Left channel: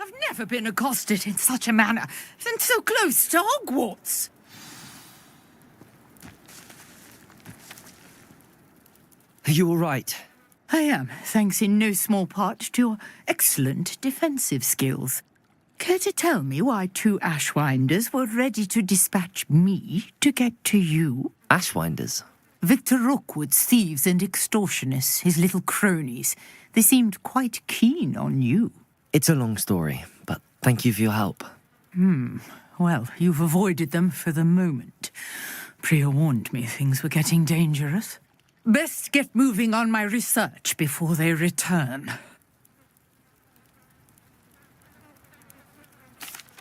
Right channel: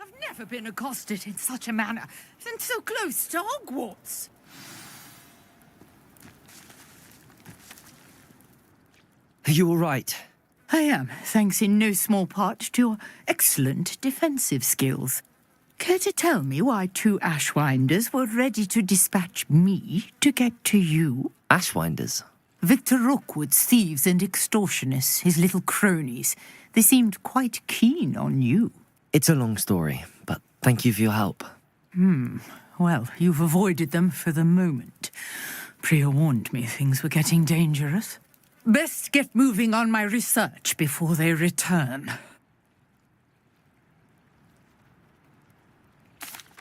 I've never been accosted in such a manner, and so close to Hogwarts. Are you all right? I am, thanks in no small part to your excellent defensive skills. Care to tell me why 2 Ashwinders were ready to dispatch me to get to you? Ashwinders? Victor Rookwood's thieves and extortionists, his little cronies. They seemed quite keen on you. It's a long story, but thank you for your help. Well, you've avoided them for the moment. Priya warned me things were getting dangerous. Best get moving on my research before they return.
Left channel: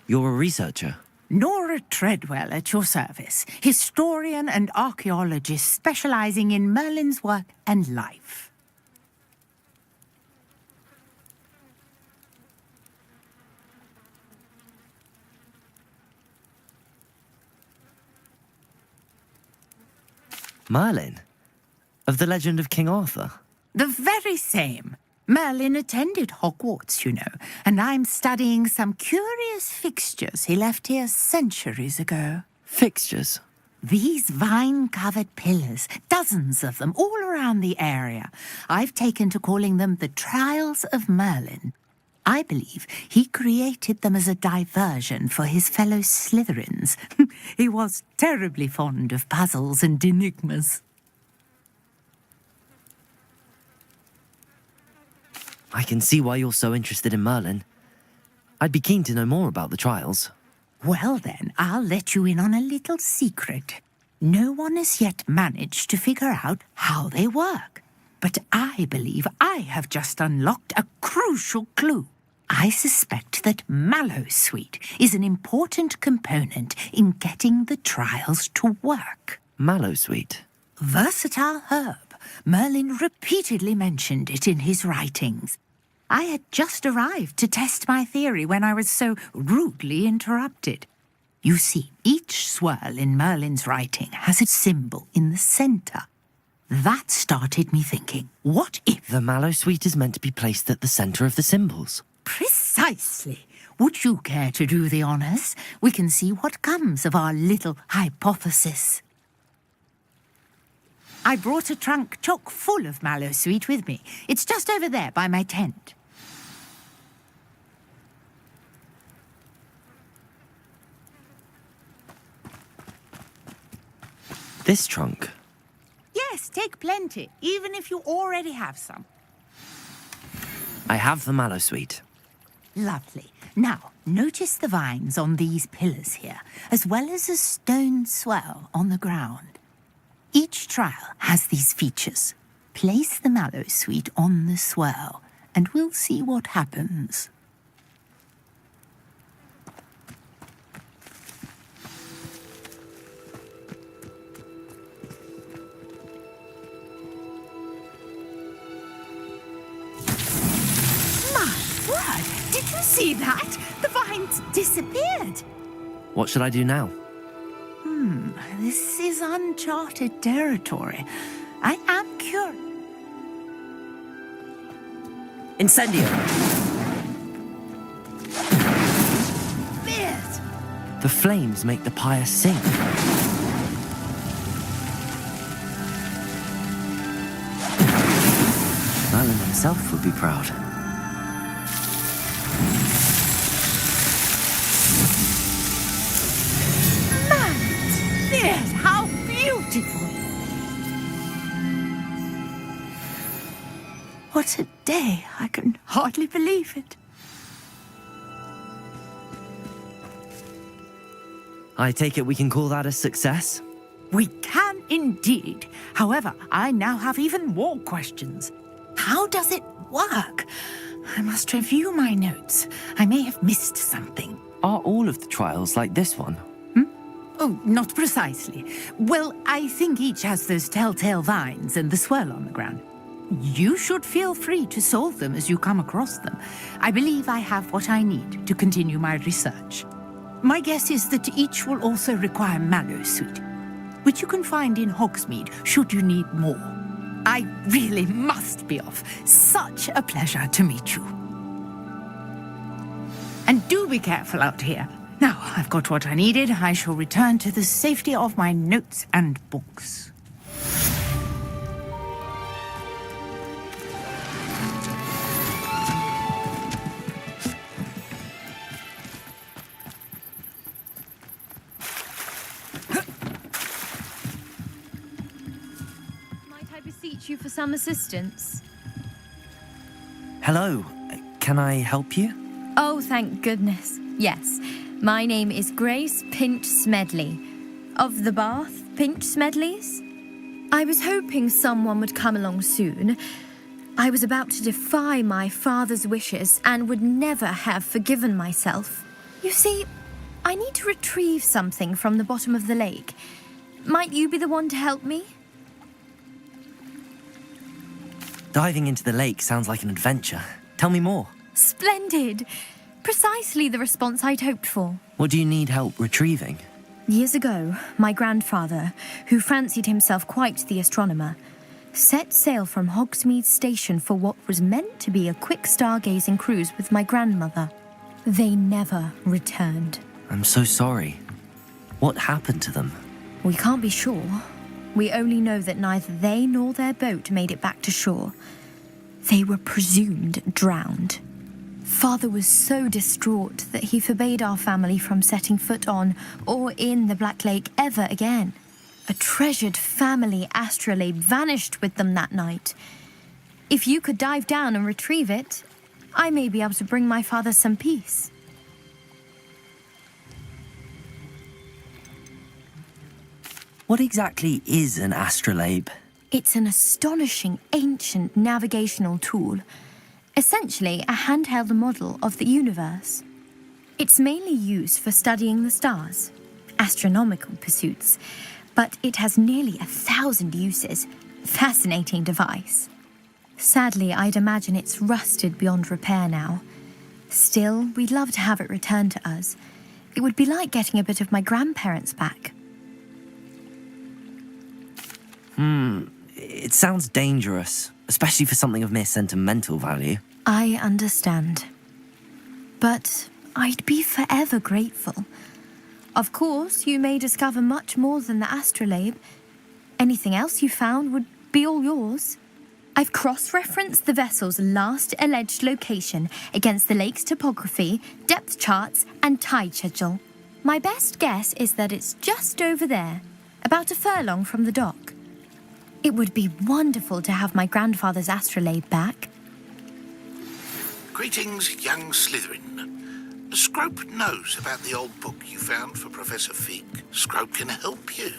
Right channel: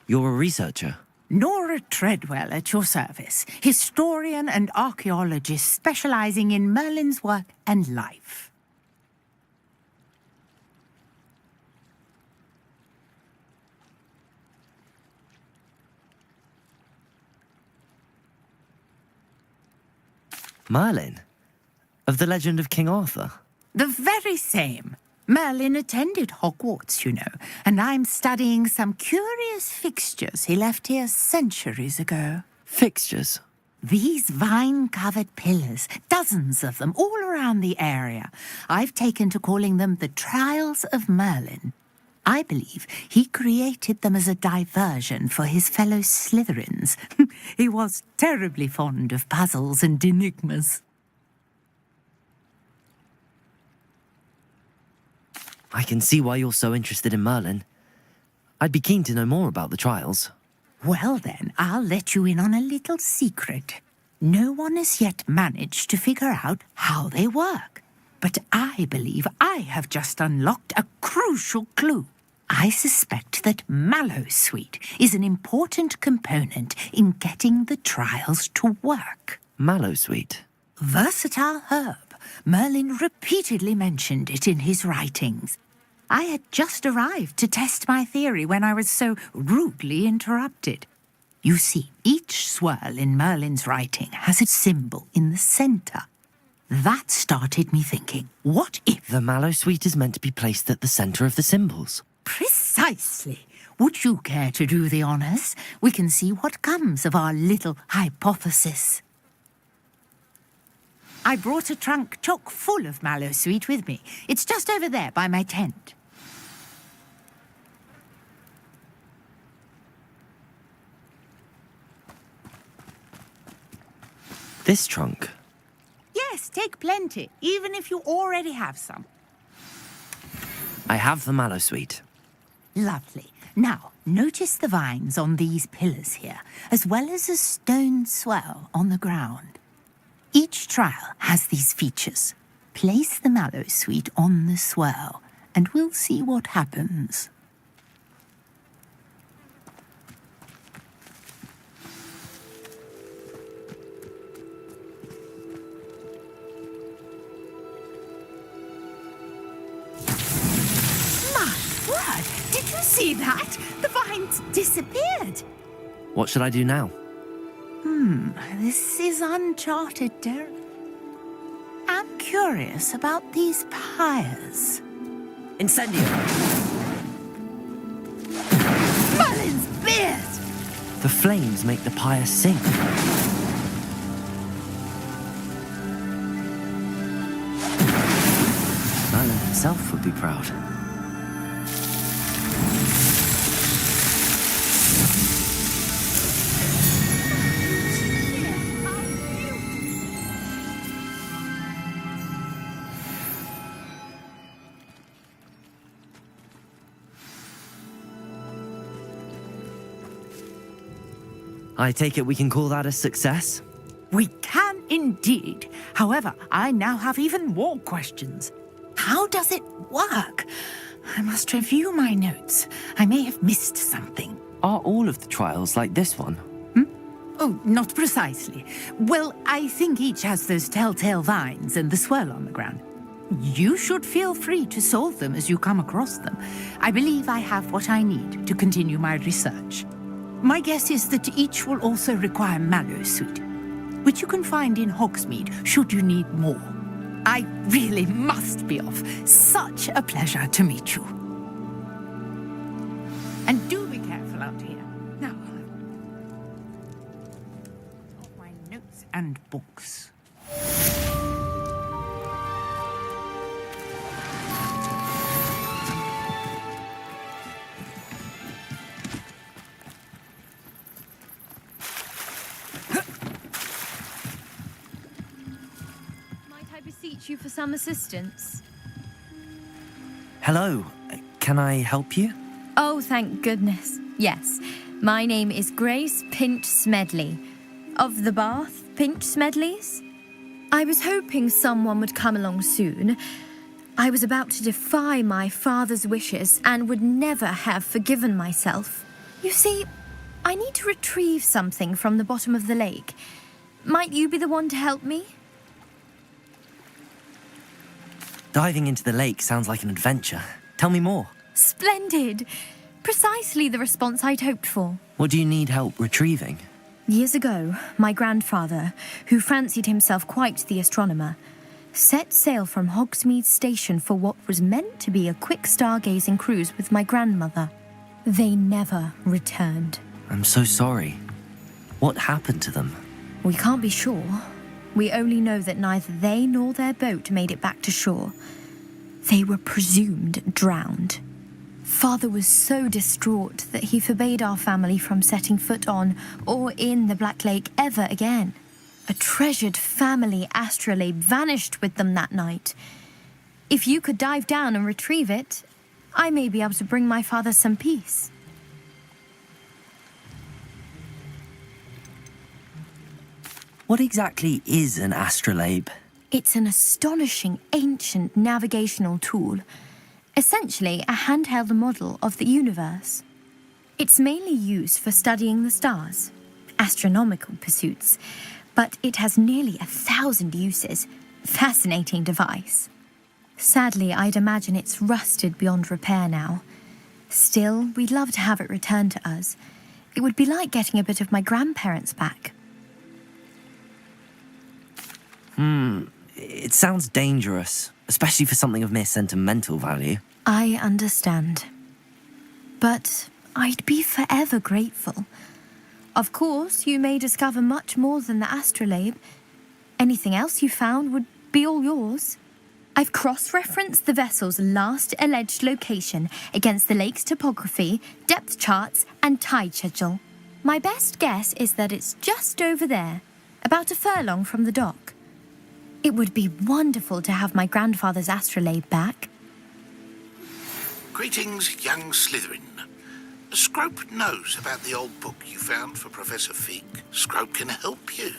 You're a researcher? Nora Treadwell at your service, historian and archaeologist specializing in Merlin's work and life. Merlin? Of the legend of King Arthur? The very same. Merlin attended Hogwarts, you know, and I'm studying some curious fixtures he left here centuries ago. Fixtures? These vine-covered pillars, dozens of them, all around the area. I've taken to calling them the Trials of Merlin. I believe he created them as a diversion for his fellow Slytherins. He was terribly fond of puzzles and enigmas. I can see why you're so interested in Merlin. I'd be keen to know more about the trials. Well then, I'll let you in on a little secret. No one has yet managed to figure out how they work. But I believe I have just unlocked a crucial clue. I suspect that Mallowsweet is an important component in getting the trials to work. Mallowsweet? Versatile herb. Merlin repeatedly mentioned it in his writings. I had just arrived to test my theory when I was so rudely interrupted. You see, each swirl in Merlin's writing has a symbol in the centre. That started me thinking, what if... The Mallowsweet is meant to be placed at the centre of the symbols. Precisely. Would you care to do the honours? We can see what comes of our little hypothesis. I brought a trunk chock full of Mallowsweet with me. It's just over there by my tent. This trunk? Yes, take plenty, even if you already have some. I have the Mallowsweet. Lovely. Now, notice the vines on these pillars here, as well as a stone swell on the ground. Each trial has these features. Place the Mallowsweet on the swirl, and we'll see what happens. My word! Did you see that? The vines disappeared. What should I do now? This is uncharted territory. I am curious about these pyres. Incendio! Merlin's beard! The flames make the pyre sing. Merlin himself would be proud. Merlin's beard! How beautiful! What a day! I can hardly believe it. I take it we can call that a success? We can indeed. However, I now have even more questions. How does it work? I must review my notes. I may have missed something. Are all of the trials like this one? Oh, not precisely. Well, I think each has those telltale vines and the swirl on the ground. You should feel free to solve them as you come across them. I believe I have what I need to continue my research. My guess is that each will also require Mallowsweet, which you can find in Hogsmeade should you need more. I really must be off. Such a pleasure to meet you. And do be careful out here. Now, I've got what I needed. I shall return to the safety of my notes and books. Might I beseech you for some assistance? Hello, can I help you? Oh, thank goodness. Yes, my name is Grace Pinch Smedley, of the Bath Pinch Smedleys. I was hoping someone would come along soon. I was about to defy my father's wishes and would never have forgiven myself. You see, I need to retrieve something from the bottom of the lake. Might you be the one to help me? Diving into the lake sounds like an adventure. Tell me more. Splendid! Precisely the response I'd hoped for. What do you need help retrieving? Years ago, my grandfather, who fancied himself quite the astronomer, set sail from Hogsmeade Station for what was meant to be a quick stargazing cruise with my grandmother. They never returned. I'm so sorry. What happened to them? We can't be sure. We only know that neither they nor their boat made it back to shore. They were presumed drowned. Father was so distraught that he forbade our family from setting foot on or in the Black Lake ever again. A treasured family astrolabe vanished with them that night. If you could dive down and retrieve it, I may be able to bring my father some peace. What exactly is an astrolabe? It's an astonishing ancient navigational tool. Essentially, a handheld model of the universe. It's mainly used for studying the stars, astronomical pursuits, but it has nearly 1,000 uses. Fascinating device. Sadly, I'd imagine it's rusted beyond repair now. Still, we'd love to have it returned to us. It would be like getting a bit of my grandparents back. It sounds dangerous, especially for something of mere sentimental value. I understand. But I'd be forever grateful. Of course, you may discover much more than the astrolabe. Anything else you found would be all yours. I've cross-referenced the vessel's last alleged location against the lake's topography, depth charts, and tide schedule. My best guess is that it's just over there, about a furlong from the dock. It would be wonderful to have my grandfather's astrolabe back. Greetings, young Slytherin. Scrope knows about the old book you found for Professor Fig. Scrope can help you.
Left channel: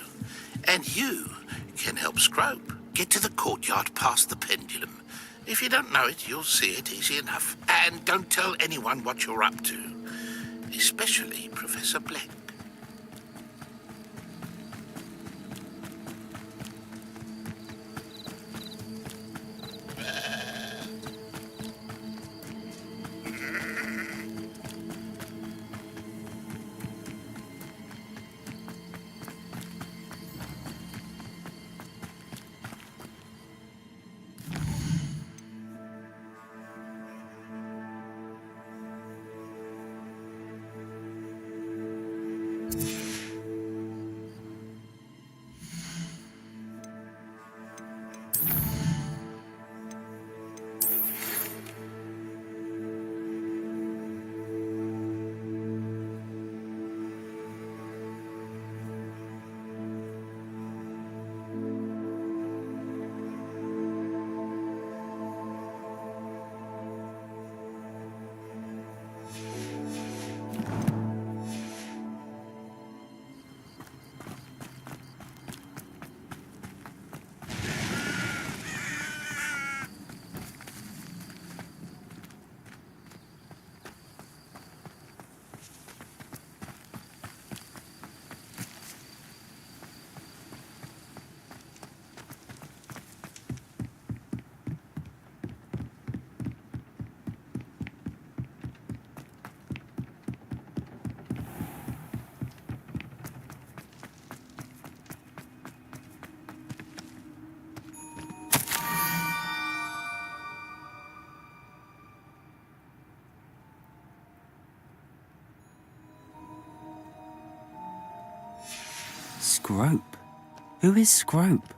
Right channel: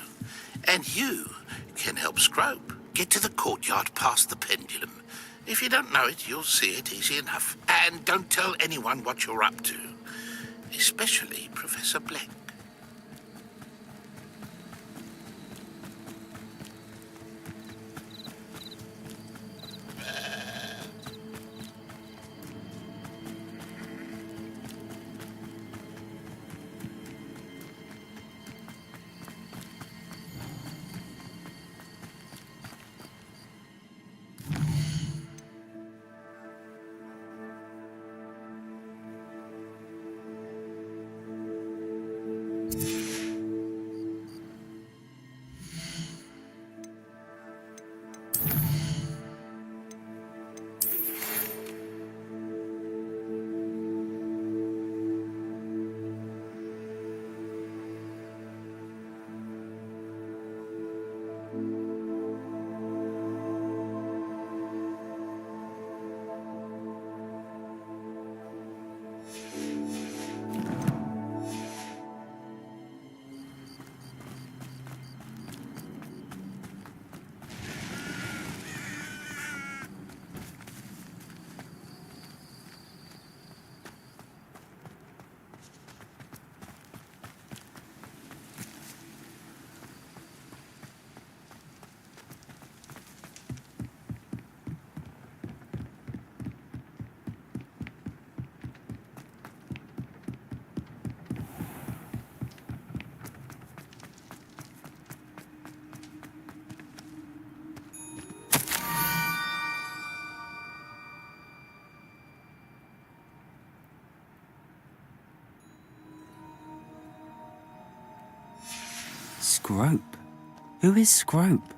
And you can help Scrope. Get to the courtyard past the pendulum. If you don't know it, you'll see it easy enough. And don't tell anyone what you're up to. Especially Professor Black. Scrope? Who is Scrope?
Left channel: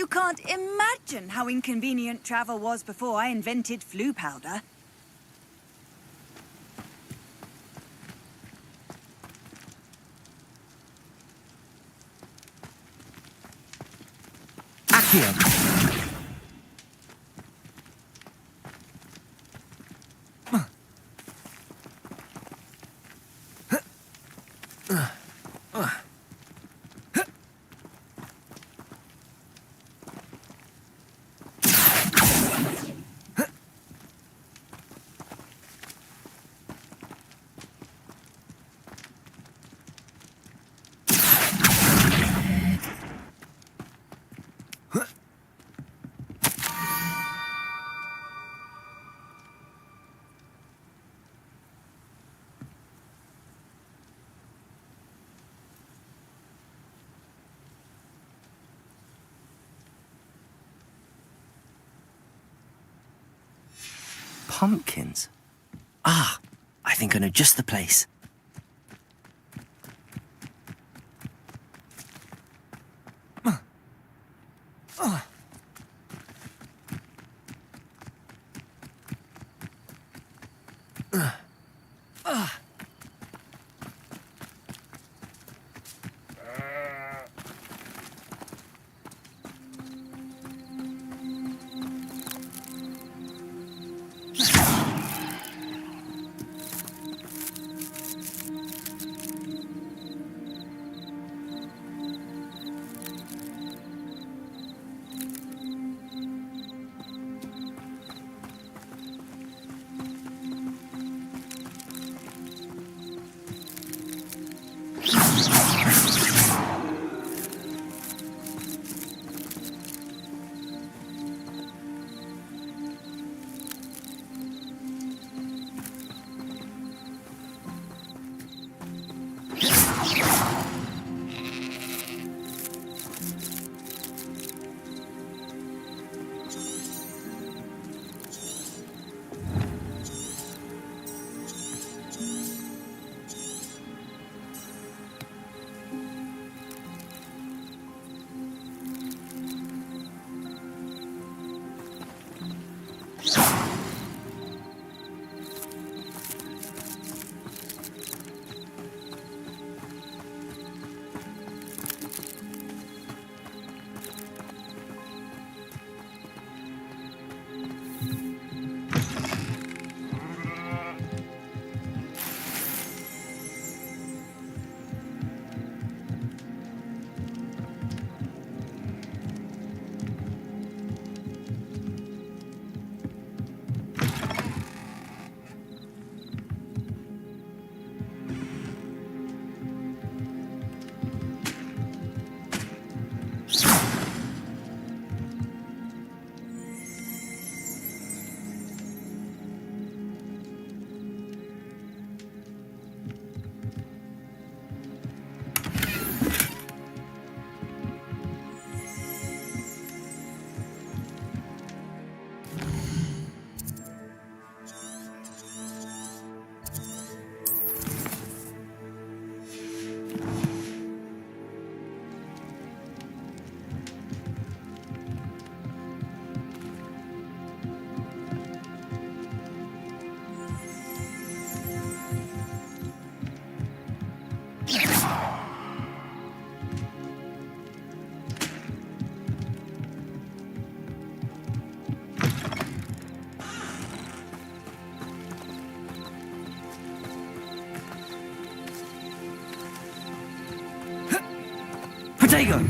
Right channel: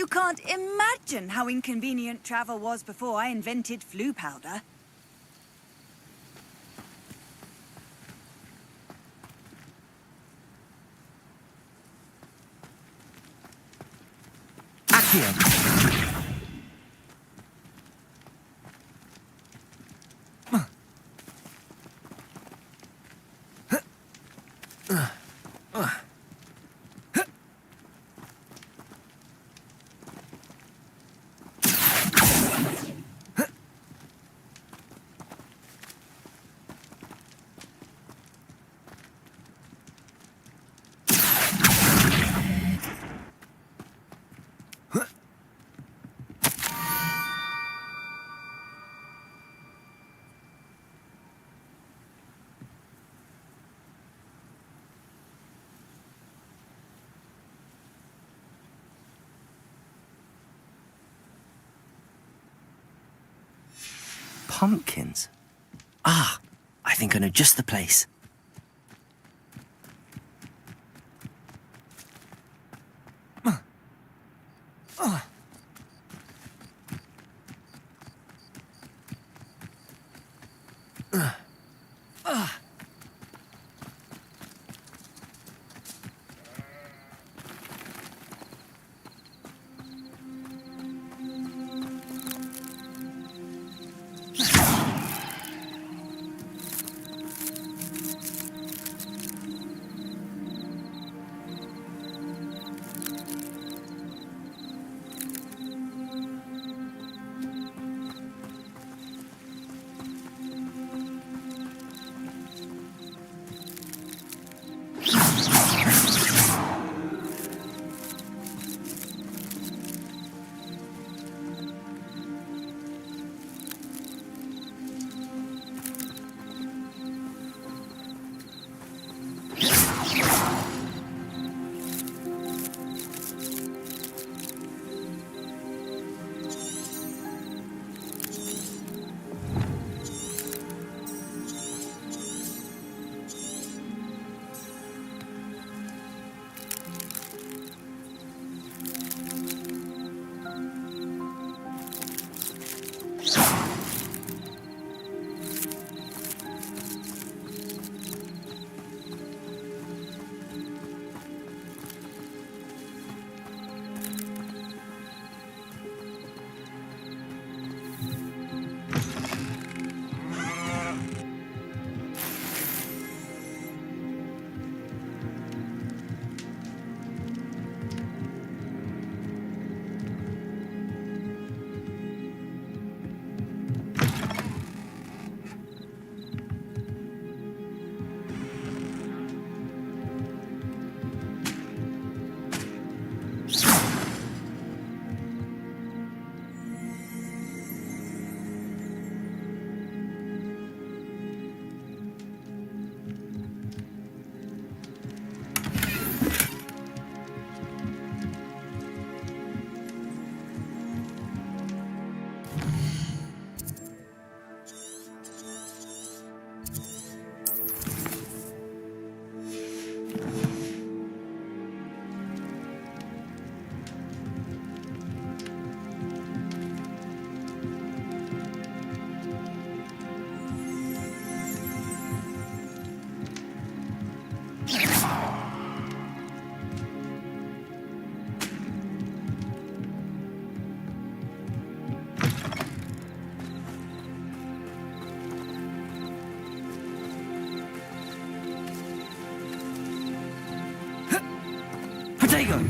You can't imagine how inconvenient travel was before I invented flu powder. Accio! Pumpkins? Ah, I think I know just the place. go.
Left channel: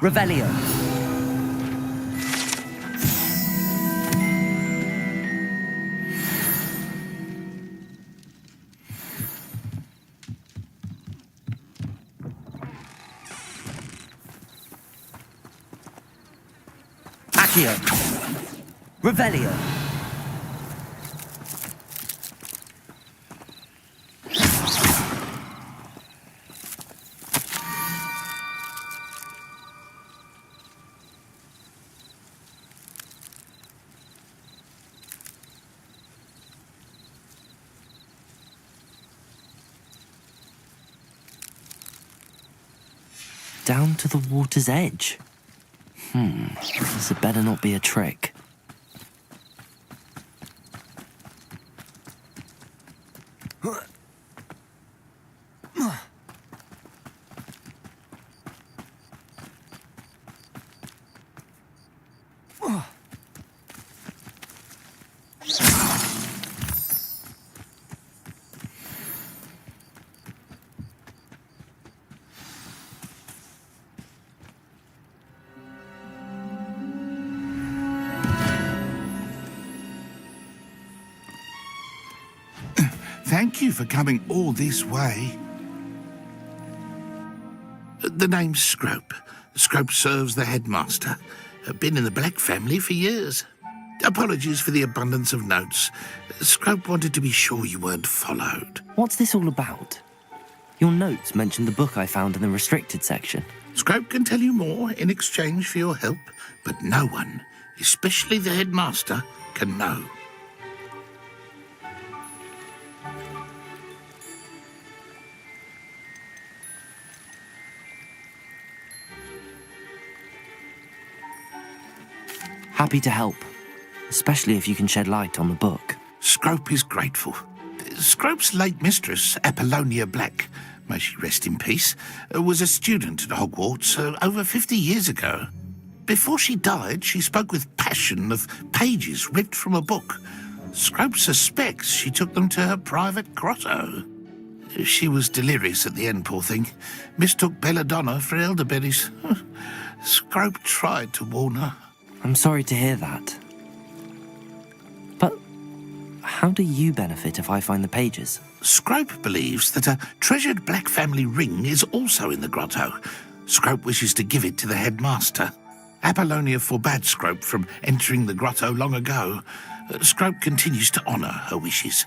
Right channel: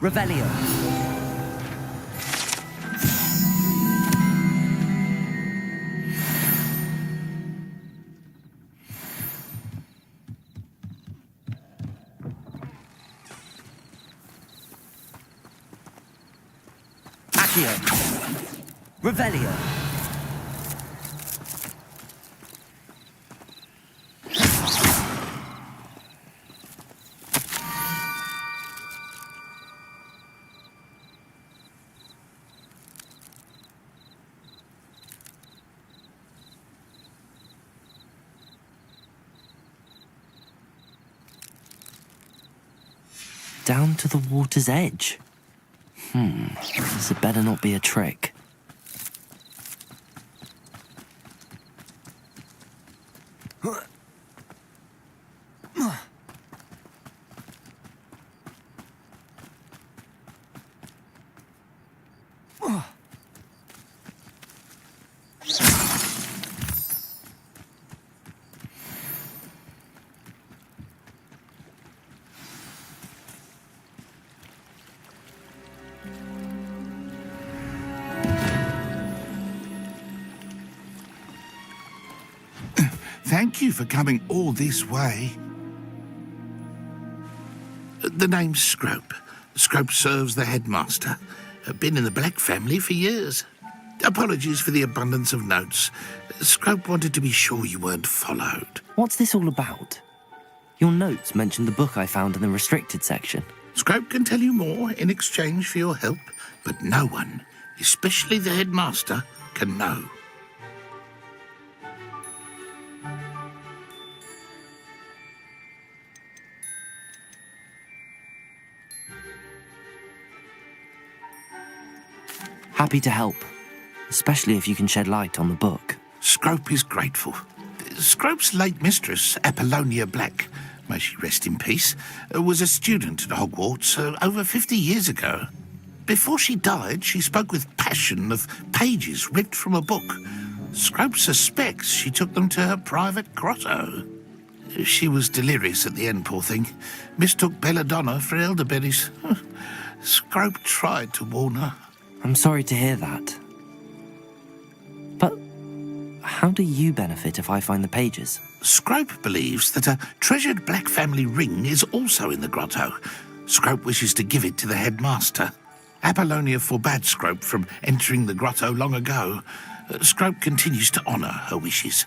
Revelio. Accio. Revelio. Down to the water's edge. This had better not be a trick. Thank you for coming all this way. The name's Scrope. Scrope serves the headmaster. Been in the Black family for years. Apologies for the abundance of notes. Scrope wanted to be sure you weren't followed. What's this all about? Your notes mentioned the book I found in the restricted section. Scrope can tell you more in exchange for your help, but no one, especially the headmaster, can know. Happy to help, especially if you can shed light on the book. Scrope is grateful. Scrope's late mistress, Apollonia Black, may she rest in peace, was a student at Hogwarts over 50 years ago. Before she died, she spoke with passion of pages ripped from a book. Scrope suspects she took them to her private grotto. She was delirious at the end, poor thing. Mistook belladonna for elderberries. Scrope tried to warn her. I'm sorry to hear that. But how do you benefit if I find the pages? Scrope believes that a treasured Black family ring is also in the grotto. Scrope wishes to give it to the headmaster. Apollonia forbade Scrope from entering the grotto long ago. Scrope continues to honour her wishes.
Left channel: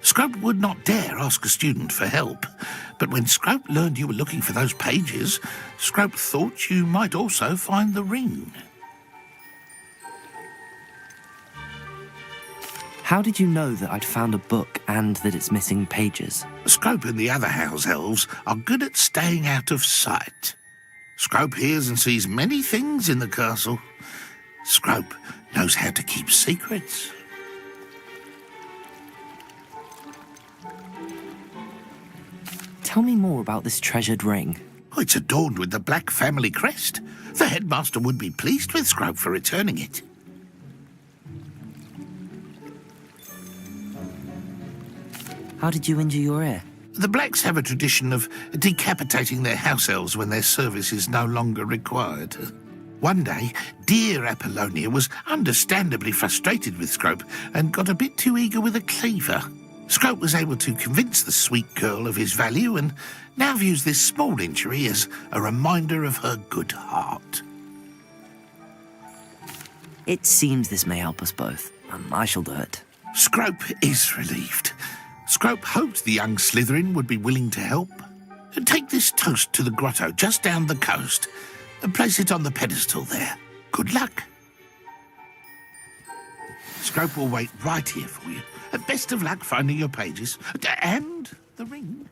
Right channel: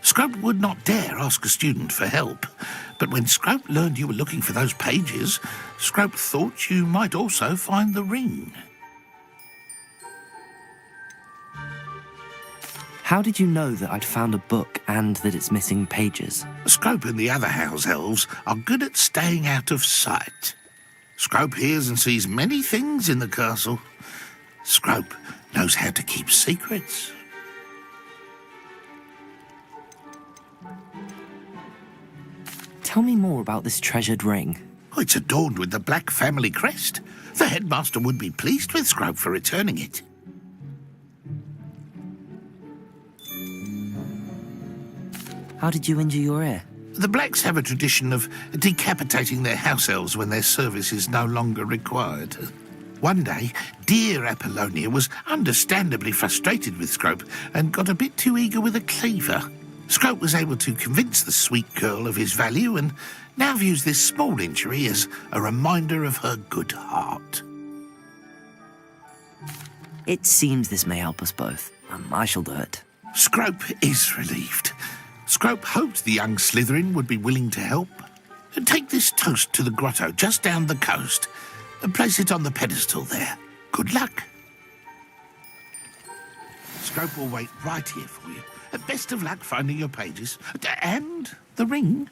Scrope would not dare ask a student for help, but when Scrope learned you were looking for those pages, Scrope thought you might also find the ring. How did you know that I'd found a book and that it's missing pages? Scrope and the other house elves are good at staying out of sight. Scrope hears and sees many things in the castle. Scrope knows how to keep secrets. Tell me more about this treasured ring. Oh, it's adorned with the Black family crest. The headmaster would be pleased with Scrope for returning it. How did you injure your ear? The Blacks have a tradition of decapitating their house elves when their service is no longer required. One day, dear Apollonia was understandably frustrated with Scrope and got a bit too eager with a cleaver. Scrope was able to convince the sweet girl of his value and now views this small injury as a reminder of her good heart. It seems this may help us both. I shall do it. Scrope is relieved. Scrope hoped the young Slytherin would be willing to help. Take this toast to the grotto just down the coast and place it on the pedestal there. Good luck. Scrope will wait right here for you. Best of luck finding your pages. And the ring.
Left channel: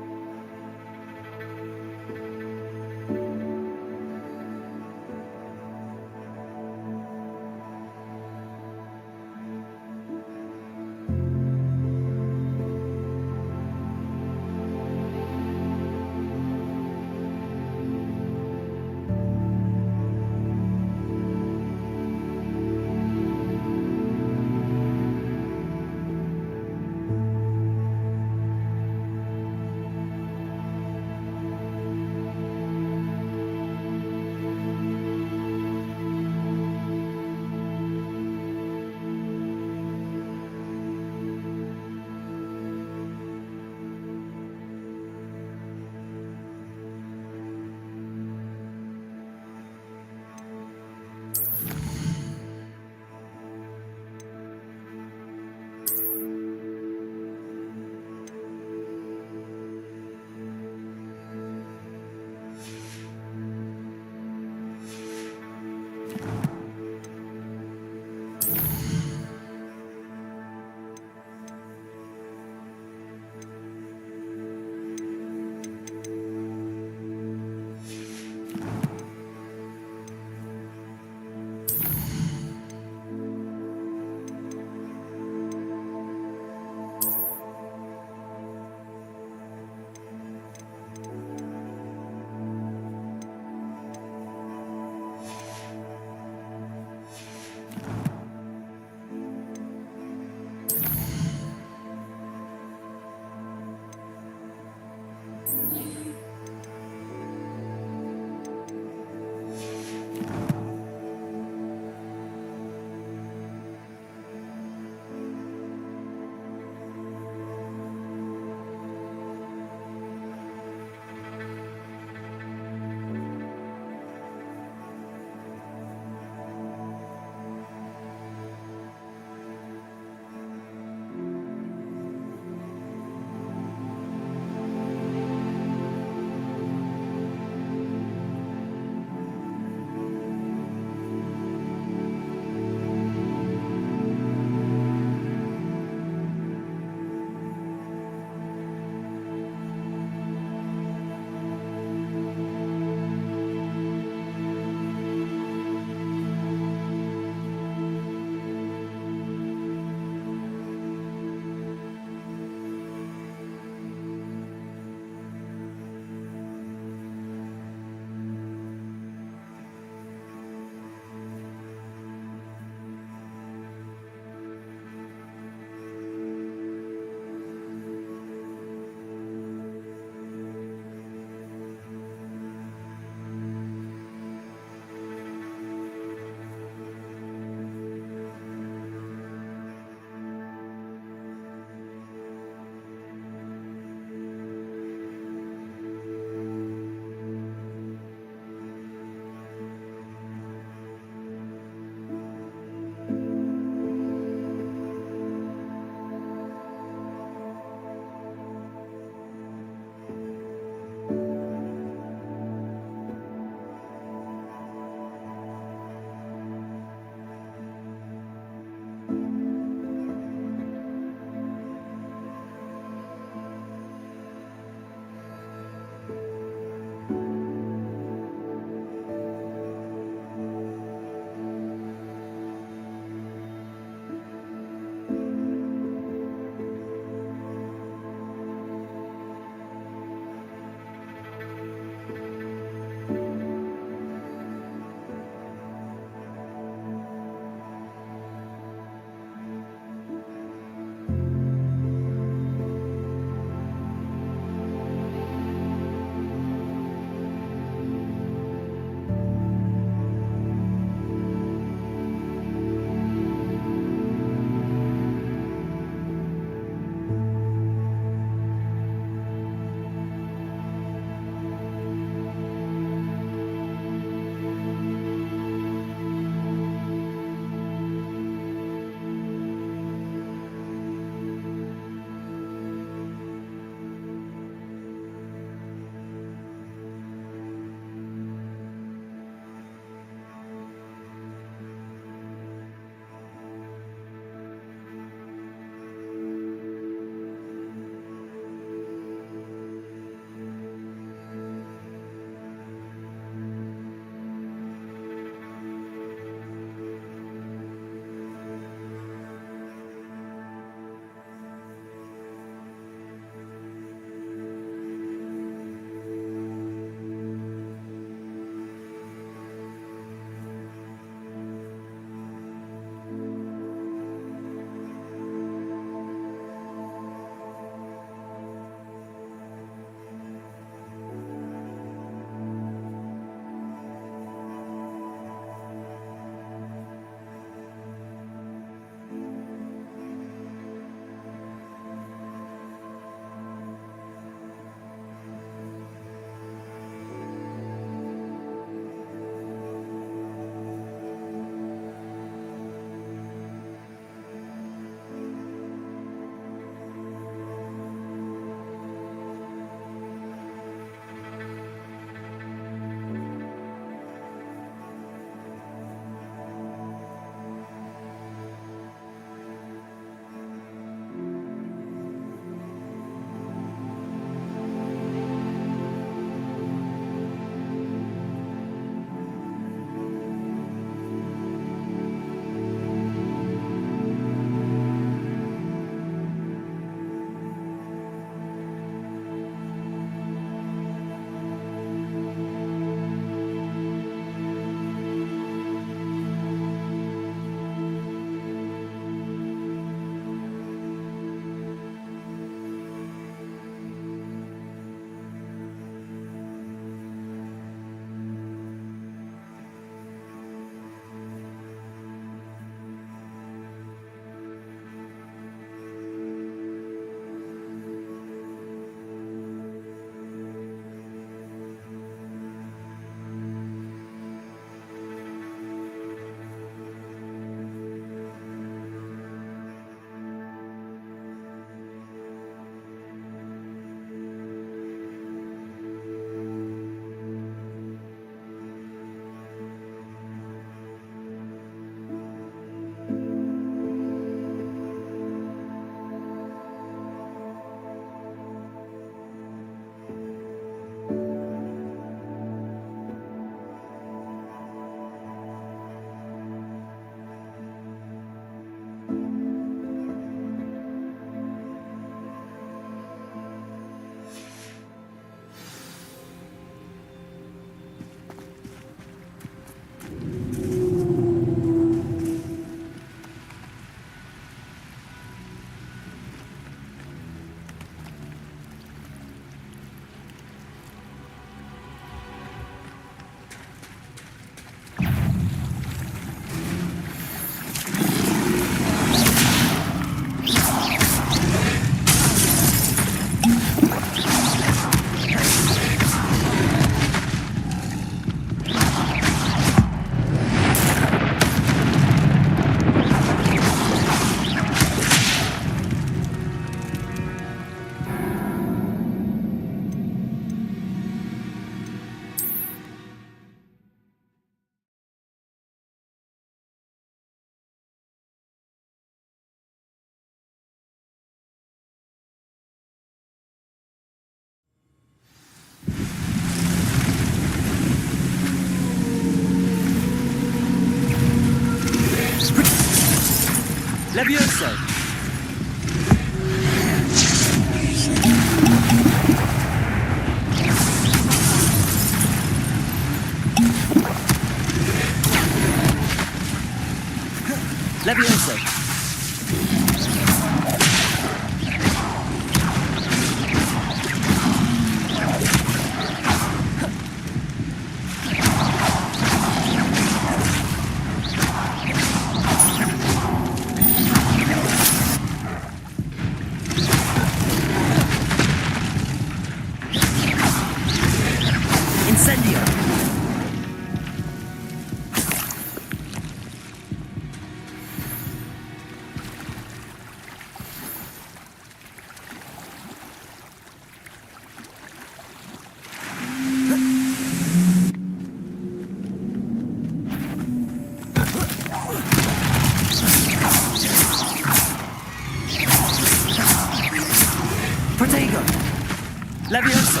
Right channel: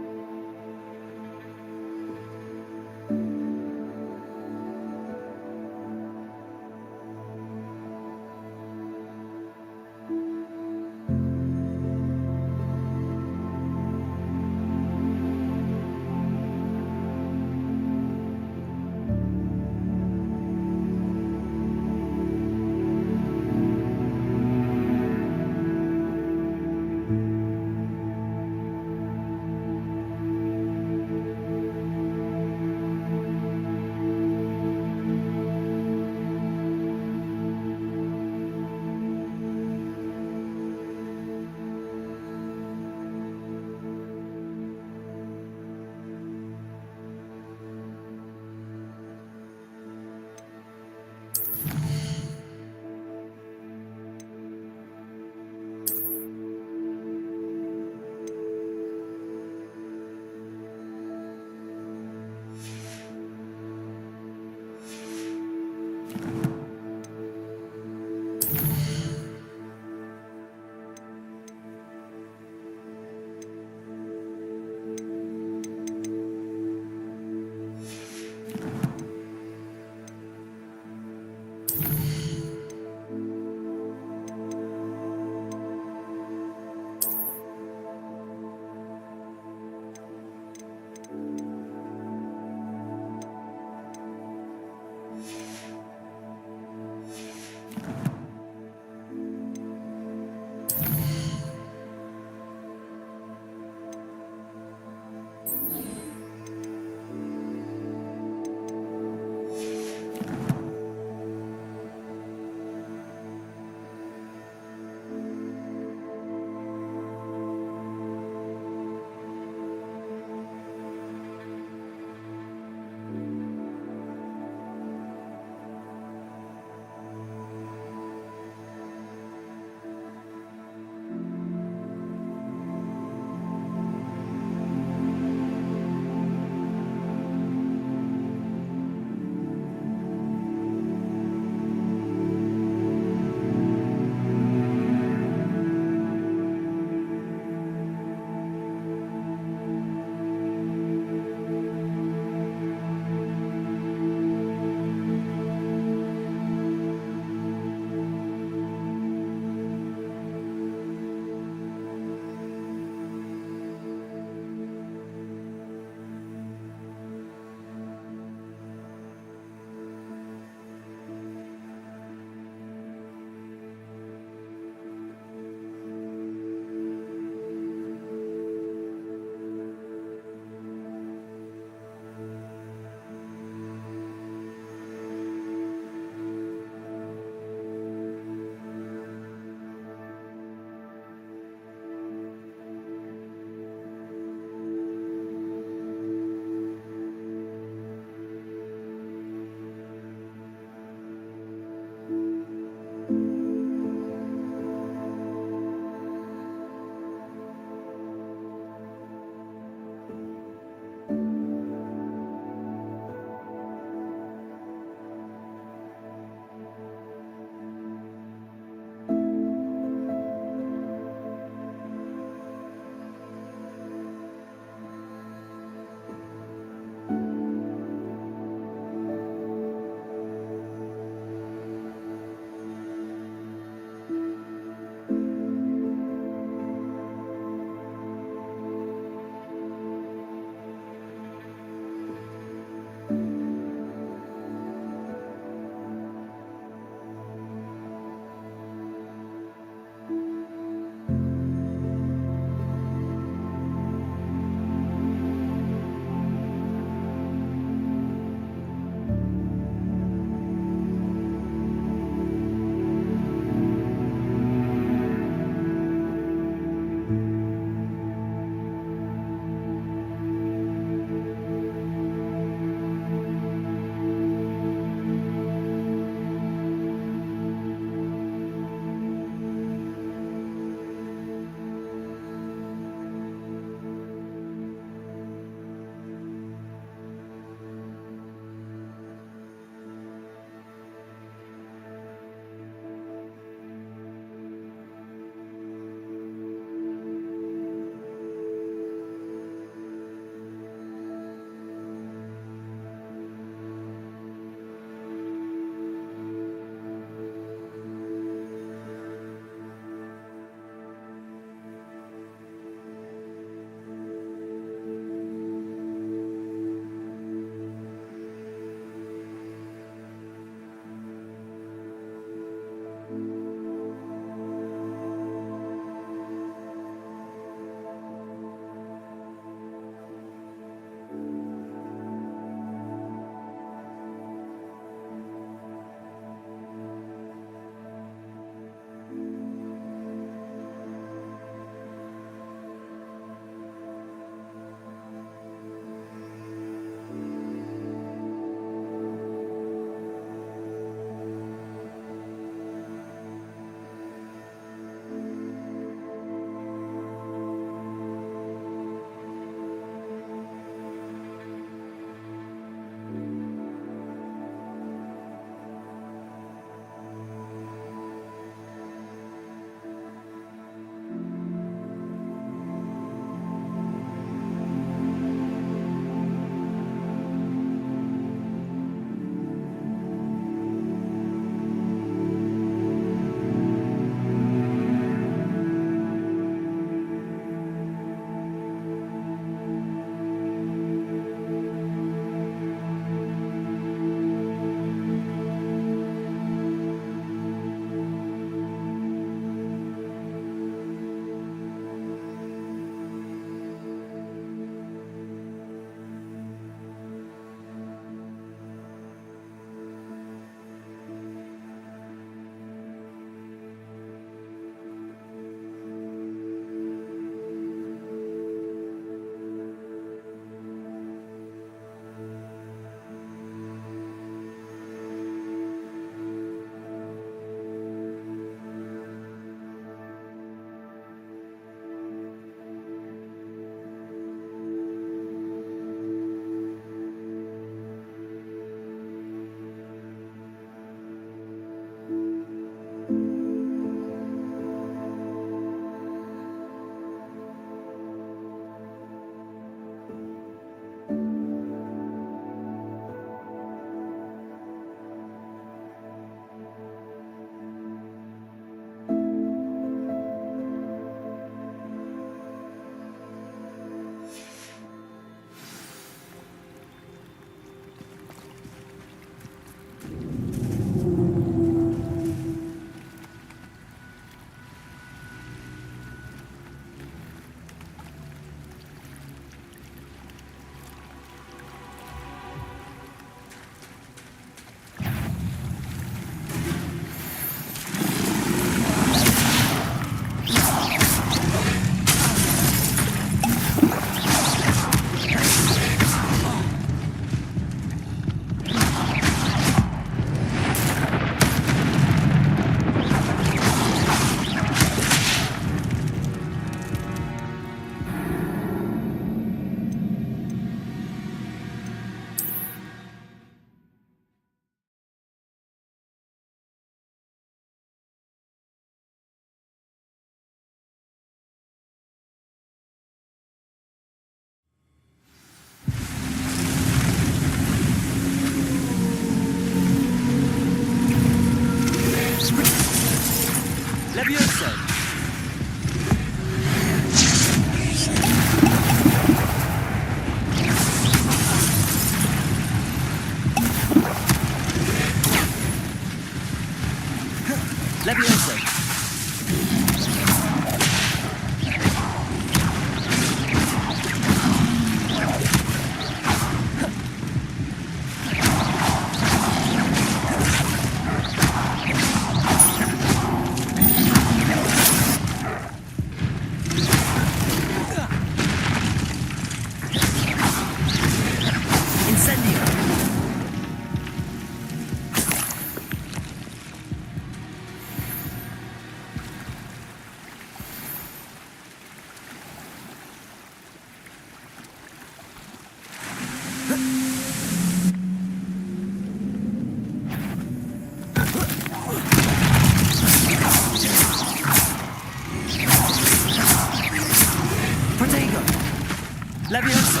Levioso!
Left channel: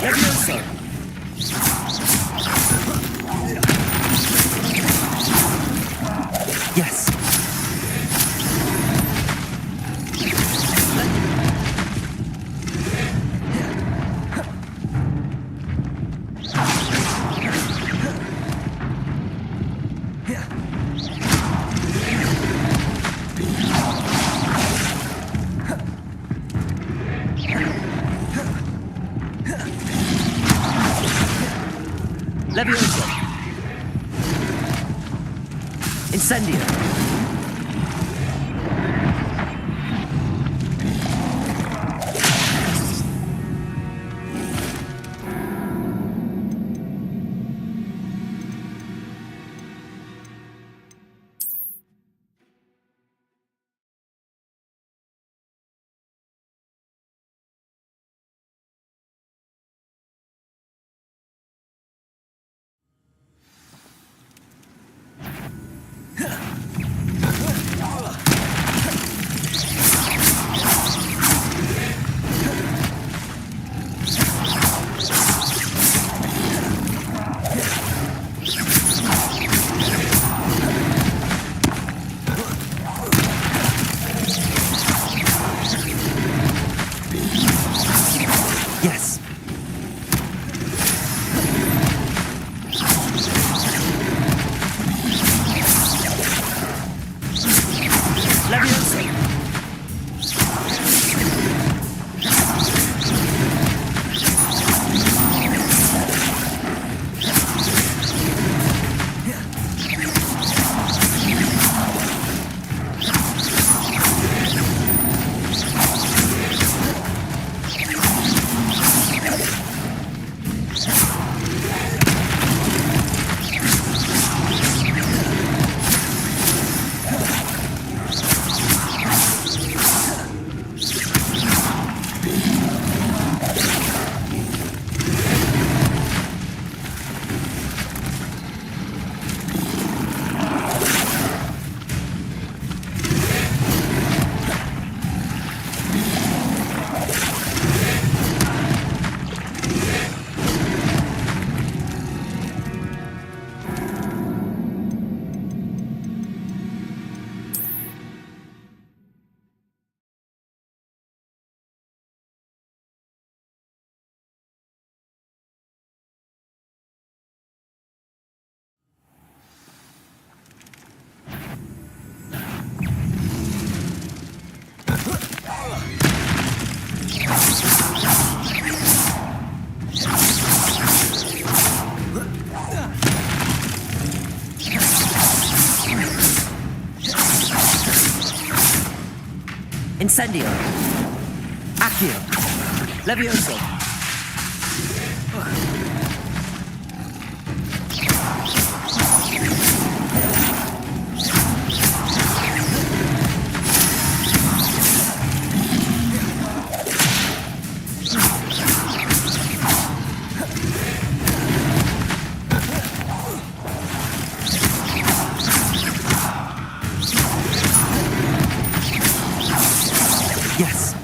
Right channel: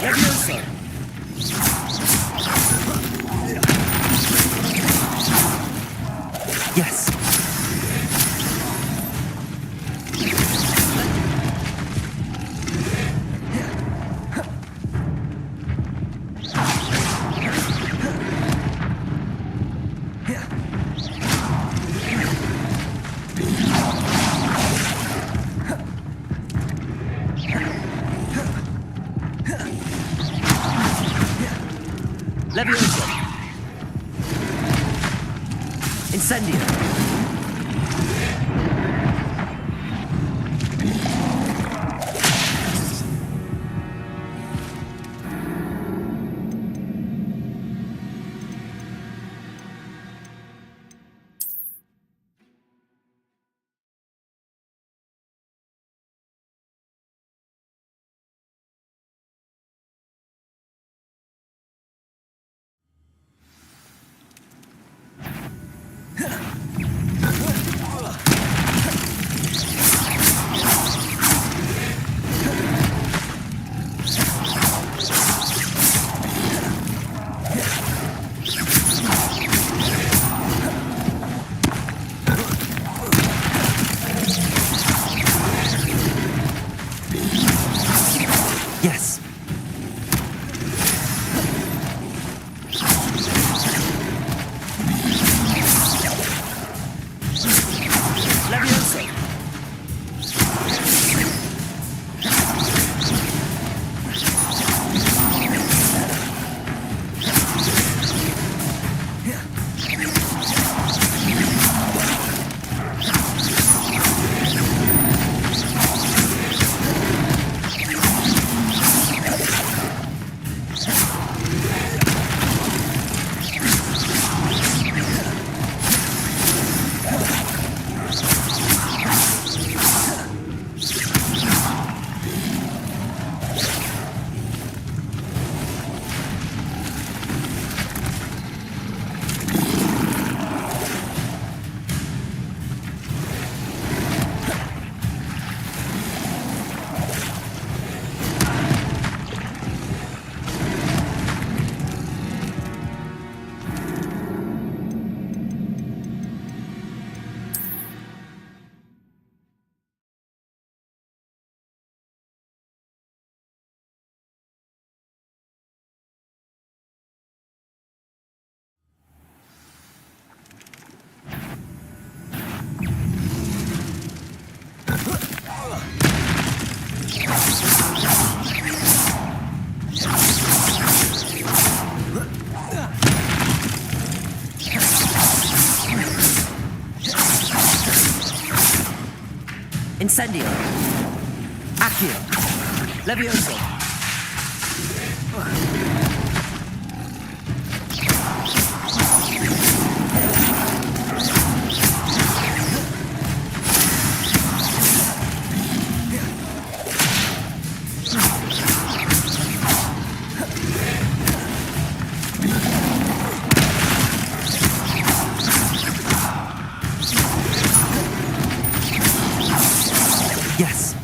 Levioso! Yes. Levioso! Incendio! Yes. Levioso! Incendio! Accio! Levioso! Yes.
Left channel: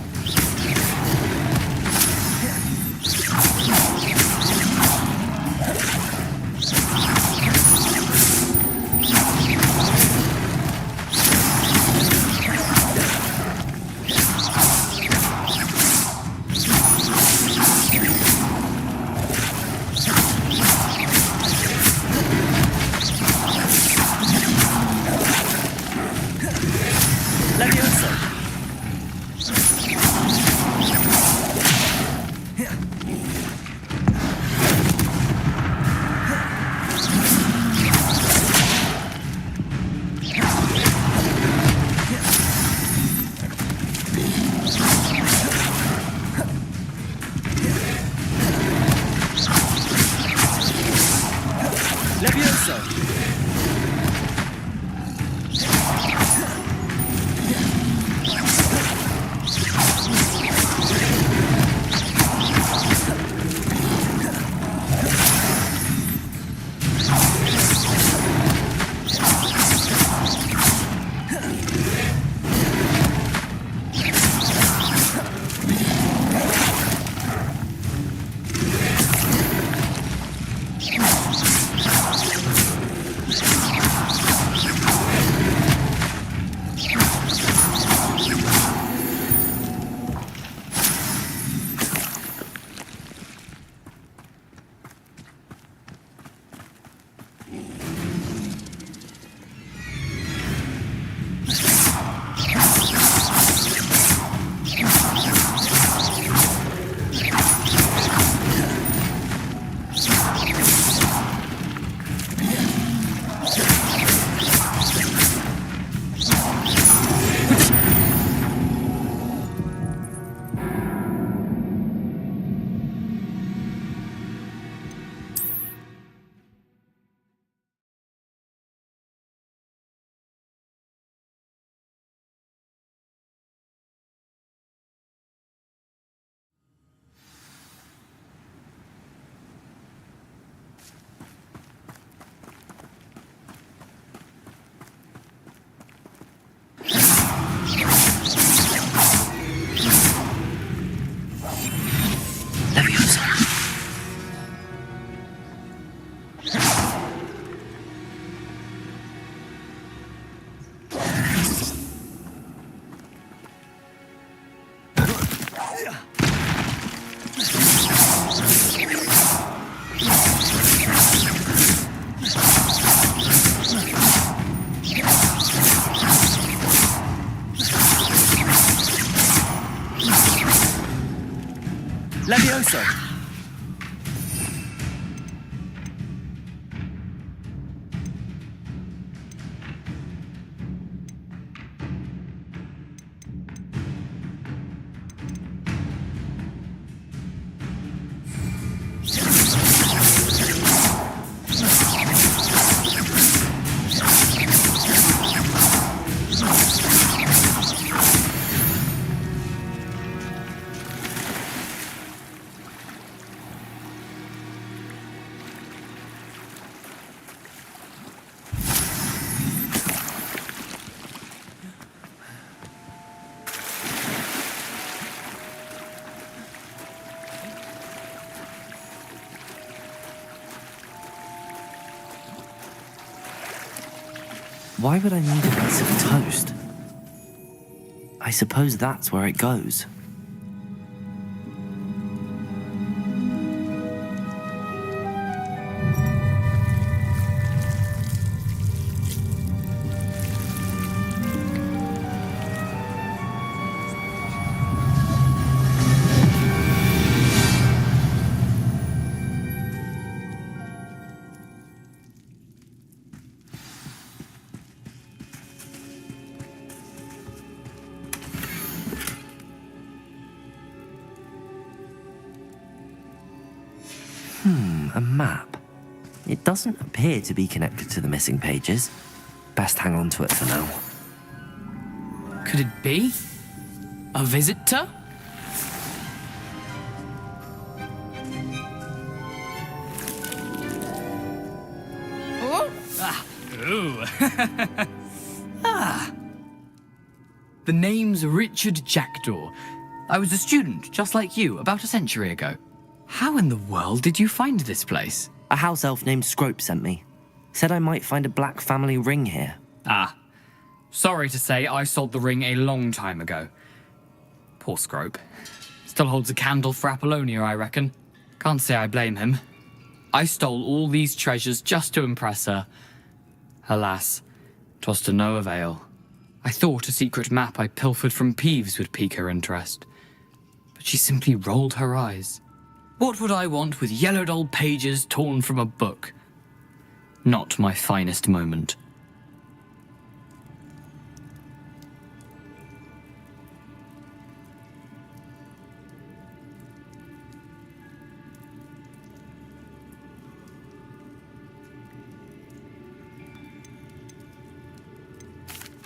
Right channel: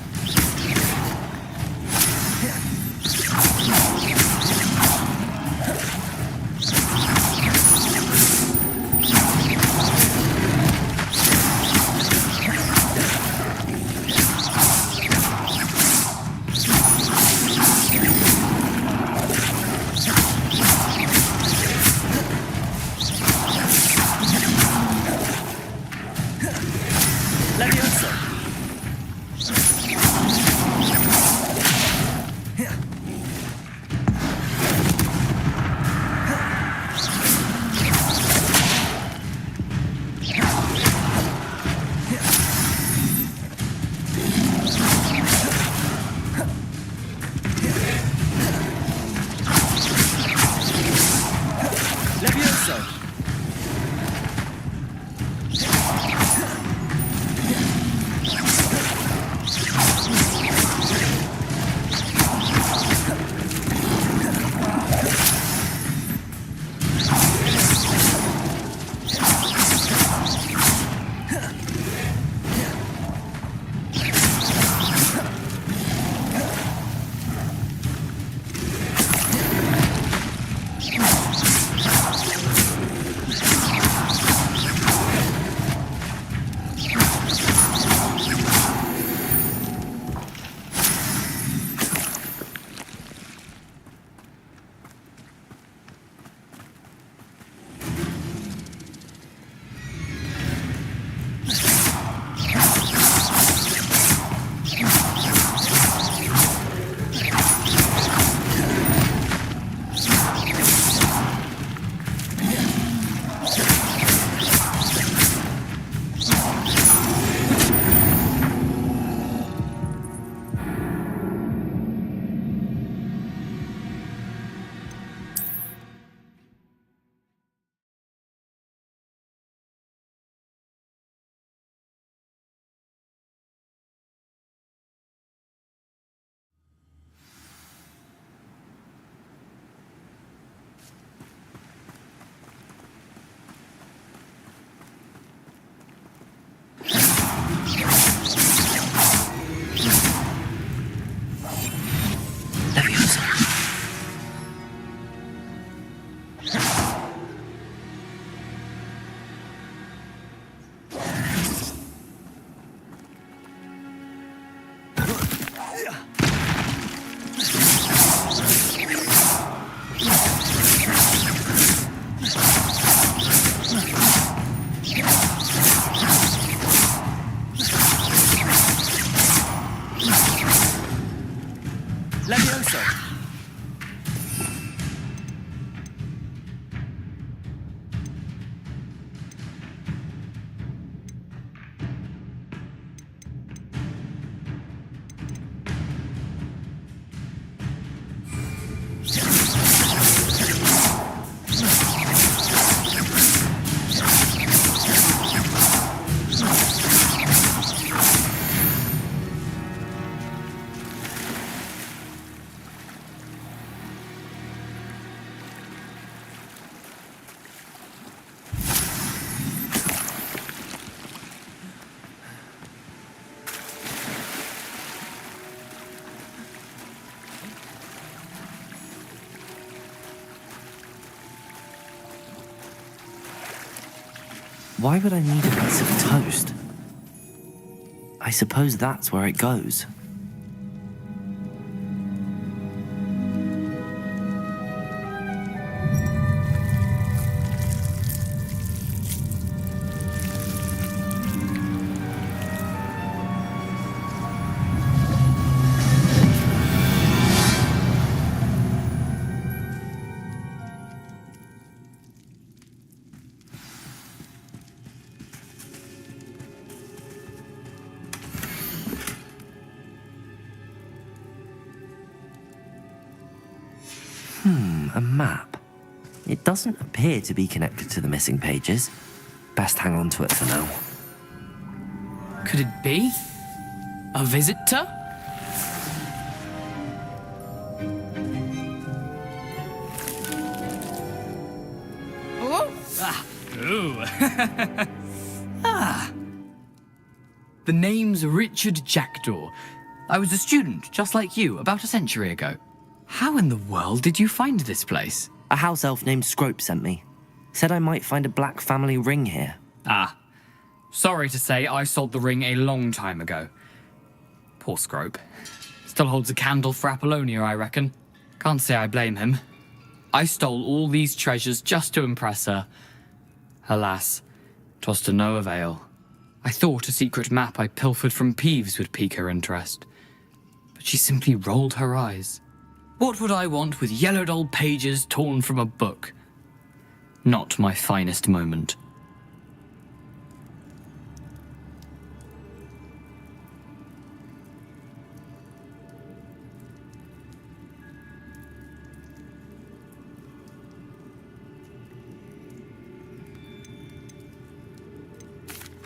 Why would I need a piece of toast? I suppose that's where it goes. A map. It doesn't appear to be connected to the missing pages. Best hang on to it for now. Could it be? A visitor? Oh! Ah! Ooh! Ah! The name's Richard Jackdaw. I was a student, just like you, about a century ago. How in the world did you find this place? A house elf named Scrope sent me. Said I might find a black family ring here. Ah. Sorry to say, I sold the ring a long time ago. Poor Scrope. Still holds a candle for Apollonia, I reckon. Can't say I blame him. I stole all these treasures just to impress her. Alas, 'twas to no avail. I thought a secret map I pilfered from Peeves would pique her interest. But she simply rolled her eyes. What would I want with yellowed old pages torn from a book? Not my finest moment.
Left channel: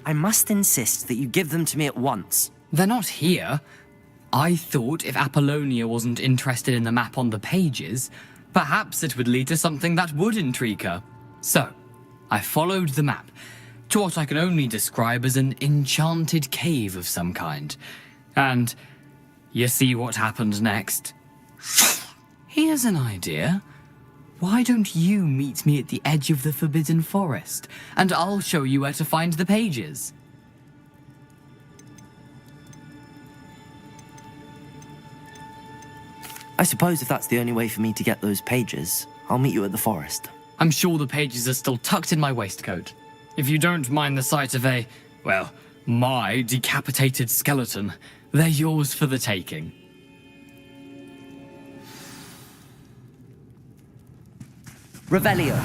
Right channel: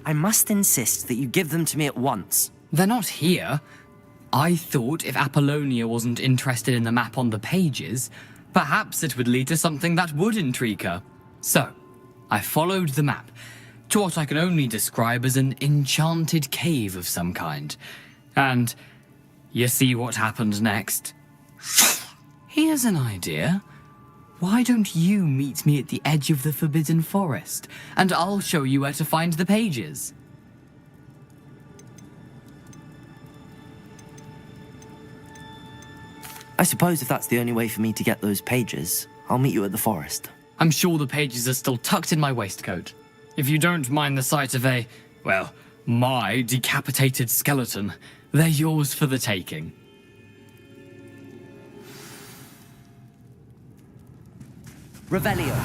I must insist that you give them to me at once. They're not here. I thought if Apollonia wasn't interested in the map on the pages, perhaps it would lead to something that would intrigue her. So, I followed the map to what I can only describe as an enchanted cave of some kind. And you see what happened next? Here's an idea. Why don't you meet me at the edge of the Forbidden Forest, and I'll show you where to find the pages. I suppose if that's the only way for me to get those pages, I'll meet you at the forest. I'm sure the pages are still tucked in my waistcoat. If you don't mind the sight of my decapitated skeleton, they're yours for the taking. Revelio.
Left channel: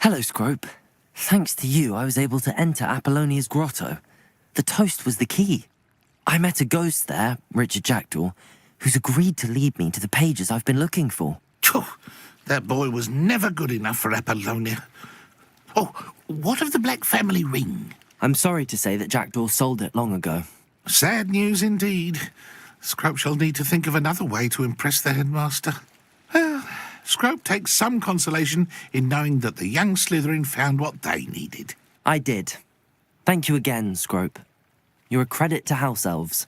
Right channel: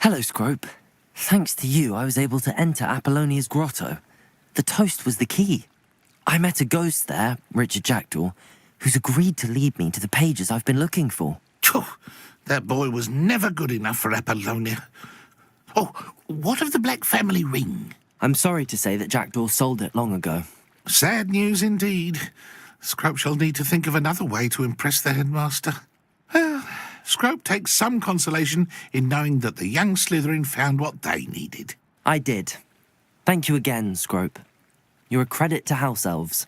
Hello, Scrope. Thanks to you, I was able to enter Apollonia's grotto. The toast was the key. I met a ghost there, Richard Jackdaw, who's agreed to lead me to the pages I've been looking for. Phew, that boy was never good enough for Apollonia. Oh, what of the Black family ring? I'm sorry to say that Jackdaw sold it long ago. Sad news indeed. Scrope shall need to think of another way to impress the headmaster. Well, Scrope takes some consolation in knowing that the young Slytherin found what they needed. I did. Thank you again, Scrope. You're a credit to house elves.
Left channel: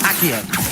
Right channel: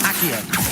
Accio.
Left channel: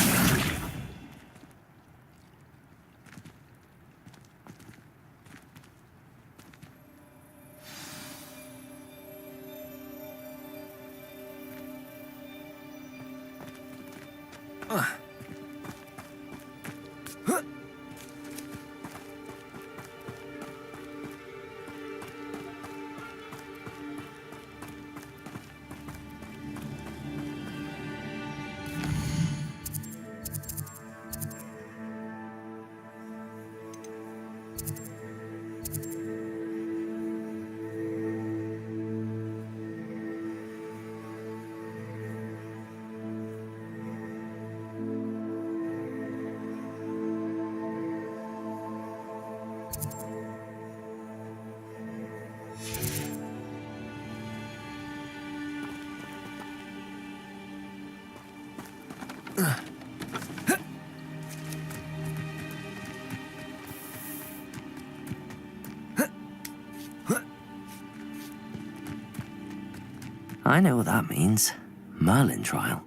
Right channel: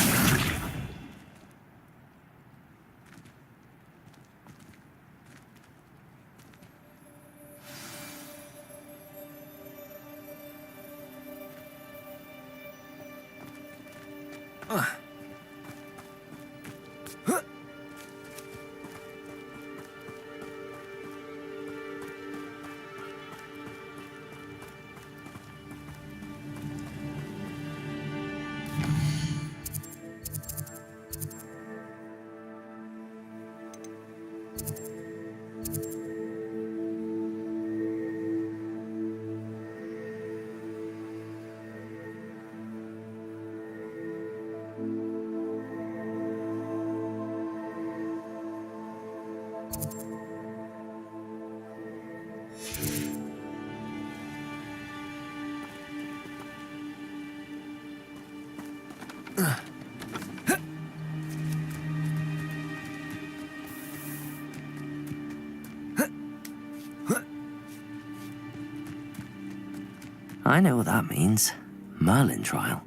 I know what that means. Merlin trial.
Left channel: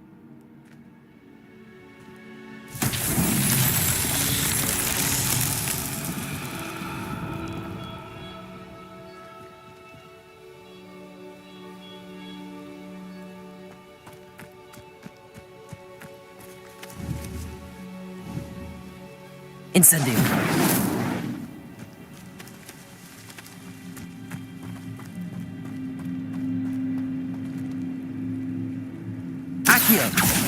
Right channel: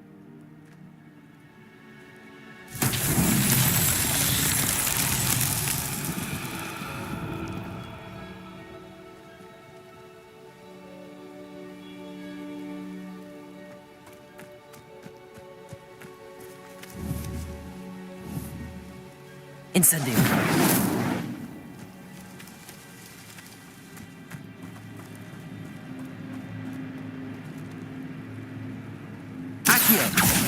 Incendio. Accio.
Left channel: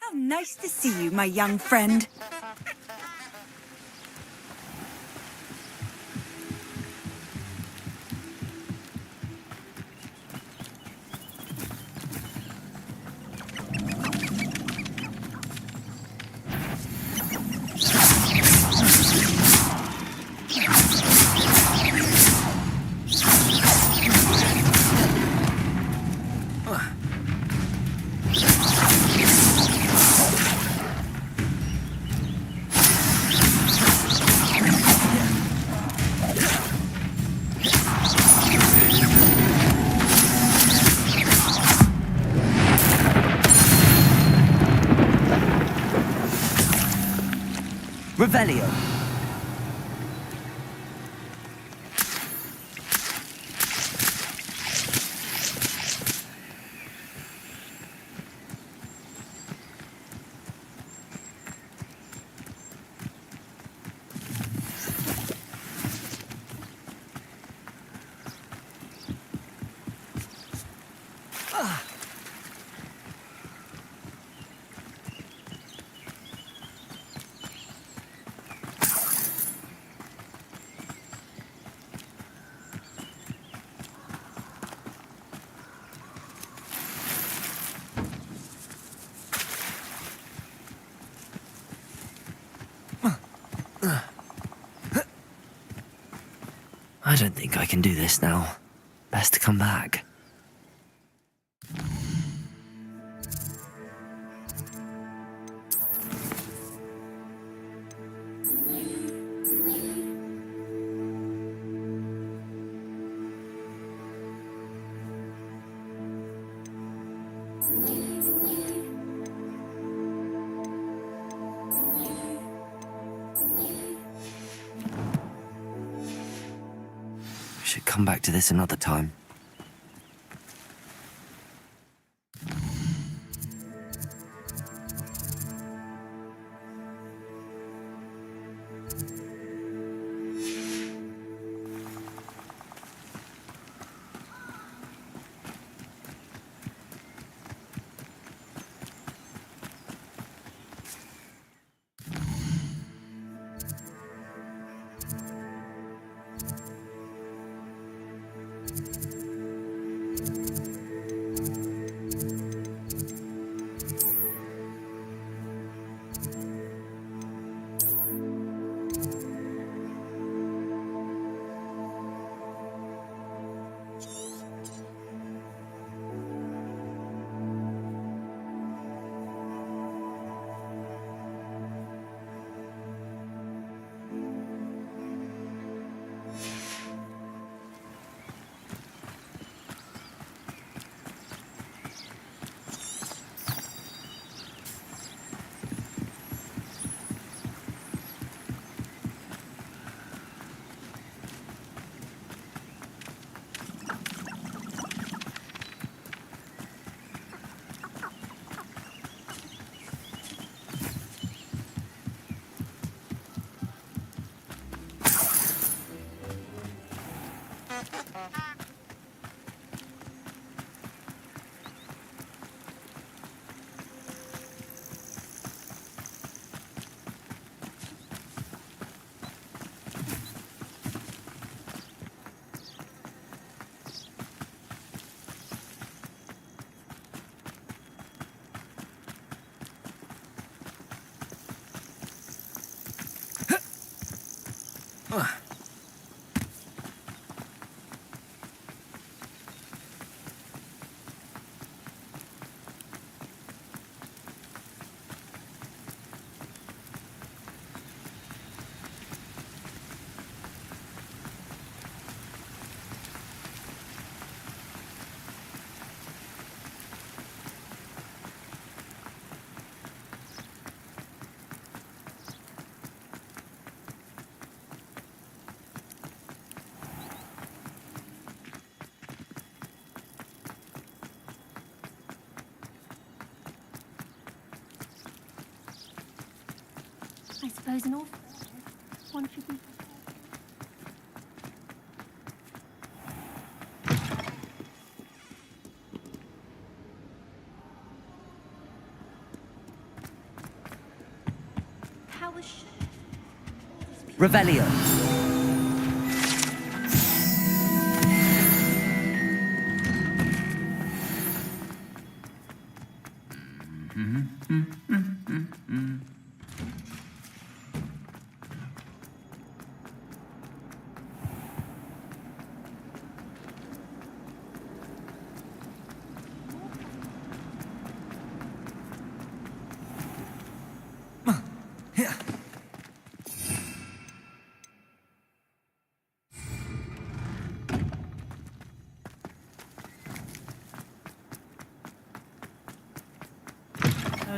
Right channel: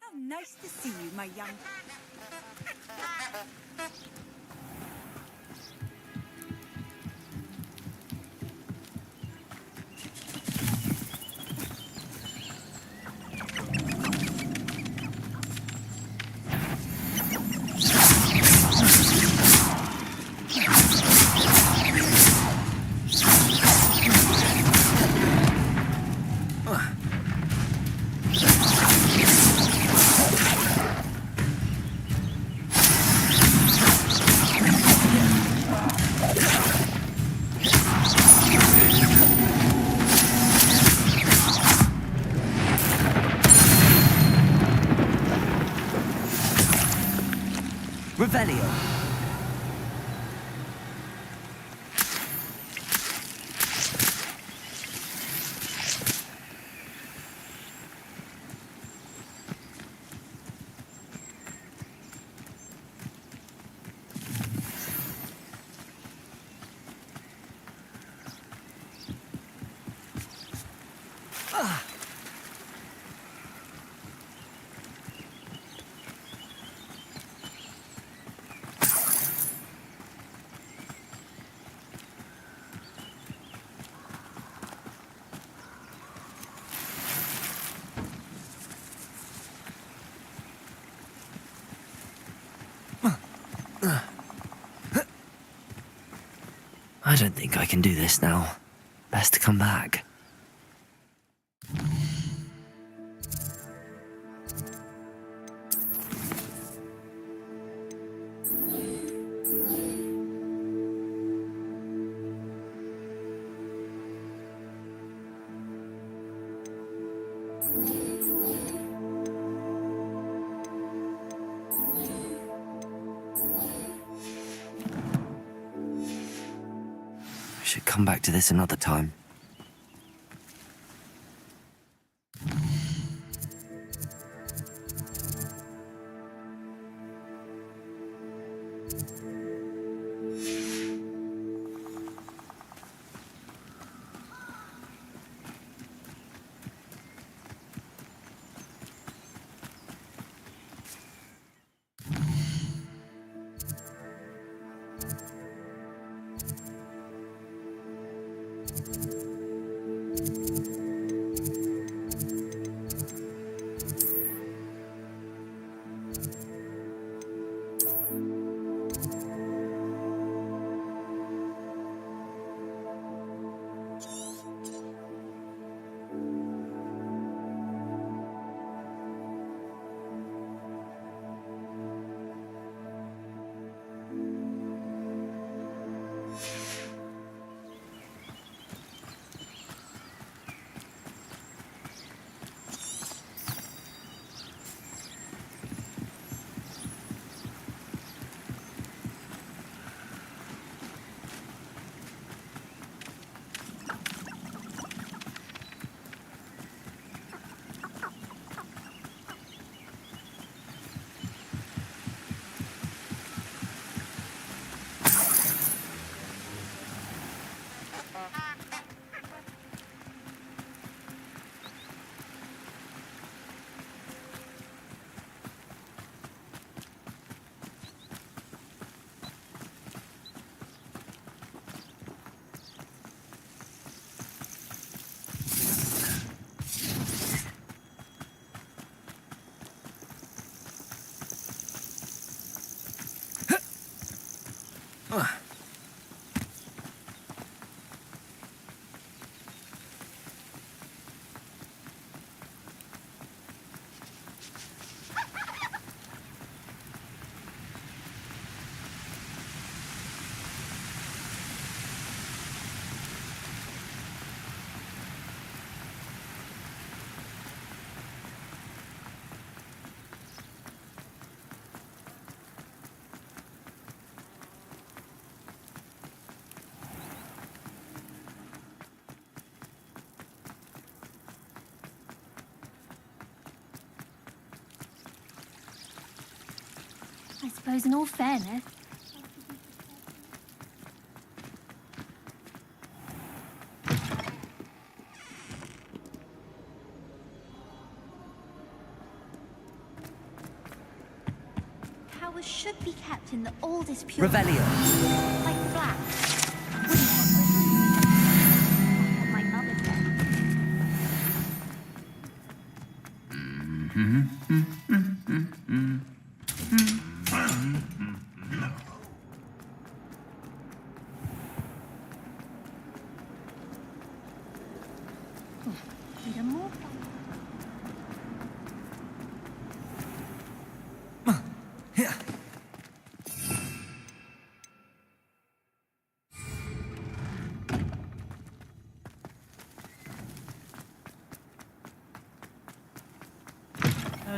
How nice to see you, my young friend. Revelio. I don't think I can do this now. Best to come back. I should come back to this another time. I suppose in all fairness, one should be prepared to... Powers should be kept in the oldest pure... Revelio. Like that. My mother.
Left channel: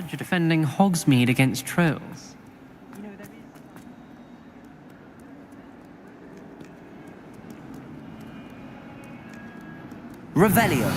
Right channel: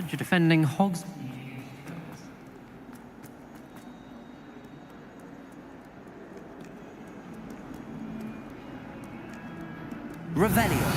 You're defending Hogsmeade against trolls. Revelio.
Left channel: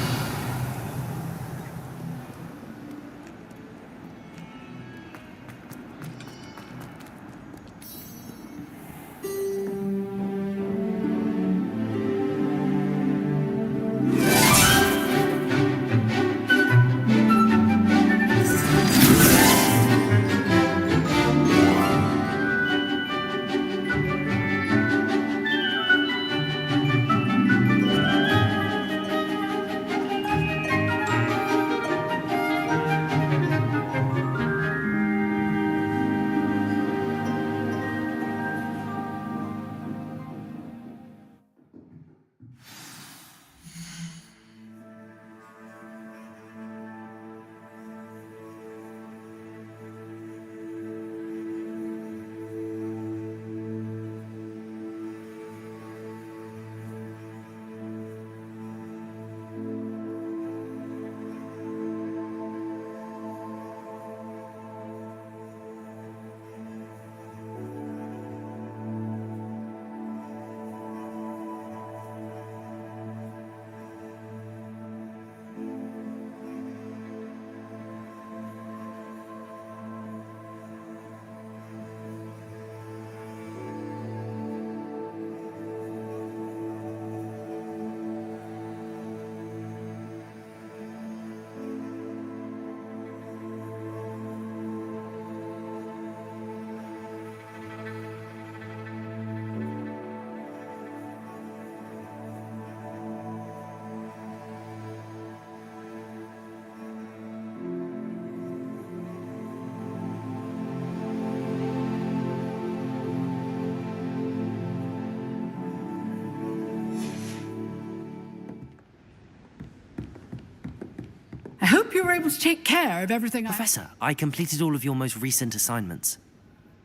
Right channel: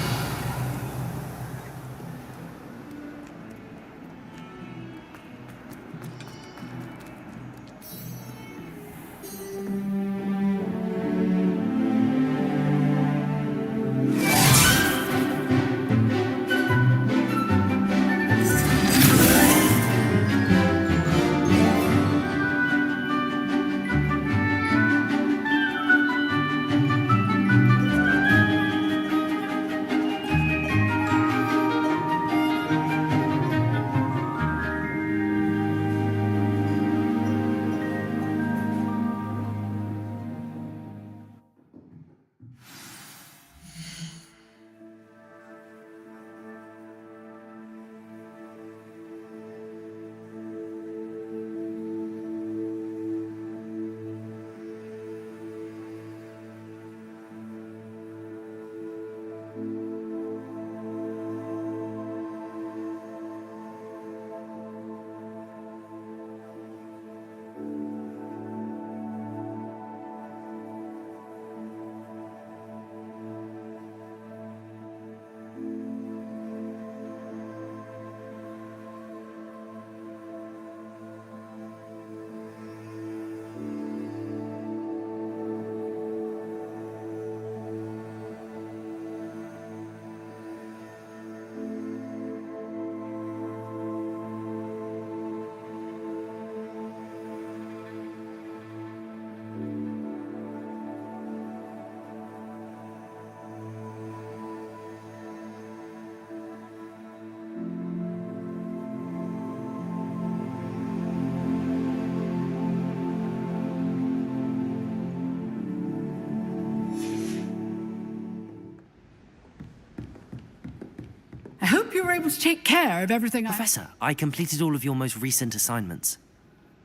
hope you were able to take care of everything Professor, I completed all of your most recent assignments.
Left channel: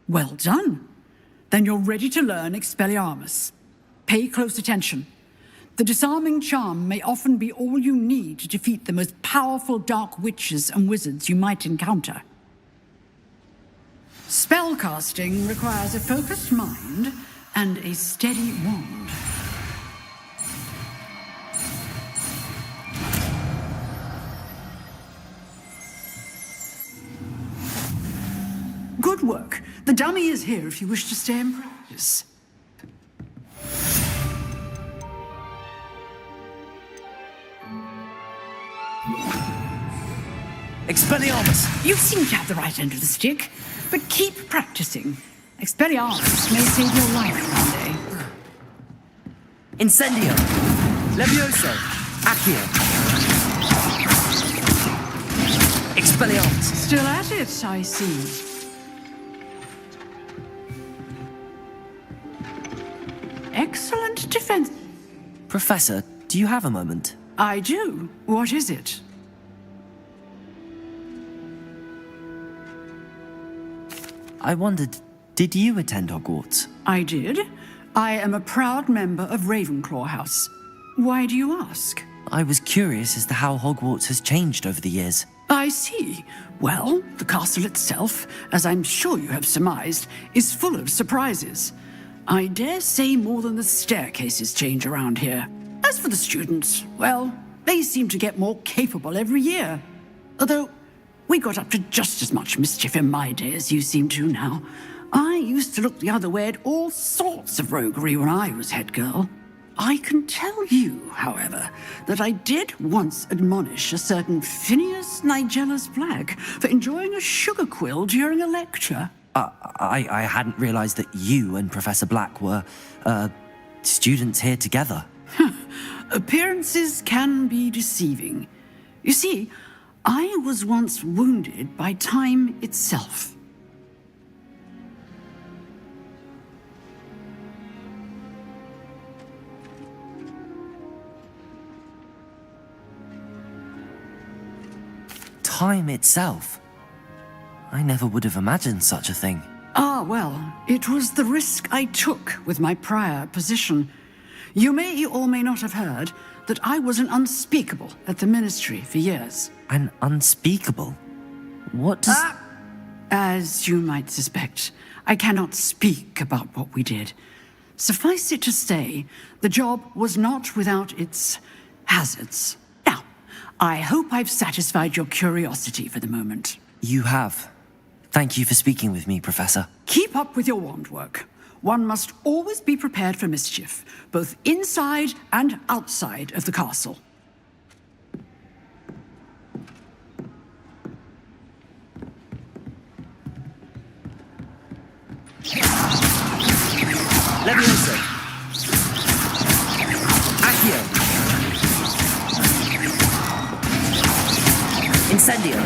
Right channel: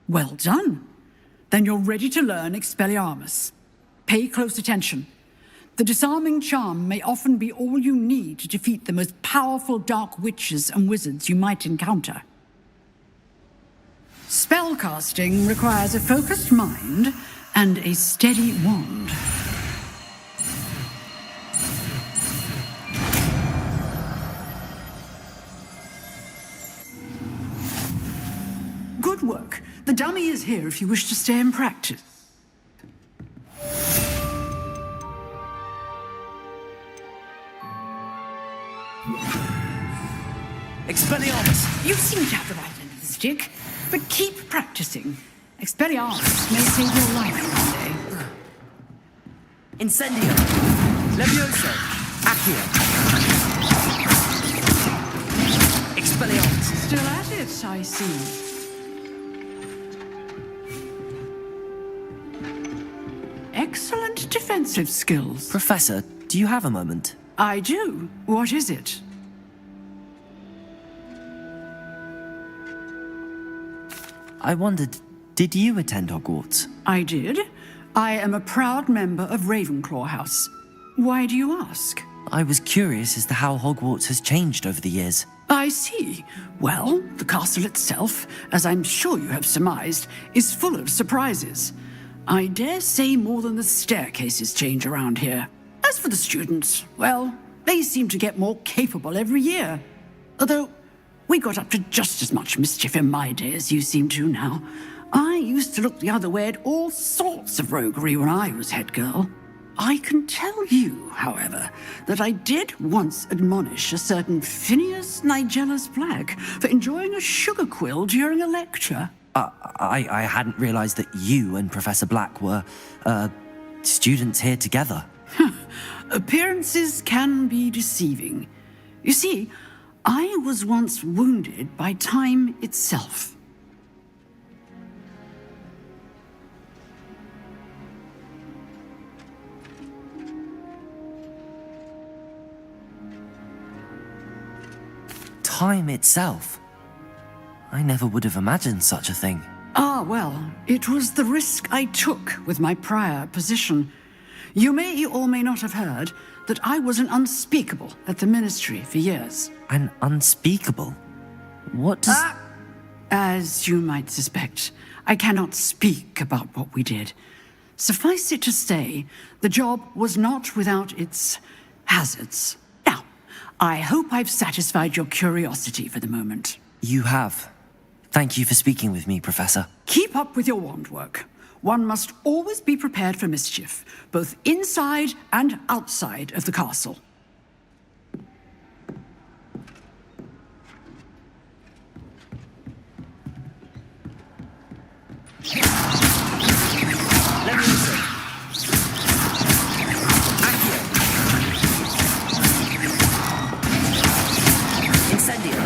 Well done. Then you're ready to learn Expelliarmus. Pay close attention. The disarming charm may often be all you need to defeat the most powerful dark witches and wizards you might encounter. Spellcasting requires a focused mind and a steady wand. Good work. The dummy is here if you wish to stay and practice. Expelliarmus! You seem to have the right end of the stick, but keep practicing. Expelliarmus may save your life one day. Incendio! Levioso! Accio! Expelliarmus! Still at it, I see. Excellent defensive skills. Professor, do you have a moment? I do. What is it? I wondered, did you attend Hogwarts? I did. I am a proud member of Ravenclaw House. Why do you ask? I was curious as to how Hogwarts has changed over the years. I see. Well, the castle itself, as I'm sure you have surmised, is full of surprises. I dare say more than the staircases change around here. As for the students, well, they seem to get more capable every year. Although, we got up to just as much mischief in my day as you seem to now. I used to look the other way at all sorts of roguery when I was head girl. I can tell you, however, that I did once admonish a certain Phineas Nigellus Black for enjoying a sugar quill during a lecture. I hadn't realized that you and Professor Black were, students here together. Appearances can be deceiving. You see, I was once wounded by time itself. Time itself? I never would have imagined such a thing. Ah, well, it was the risk I took with my prior position. You may or may not have heard that I was an unspeakable at the Ministry for years. An unspeakable? What does... As you might suspect, I cannot speak about what we did. Suffice it to say, the job was not without its hazards. Now, I hope I've satisfied your curiosity for the moment. You have. Thank you for speaking with me, Professor. Keep up with your wand work. One must always be prepared for mischief, both inside and outside of the castle. Levioso! Accio! Incendio!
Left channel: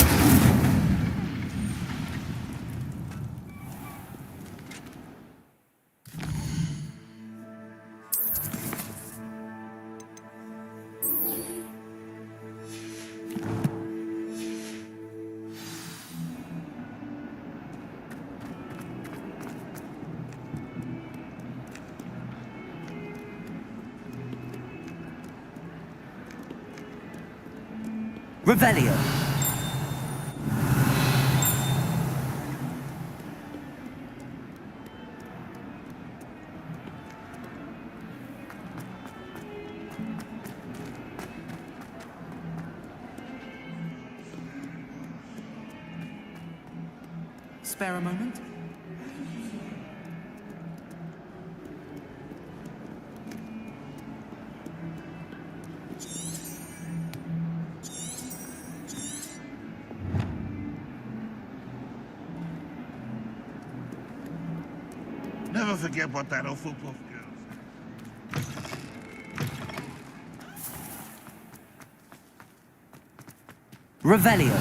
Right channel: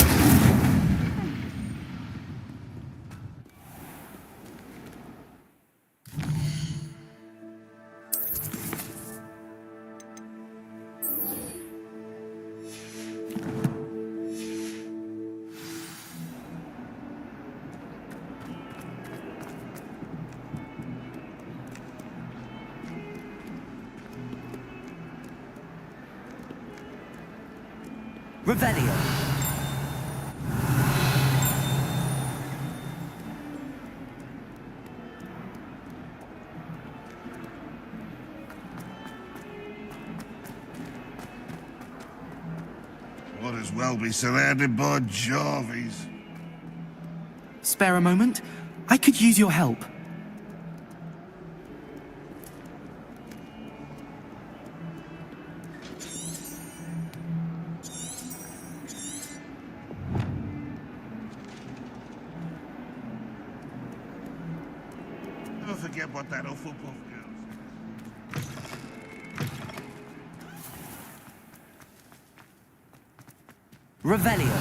Revelio. Might as well be surrounded by Jarvies. Spare a moment? I could use your help. Never forget what that Hufflepuff girl said. Revelio.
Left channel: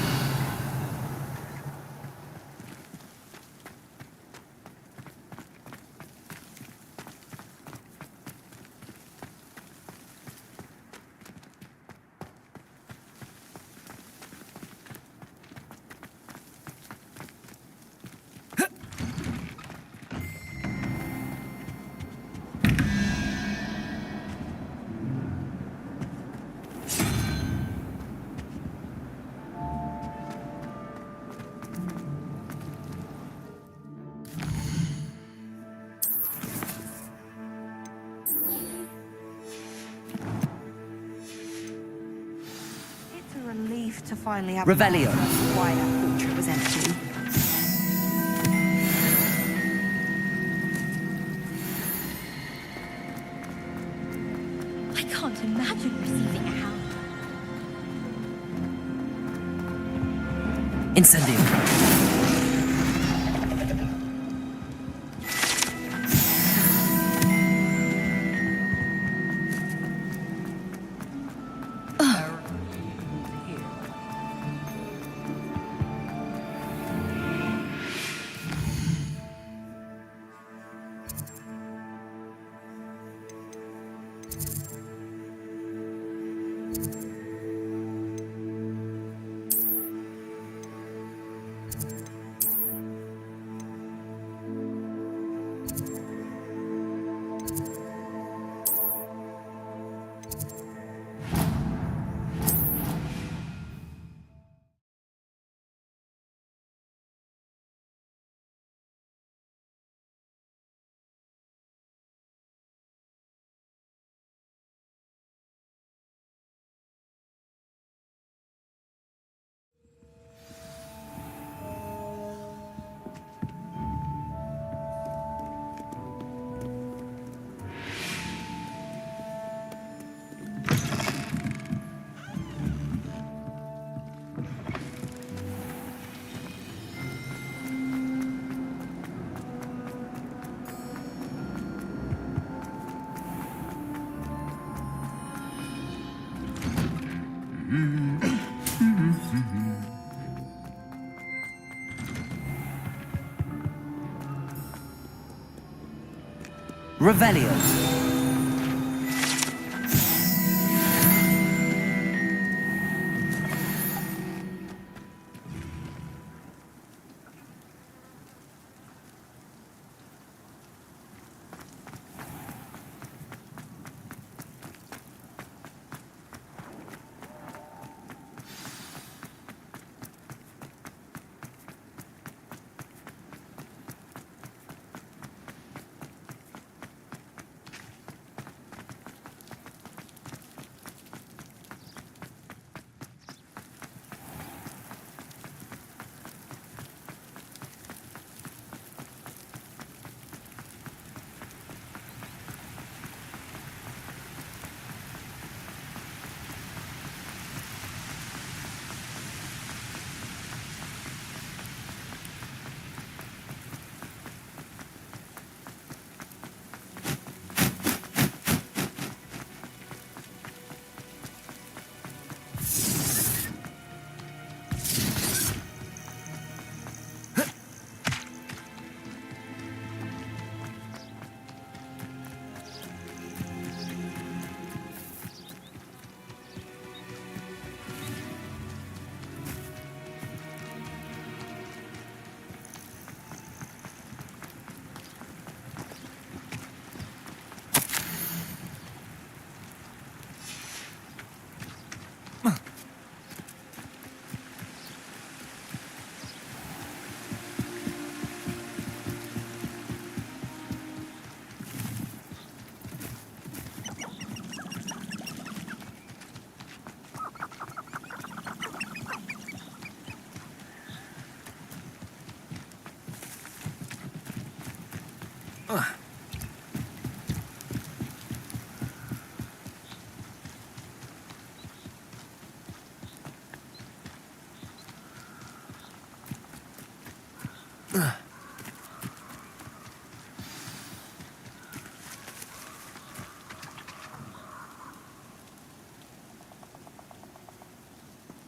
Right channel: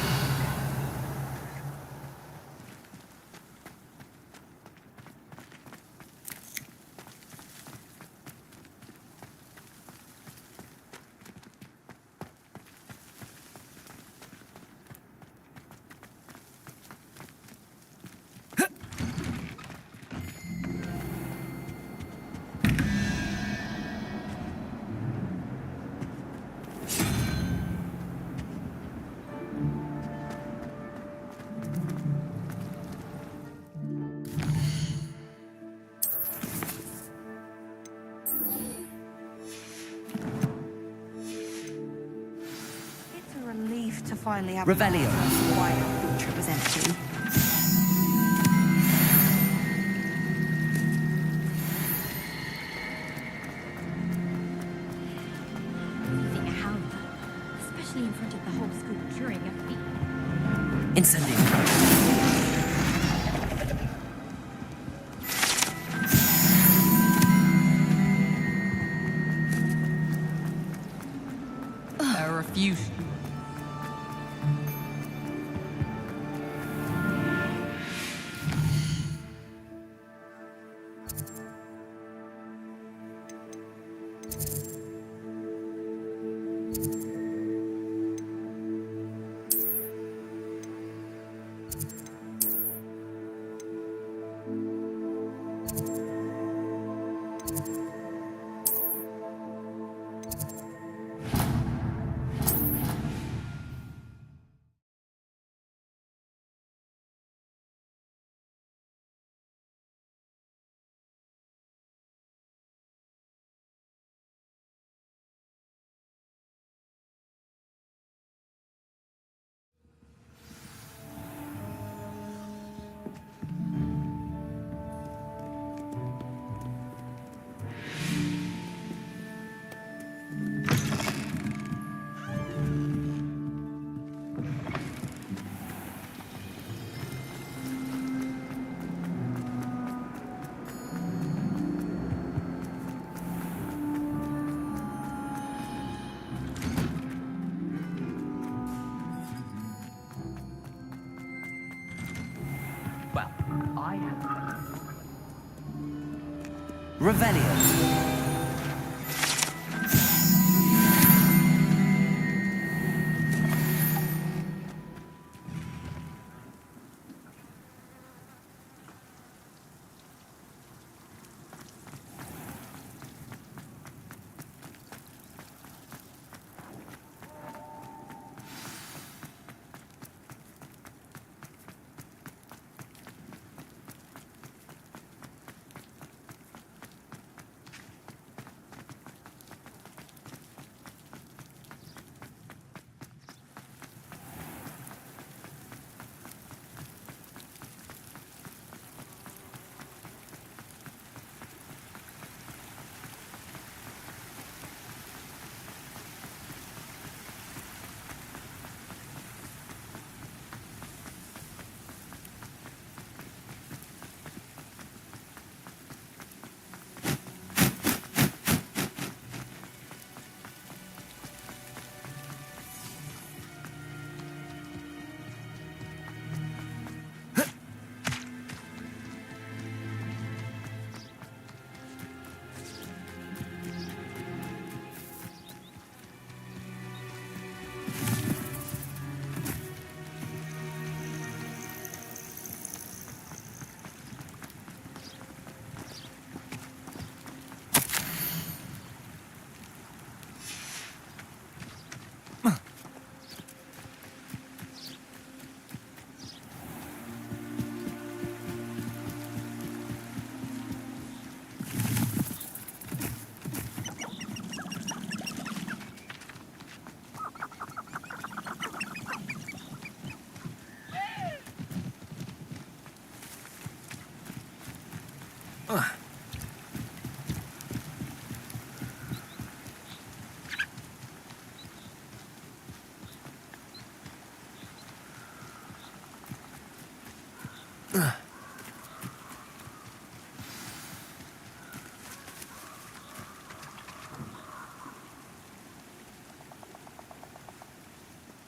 finally have Revelio. why that portrait was empty. I can't imagine receiving a hound, especially in front of the whole school during a meeting. Incendio. There are a few. Revelio.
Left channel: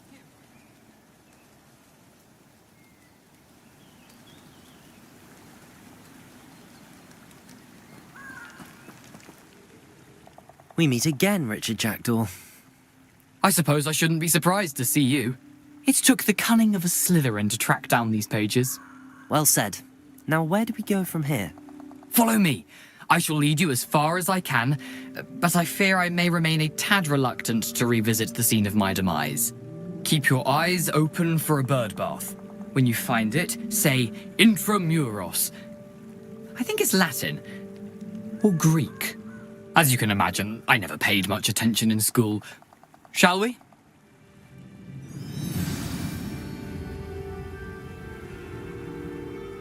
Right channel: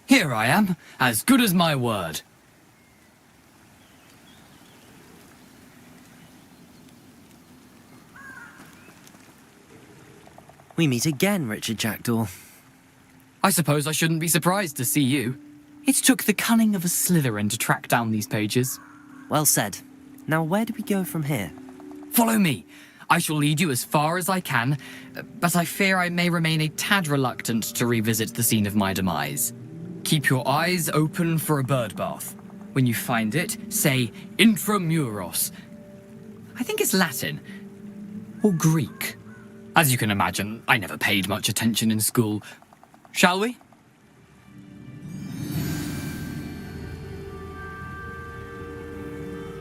Here I am, as good as my word. We meet again, Richard Jackdaw. I suppose I shouldn't be surprised to see you. It took the cunning of a Slytherin to track down these pages. Well said. Now, where do we go from here? Follow me. I shall lead you as far as I can, but I fear I may remain a tad reluctant to revisit the scene of my demise. Keep your eyes open for a bird bath. When you find it, say intramuros. I think it's Latin. Or Greek. As you can imagine, I never paid much attention in school. Shall we?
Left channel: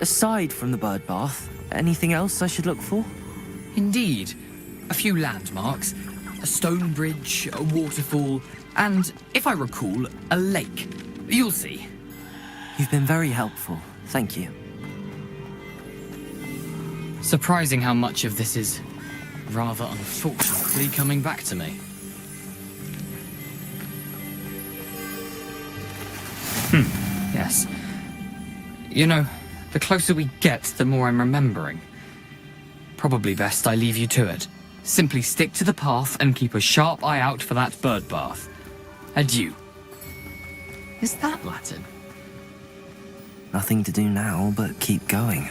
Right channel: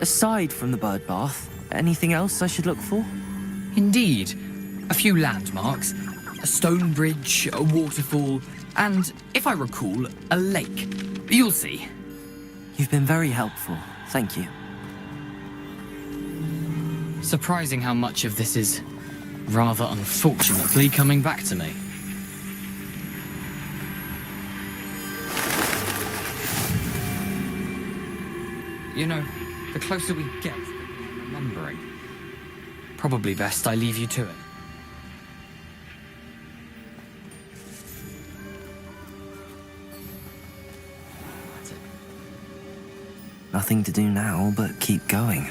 Aside from the bird bath, anything else I should look for? Indeed. A few landmarks, a stone bridge, a waterfall, and, if I recall, a lake. You'll see. You've been very helpful. Thank you. Surprising how much of this is, rather unfortunately, coming back to me. Yes. You know, the closer we get, the more I'm remembering. Probably best I leave you to it. Simply stick to the path and keep a sharp eye out for that bird bath. Adieu. Is that Latin? Nothing to do now but keep going.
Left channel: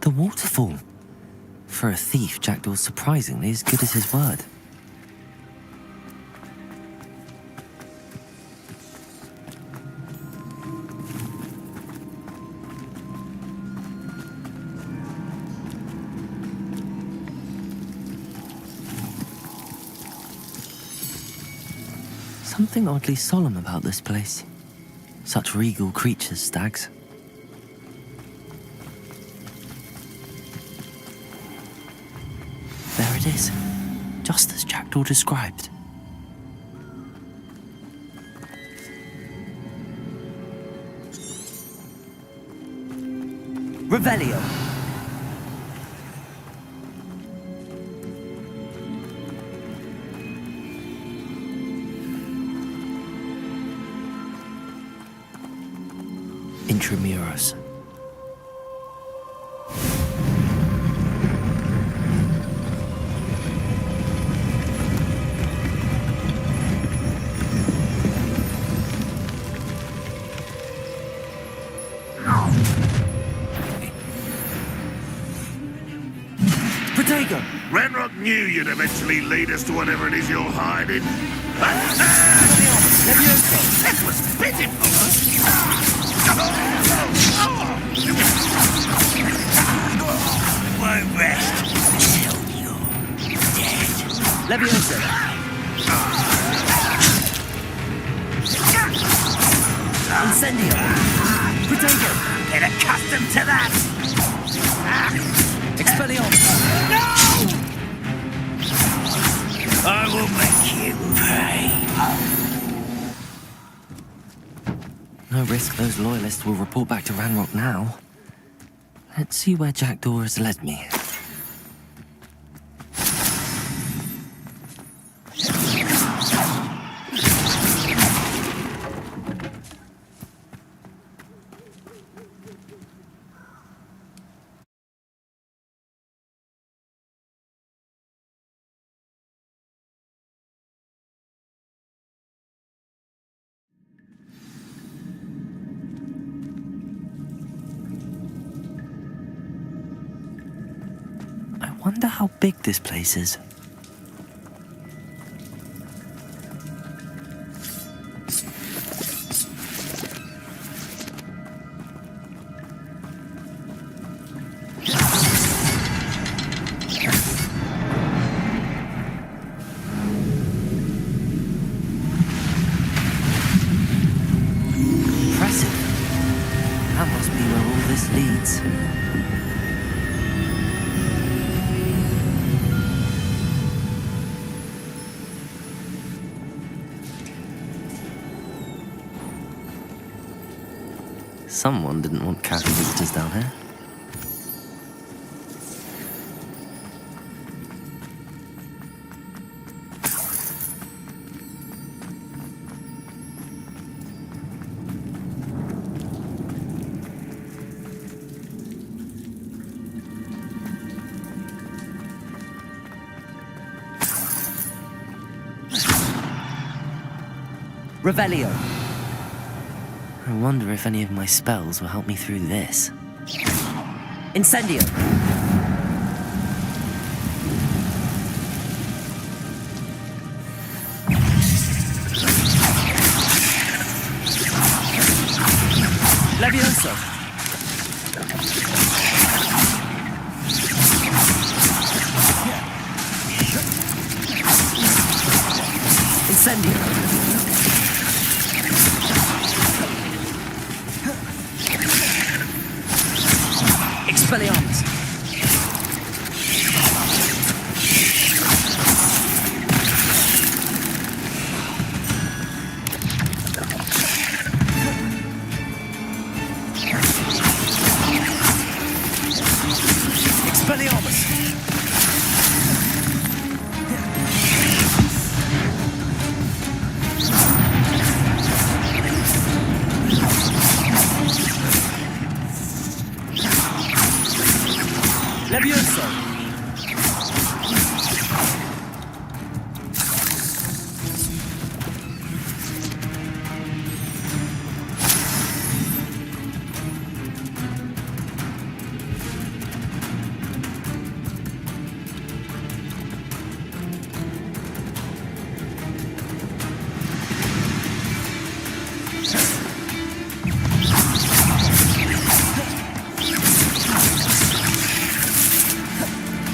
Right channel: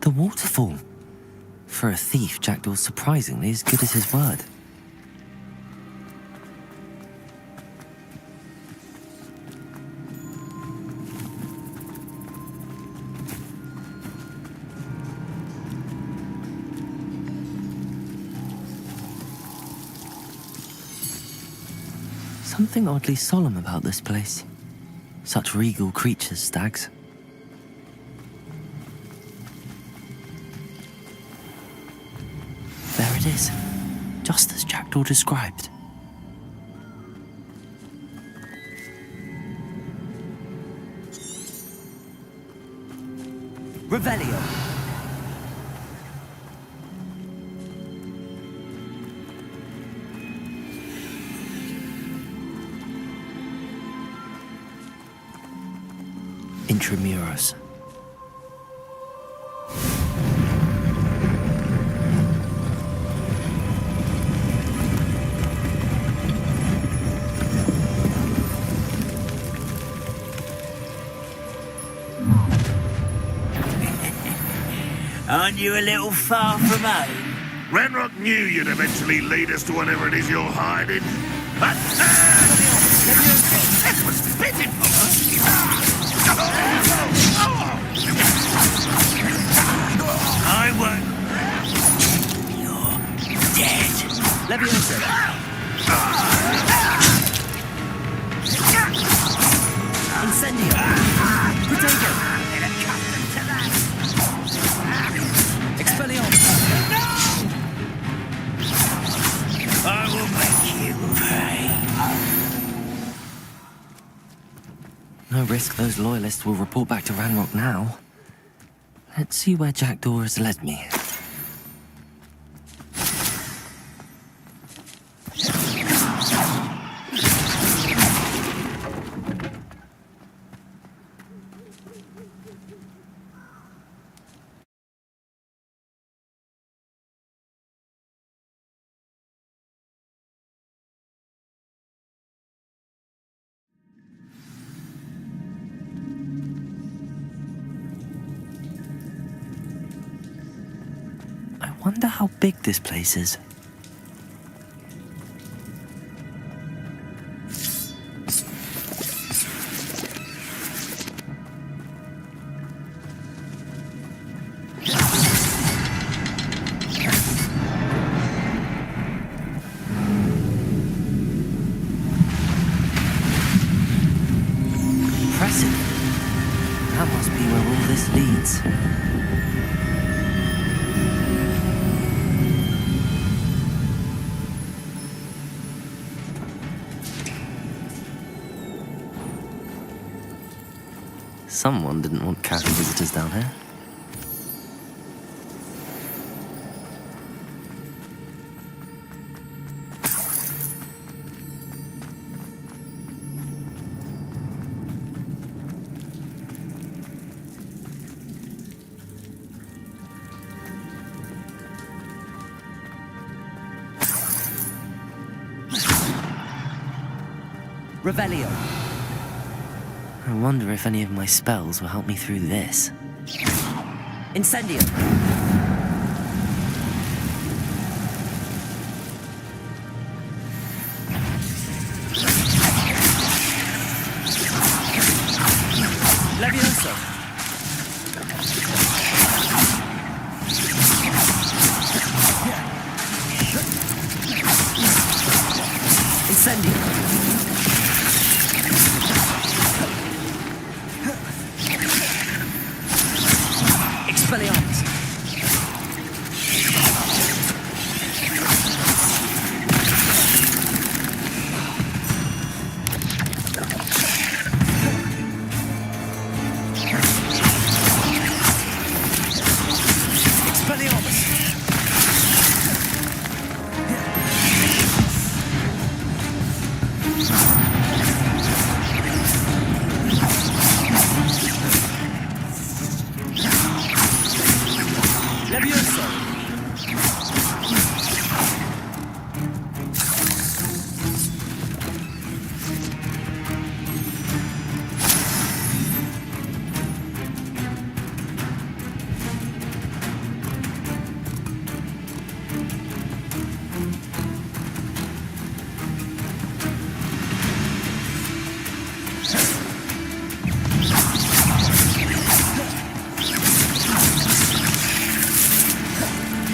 The waterfall. For a thief, Jackdaw's surprisingly as good as his word. Something oddly solemn about this place. Such regal creatures, stags. There it is, just as Jackdaw described. Revelio. Intramuros. Aren't you a little far from us? Ranrock knew you'd eventually lead us to whatever it is you're hiding. That was pitiful! I won't rest. You're dead. Levioso. Incendio. Potato. Get accustomed to that. Expelliarmus. I will make you pay. No risk those loyalists will report back to Ranrock now. Let's see where Jackdaw has led me. I wonder how big this place is. Impressive. That must be where all this leads. Someone didn't want casual visitors down here. Revelio. I wonder if any of my spells will help me through this. Incendio. Levioso. Incendio! Expelliarmus! Expelliarmus! Levioso!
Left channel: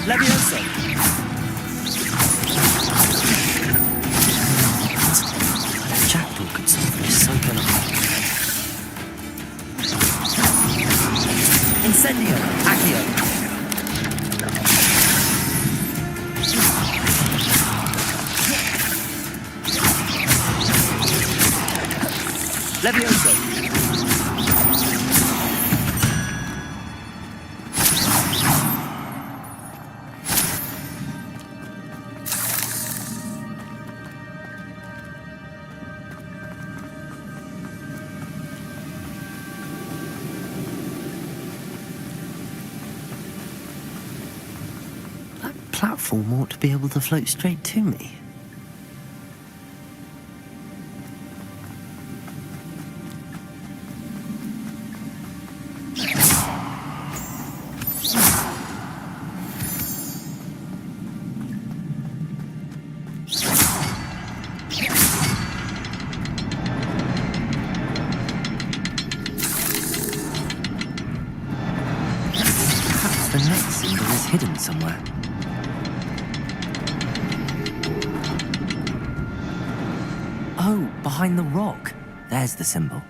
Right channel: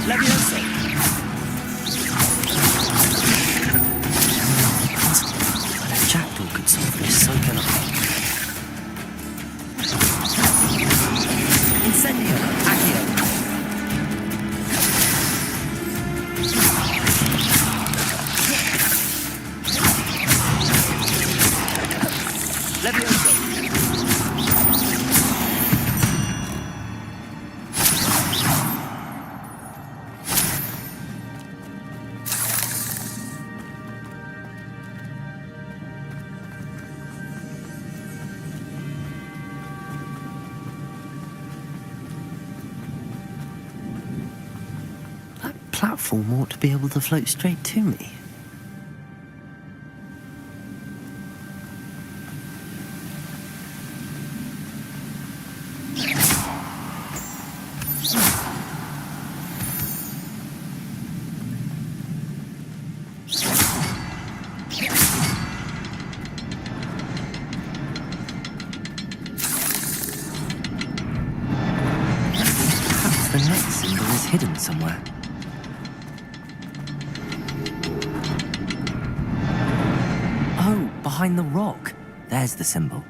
Levioso! A jackdaw could solve this, so can I. Incendio! Accio! Levioso! That platform ought to be able to float straight to me. Perhaps the next symbol is hidden somewhere. Oh, behind the rock. There's the symbol.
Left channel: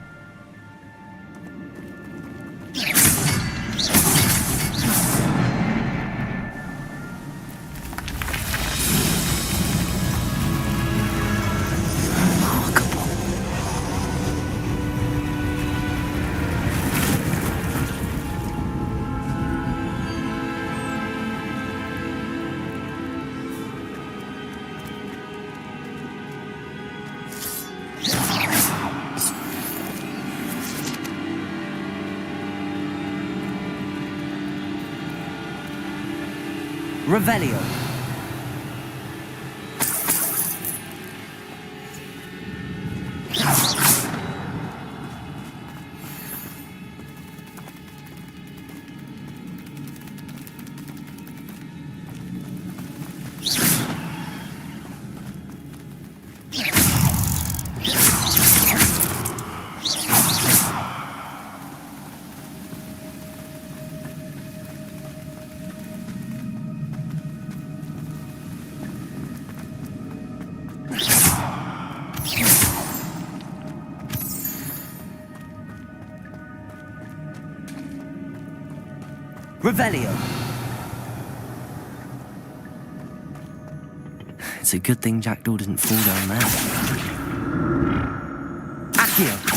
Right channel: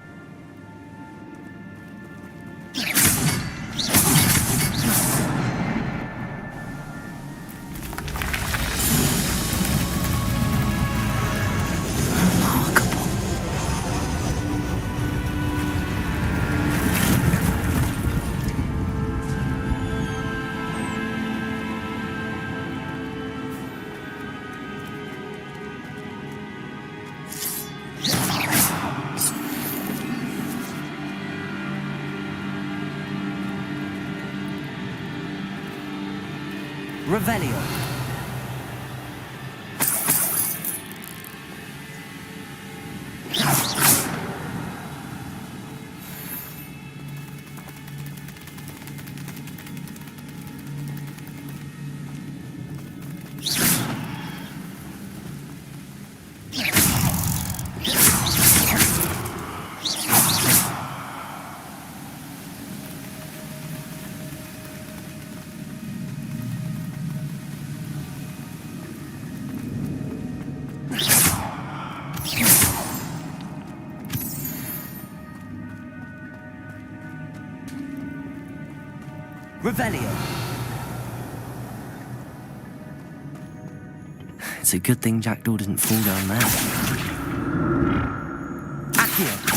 Remarkable. Revelio. Revelio. It's a good thing Jackdaw didn't fall down there. Accio.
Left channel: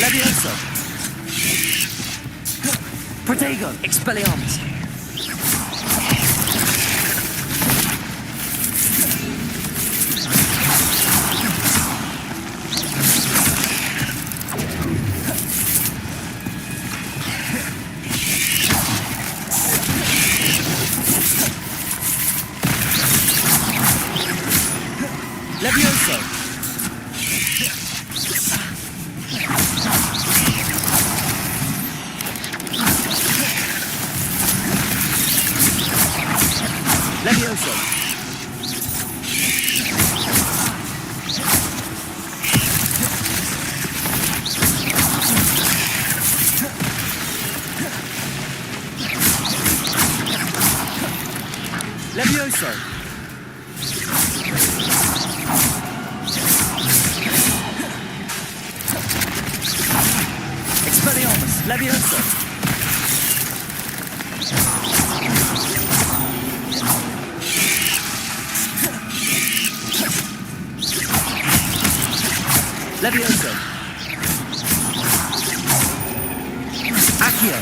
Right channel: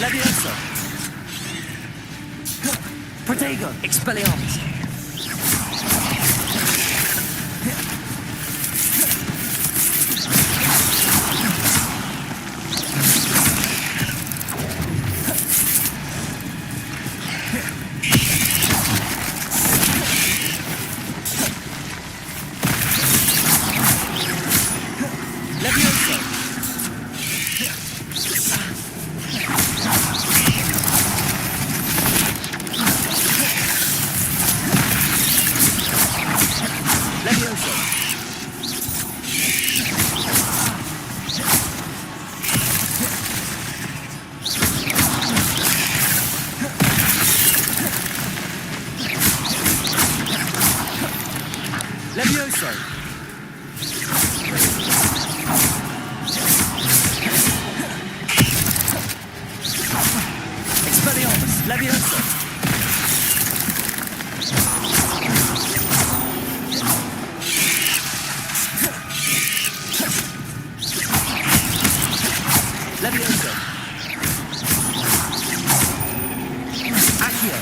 Levioso. Protego. Expelliarmus. Levioso! Levioso! Levioso! Expelliarmus! Levioso! Levioso! Accio!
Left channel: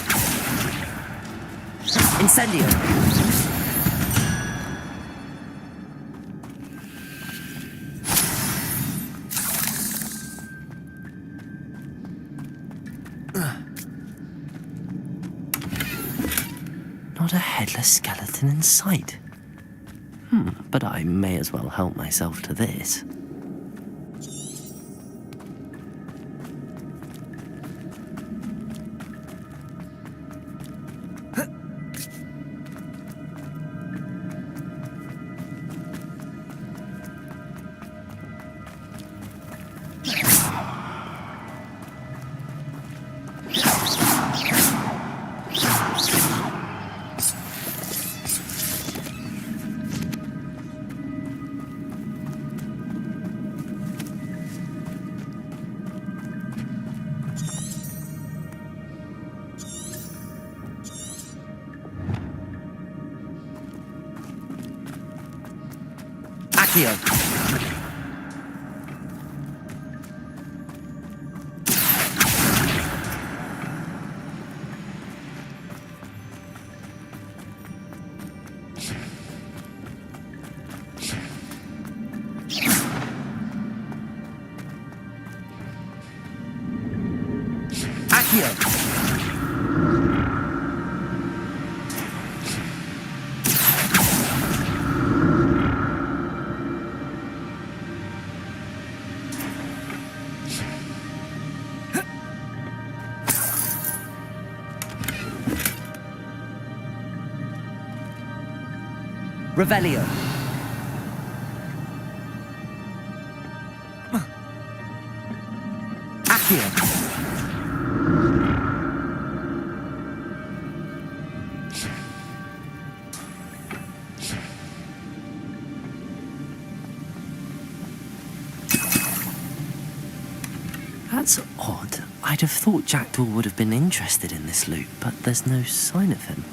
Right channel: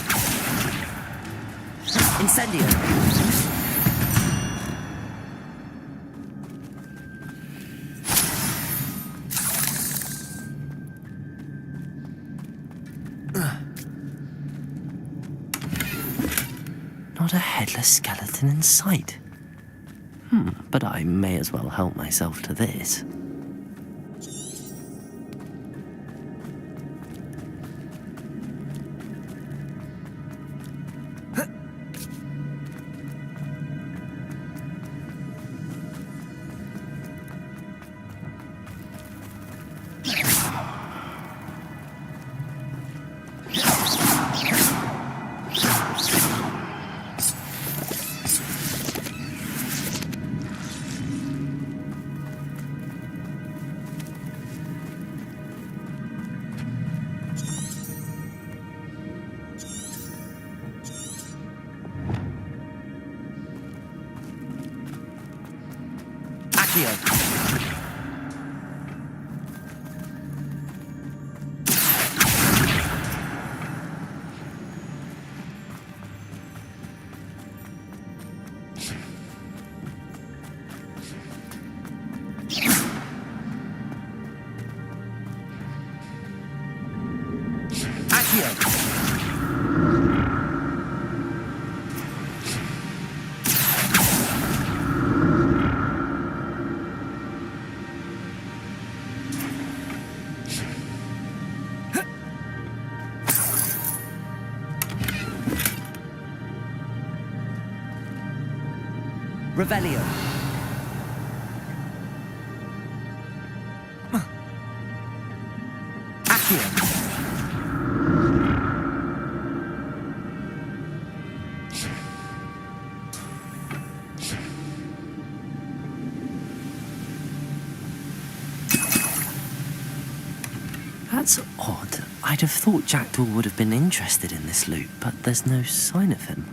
Incendio! Not a headless skeleton in sight. But I may as well help myself to this. Accio! Accio! Revelio. Accio. That's odd. I'd have thought Jackdaw would have been interested in this loot, but there's no sign of him.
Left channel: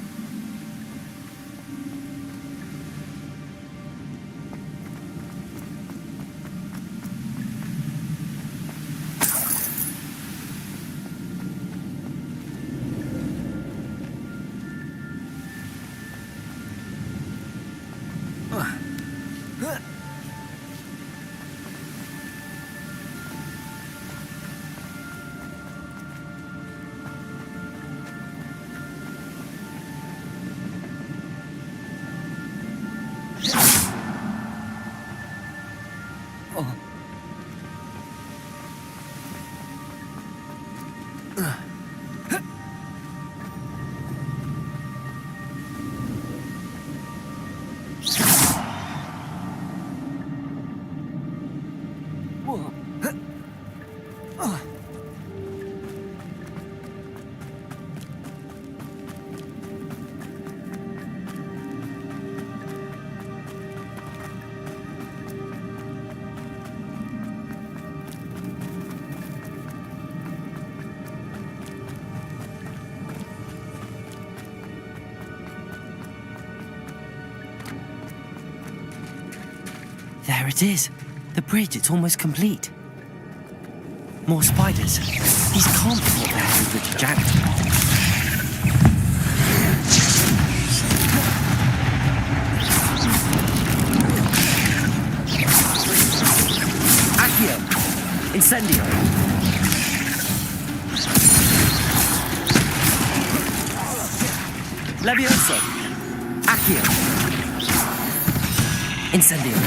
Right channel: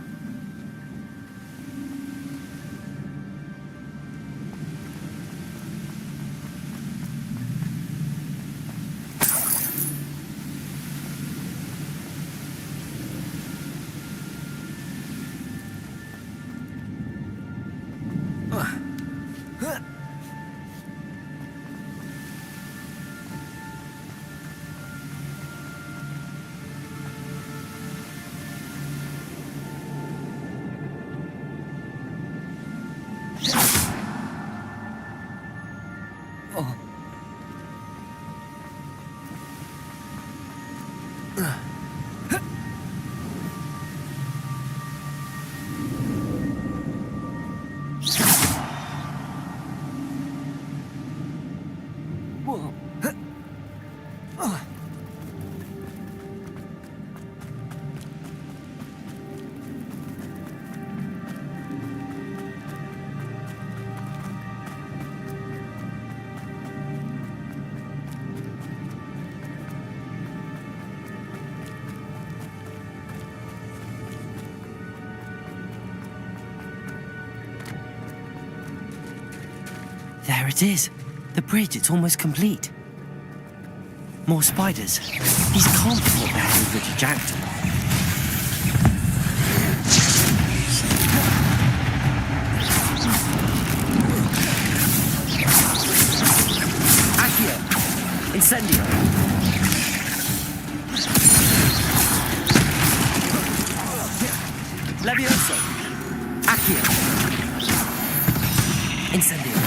There it is. The bridge, it's almost complete. More spiders. These can't be what they're with Richard Jackdaw. Accio! Incendio! Levioso! Accio! Incendio!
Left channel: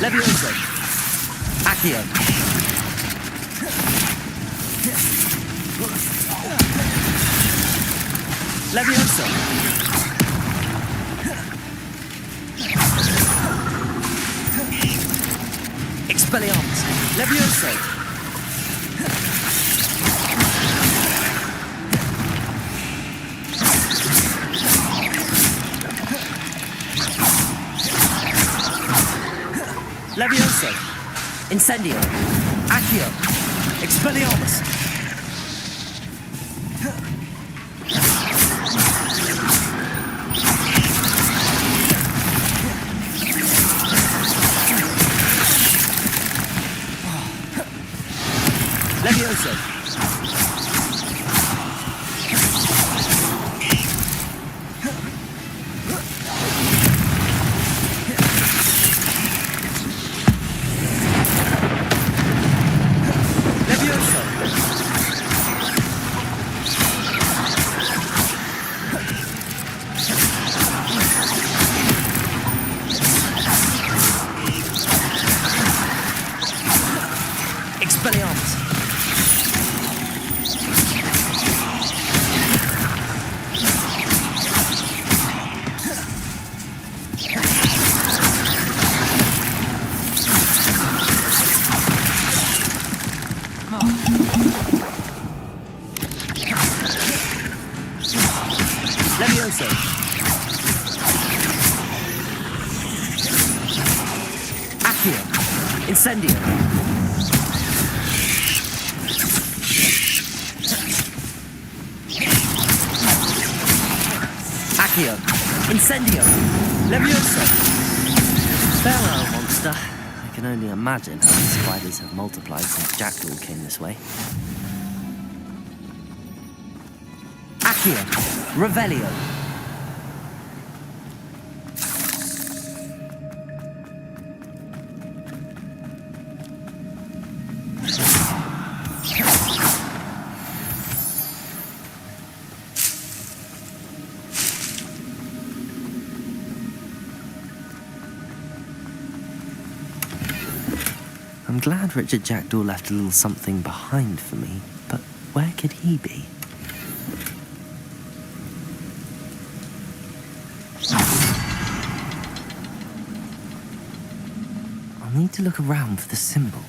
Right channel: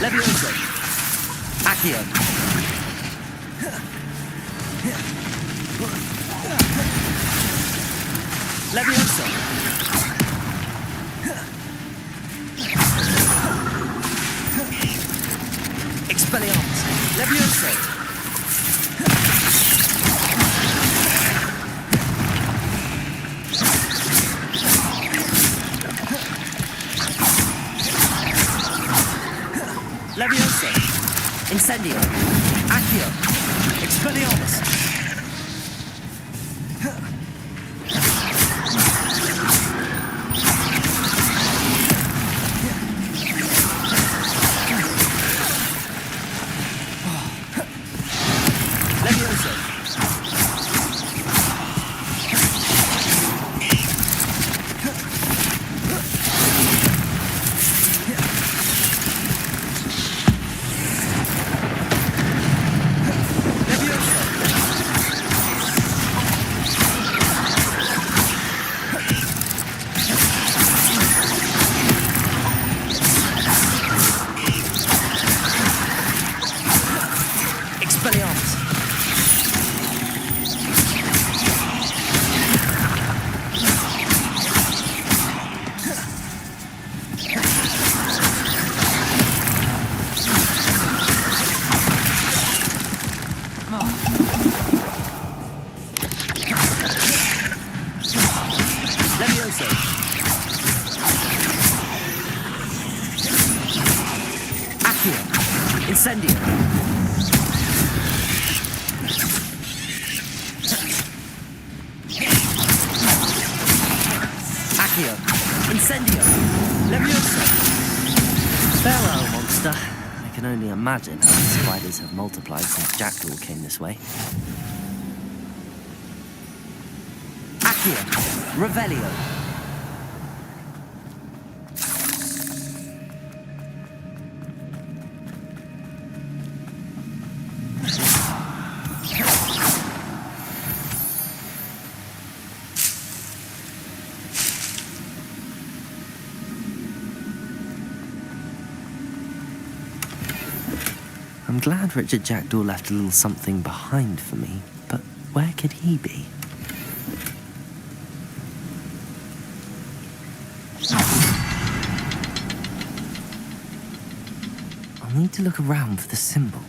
Levioso. Accio. Levioso. Expelliarmus. Levioso. Levioso. Incendio. Accio. Expelliarmus. Levioso. Expelliarmus. Levioso. Accio. Incendio. Accio. Incendio. Levioso. Farewell, monster. I can only imagine how the spiders have multiplied since Jackdaw came this way. Accio. Revelio. I'm glad Richard Jackdaw left a little something behind for me, but where could he be? I'll need to look around for the symbol.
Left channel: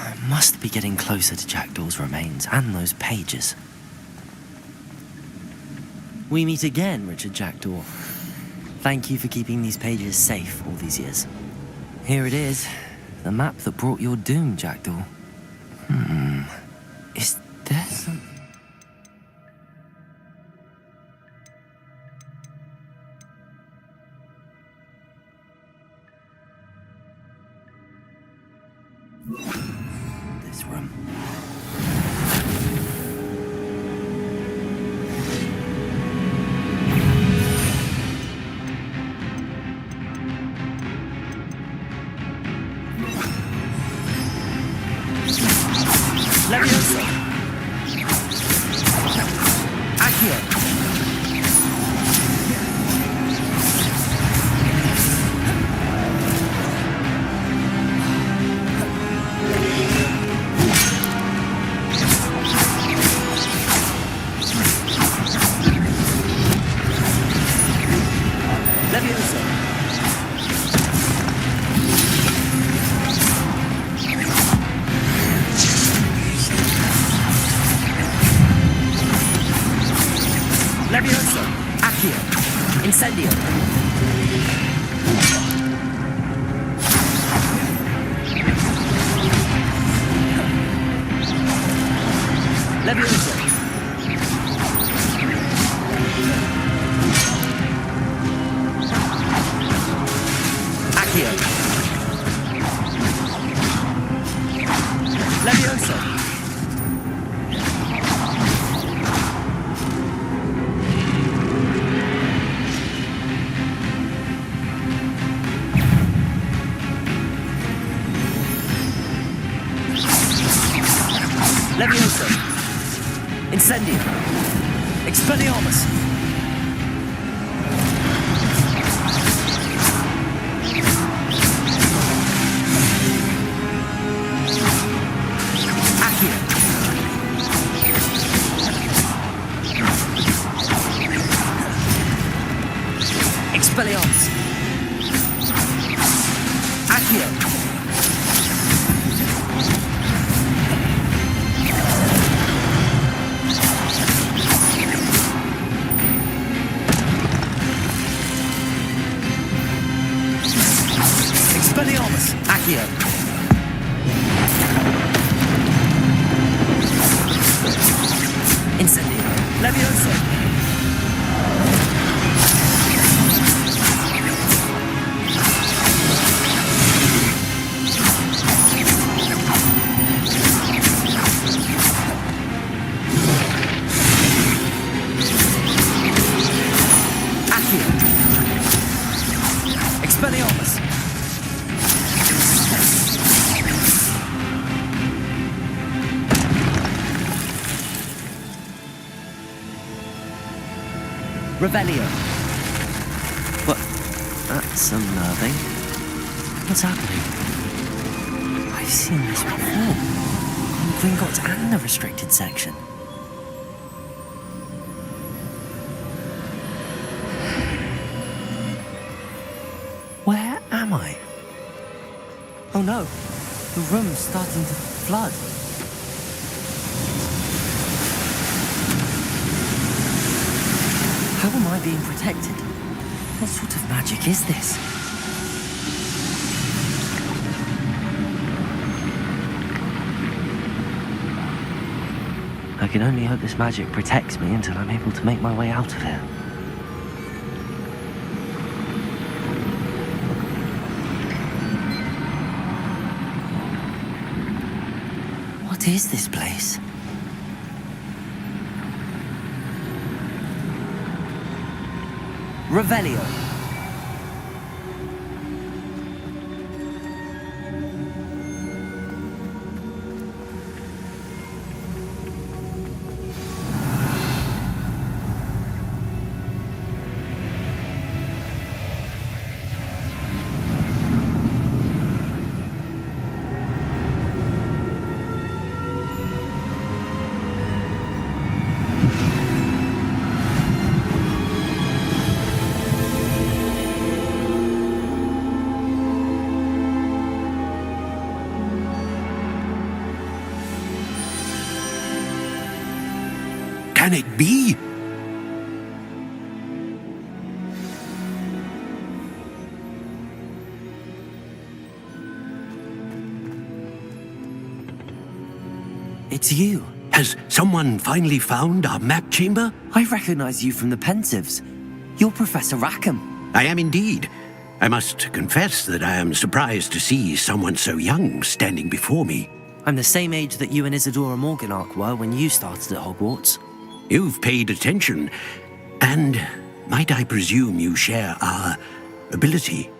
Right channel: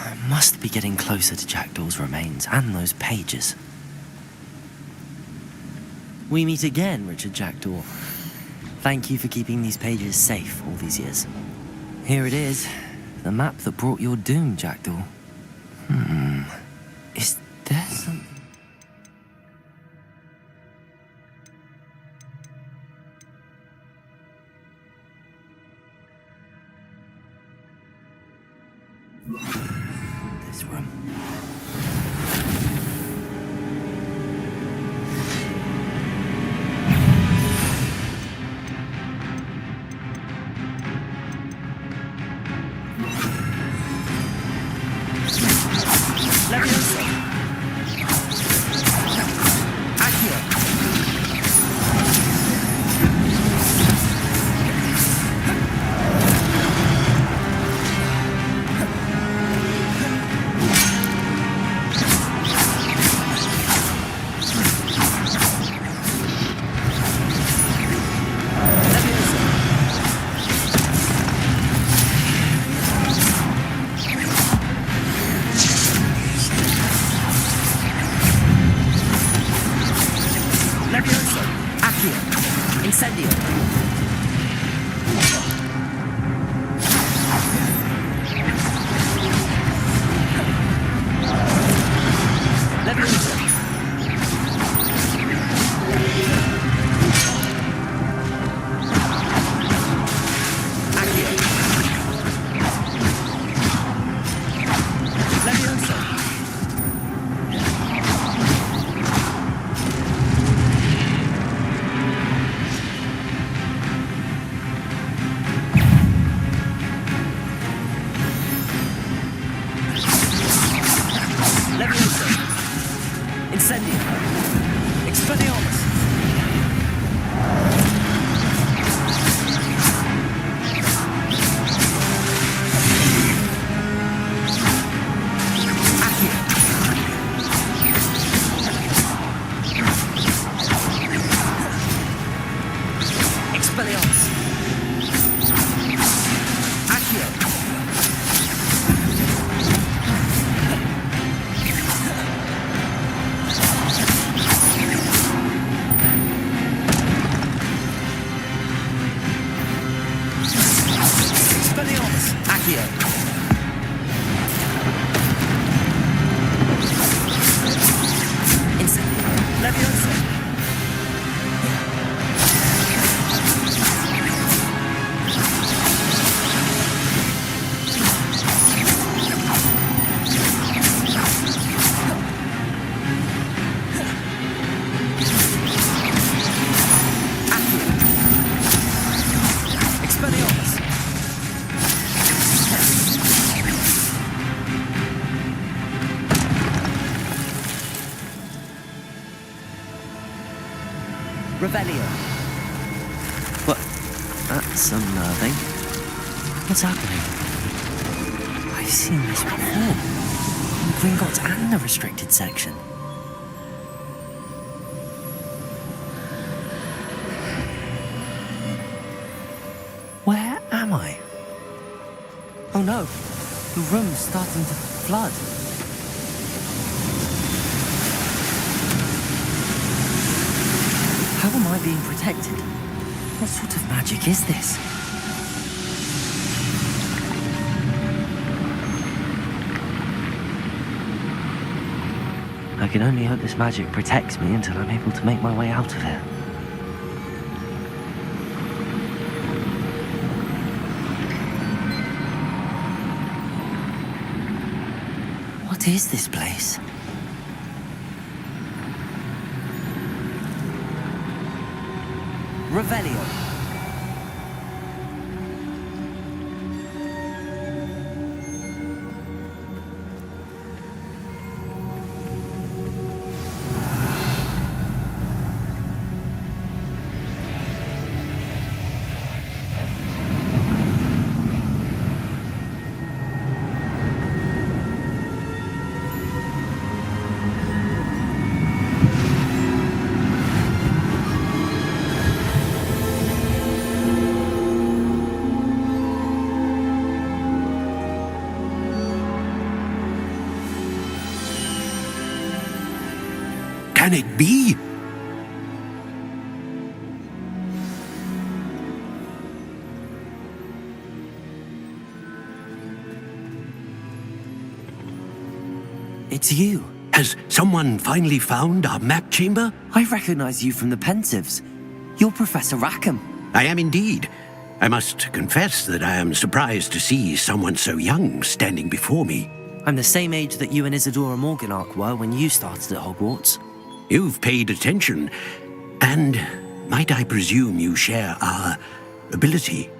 I must be getting closer to Jackdaw's remains and those pages. We meet again, Richard Jackdaw. Thank you for keeping these pages safe all these years. Here it is, the map that brought your doom, Jackdaw. Is there something... This room. Leviosa! Accio! Levioso! Accio! Incendio! Levioso! Accio! Levioso! Levioso! Incendio! Expelliarmus! Accio! Expelliarmus! Accio! Expelliarmus! Accio! Incendio! Levioso! Accio! Expelliarmus! Revelio. What? That's unnerving. What's happening? I've seen this before. In Gringotts and the restricted section. Where am I? Oh no, the room's starting to flood. How am I being protected? What sort of magic is this? I can only hope this magic protects me until I'm able to make my way out of here. What is this place? Revelio. can it be? It's you. Has someone finally found our map chamber? I recognize you from the Pensives. You're Professor Rackham. I am indeed. I must confess that I am surprised to see someone so young standing before me. I'm the same age that you and Isadora Morganach were when you started at Hogwarts. You've paid attention, and might I presume you share our ability?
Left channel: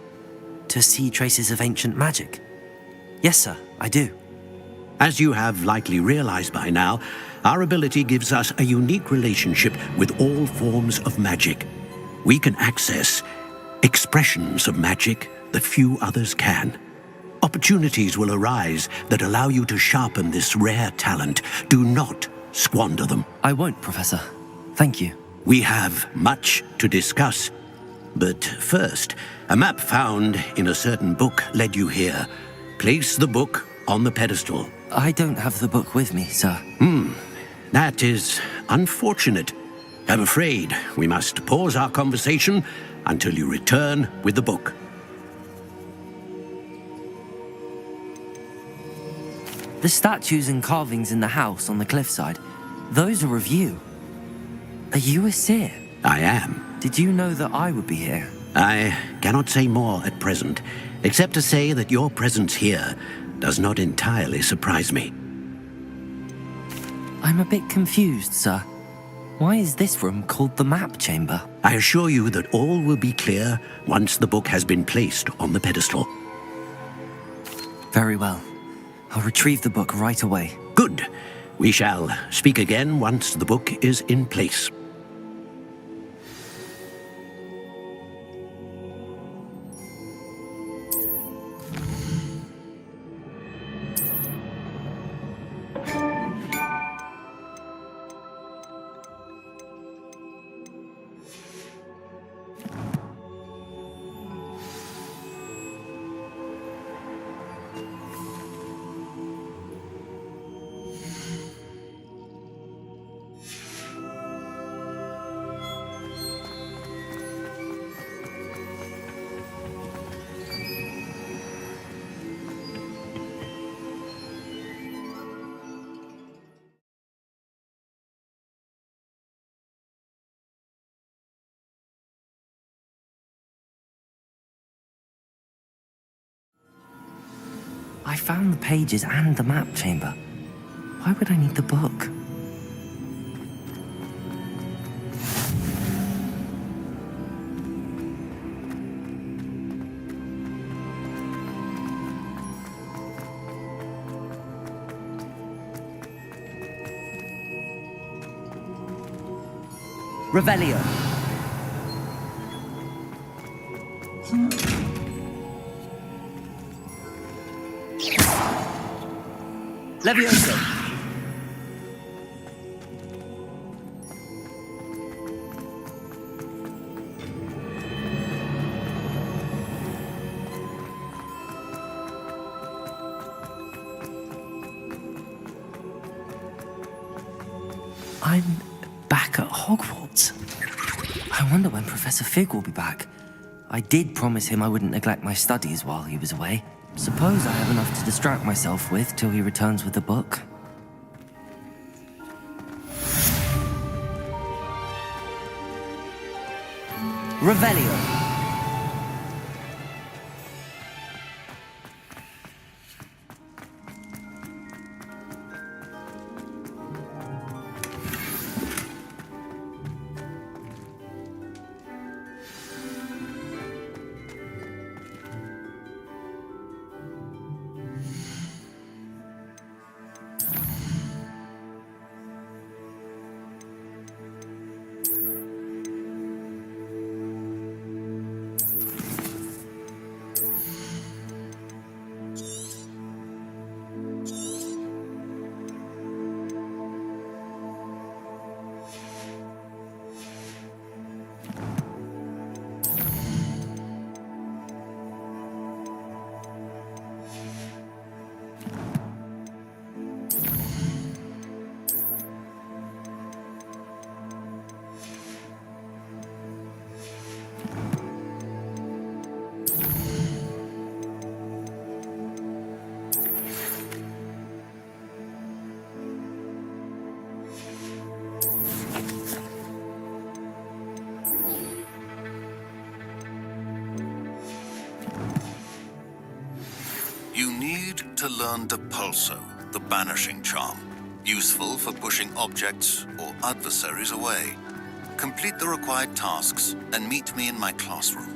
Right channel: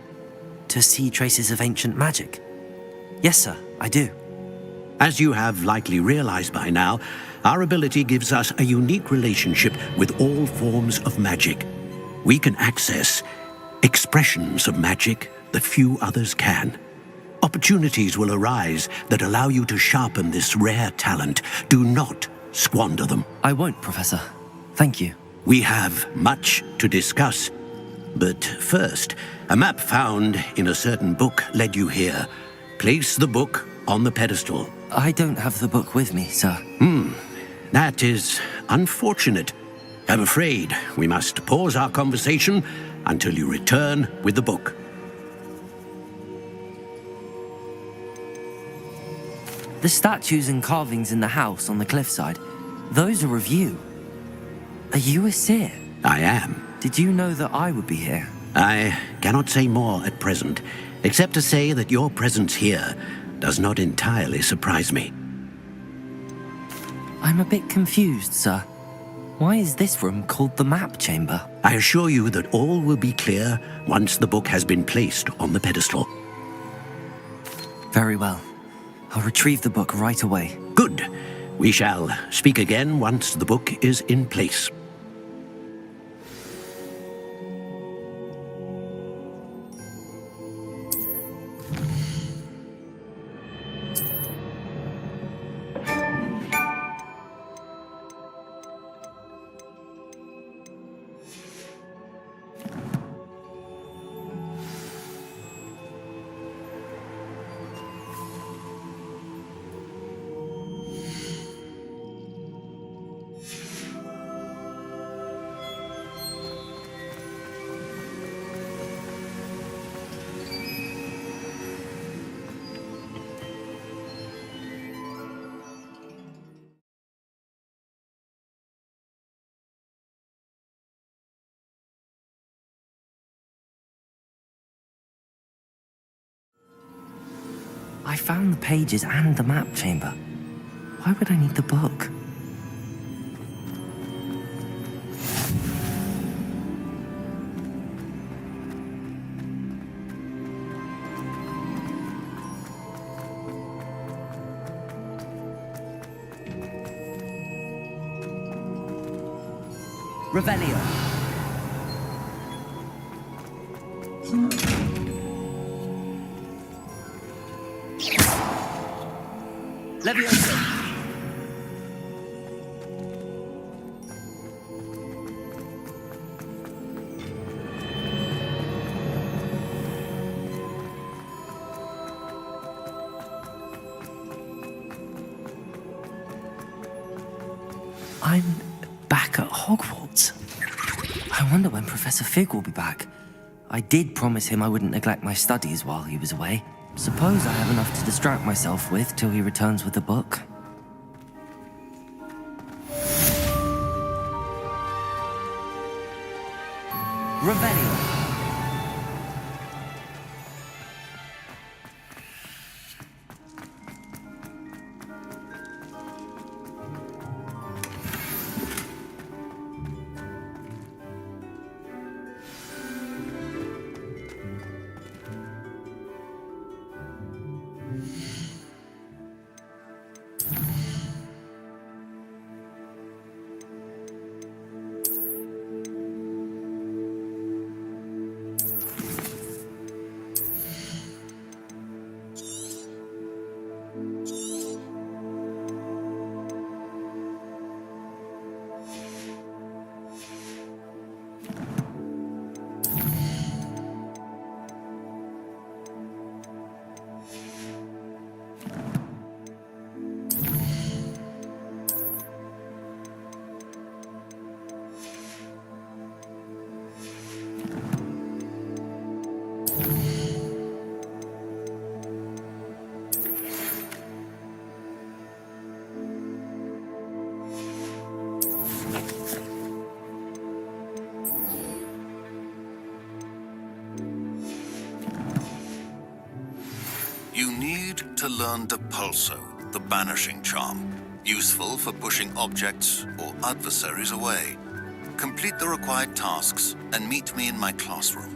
To see traces of ancient magic? Yes, sir, I do. As you have likely realized by now, our ability gives us a unique relationship with all forms of magic. We can access expressions of magic that few others can. Opportunities will arise that allow you to sharpen this rare talent. Do not squander them. I won't, Professor. Thank you. We have much to discuss. But first, a map found in a certain book led you here. Place the book on the pedestal. I don't have the book with me, sir. That is unfortunate. I'm afraid we must pause our conversation until you return with the book. The statues and carvings in the house on the cliffside, those are of you. Are you a seer? I am. Did you know that I would be here? I cannot say more at present, except to say that your presence here does not entirely surprise me. I'm a bit confused, sir. Why is this room called the map chamber? I assure you that all will be clear once the book has been placed on the pedestal. Very well. I'll retrieve the book right away. Good. We shall speak again once the book is in place. I found the pages and the map chamber. Why would I need the book? Revelio. Levioso. I'm back at Hogwarts. I wonder when Professor Fig will be back. I did promise him I wouldn't neglect my studies while he was away. Suppose I have enough to distract myself with till he returns with the book. Revelio. to learn Depulso, the banishing charm, useful for pushing objects or adversaries away. Complete the required tasks and meet me in my classroom.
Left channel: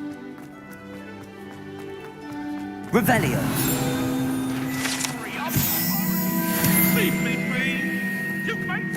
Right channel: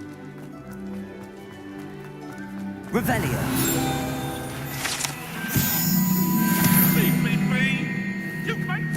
Revelio. Leave me be! You make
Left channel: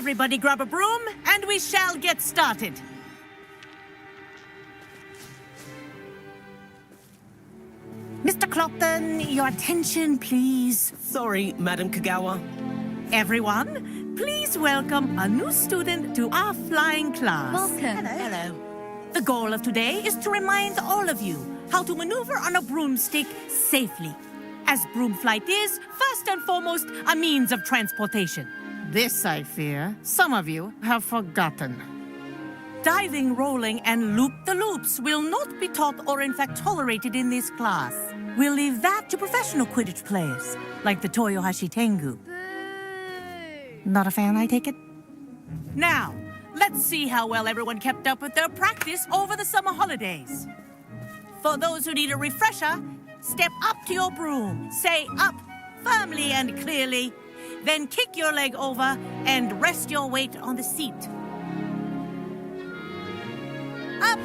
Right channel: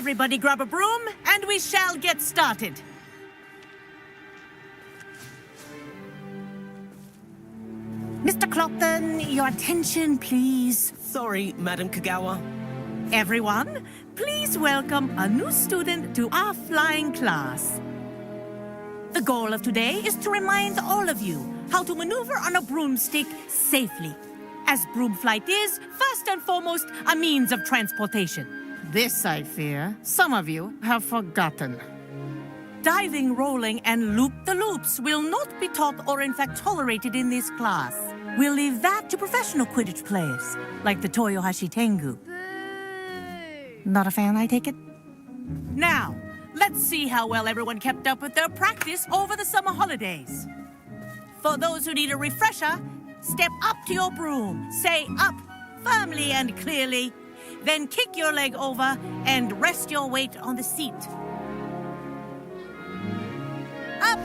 Everybody grab a broom, and we shall get started. Mr. Clopton, your attention, please. Sorry, Madam Kagawa. Everyone, please welcome a new student to our flying class. Hello. The goal of today is to remind all of you how to maneuver on a broomstick safely, as broom flight is, first and foremost, a means of transportation. This, I fear, some of you have forgotten. Diving, rolling, and loop-the-loops will not be taught or in fact tolerated in this class. We'll leave that to professional Quidditch players, like the Toyohashi Tengu. Not a fan, I take it? Now, let's see how well everyone kept up with their practice over the summer holidays. For those who need a refresher, step up to your broom, say up firmly and clearly, then kick your leg over and rest your weight on the seat. Up!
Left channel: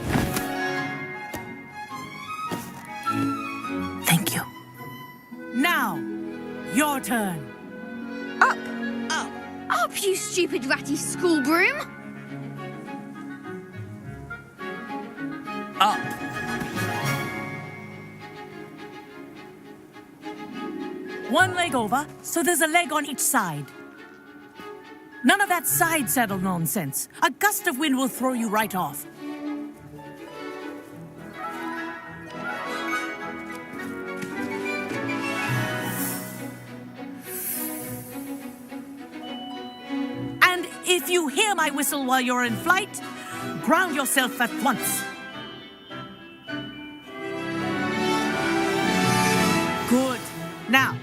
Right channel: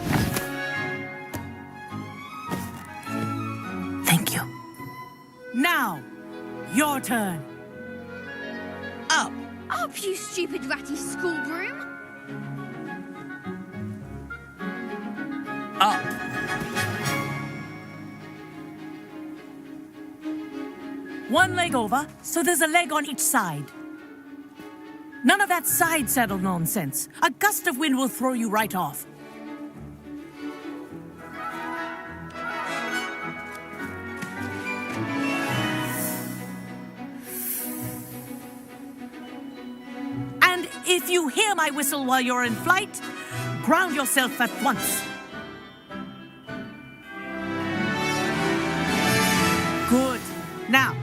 Thank you. Now, your turn. Up, up, up, you stupid ratty school broom! Up. One leg over, so there's a leg on each side. None of that side saddle nonsense. A gust of wind will throw you right off. And if you hear my whistle while you're in flight, ground yourself at once. Good. Now,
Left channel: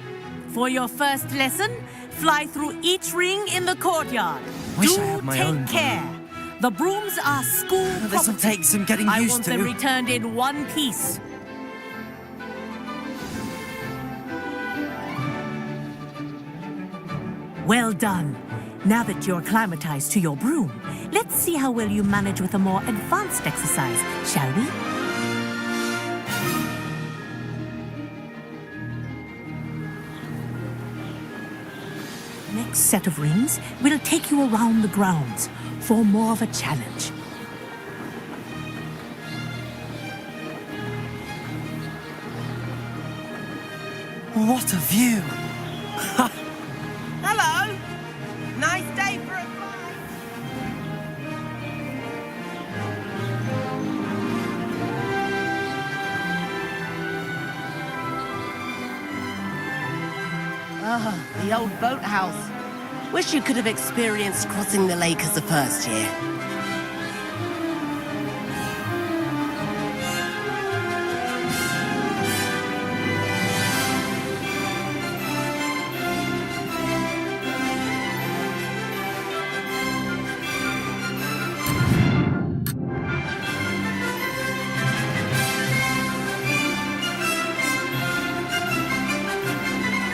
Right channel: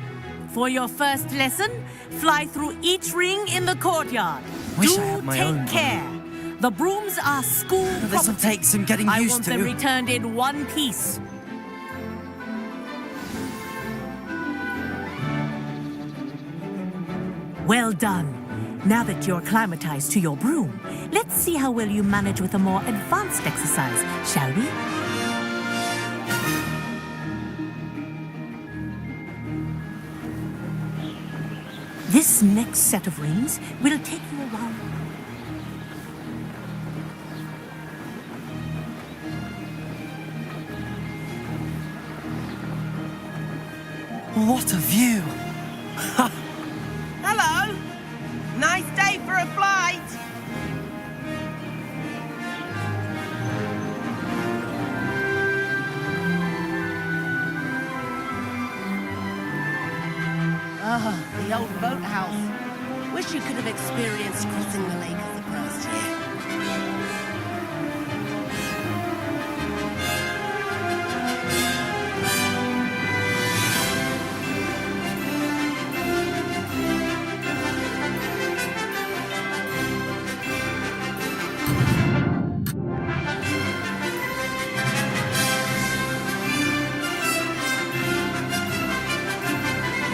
for your first lesson, fly through each ring in the courtyard. Wish I had my own take care. The brooms are school property. This'll take some getting I used want to. them returned in one piece. Well done. Now that you're acclimatized to your broom, let's see how well you manage with a more advanced exercise, shall we? This next set of rings will take you around the grounds for more of a challenge. What a view! Hello! Nice day for a flight! Ah, the old boathouse. Wish you could have experienced crossing the lake as a first year.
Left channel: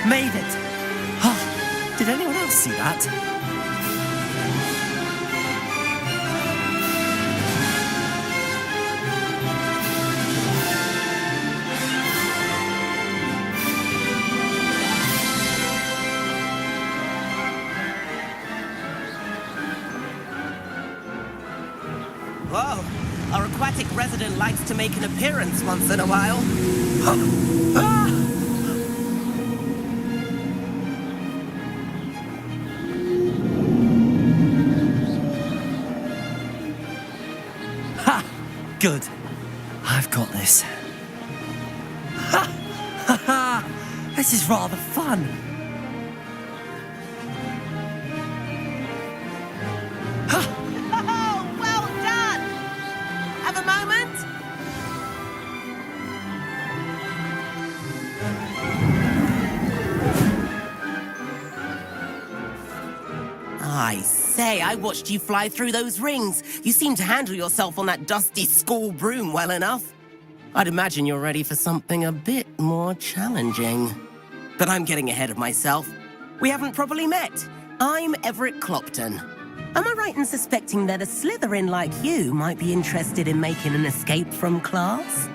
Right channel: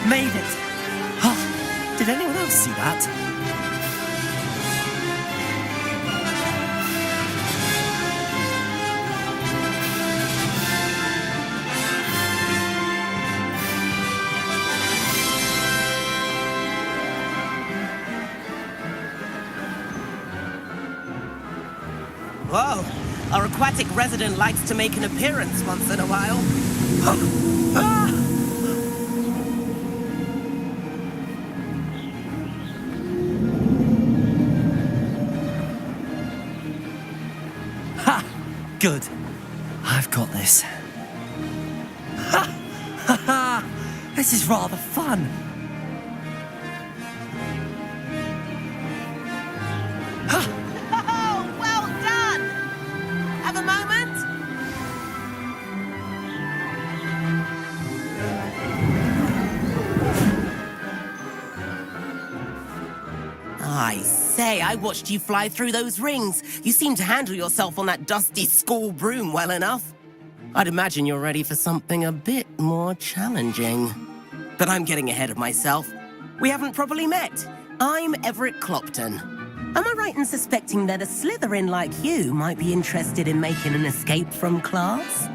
Made it! Oh, did anyone else see that? Whoa, our aquatic resident likes to make an appearance once in a while. Ha! Good. I've got this. Ha! Ha ha! This is rather fun. Oh, well done! Have a moment? I say, I watched you fly through those rings. You seem to handle yourself on that dusty school broom well enough. I'd imagine you're ready for something a bit more challenging. But I'm getting ahead of myself. We haven't properly met. I'm Everett Clopton. Am I right in suspecting that a Slytherin like you might be interested in making an escape from class?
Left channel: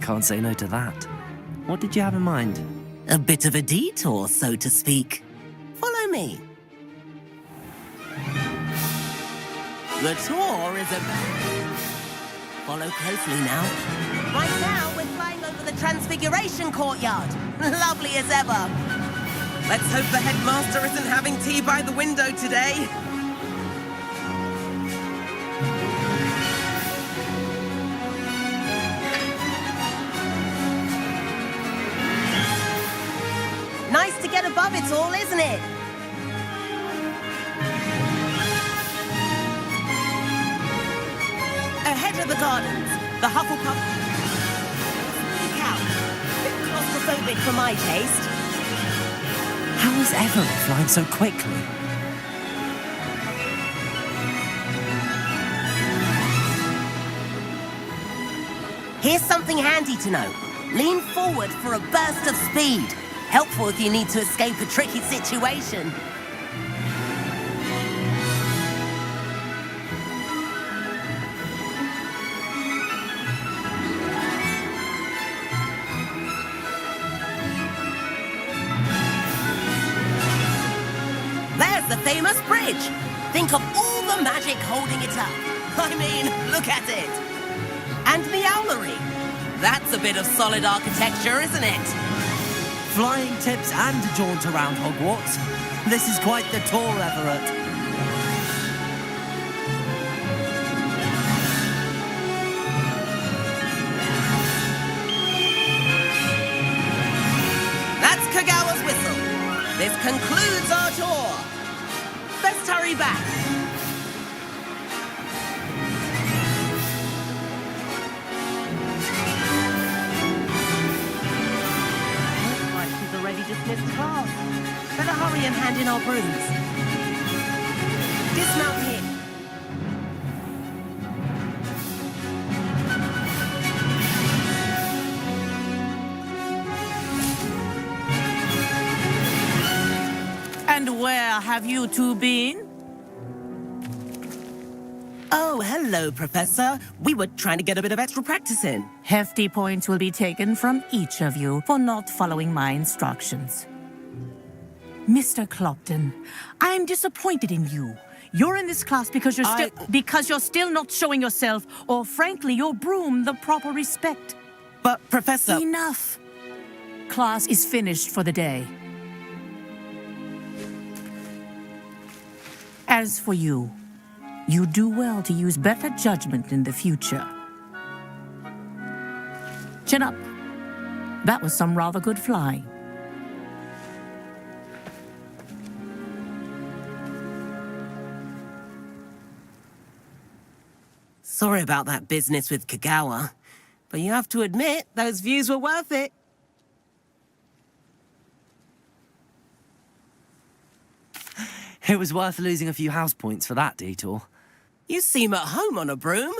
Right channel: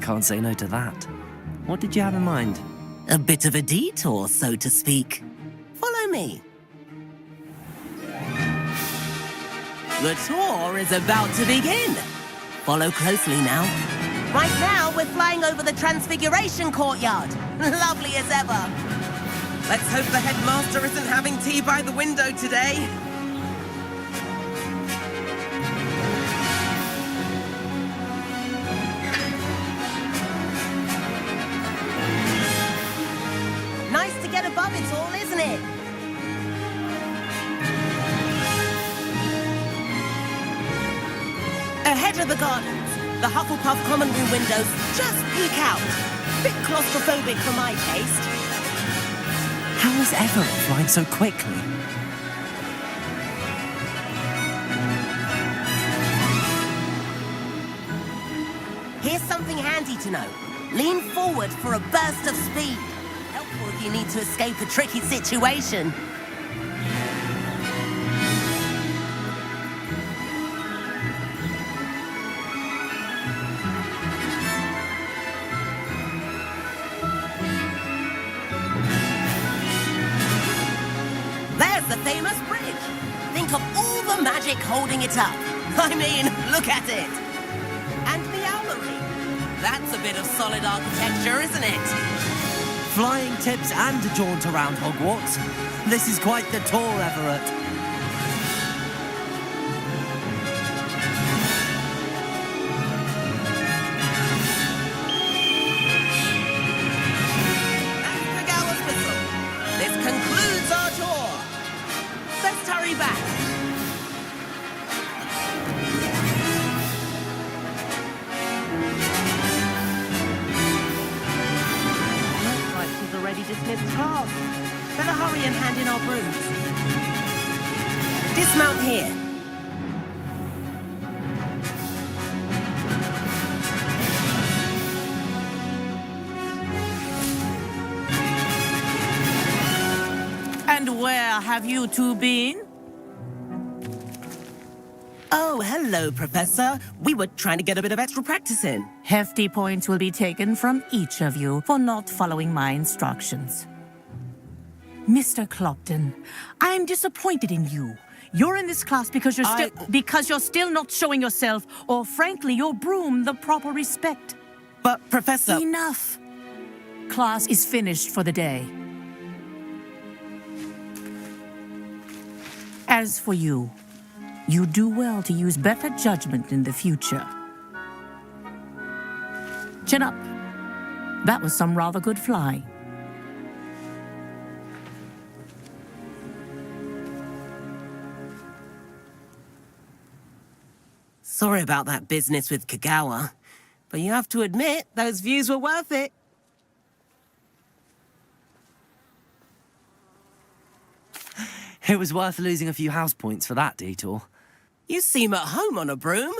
Can't say no to that. What did you have in mind? A bit of a detour, so to speak. Follow me. The tour is about to begin. Follow closely now. Right now, we're flying over the Transfiguration Courtyard. Lovely as ever. Let's hope the headmaster isn't having tea by the window today. Nice to get above it all, isn't it? Ahead of the gardens, the Hufflepuff common room windows just peek out. Bit claustrophobic for my taste. How was Everett flying so quickly? Here's something handy to know. Lean forward for a burst of speed. Helpful if you need to escape a tricky situation. There's the famous bridge. Think of all the magic holding it up. I mean, look at it. And the owlery. That's a bit of solid architecture, isn't it? Flying tips and a jaunt around Hogwarts. This is quite the tour, Everett. That's Kagawa's whistle. This concludes our tour. Let's hurry back. Looks like she's already dismissed class. Better hurry and hand in our brooms. Dismount here. And where have you two been? Oh, hello, Professor. We were trying to get a bit of extra practice in. Hefty points will be taken from each of you for not following my instructions. Mr. Clopton, I am disappointed in you. You're in this class because you're still not showing yourself, or frankly, your broom the proper respect. But, Professor... Enough. Class is finished for the day. As for you, you do well to use better judgment in the future. Chin up. That was some rather good flying. Sorry about that business with Kagawa, but you have to admit, those views were worth it. It was worth losing a few house points for that detour. You seem at home on a broom.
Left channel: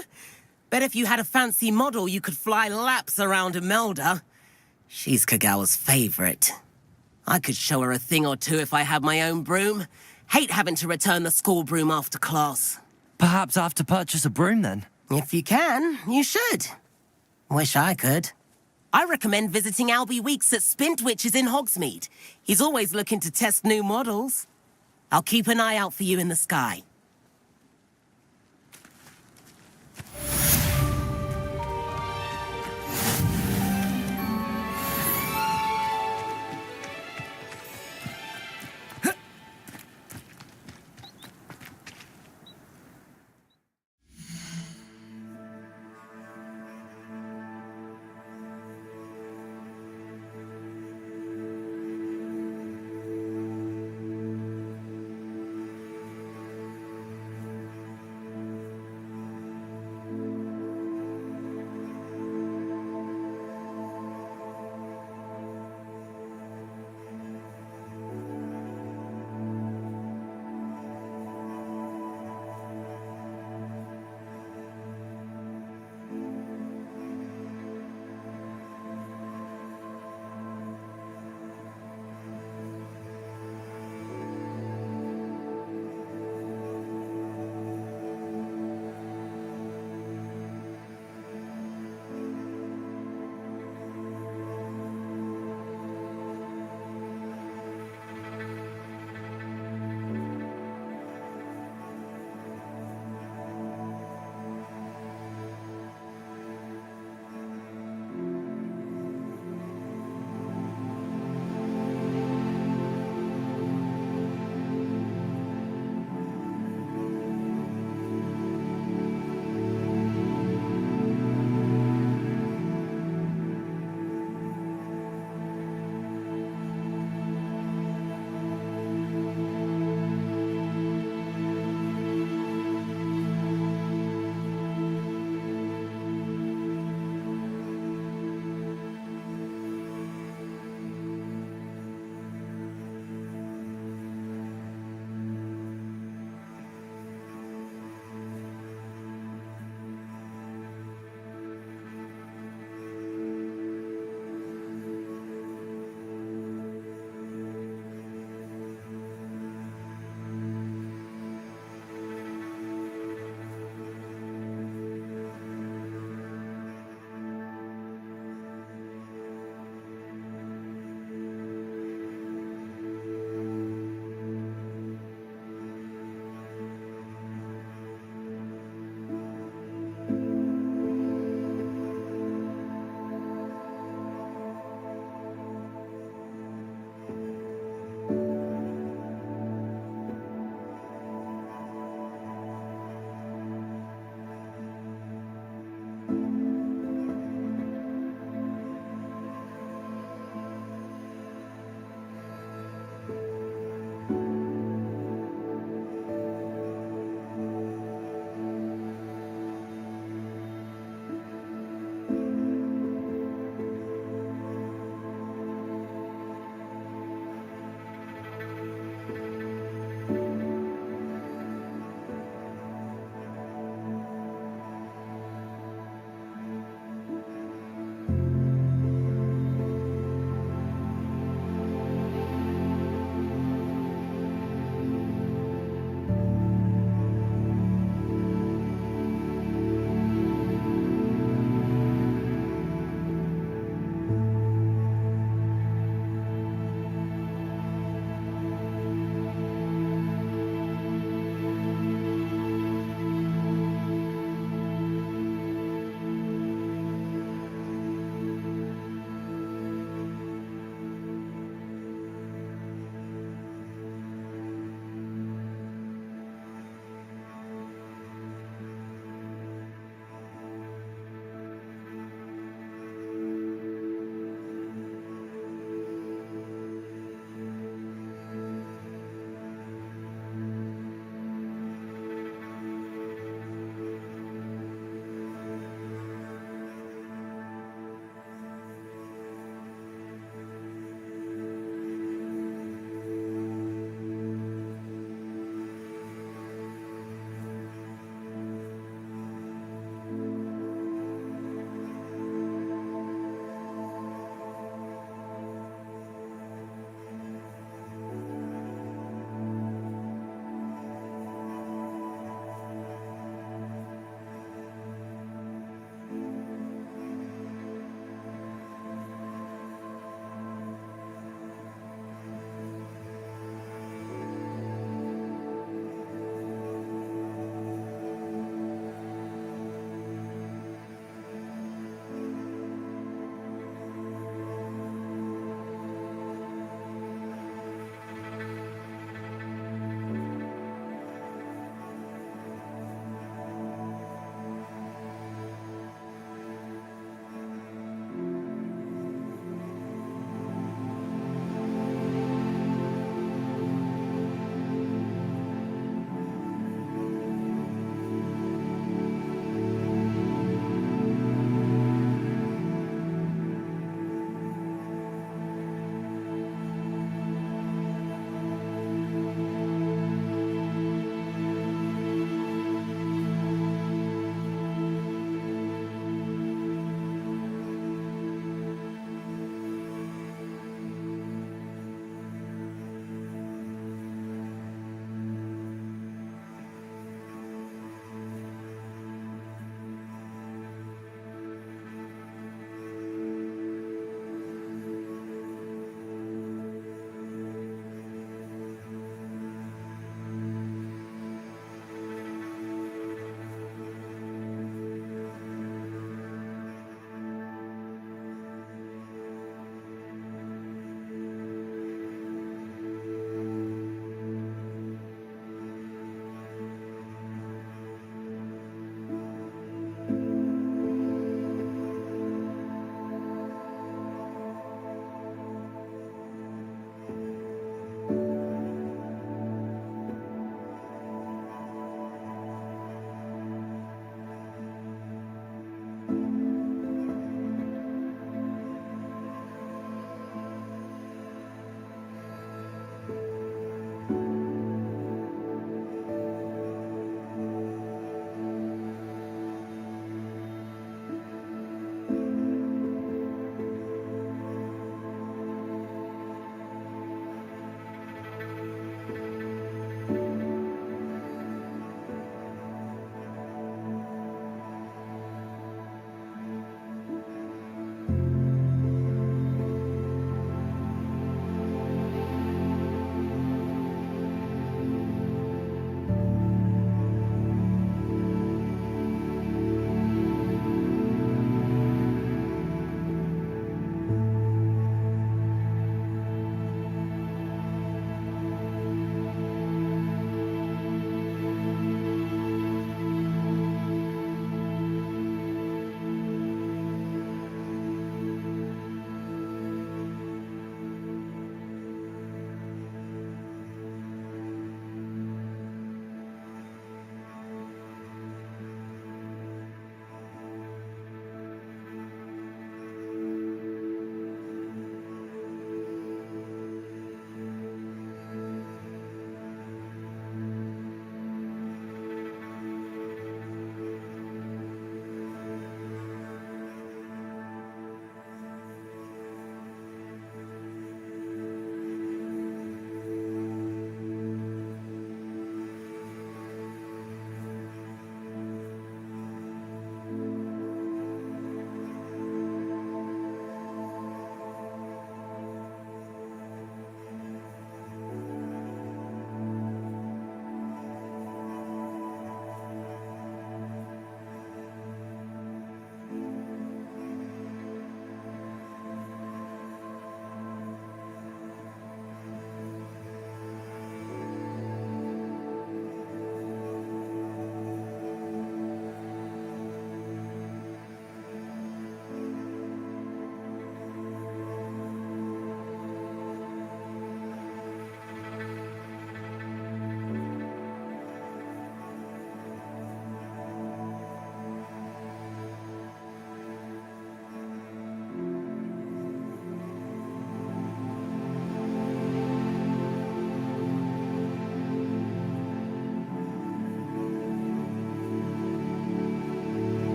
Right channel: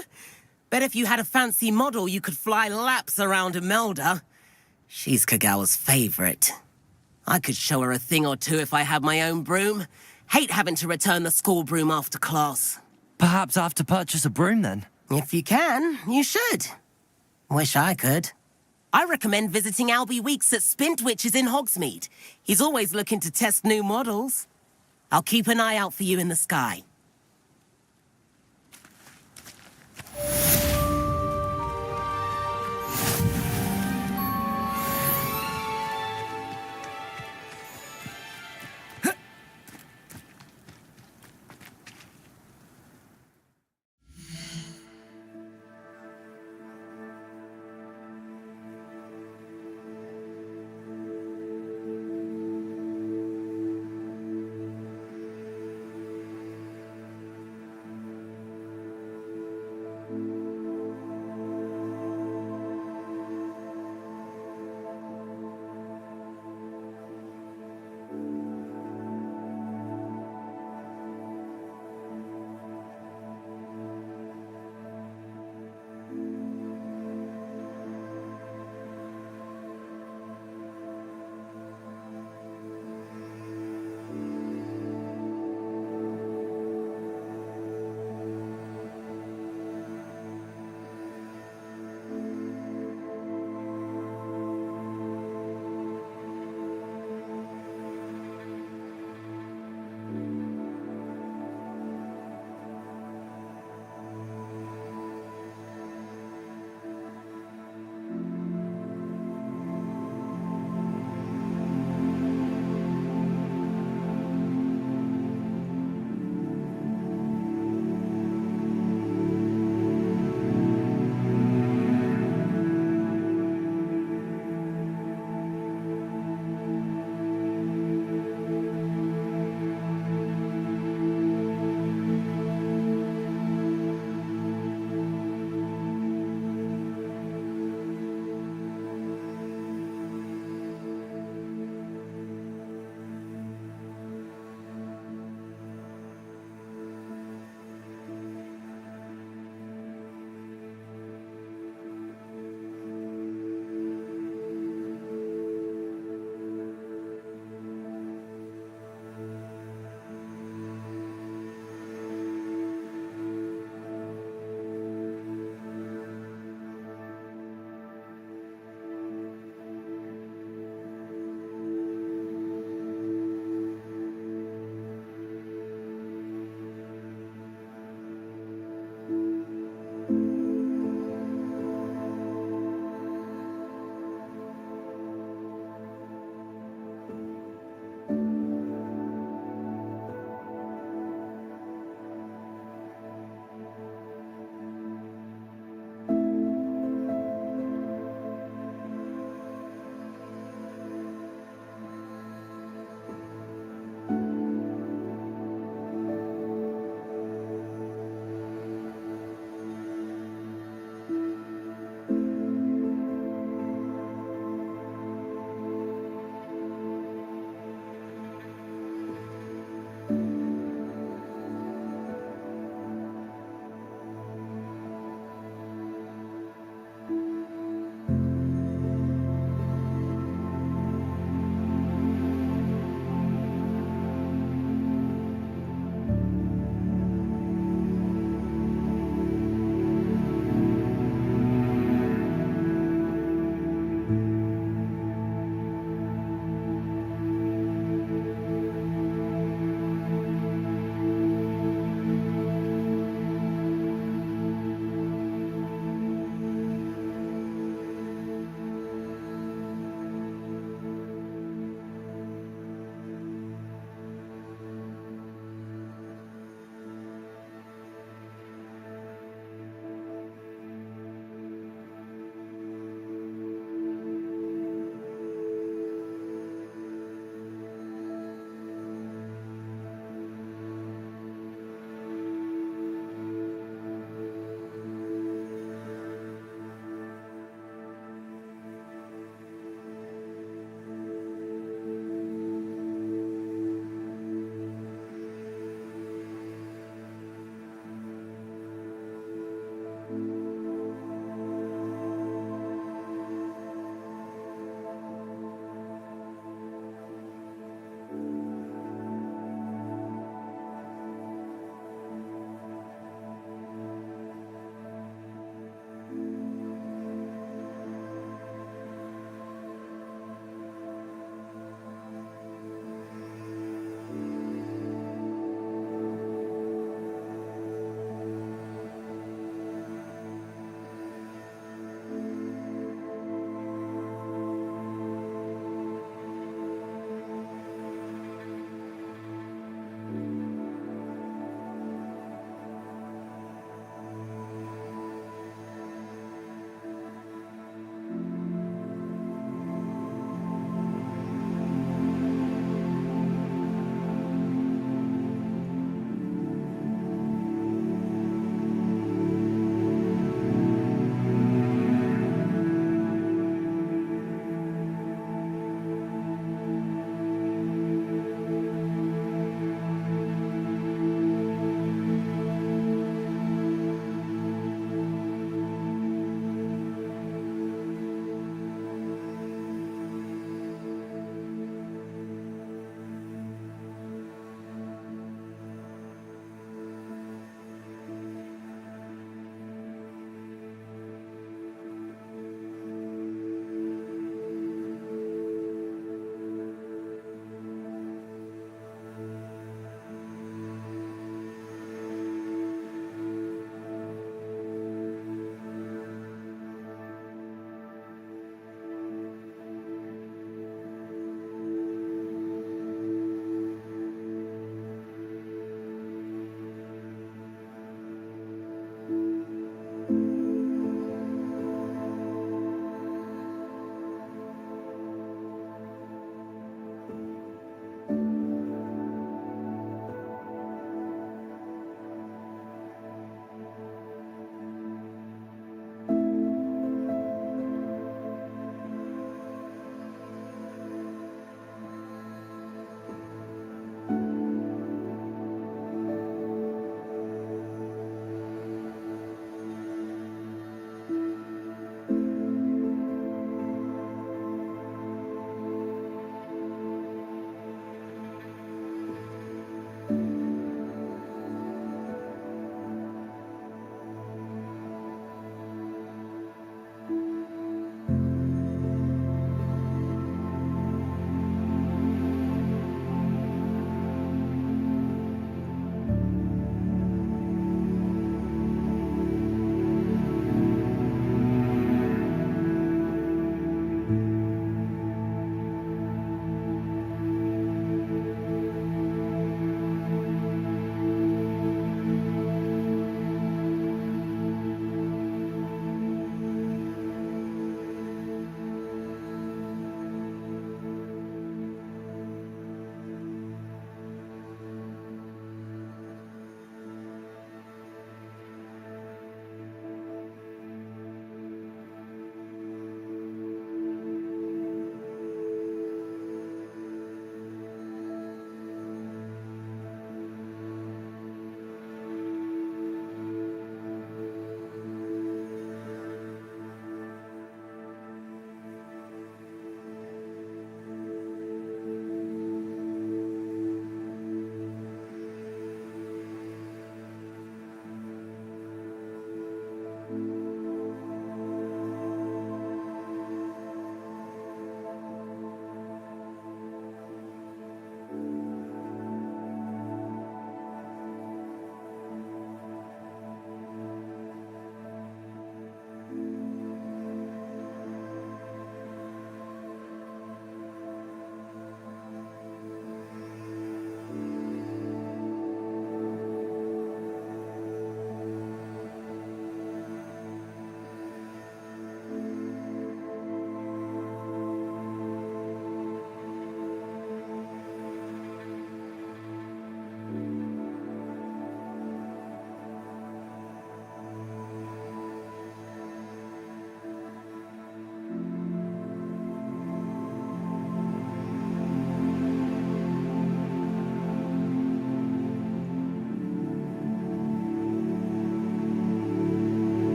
Bet if you had a fancy model, you could fly laps around Imelda. She's Kagawa's favorite. I could show her a thing or two if I had my own broom. Hate having to return the school broom after class. Perhaps I have to purchase a broom then. If you can, you should. Wish I could. I recommend visiting Albie Weeks at Spintwitches in Hogsmeade. He's always looking to test new models. I'll keep an eye out for you in the sky.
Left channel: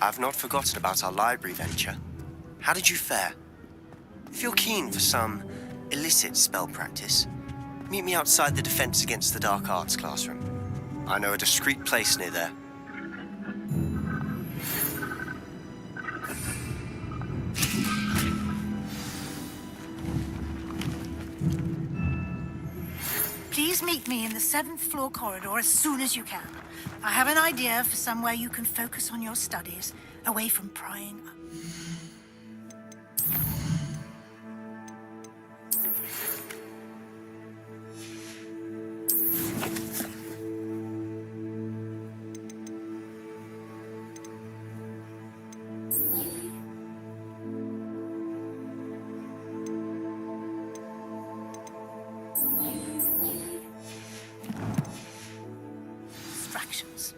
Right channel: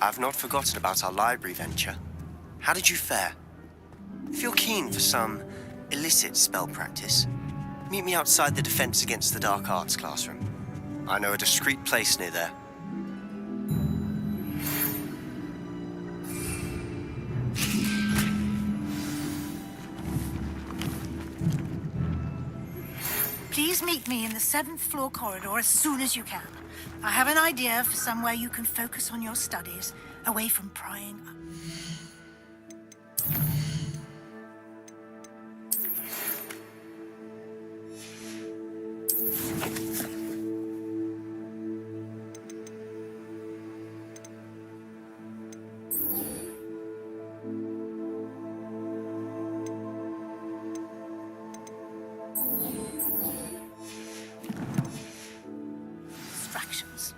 I've not forgotten about our library venture. How did you fare? If you're keen for some illicit spell practice, meet me outside the Defense Against the Dark Arts classroom. I know a discreet place near there. Please meet me in the 7th floor corridor as soon as you can. I have an idea for somewhere you can focus on your studies, away from prying up. Distractions.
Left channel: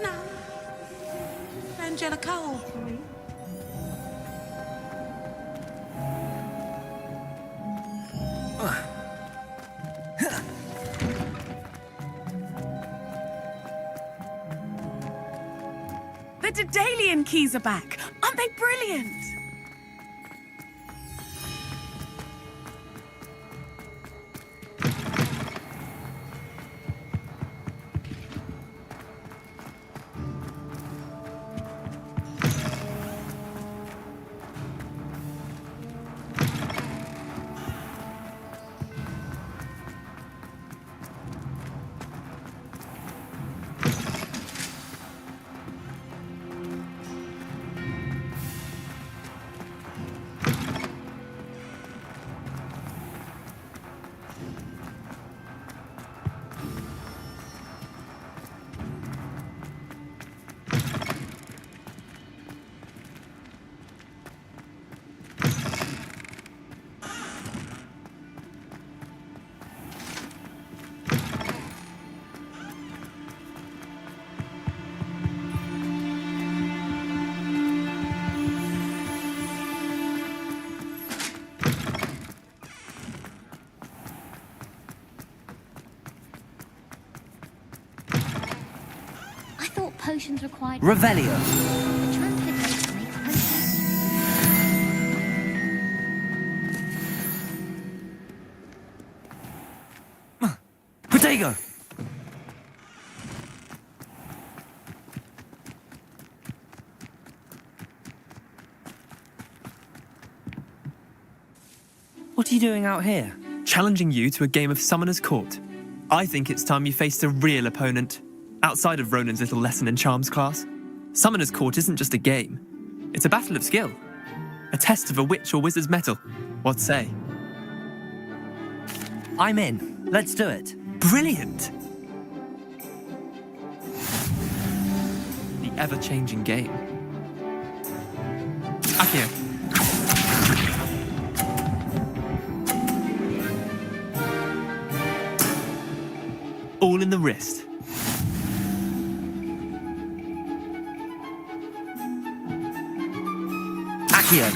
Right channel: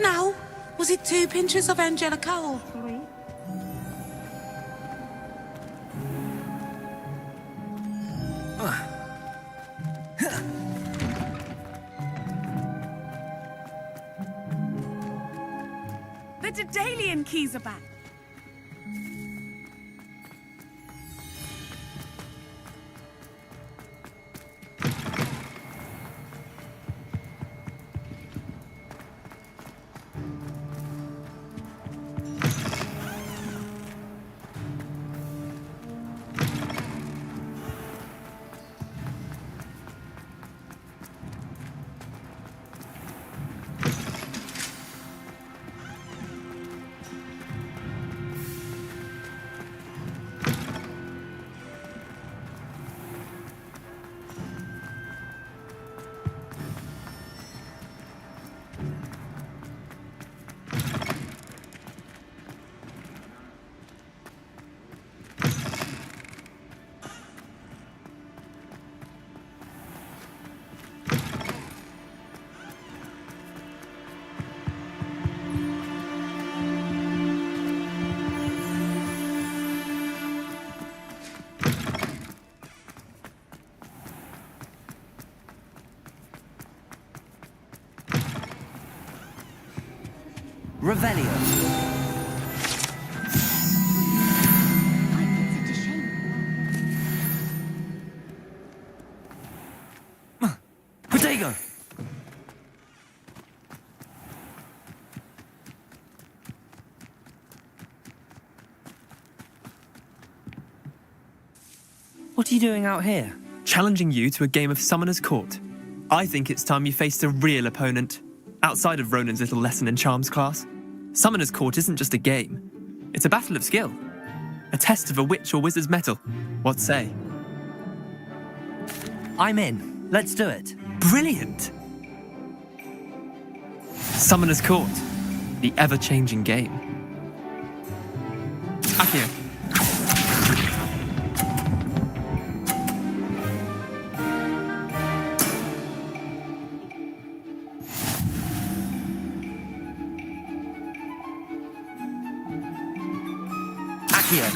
Now, was it 2 pinches of Angelica or 3? The Daedalian keys are back. Aren't they brilliant? Potions required. Revelio. Protego. What are you doing out here? Challenging you to a game of Summoner's Court. I think it's time you faced a real opponent. Outside of Ronan's little lesson in charms class, Summoner's Court isn't just a game. It's a battle of skill. A test of a witch or wizard's mettle. What say? I'm in. Let's do it. Brilliant! Summoner's Court. The ever-changing game. Akio. All in the wrist. Akio.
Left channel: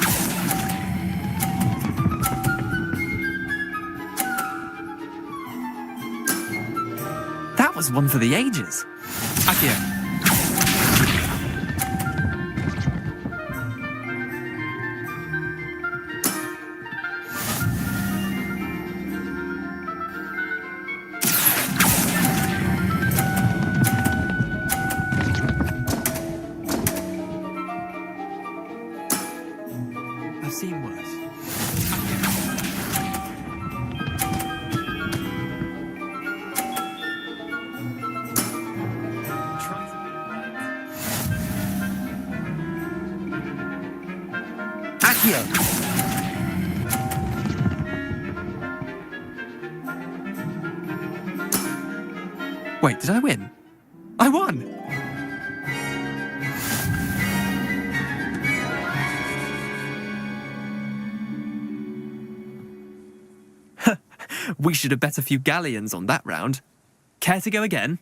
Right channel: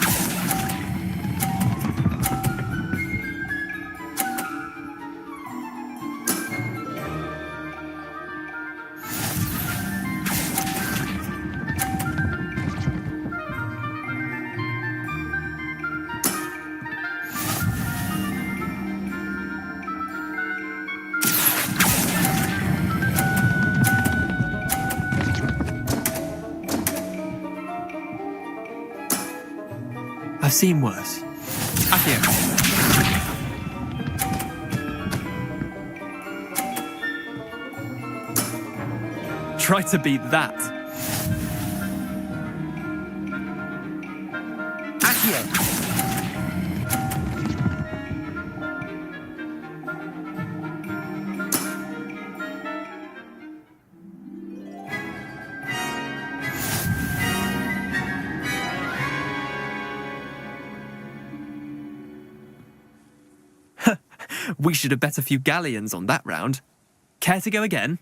That was one for the ages. Akio. I've seen worse. Akio. Try to beat that. Akio. Wait, did I win? I won! We should have bet a few galleons on that round. Care to go again?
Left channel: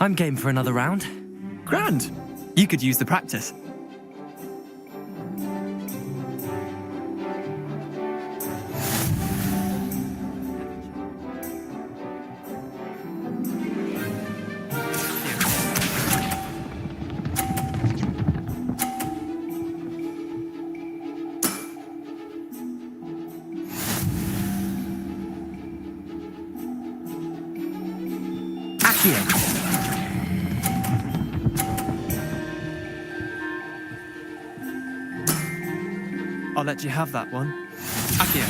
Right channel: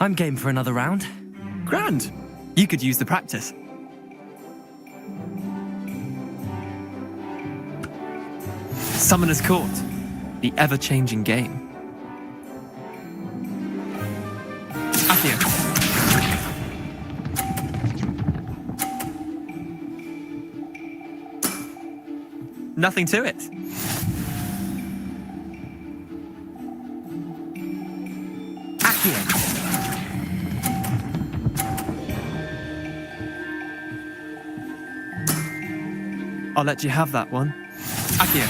I'm game for another round. Grand. You could use the practice. Summoner's Court. The ever-changing game. Akio. Nothing to it. Akio. I'll let you have that one. Akio.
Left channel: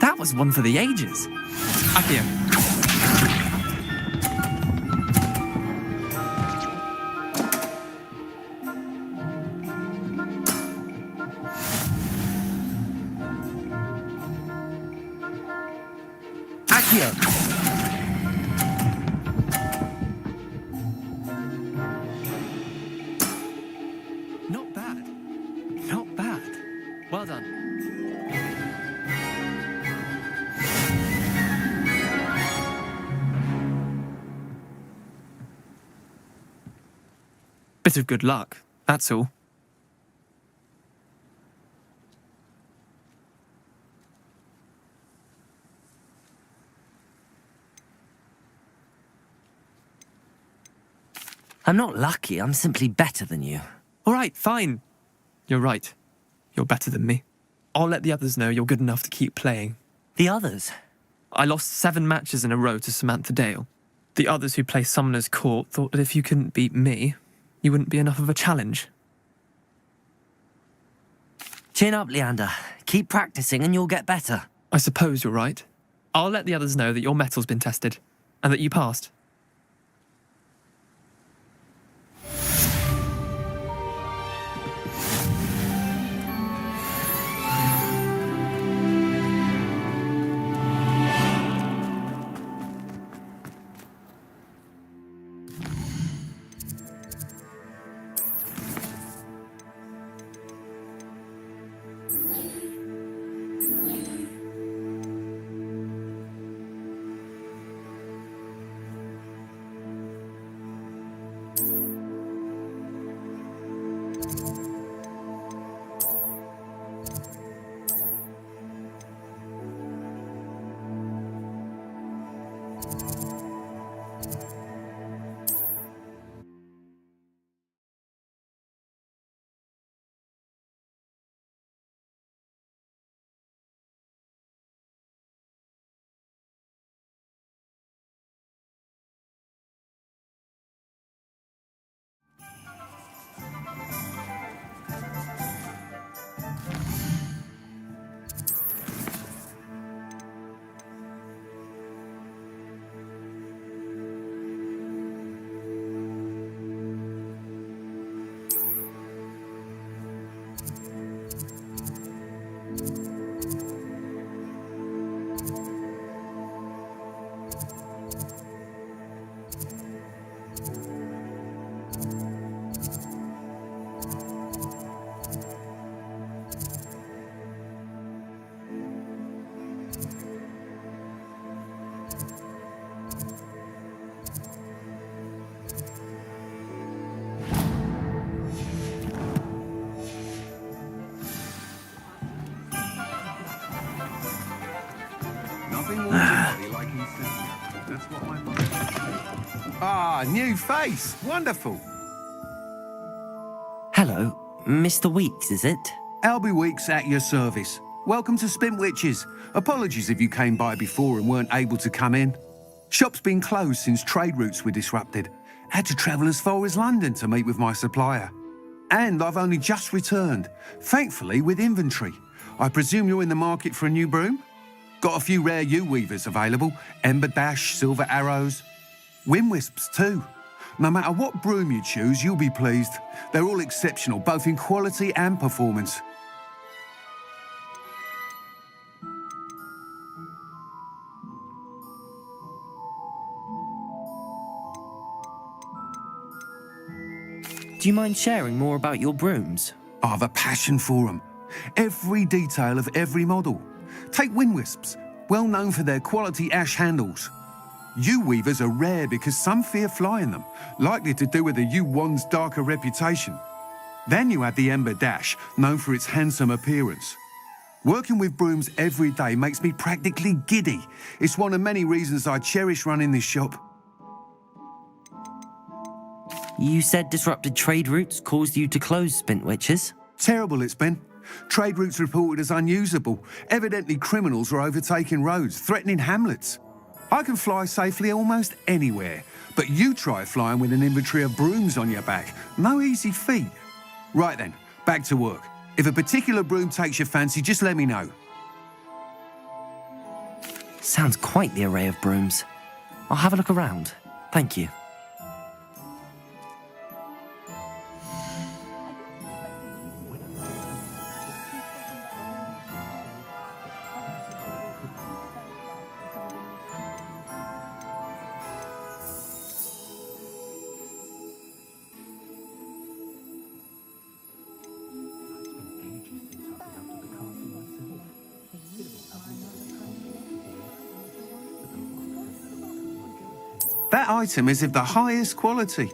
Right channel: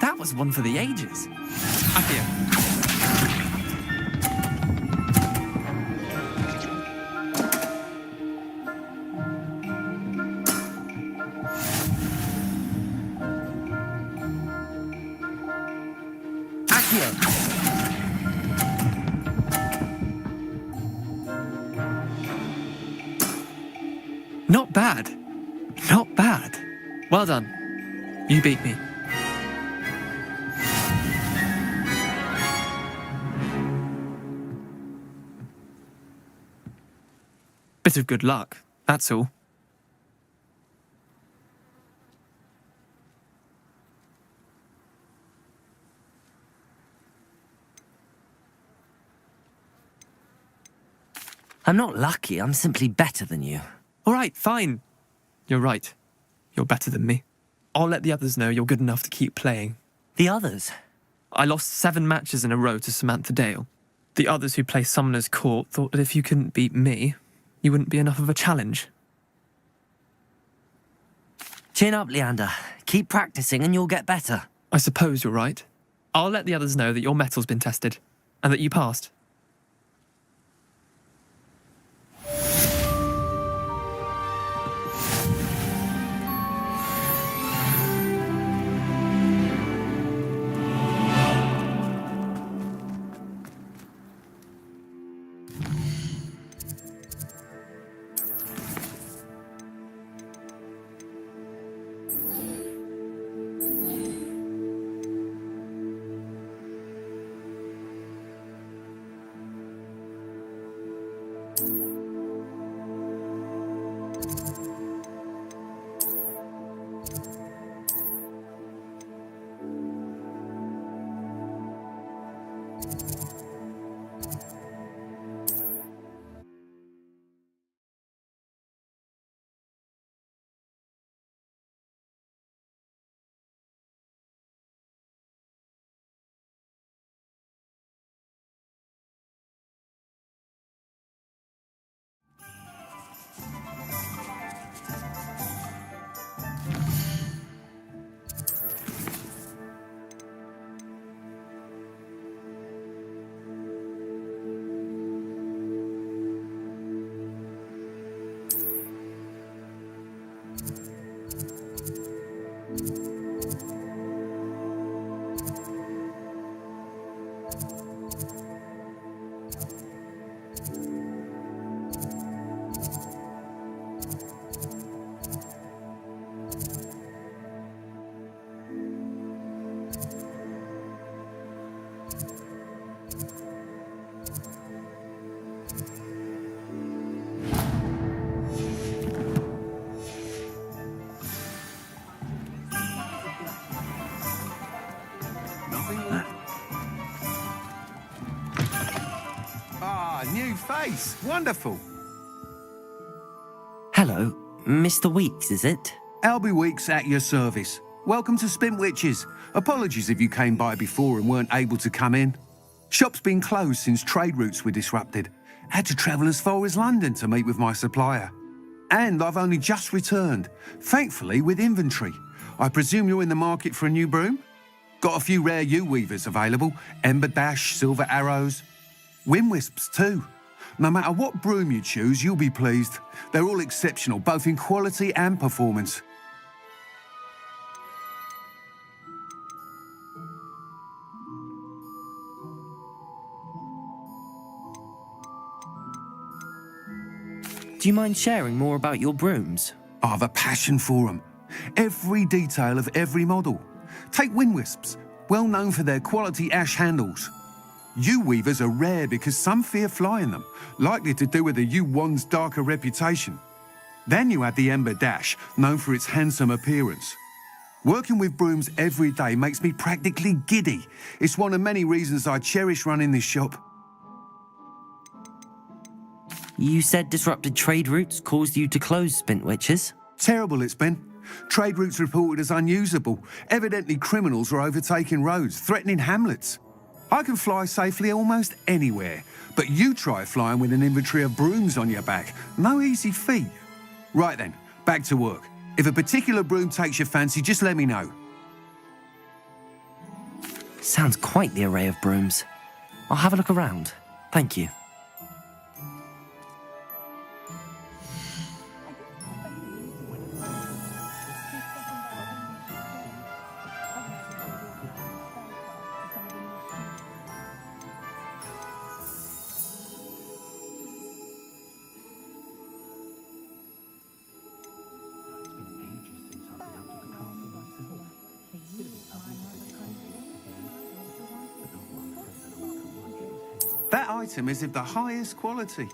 That was one for the ages. Akio. Accio! Not bad. Not bad. Well done. You beat me. Bit of good luck, that's all. I'm not lucky, I'm simply better than you. All right, fine. You're right. You're better than me. I'll let the others know you're good enough to keep playing. The others? I lost 7 matches in a row to Samantha Dale. The others who play Summoner's Court thought that if you couldn't beat me, you wouldn't be enough of a challenge. Chin up, Leander. Keep practicing and you'll get better. I suppose you're right. I'll let the others know that your metal's been tested, and that you passed. New face. Wonderful. Hello, Mr. Weeks, is it? Albie Weeks at your service. Welcome to Spintwitches. Apologies if you came by before and weren't able to come in. Shop's been closed since trade routes were disrupted. Had to travel as far as London to meet with my supplier. And I've only just returned, thankfully with inventory. I presume you're in the market for a new broom? Got a few rare U-weavers available. Ember Dash, Silver Arrows. Wind Wisps too. No matter what broom you choose, you'll be pleased. They're all exceptional, both in quality and performance. Do you mind sharing more about your brooms? I have a passion for them. Every detail of every model. Take Wind Wisps, well known for their quality ash handles. U-weavers are rare because some fear flying them, likely to do with the U-wand's darker reputation. Then you add the Ember Dash, known for its handsome appearance. Working with brooms every day makes me practically giddy. It's one of many reasons I cherish running this shop. You said disrupted trade routes caused you to close Spintwitches? Terrible it's been. Trade routes reported as unusable. Evidently criminals are overtaking roads, threatening hamlets. I can fly safely almost anywhere, but you try flying with an inventory of brooms on your back. No easy feat. Right then, back to work. If a particular broom takes your fancy, just let me know. Sounds quite the array of brooms. I'll have a look around. Thank you. That item is of the highest quality.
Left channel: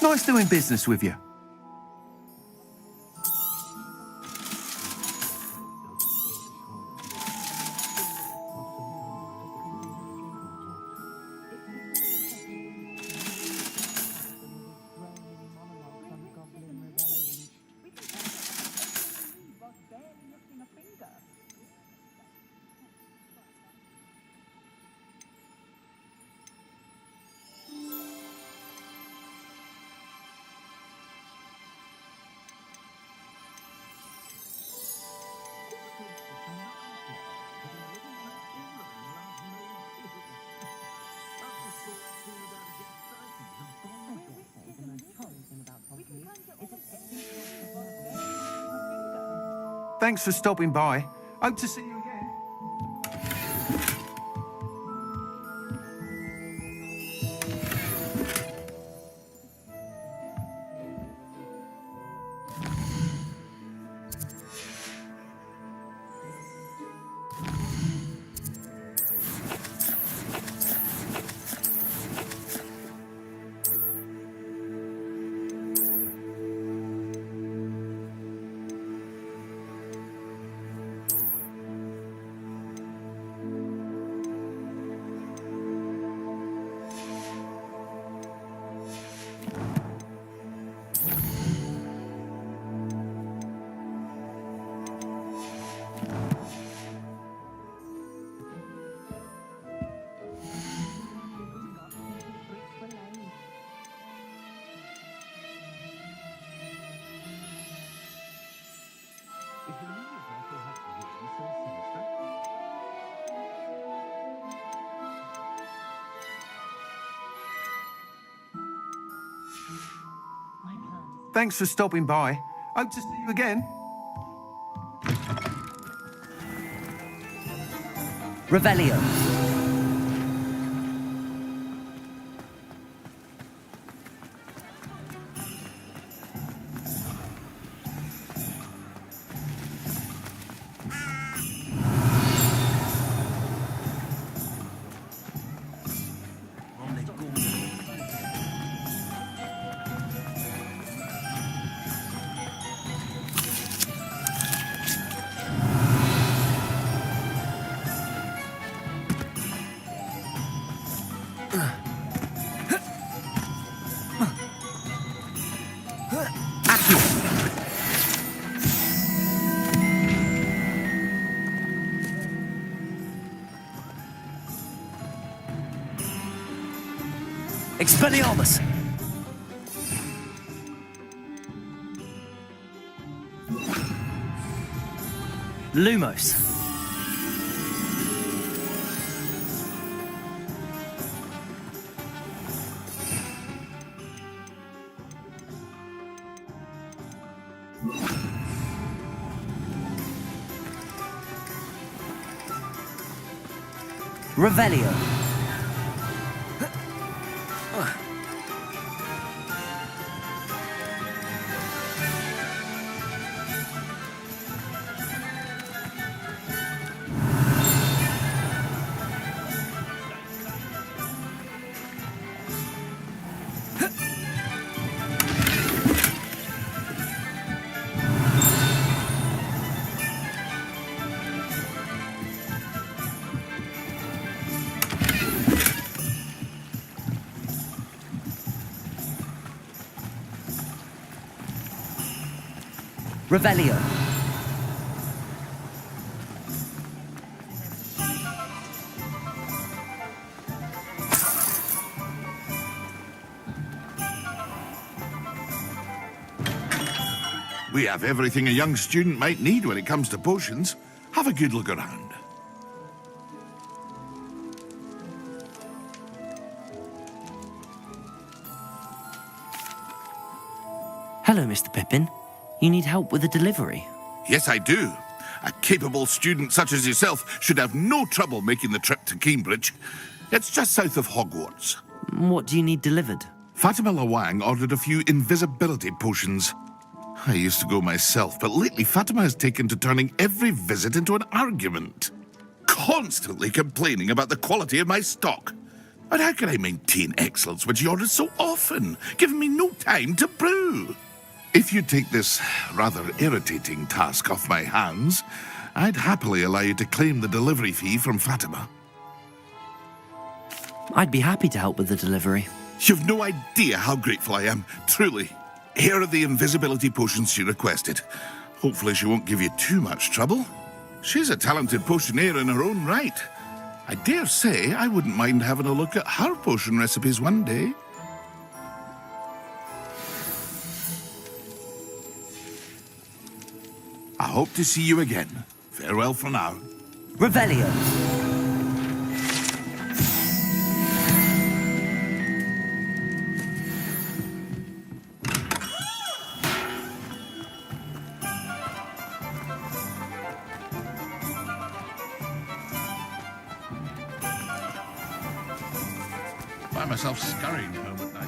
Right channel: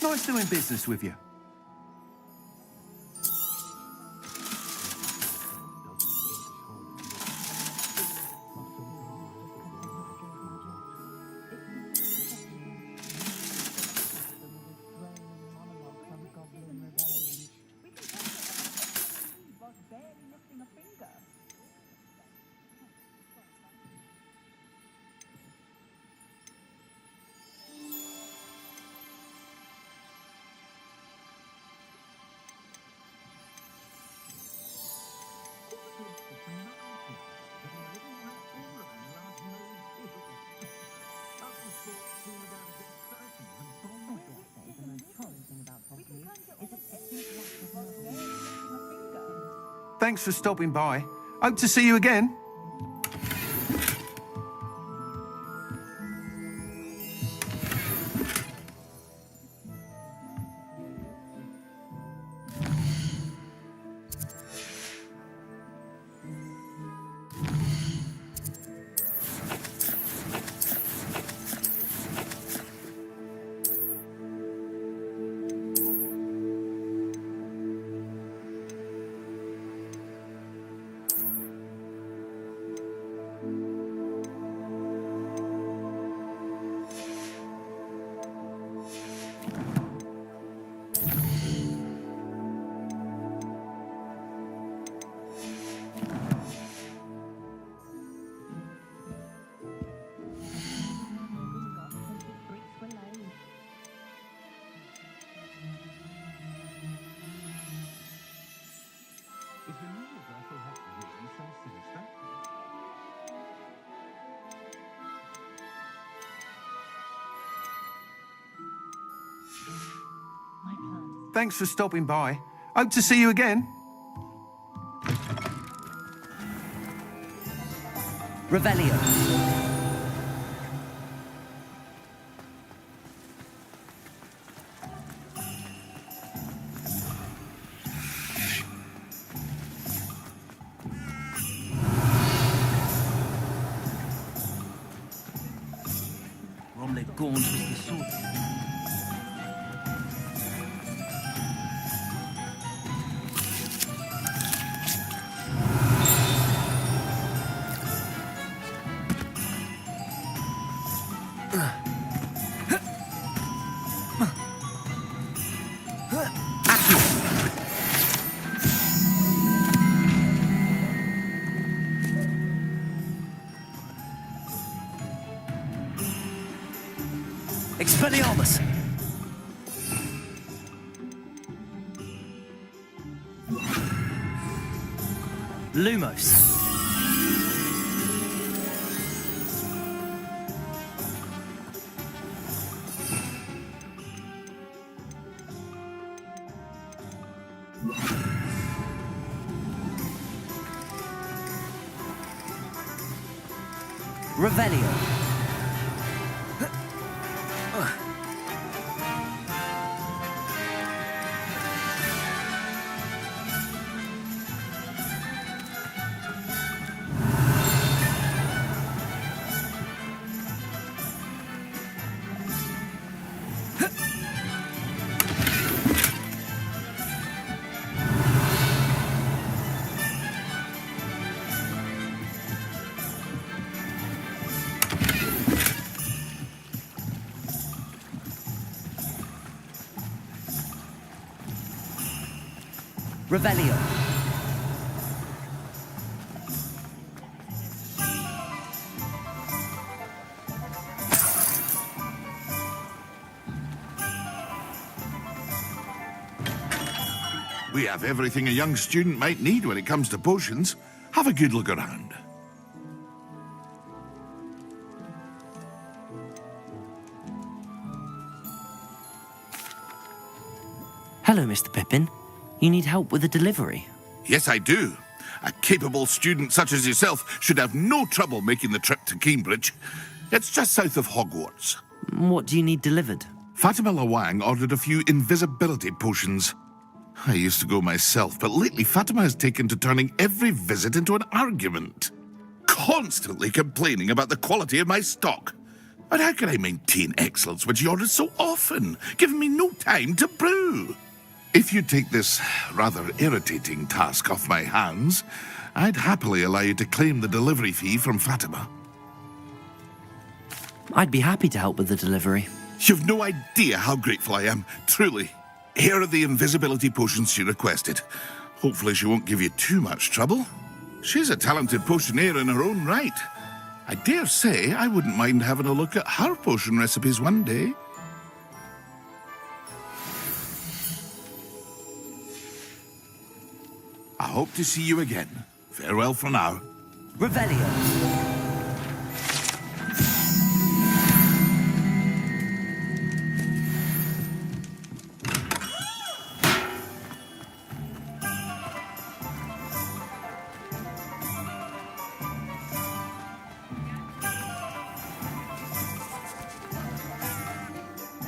Nice doing business with you. Thanks for stopping by. Hope to see you again. Thanks for stopping by. Hope to see you again. Revelio. Expelliarmus! Lumos. Revelio. Revelio. We have everything a young student might need when it comes to potions. Have a good look around. Hello, Mr. Pippin. You need help with a delivery? Yes, I do. A capable student such as yourself should have no trouble making the trip to Cambridge. It's just south of Hogwarts. What do you need delivered? Fatima Lawang ordered a few invisibility potions. I used to go myself, but lately Fatima has taken to turning every visit into an argument. Constantly complaining about the quality of my stock. But how can I maintain excellence when she orders so often, giving me no time to brew? If you take this rather irritating task off my hands, I'd happily allow you to claim the delivery fee from Fatima. I'd be happy to help with the delivery. You've no idea how grateful I am, truly. Here are the invisibility potions she requested. Hopefully she won't give you too much trouble. She's a talented potioneer in her own right. I dare say I wouldn't mind having a look at her potion recipes one day. I hope to see you again. Farewell for now. Revelio. Find myself scurrying home at night.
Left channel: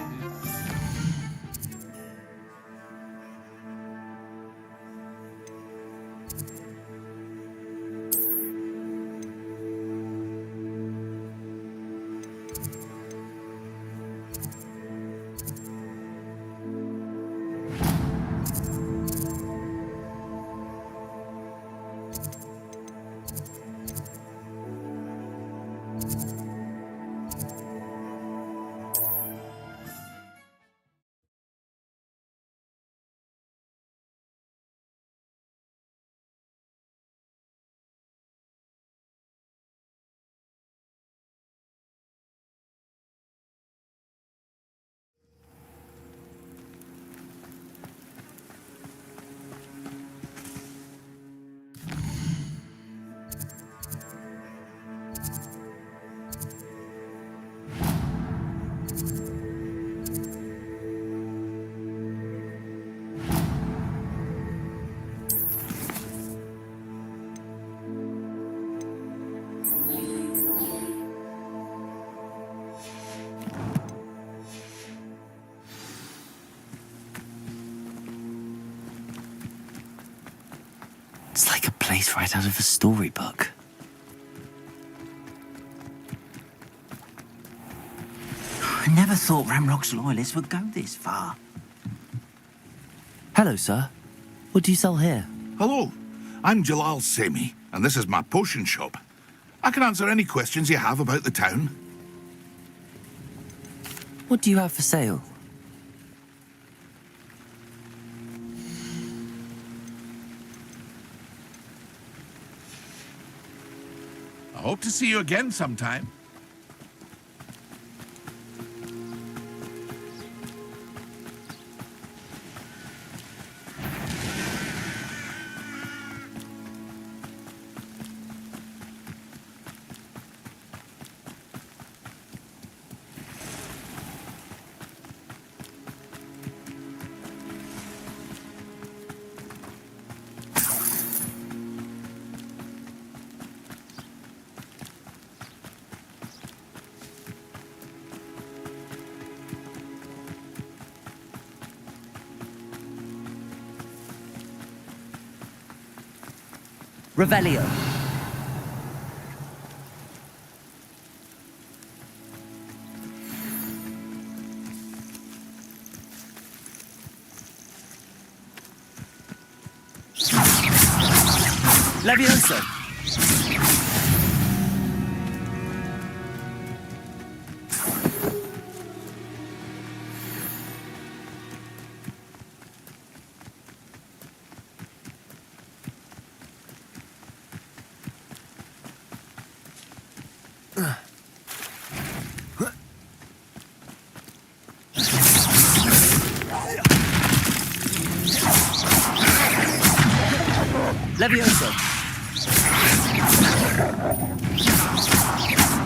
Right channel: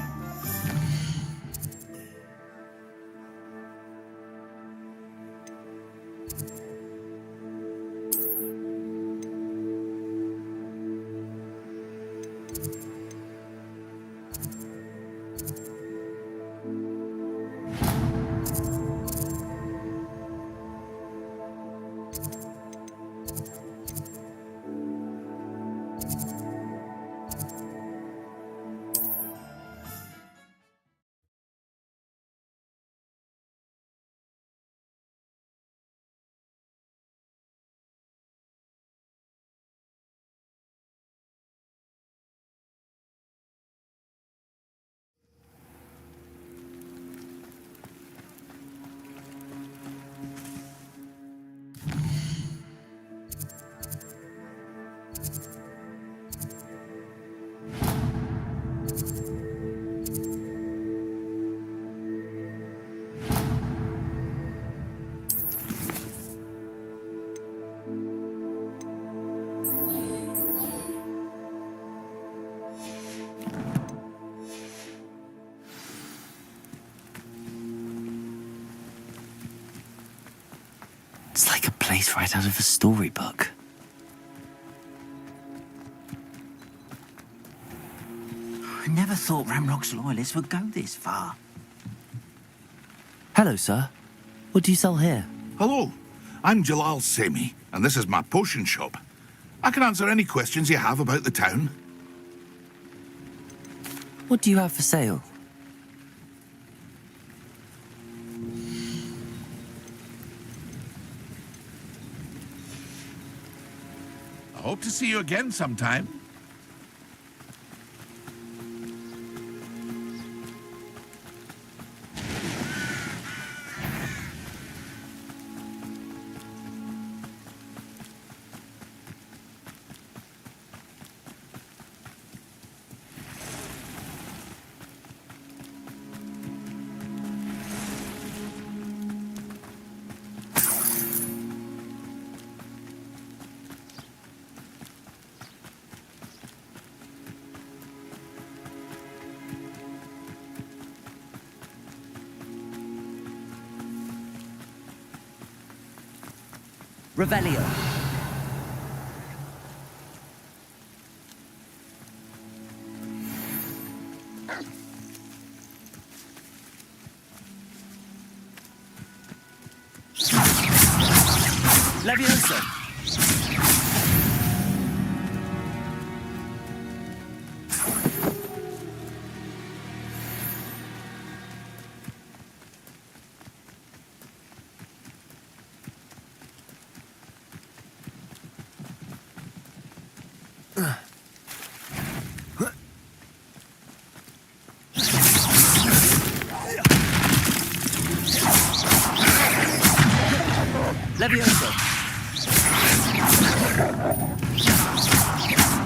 It's like a place right out of a storybook. I never thought Ramrock's loyalists would go this far. Hello, sir. What do you sell here? Hello, I'm Jalal Semi, and this is my potion shop. I can answer any questions you have about the town. What do you have for sale? I hope to see you again sometime. Revelio. Levioso. Levioso.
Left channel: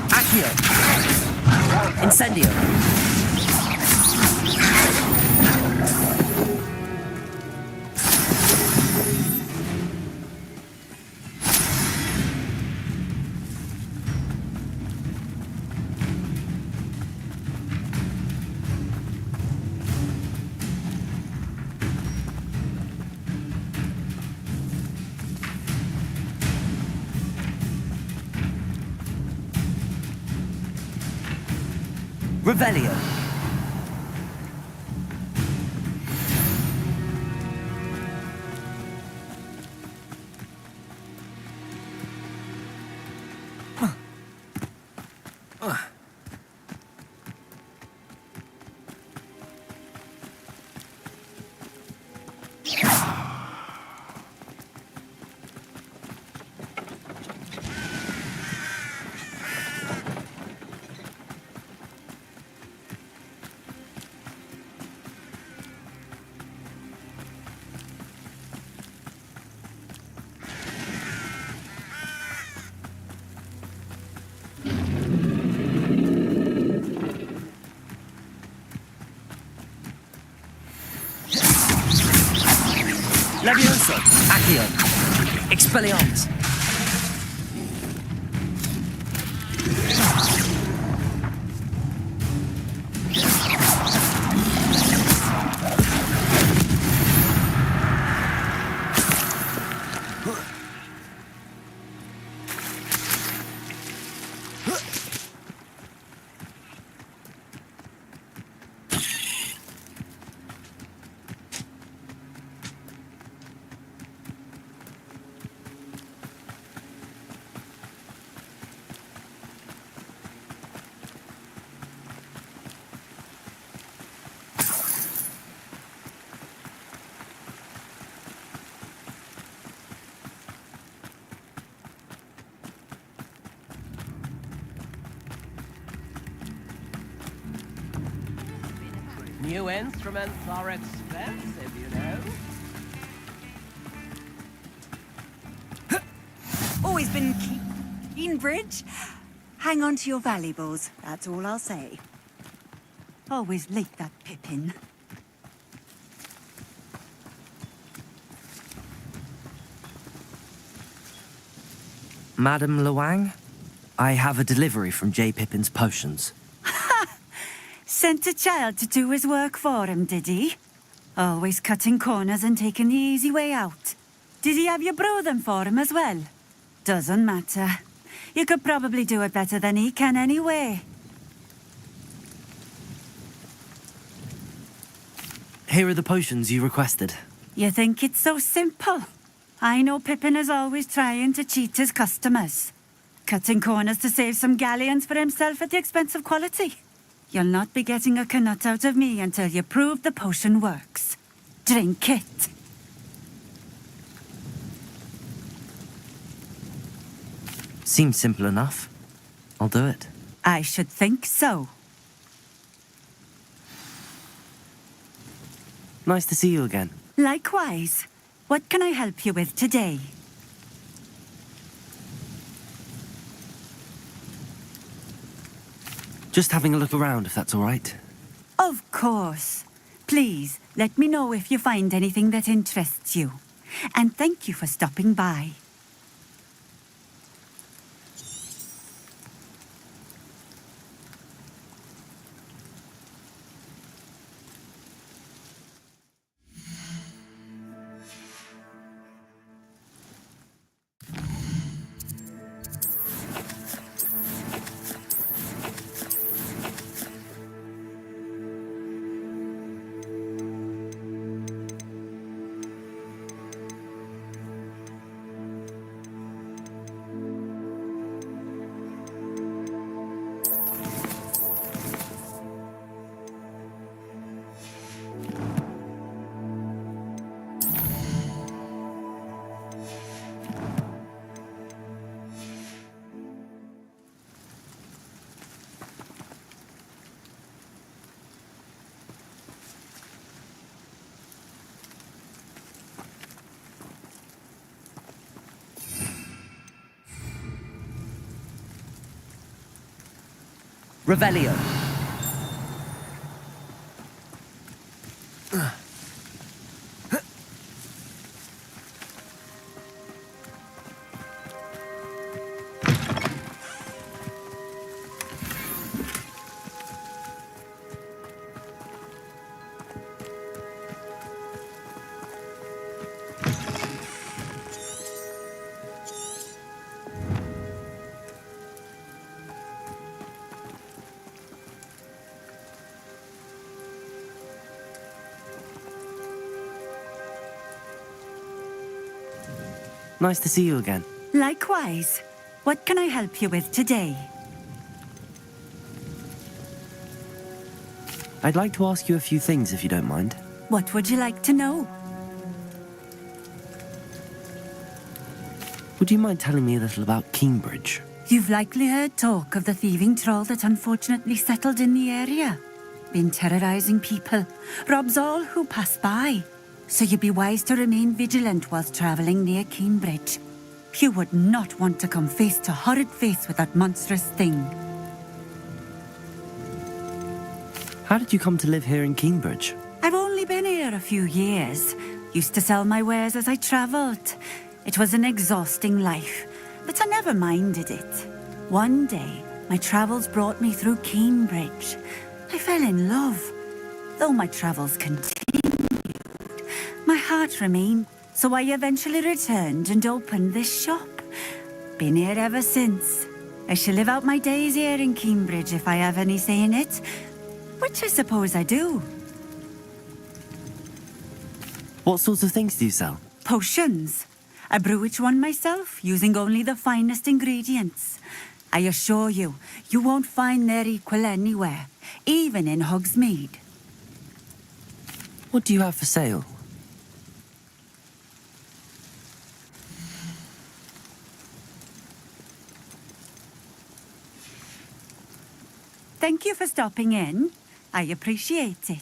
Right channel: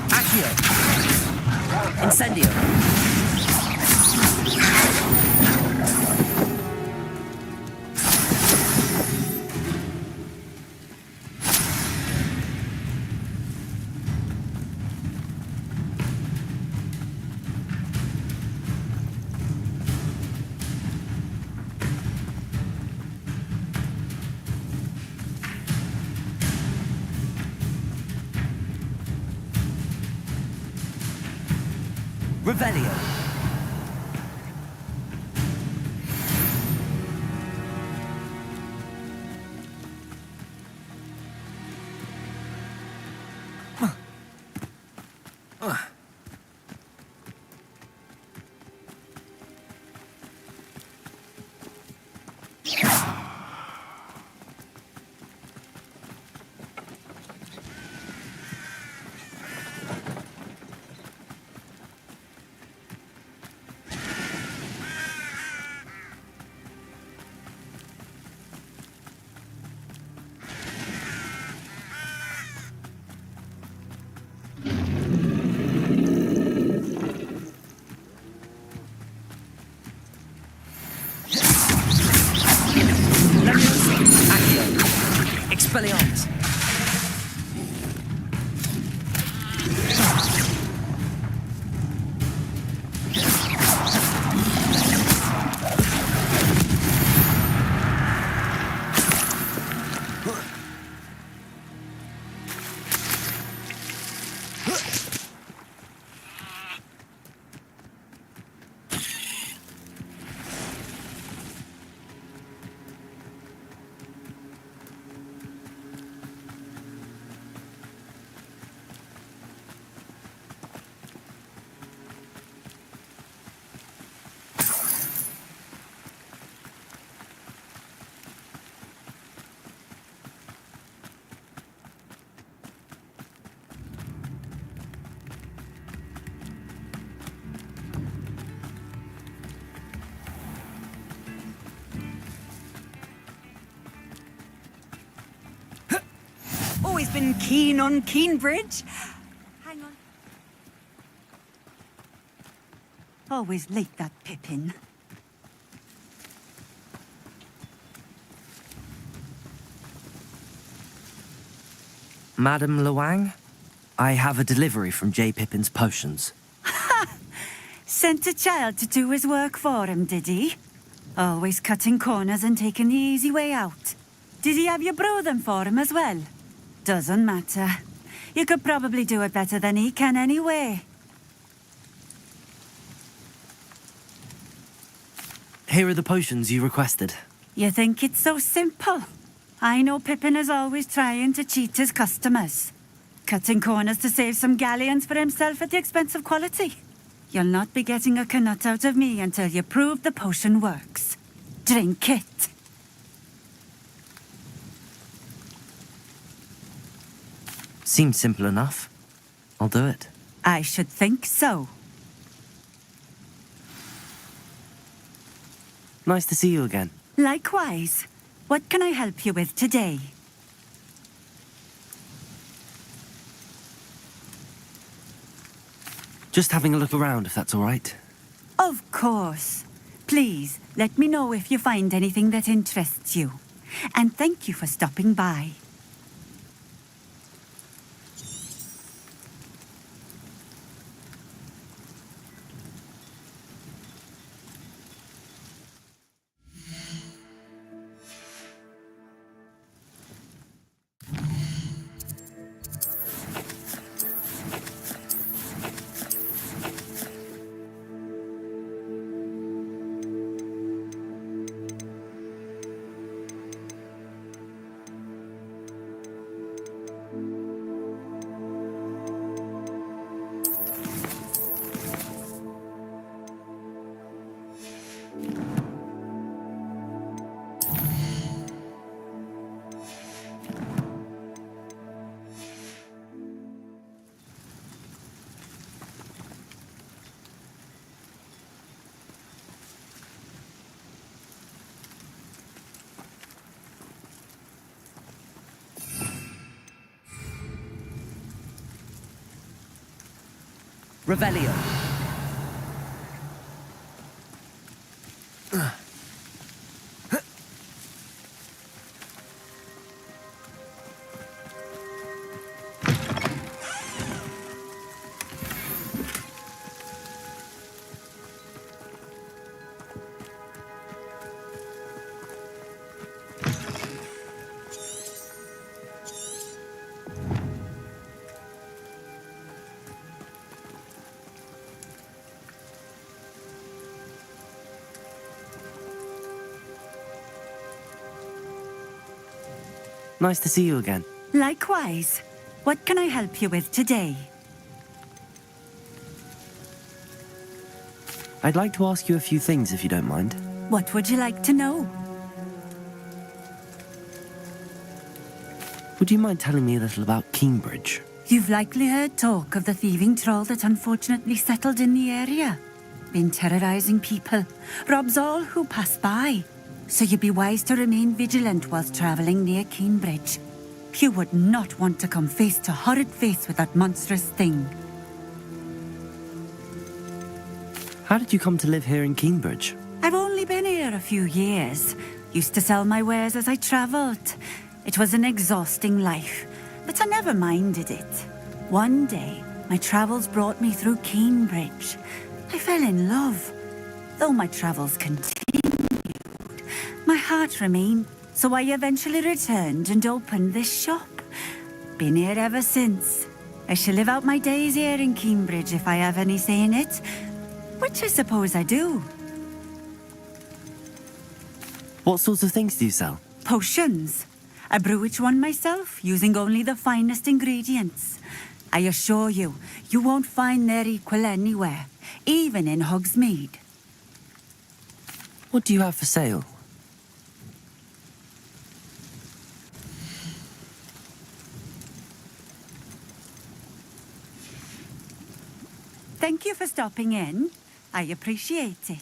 Accio. Incendio. Revelio. Levioso. Accio. Expelliarmus. New instruments are expensive, you know. Always been keen on Keenbridge. Hang on to your valuables, that's all I'll say. Always late, that Pippin. Madam Luang, I have a delivery from J. Pippin's Potions. Sent a child to do his work for him, did he? Always cutting corners and taking the easy way out. Did he have you brew them for him as well? Doesn't matter. You could probably do it better than he can anyway. Here are the potions you requested. You think it's so simple? I know Pippin is always trying to cheat his customers. Cutting corners to save some galleons for himself at the expense of quality. You'll not be getting a canut out of me until you prove the potion works. Drink it. Seems simple enough. I'll do it. I should think so. Nice to see you again. Likewise. What can I help you with today? Just having a look around, if that's all right. Of course. Please, let me know if you find anything that interests you. And thank you for stopping by. Revelio. Nice to see you again. Likewise. What can I help you with today? I'd like to ask you a few things if you don't mind. What would you like to know? Would you mind telling me a little about Cambridge? You've likely heard talk of the thieving troll that unfortunately settled in the area. Been terrorizing people, robs all who pass by. So you'd be wise to remain vigilant whilst travelling near Cambridge. You would not want to come face to horrid face with that monstrous thing. How did you come to live here in Cambridge? I've only been here a few years. Used to sell my wares as I travelled. It was an exhausting life, but I never minded it. One day, my travels brought me through Cambridge. I fell in love. Though my travels continued, my heart remained, so I eventually returned and opened this shop. Been here ever since. I shall live out my days here in Cambridge if I have any say in it, which I suppose I do. What sorts of things do you sell? Potions. I brew each one myself, using only the finest ingredients. I assure you, you won't find their equal anywhere, even in Hogsmeade. What do you have for sale? Thank you for stopping in. I appreciate it.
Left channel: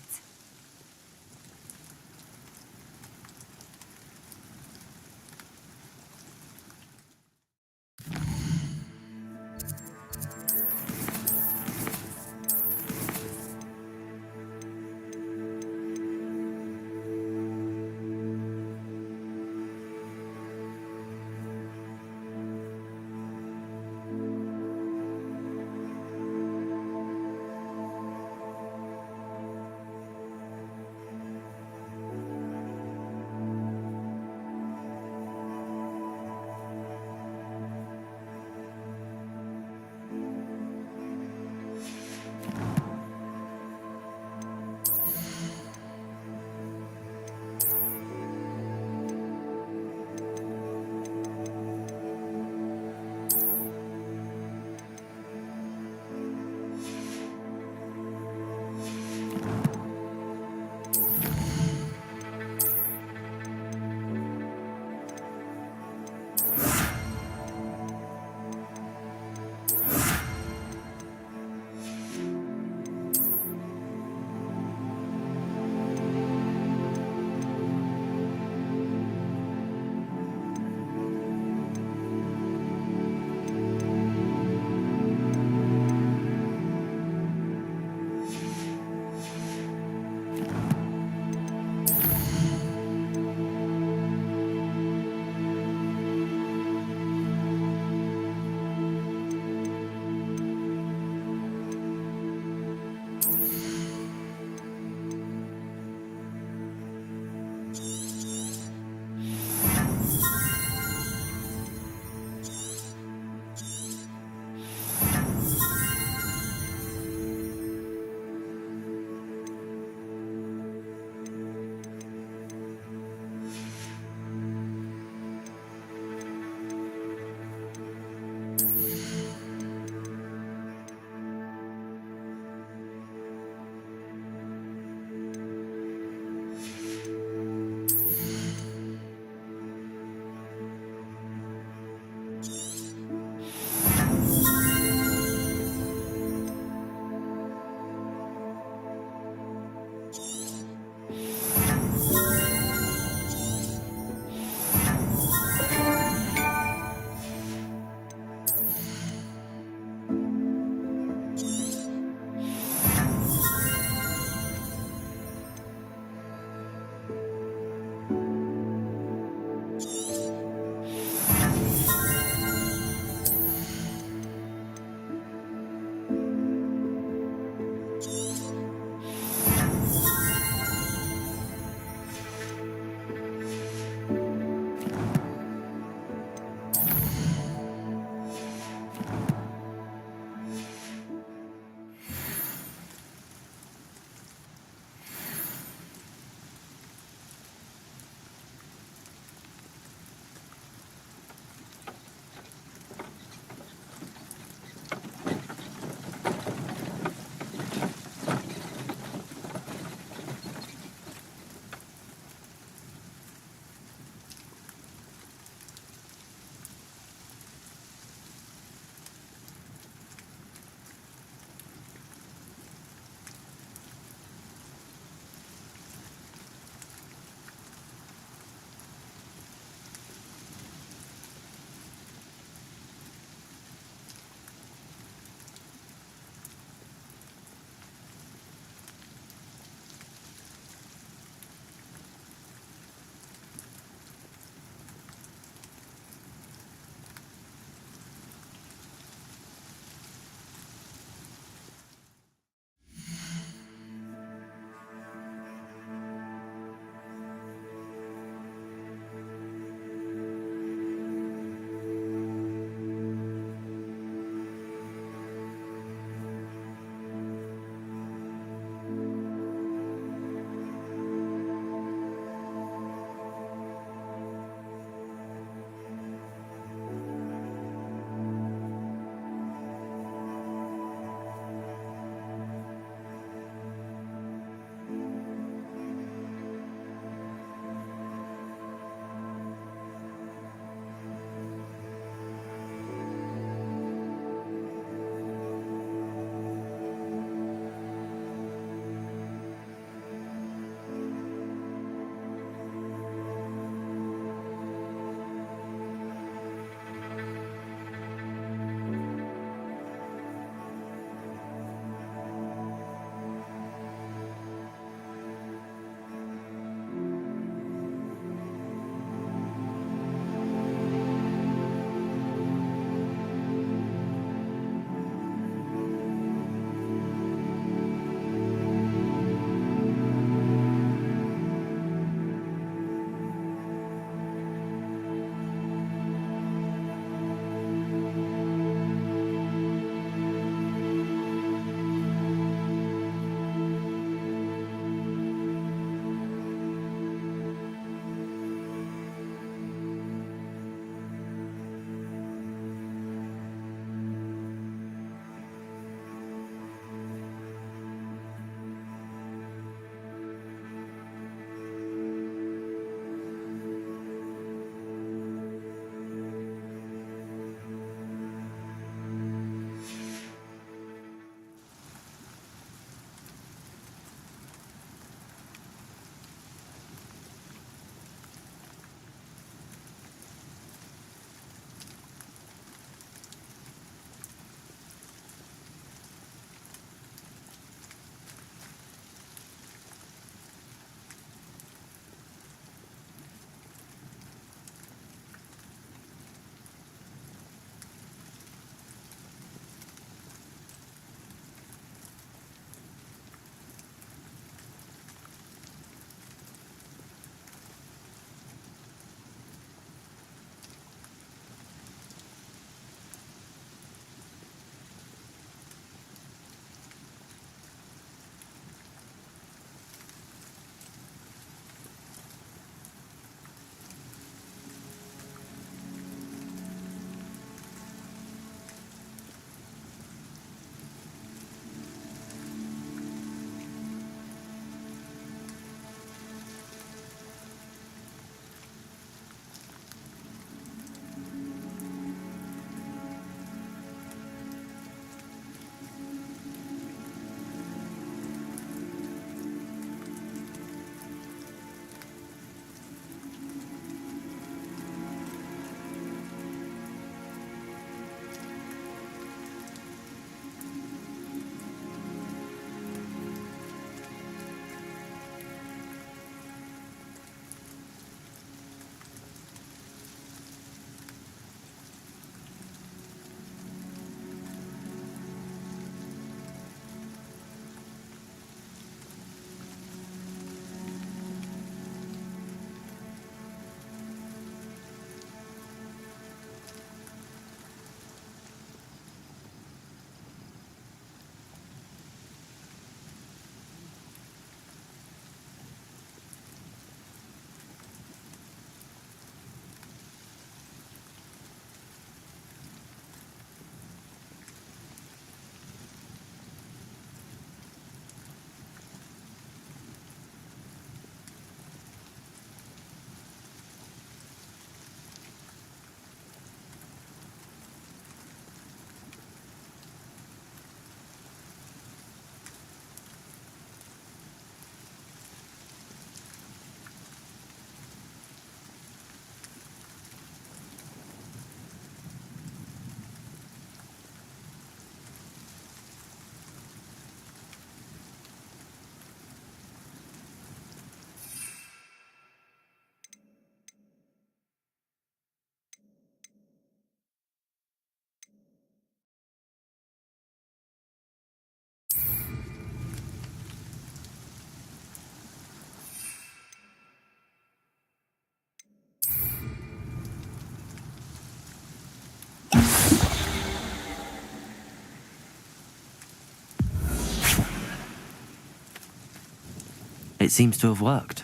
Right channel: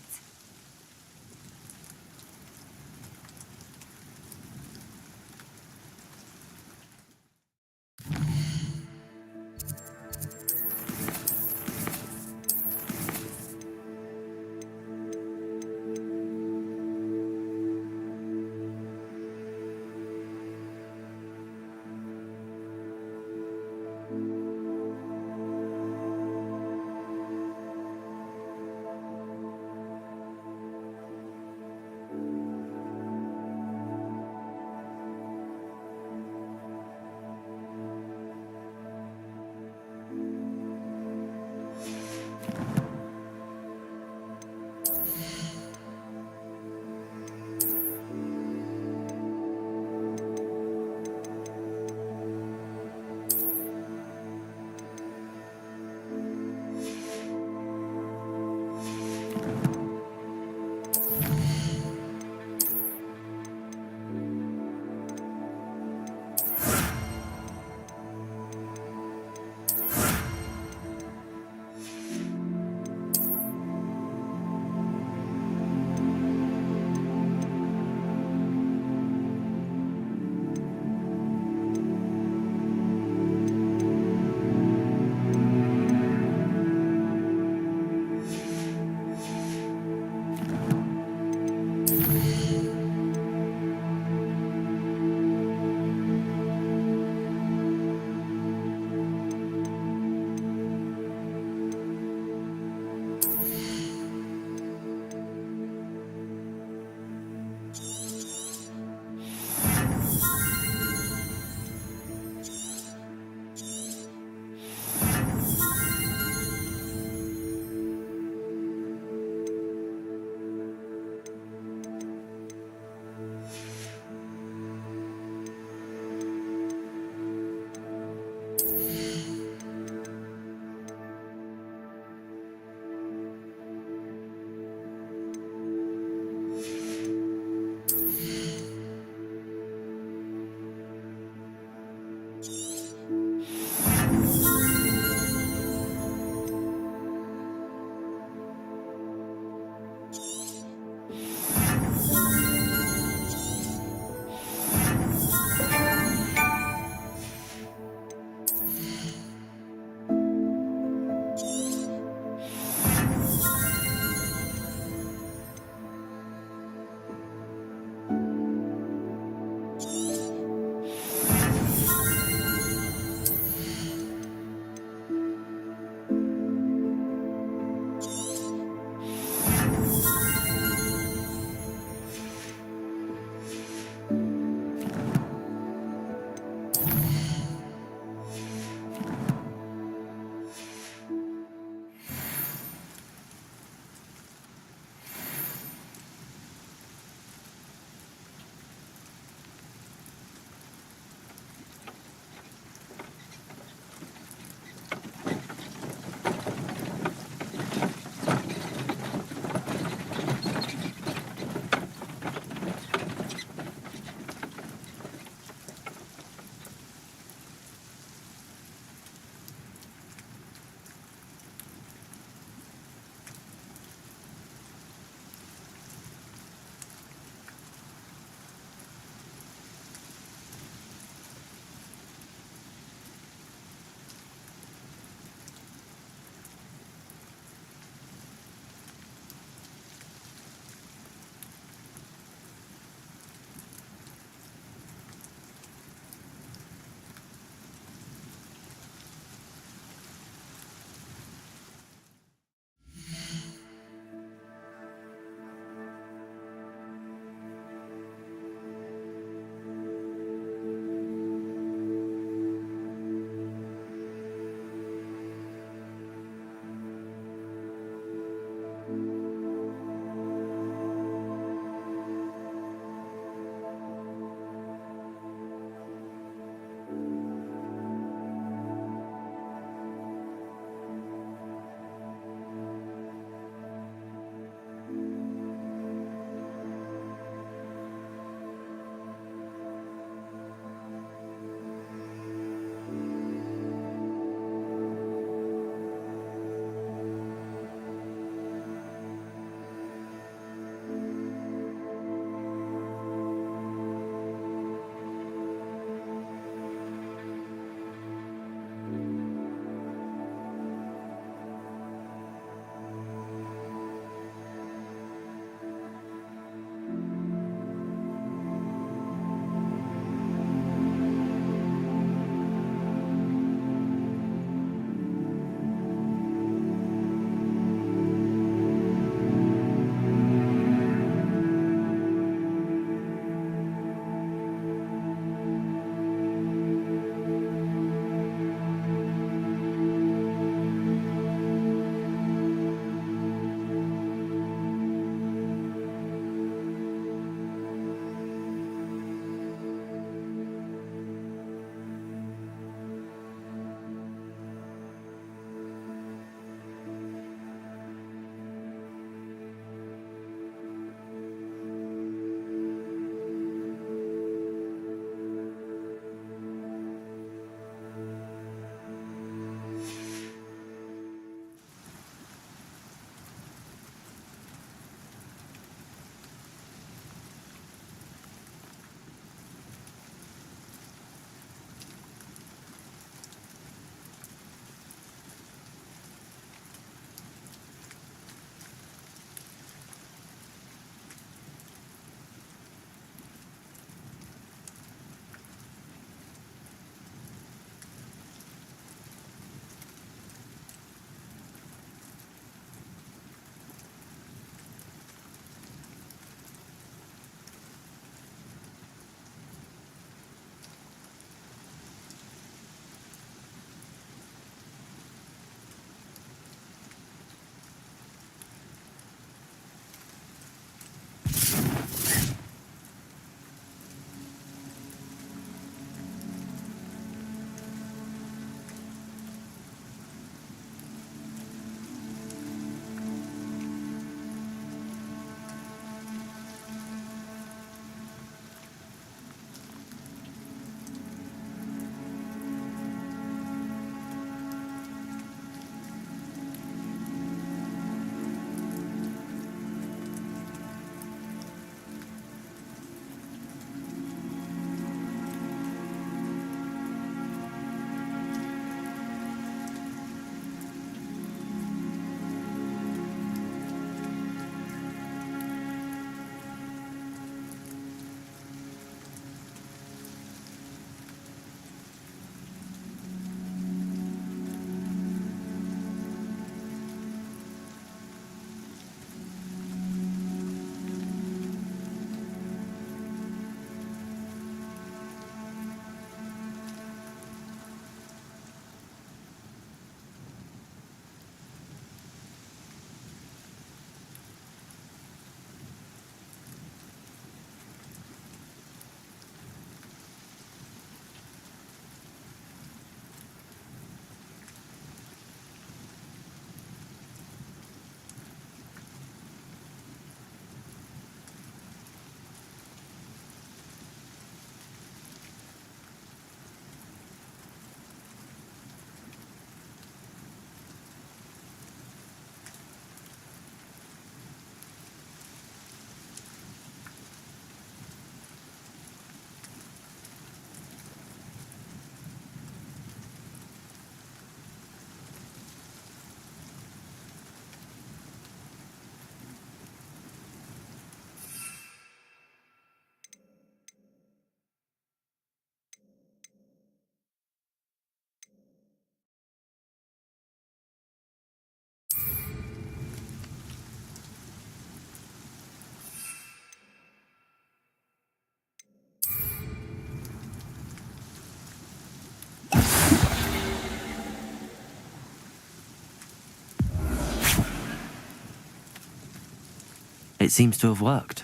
It seems to have worked.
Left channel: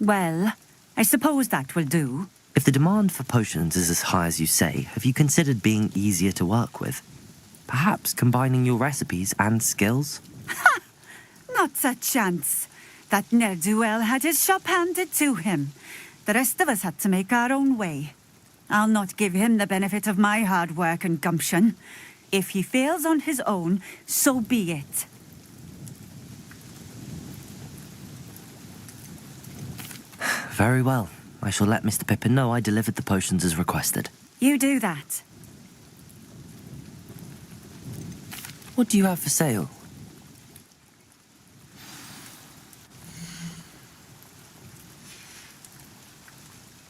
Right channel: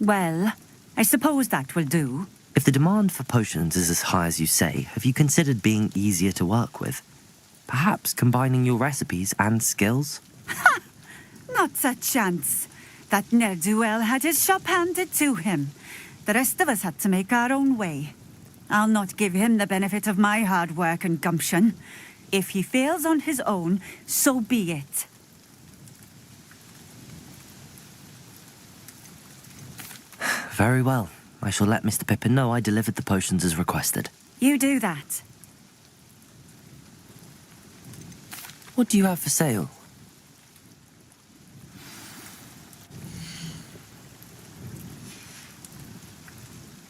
Well, I suppose that will do. If the demand for potions is as high as you say, have you considered being easier to work with? Perhaps combining your recipes and skills? Not a chance. That ne'er-do-well had his shop handed to him. The rest of us had to make our own way. I'll not give him the benefit of my hard work and gumption. If he fails on his own, so be it. Very well. I shall let Mr. Pippin know I delivered the potions as requested. You do that. What do you have for sale?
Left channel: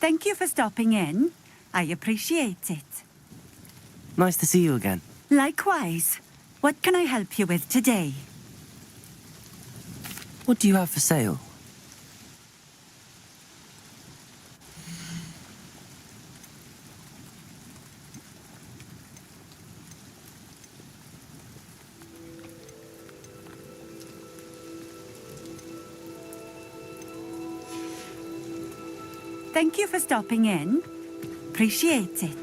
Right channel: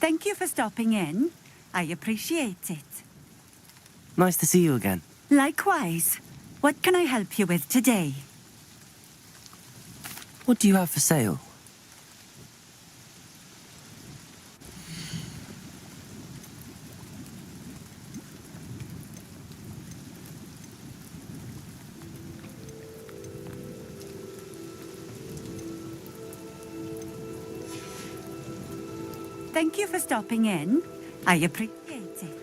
Thank you for stopping in. I appreciate it. Nice to see you again. Likewise. What can I help you with today? What do you have for sale? Thank you for stopping in. I appreciate it.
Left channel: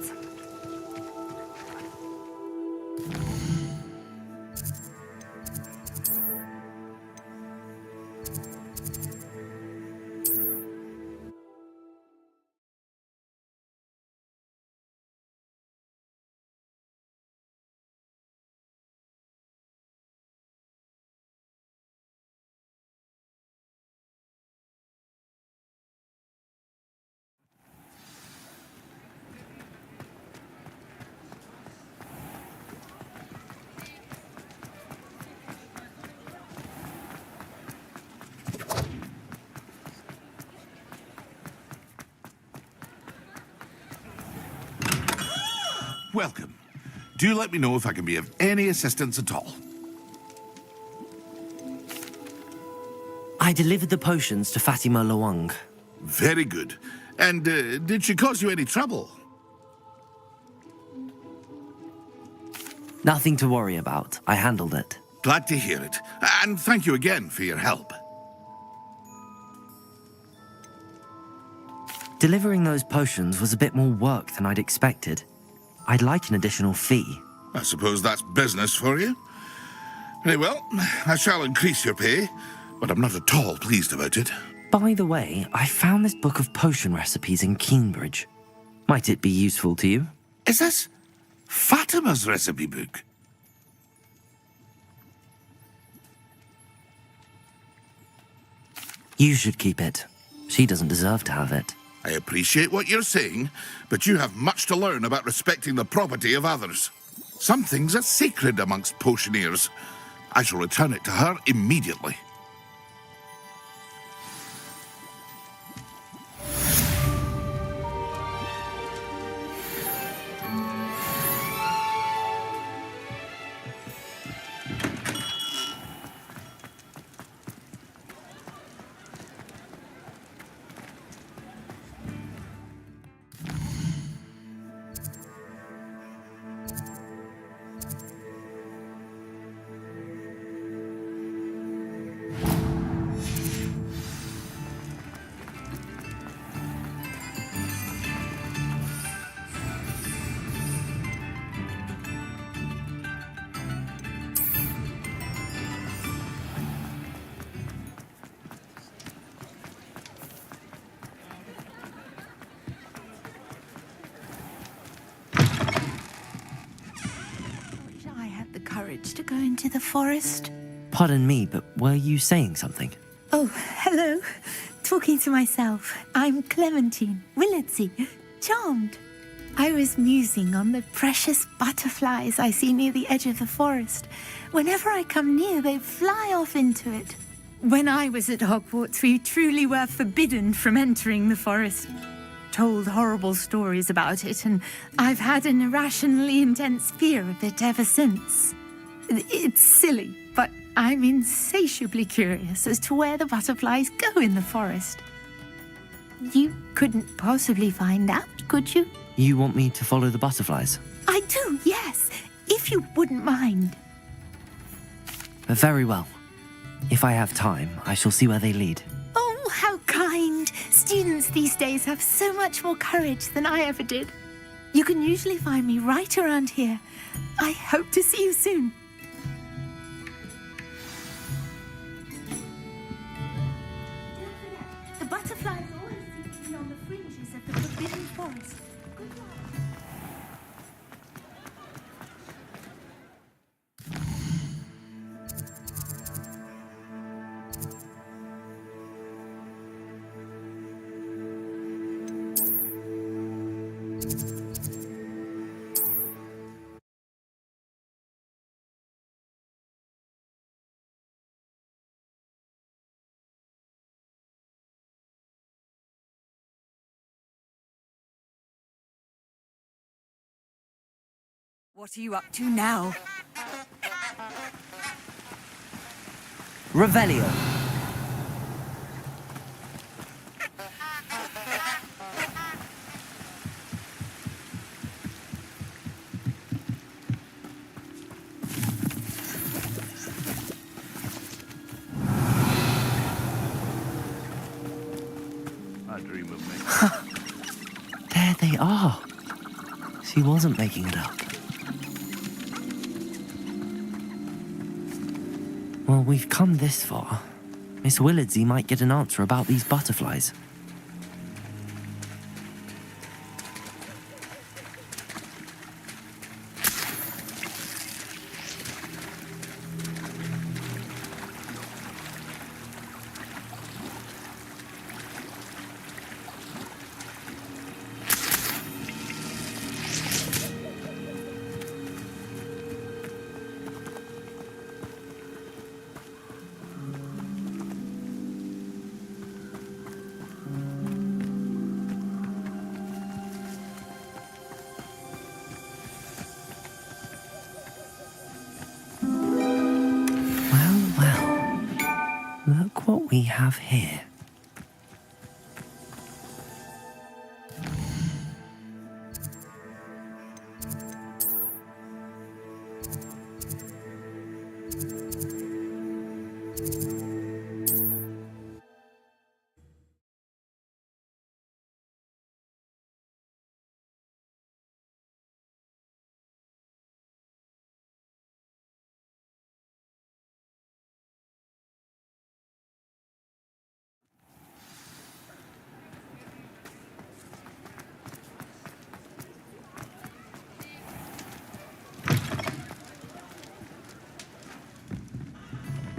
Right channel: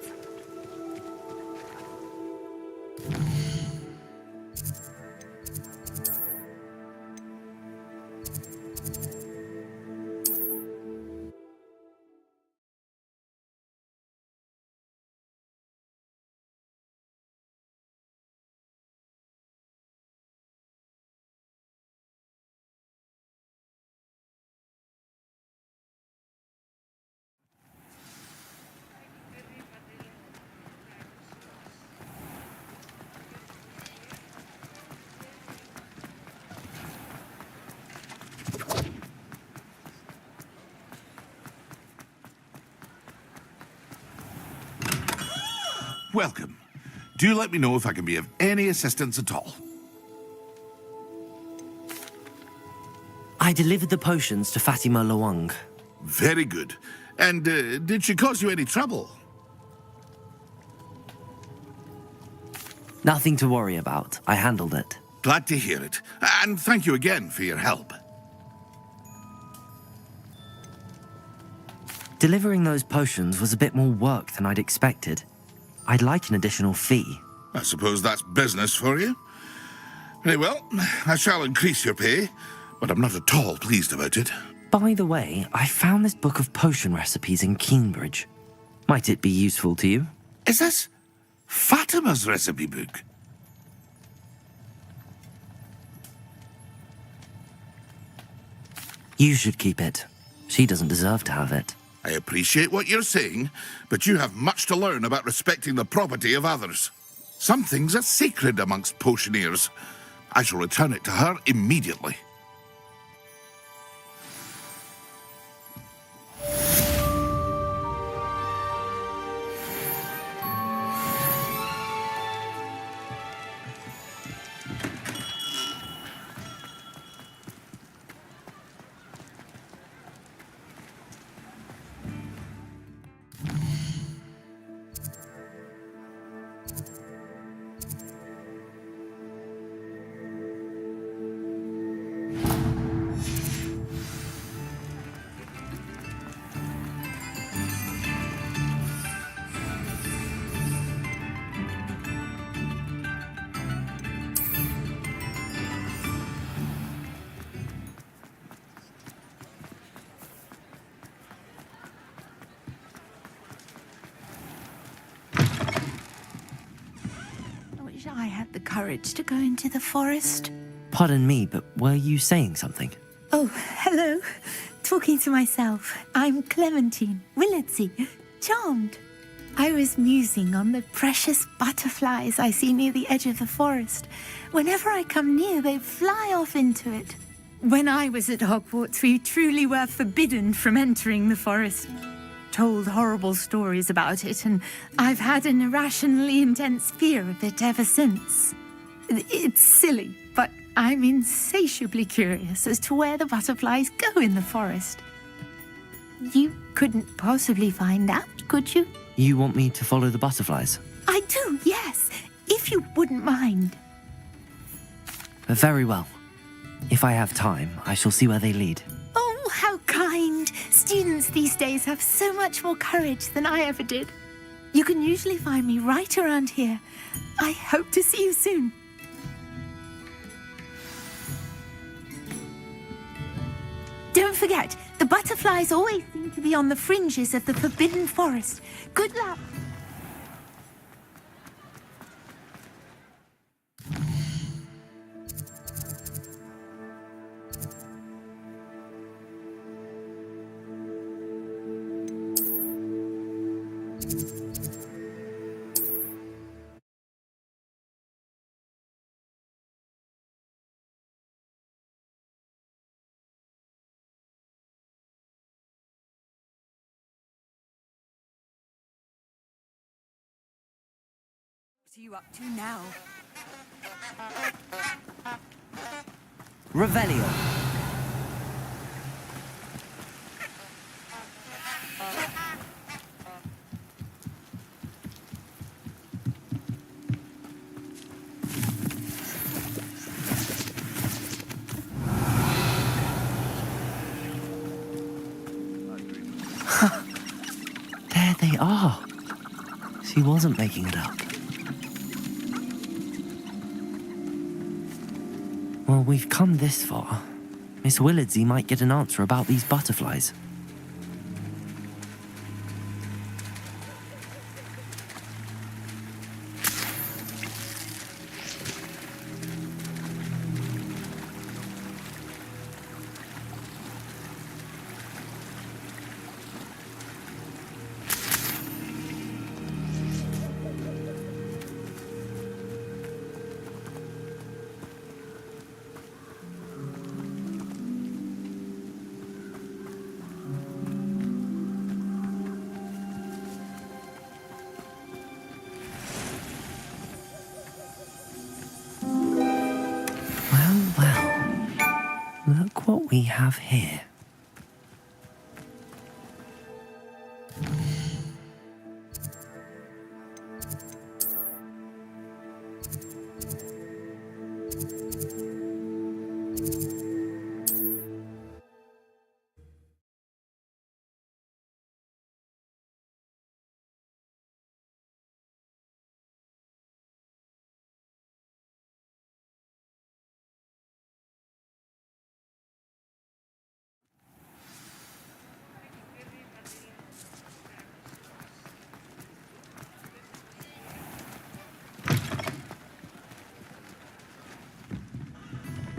Welcome. Do let me know if I can be of any assistance at all. I delivered the potions to Fatima Lawang. Very good. And did she cause you any trouble? Nothing to worry about. I handled it. Glad to hear it. And thank you again for your help. Delivering those potions was a bit more work than I'd expected. I'd like an additional fee. I suppose that's business for you. Very well, I shall increase your pay, but I'm not at all pleased about it. By the way, I found this book of potion recipes in Cambridge. Might it be useful to you? Is this Fatima's recipe book? You should keep it. She doesn't deserve to have it. I appreciate what you're saying, but you have much to learn about respecting the property of others. Some things are sacred amongst potioneers. I shall return it to her immediately. The courage to go into the forest. Pardon me, but were you saying something? Oh, hello. Talking to myself. I'm Clementine Willardsey, charmed. I was musing on the precious butterflies I see near the edge of the forest. Whenever I come near, they fly off into it. When I was at Hogwarts, we truly were forbidden from entering the forest. Told horrible stories about it, and I've had an irrationally intense fear of it ever since. It's silly, but I'm insatiably curious as to where the butterflies go in the forest. You couldn't possibly find out, could you? You want me to follow the butterflies? I do, yes, if you wouldn't mind. Very well. If I have time, I shall see where they lead. Oh, how kind. Students these days have so much more courage than I ever did. You can usually find me right around here. I hope to see you soon. Don't forget, the butterflies always seem to be on the fringes of the Forbidden Forest. Good luck. What are you up to now? Revelio. There they are. She wasn't making it up. Well, we've come this far. Miss Willardsey might get an answer about these butterflies. Look what we have here.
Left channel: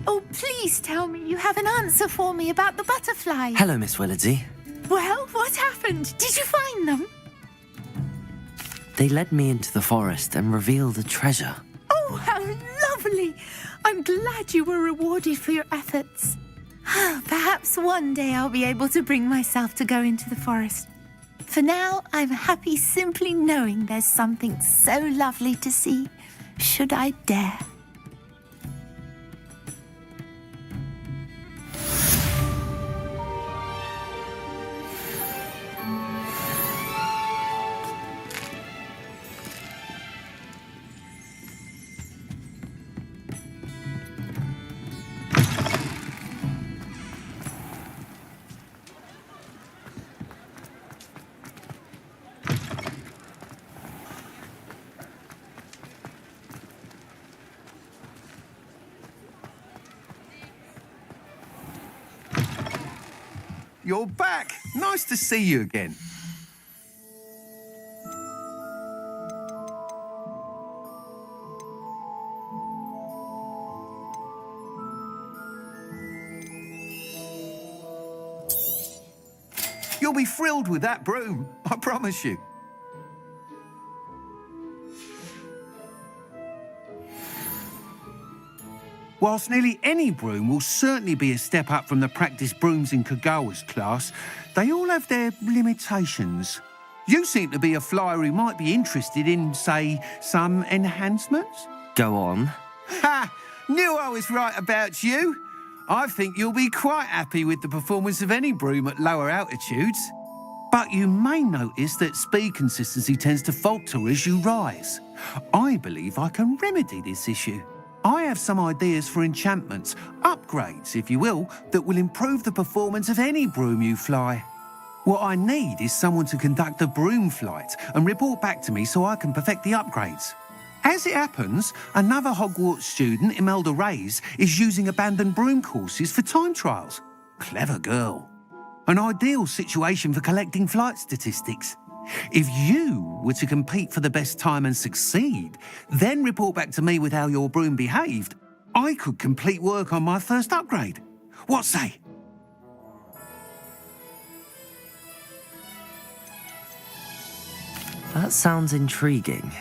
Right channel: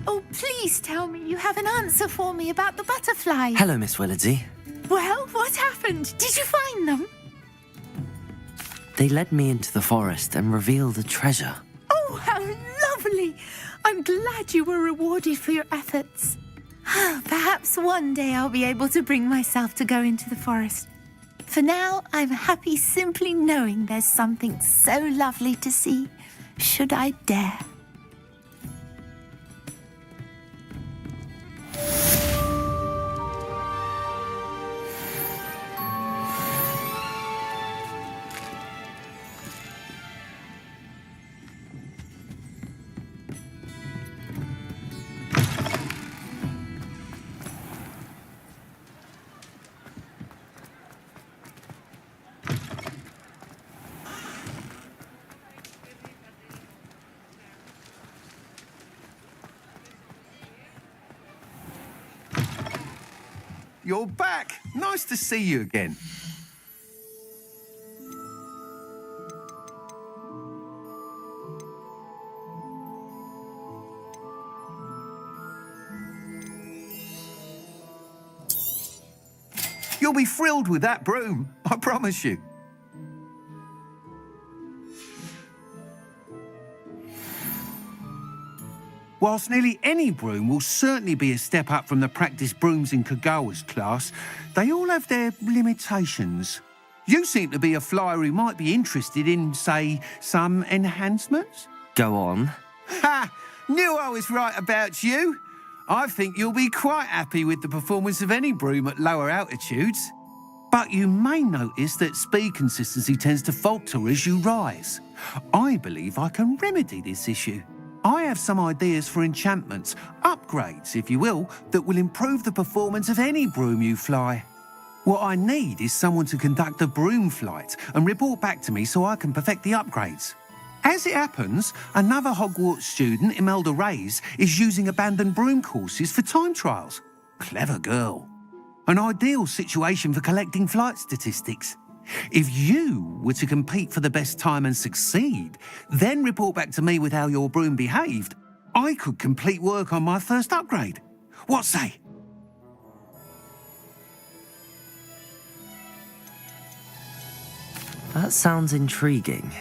Oh, please tell me you have an answer for me about the butterflies. Hello, Miss Willardsey. Well, what happened? Did you find them? They led me into the forest and revealed a treasure. Oh, how lovely. I'm glad you were rewarded for your efforts. Perhaps one day I'll be able to bring myself to go into the forest. For now, I'm happy simply knowing there's something so lovely to see, should I dare. You're back. Nice to see you again. You'll be thrilled with that broom, I promise you. Whilst nearly any broom will certainly be a step up from the practice brooms in Kagawa's class, they all have their limitations. You seem to be a flyer who might be interested in, say, some enhancements? Go on. Ha! Knew I was right about you. I think you'll be quite happy with the performance of any broom at lower altitudes. But you may notice that speed consistency tends to falter as you rise. I believe I can remedy this issue. I have some ideas for enchantments, upgrades, if you will, that will improve the performance of any broom you fly. What I need is someone to conduct a broom flight and report back to me so I can perfect the upgrades. As it happens, another Hogwarts student, Imelda Reyes, is using abandoned broom courses for time trials. Clever girl. An ideal situation for collecting flight statistics. If you were to compete for the best time and succeed, then report back to me with how your broom behaved, I could complete work on my first upgrade. What say? That sounds intriguing.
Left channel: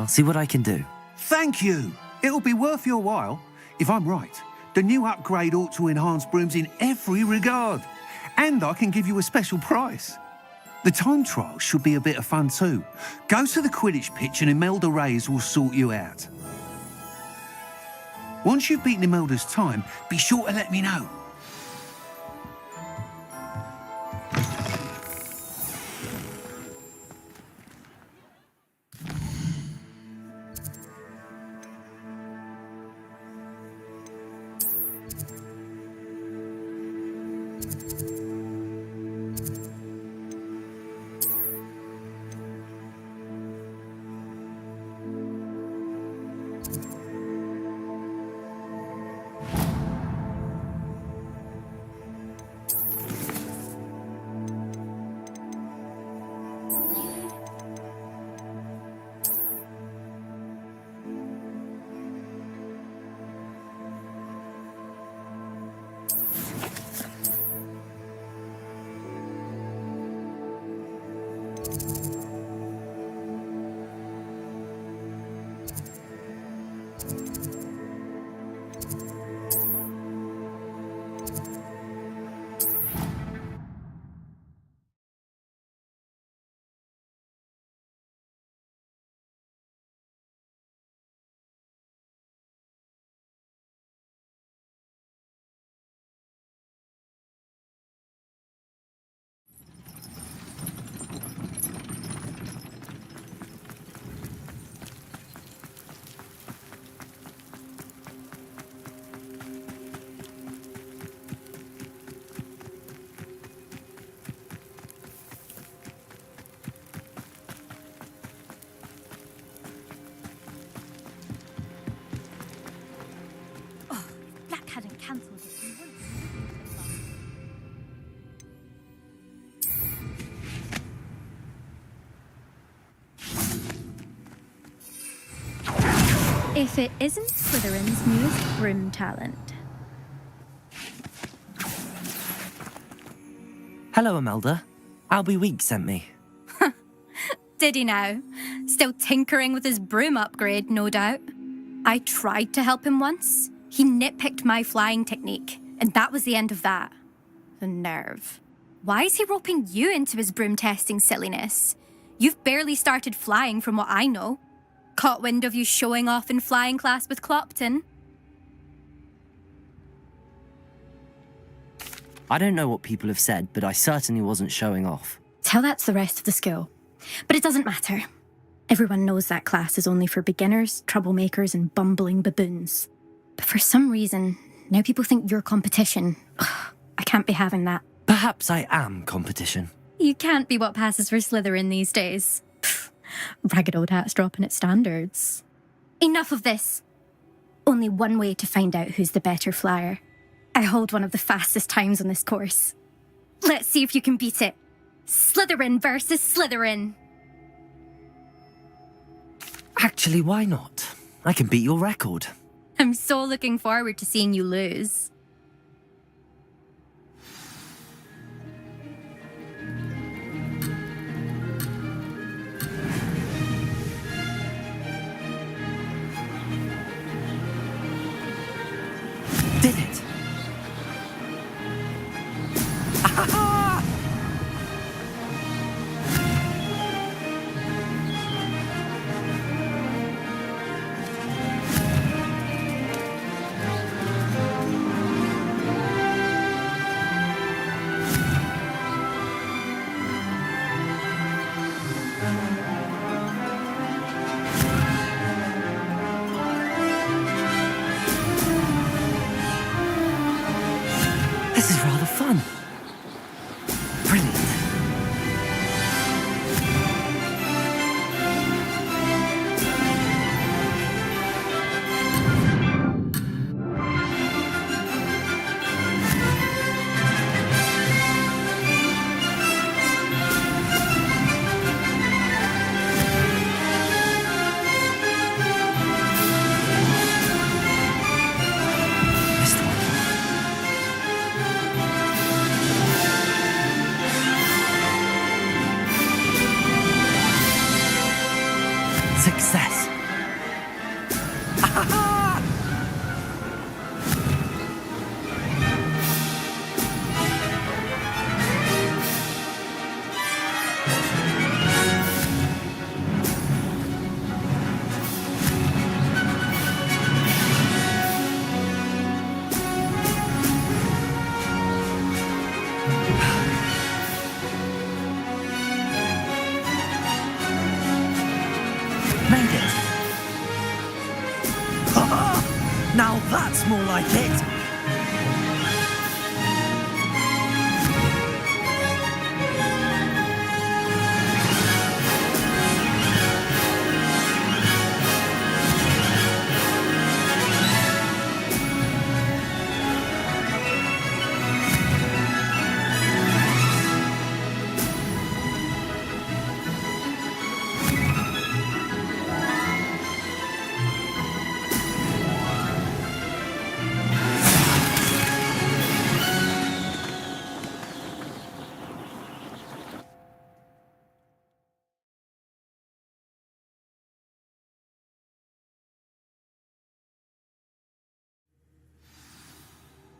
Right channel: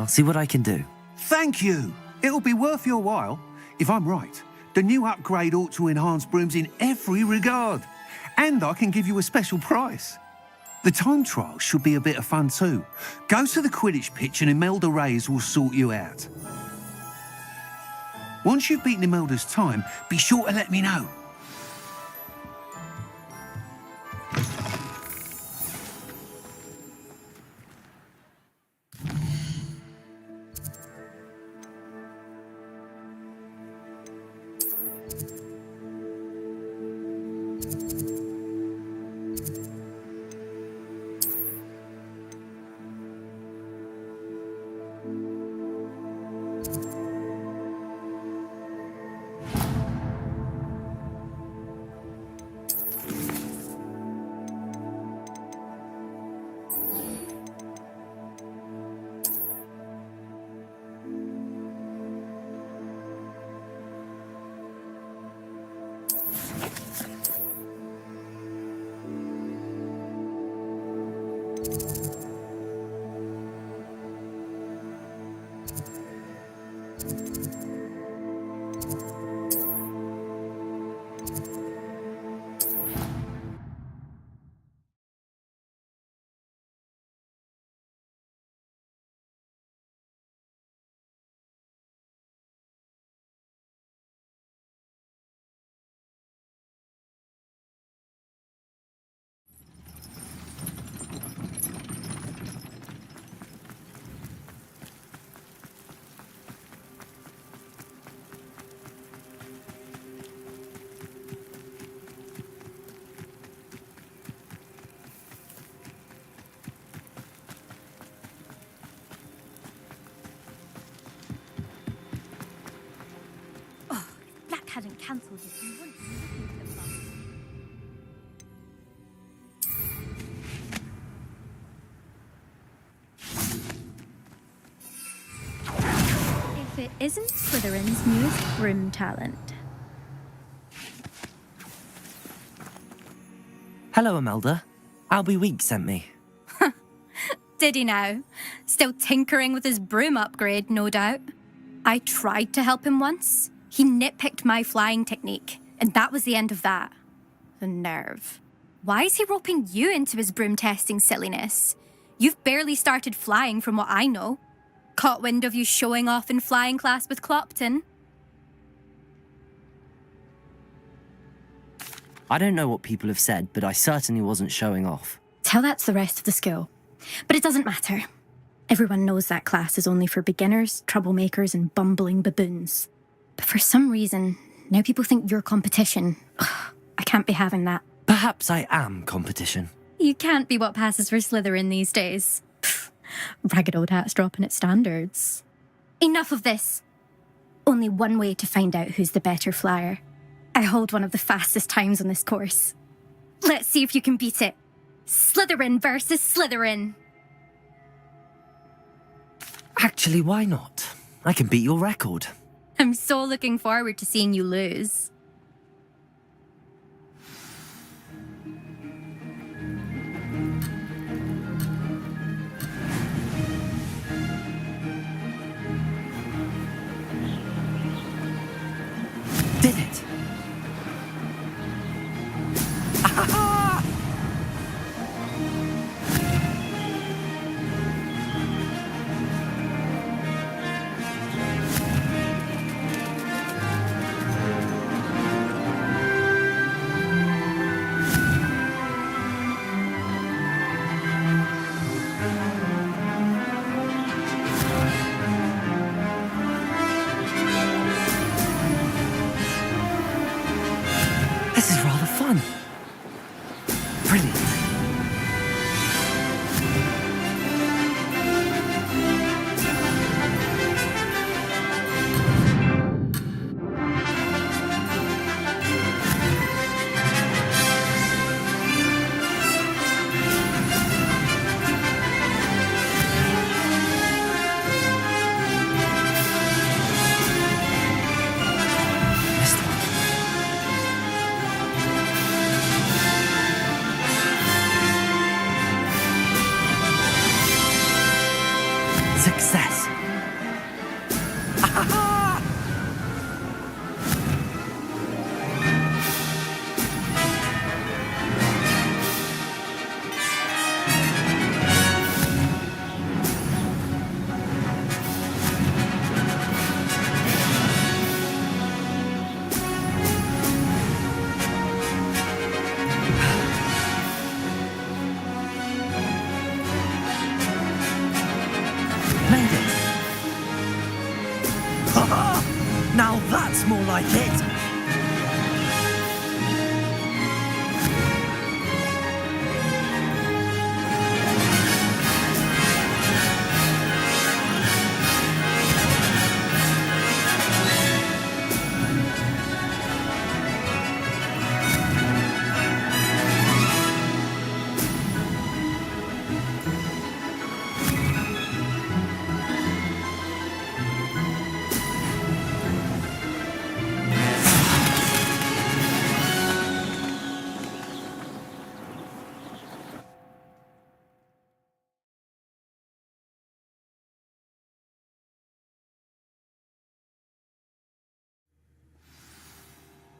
I'll see what I can do. Thank you. It'll be worth your while. If I'm right, the new upgrade ought to enhance brooms in every regard. And I can give you a special price. The time trial should be a bit of fun too. Go to the Quidditch pitch and Imelda Reyes will sort you out. Once you've beaten Imelda's time, be sure to let me know. Hadn't cancelled it, we wouldn't be looking for the If it isn't Slytherin's newest broom talent. Hello, Imelda. Albie Week sent me. Did he now? Still tinkering with his broom upgrade, no doubt. I tried to help him once. He nitpicked my flying technique, and that was the end of that. The nerve. Why is he roping you into his broom testing silliness? You've barely started flying from what I know. Caught wind of you showing off in flying class with Clopton. I don't know what people have said, but I certainly wasn't showing off. Tell that's the rest of the school. But it doesn't matter. Everyone knows that class is only for beginners, troublemakers, and bumbling baboons. But for some reason, now people think you're competition. Ugh, I can't be having that. Perhaps I am competition. You can't be what passes for Slytherin these days. Pfft, ragged old hat's dropping its standards. Enough of this. Only one way to find out who's the better flyer. I hold one of the fastest times on this course. Let's see if you can beat it. Slytherin versus Slytherin. Actually, why not? I can beat your record. I'm so looking forward to seeing you lose. Did it! This is rather fun. Brilliant. Missed one. Success. Made it. Now that's more like it.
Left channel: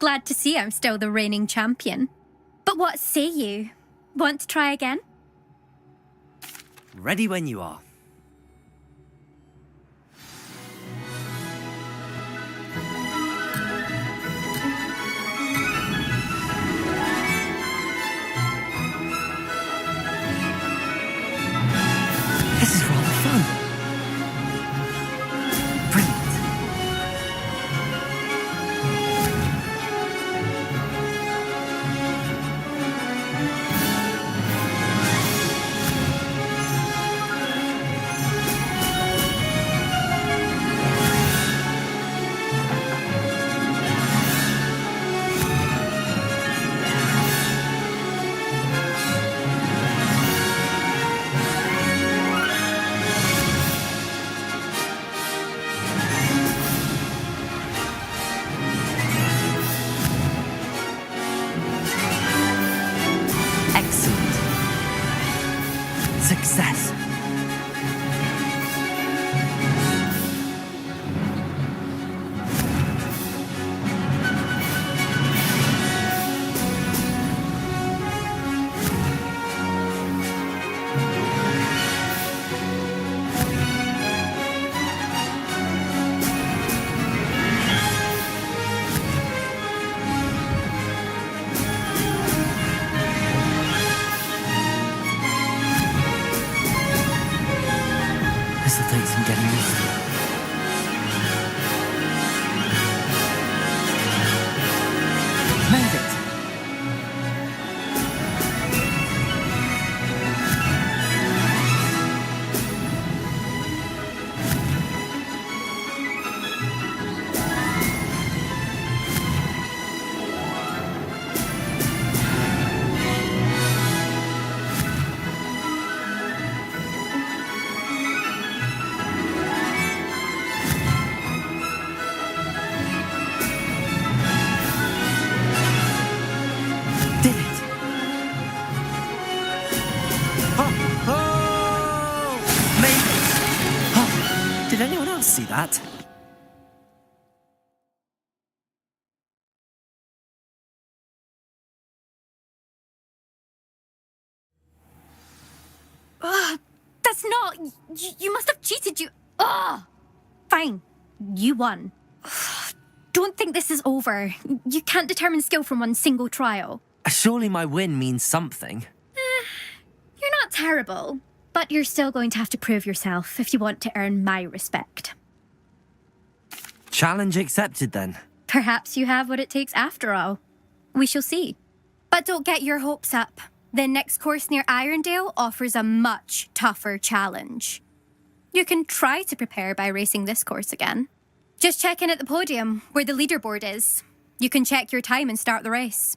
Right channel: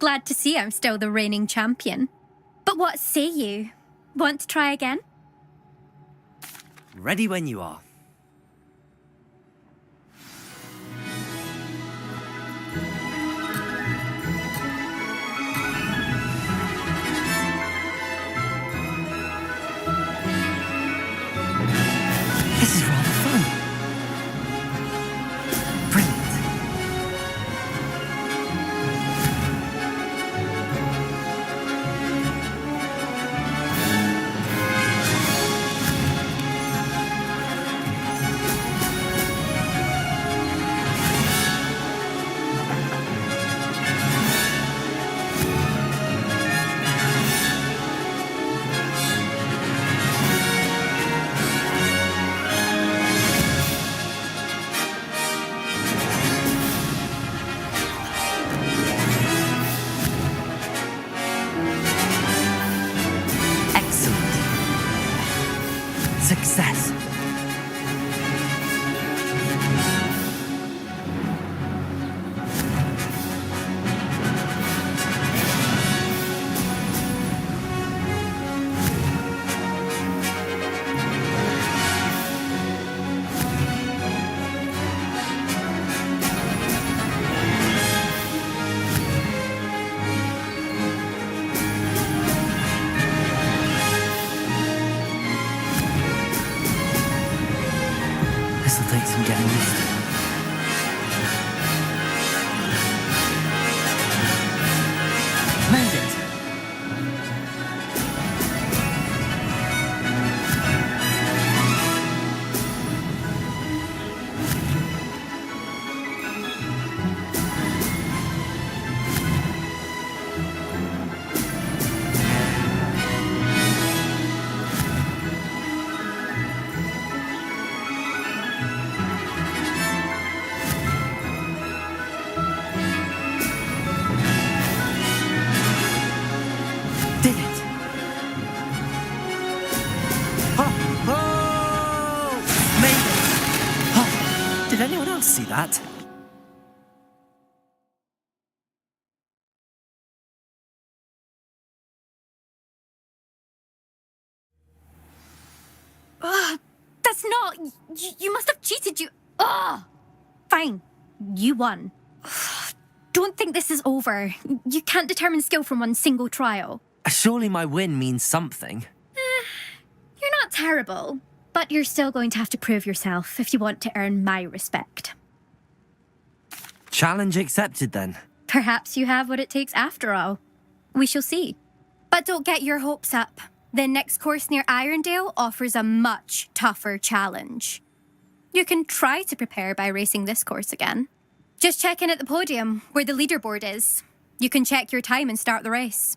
Glad to see I'm still the reigning champion. But what say you? Want to try again? Ready when you are. This is rather fun. Brilliant. Excellent. Success. This'll take some getting used to. Made it. Did it! Oh! Made it! Oh, did anyone else see that? That's not... You must have cheated, you... Ugh! Fine. You won. Don't think this is over. You can't determine skill from one single trial. Surely my win means something. You're not terrible, but you're still going to have to prove yourself if you want to earn my respect. Challenge accepted then. Perhaps you have what it takes after all. We shall see. But don't get your hopes up. The next course near Irondale offers a much tougher challenge. You can try to prepare by racing this course again. Just check in at the podium, where the leaderboard is. You can check your time and start the race.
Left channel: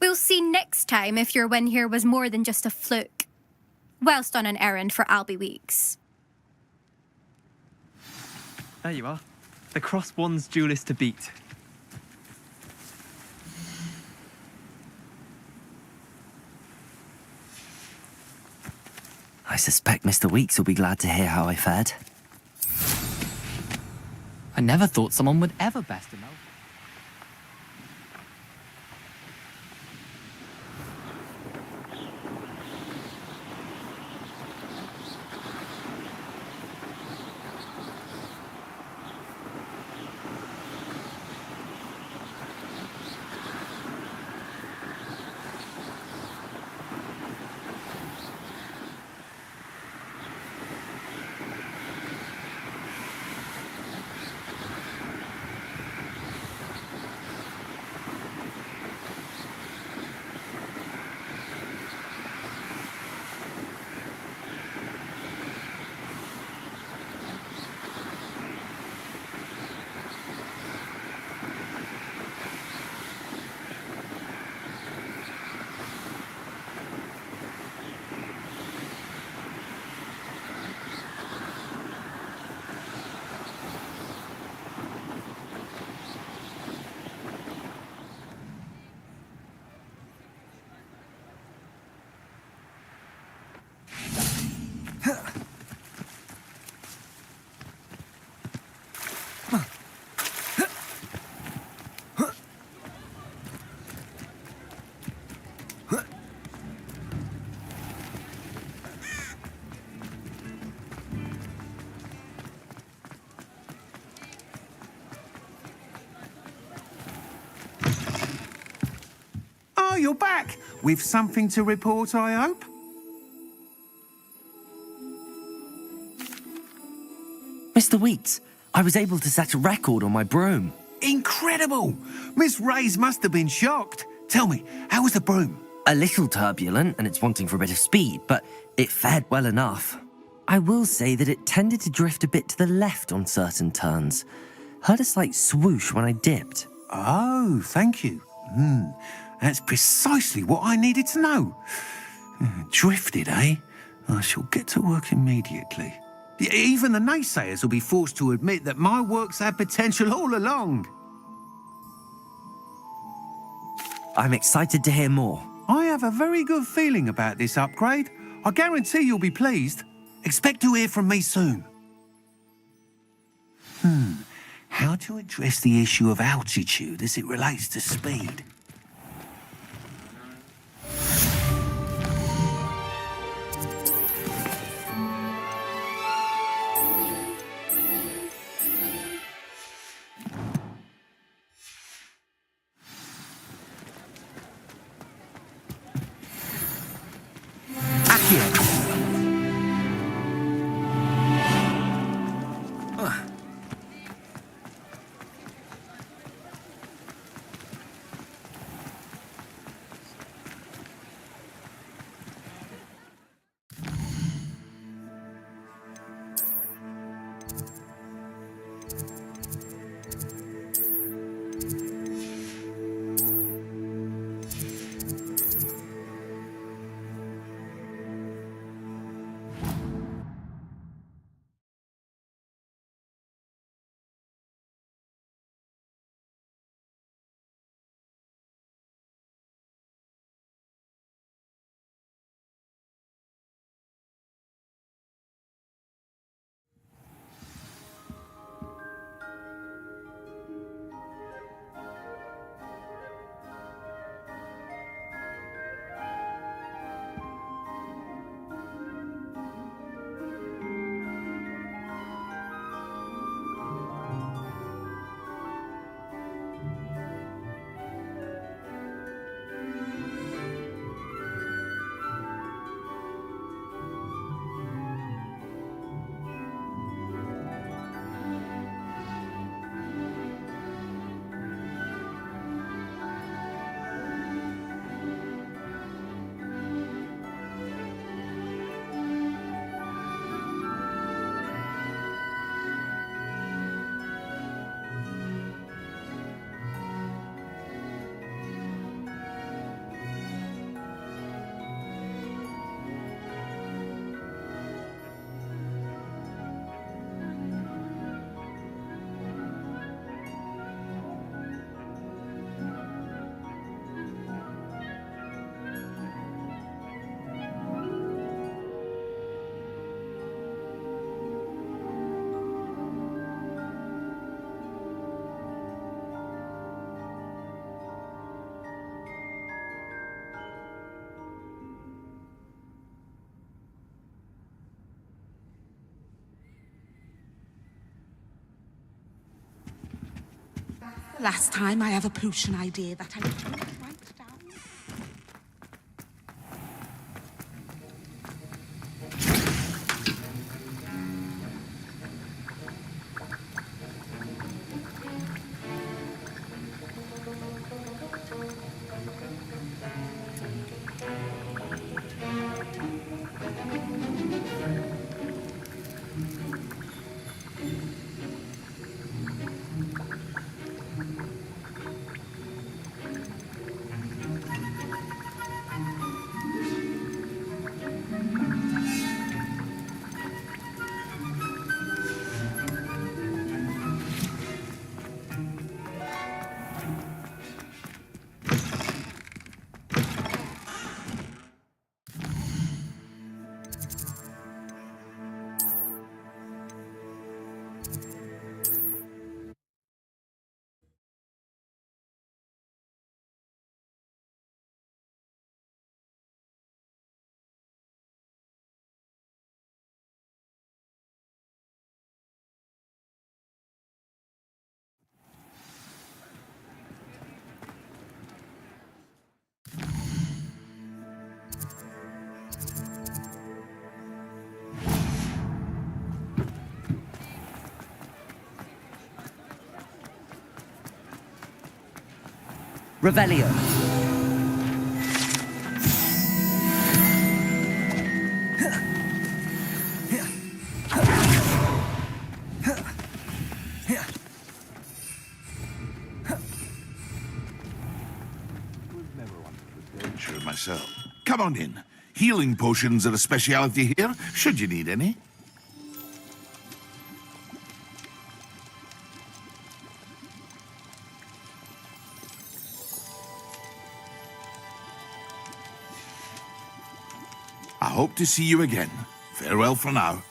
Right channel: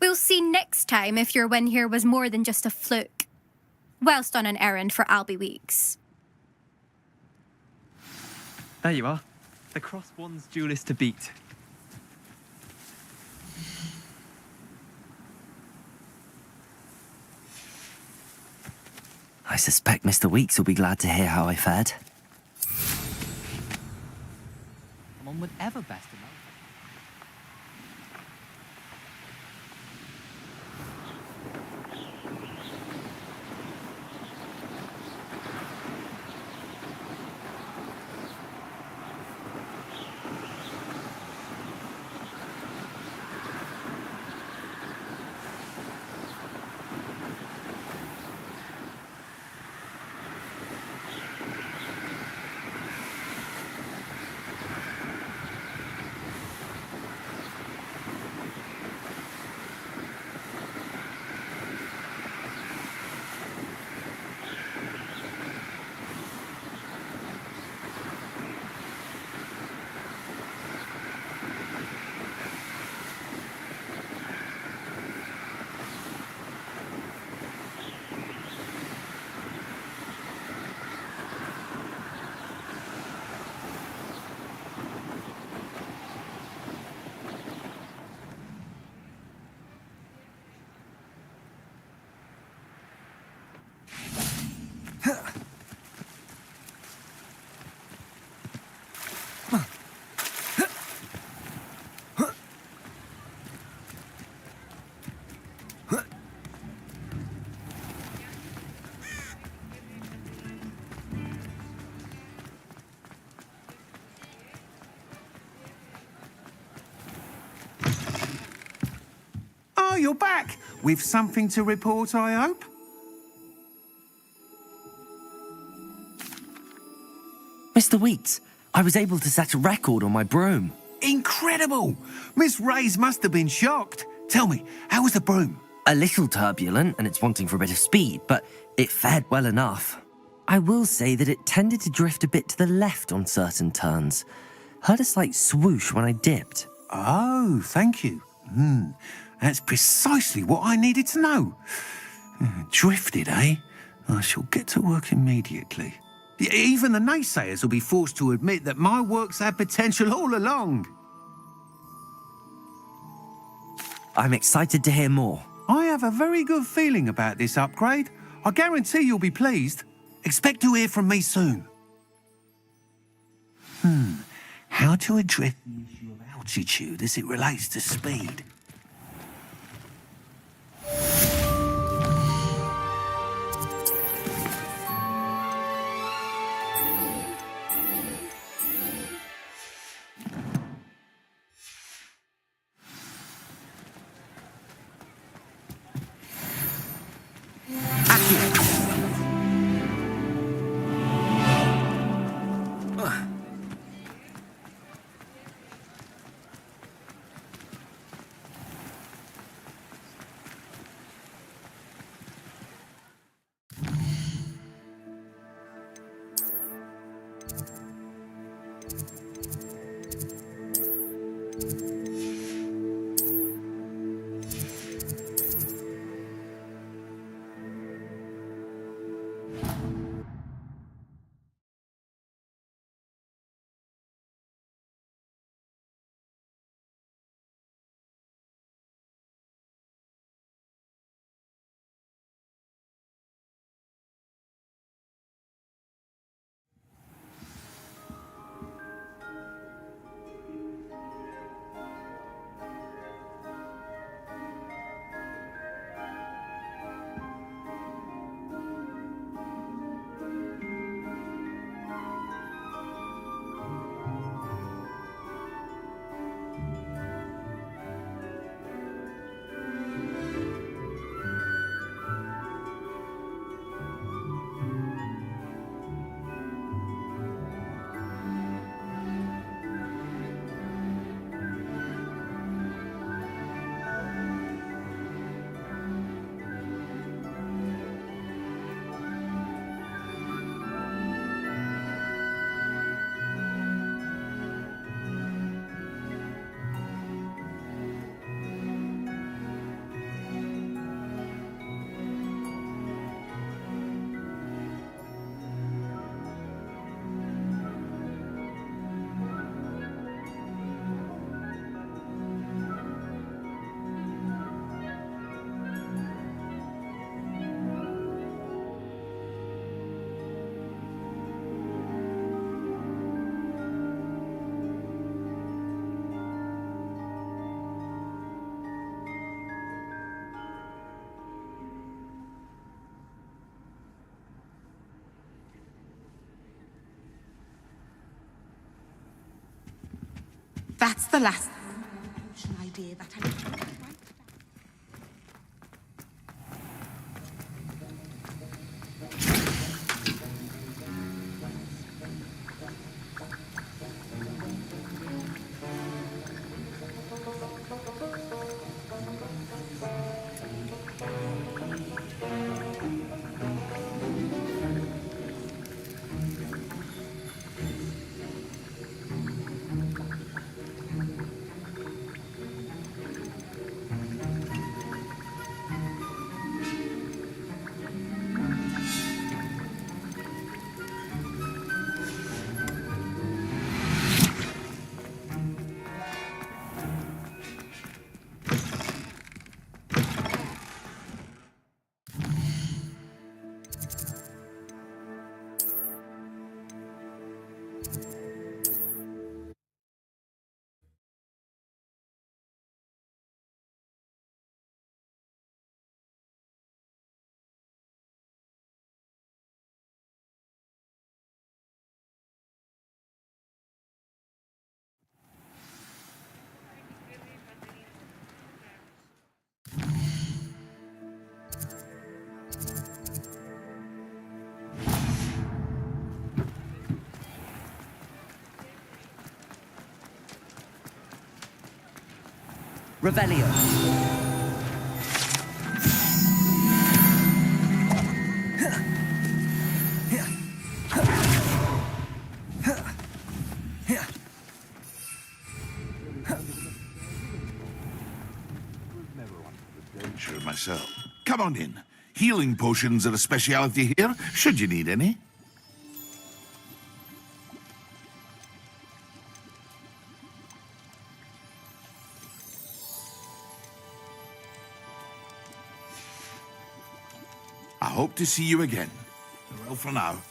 We'll see next time if your win here was more than just a fluke. Whilst on an errand for Albie Weeks. There you are. The Crosswands duelist to beat. I suspect Mr. Weeks will be glad to hear how I fared. I never thought someone would ever best him out. Oh, you're back! With something to report, I hope? Mr. Weeks, I was able to set a record on my broom. Incredible! Miss Reyes must have been shocked. Tell me, how was the broom? A little turbulent and it's wanting for a bit of speed, but it fared well enough. I will say that it tended to drift a bit to the left on certain turns. Heard a slight swoosh when I dipped. Oh, thank you. That's precisely what I needed to know. Drifted, eh? I shall get to work immediately. Even the naysayers will be forced to admit that my work's had potential all along. I'm excited to hear more. I have a very good feeling about this upgrade. I guarantee you'll be pleased. Expect to hear from me soon. How to address the issue of altitude as it relates to speed? That's the last time I have a potion idea that I don't write down. Revelio. Sure myself. Come on in. Healing potions are a speciality here, should you need any. I hope to see you again. Farewell for now.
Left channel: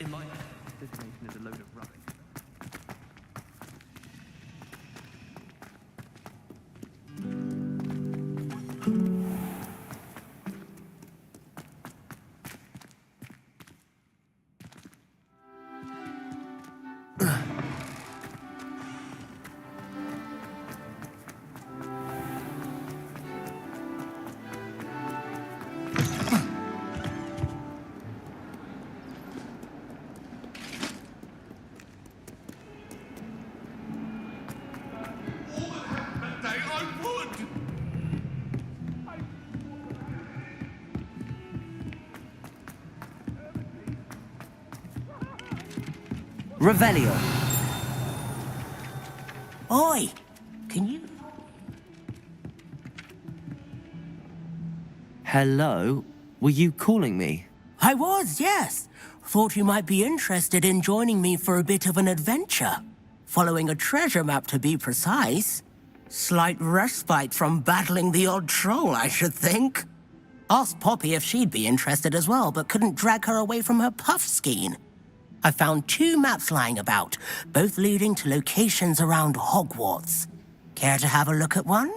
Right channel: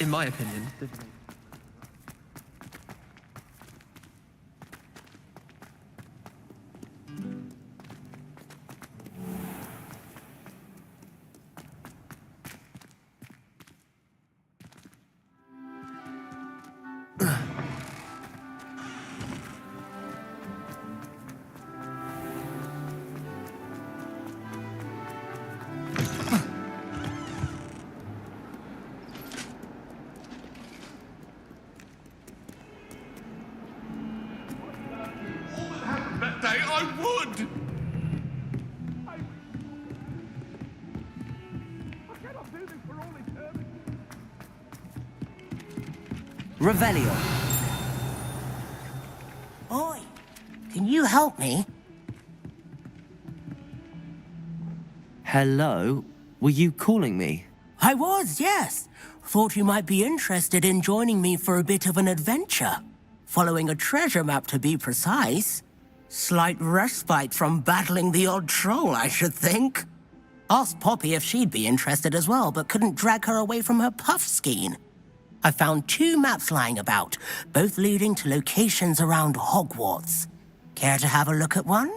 In my opinion, divination is a load of rubbish. Revelio. Oi, can you help me? Hello? Were you calling me? I was, yes. Thought you might be interested in joining me for a bit of an adventure. Following a treasure map, to be precise. Slight respite from battling the odd troll, I should think. Asked Poppy if she'd be interested as well, but couldn't drag her away from her puff skein. I found 2 maps lying about, both leading to locations around Hogwarts. Care to have a look at one?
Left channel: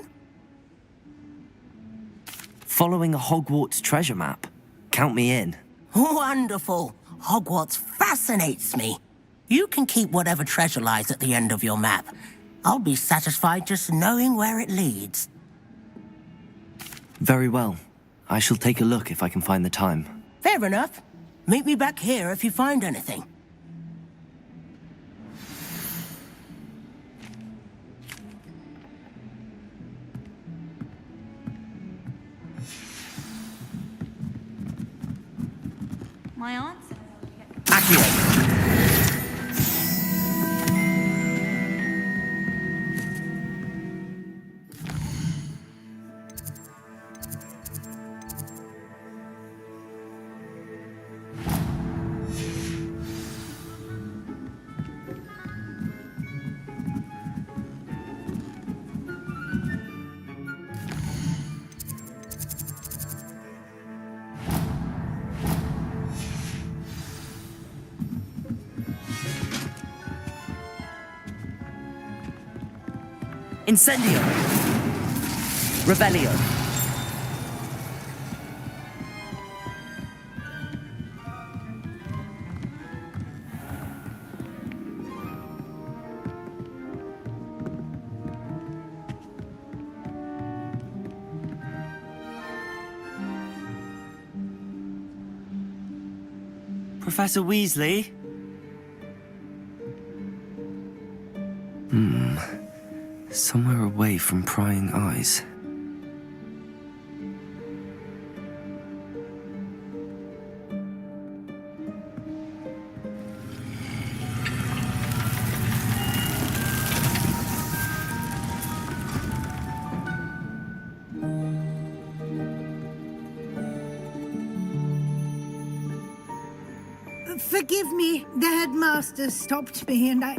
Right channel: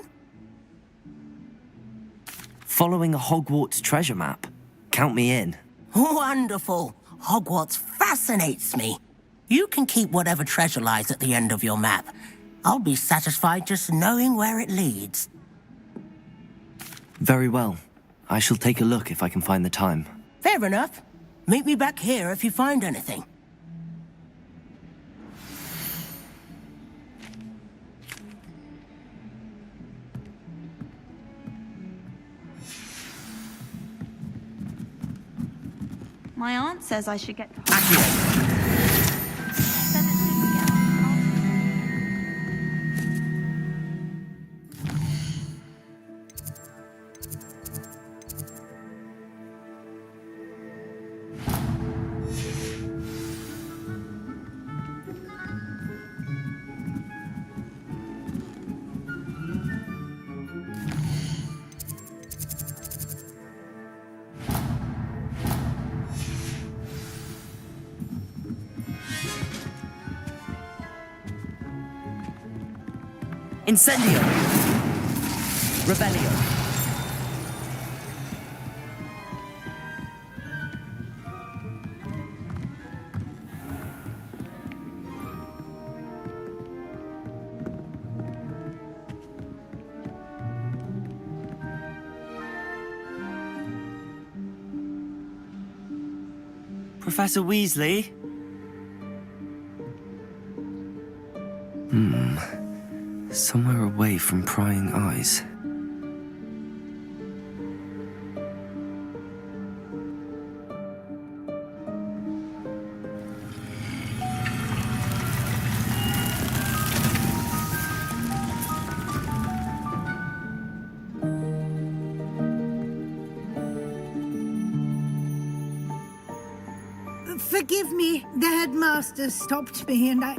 Following a Hogwarts treasure map. Count me in. Wonderful. Hogwarts fascinates me. You can keep whatever treasure lies at the end of your map. I'll be satisfied just knowing where it leads. Very well. I shall take a look if I can find the time. Fair enough. Meet me back here if you find anything. My aunt says I should get... Incendio! Rebellion! Professor Weasley? Somewhere away from prying eyes. Forgive me, the headmaster stopped me and I...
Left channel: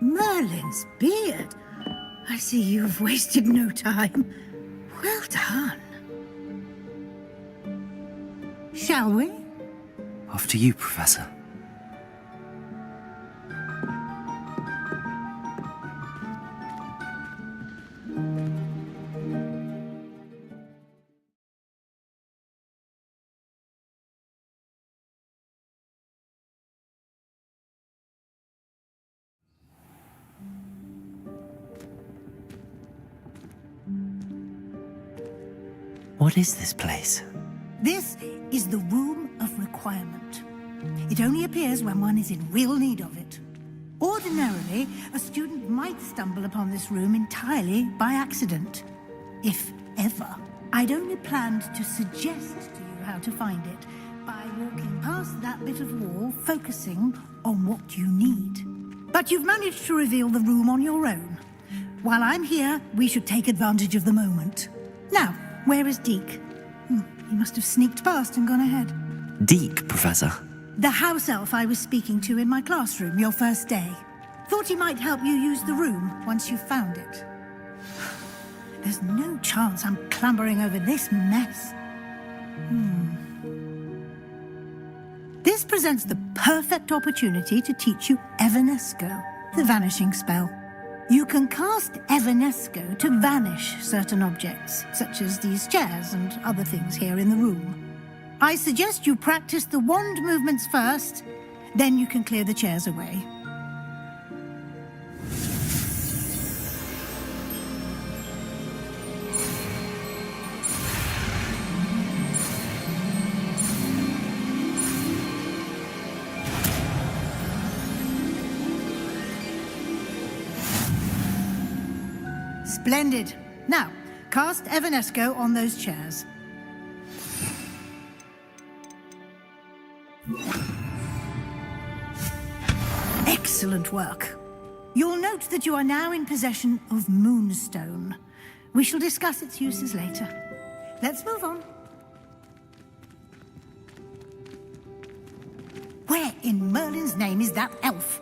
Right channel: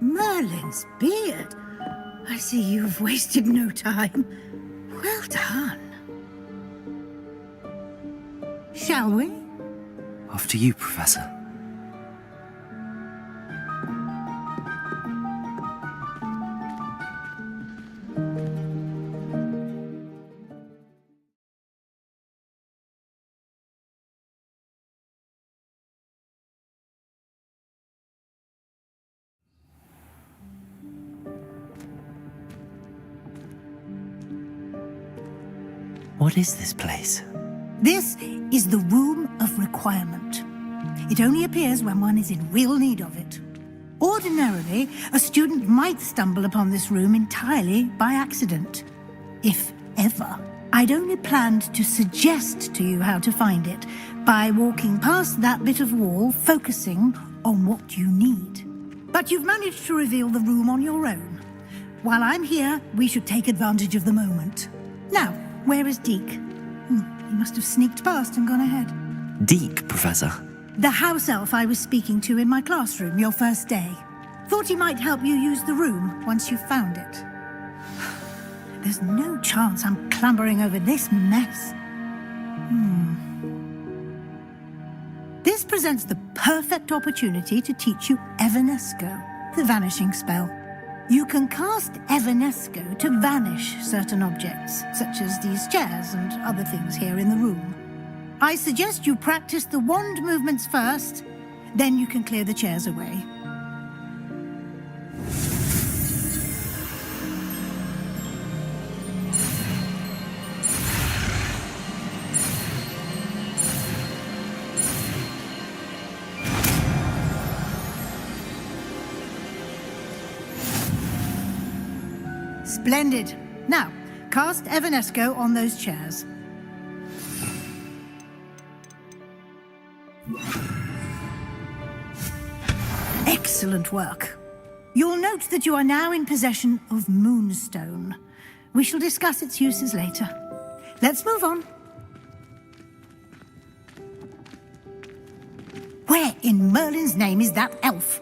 Merlin's beard. I see you've wasted no time. Well done. Shall we? After you, Professor. What is this place? This is the Room of Requirement. It only appears when one is in real need of it. Ordinarily, a student might stumble upon this room entirely by accident. If ever. I'd only planned to suggest to you how to find it by walking past that bit of wall, focusing on what you need. But you've managed to reveal the room on your own. While I'm here, we should take advantage of the moment. Now, where is Deke? He must have sneaked past and gone ahead. Deke, Professor. The house elf I was speaking to in my classroom your first day. Thought he might help you use the room once you found it. There's no chance I'm clambering over this mess. This presents the perfect opportunity to teach you Evanesco, the vanishing spell. You can cast Evanesco to vanish certain objects, such as these chairs and other things here in the room. I suggest you practice the wand movements first, then you can clear the chairs away. Splendid. Now, cast Evanesco on those chairs. Excellent work. You'll note that you are now in possession of Moonstone. We shall discuss its uses later. Let's move on. Where in Merlin's name is that elf?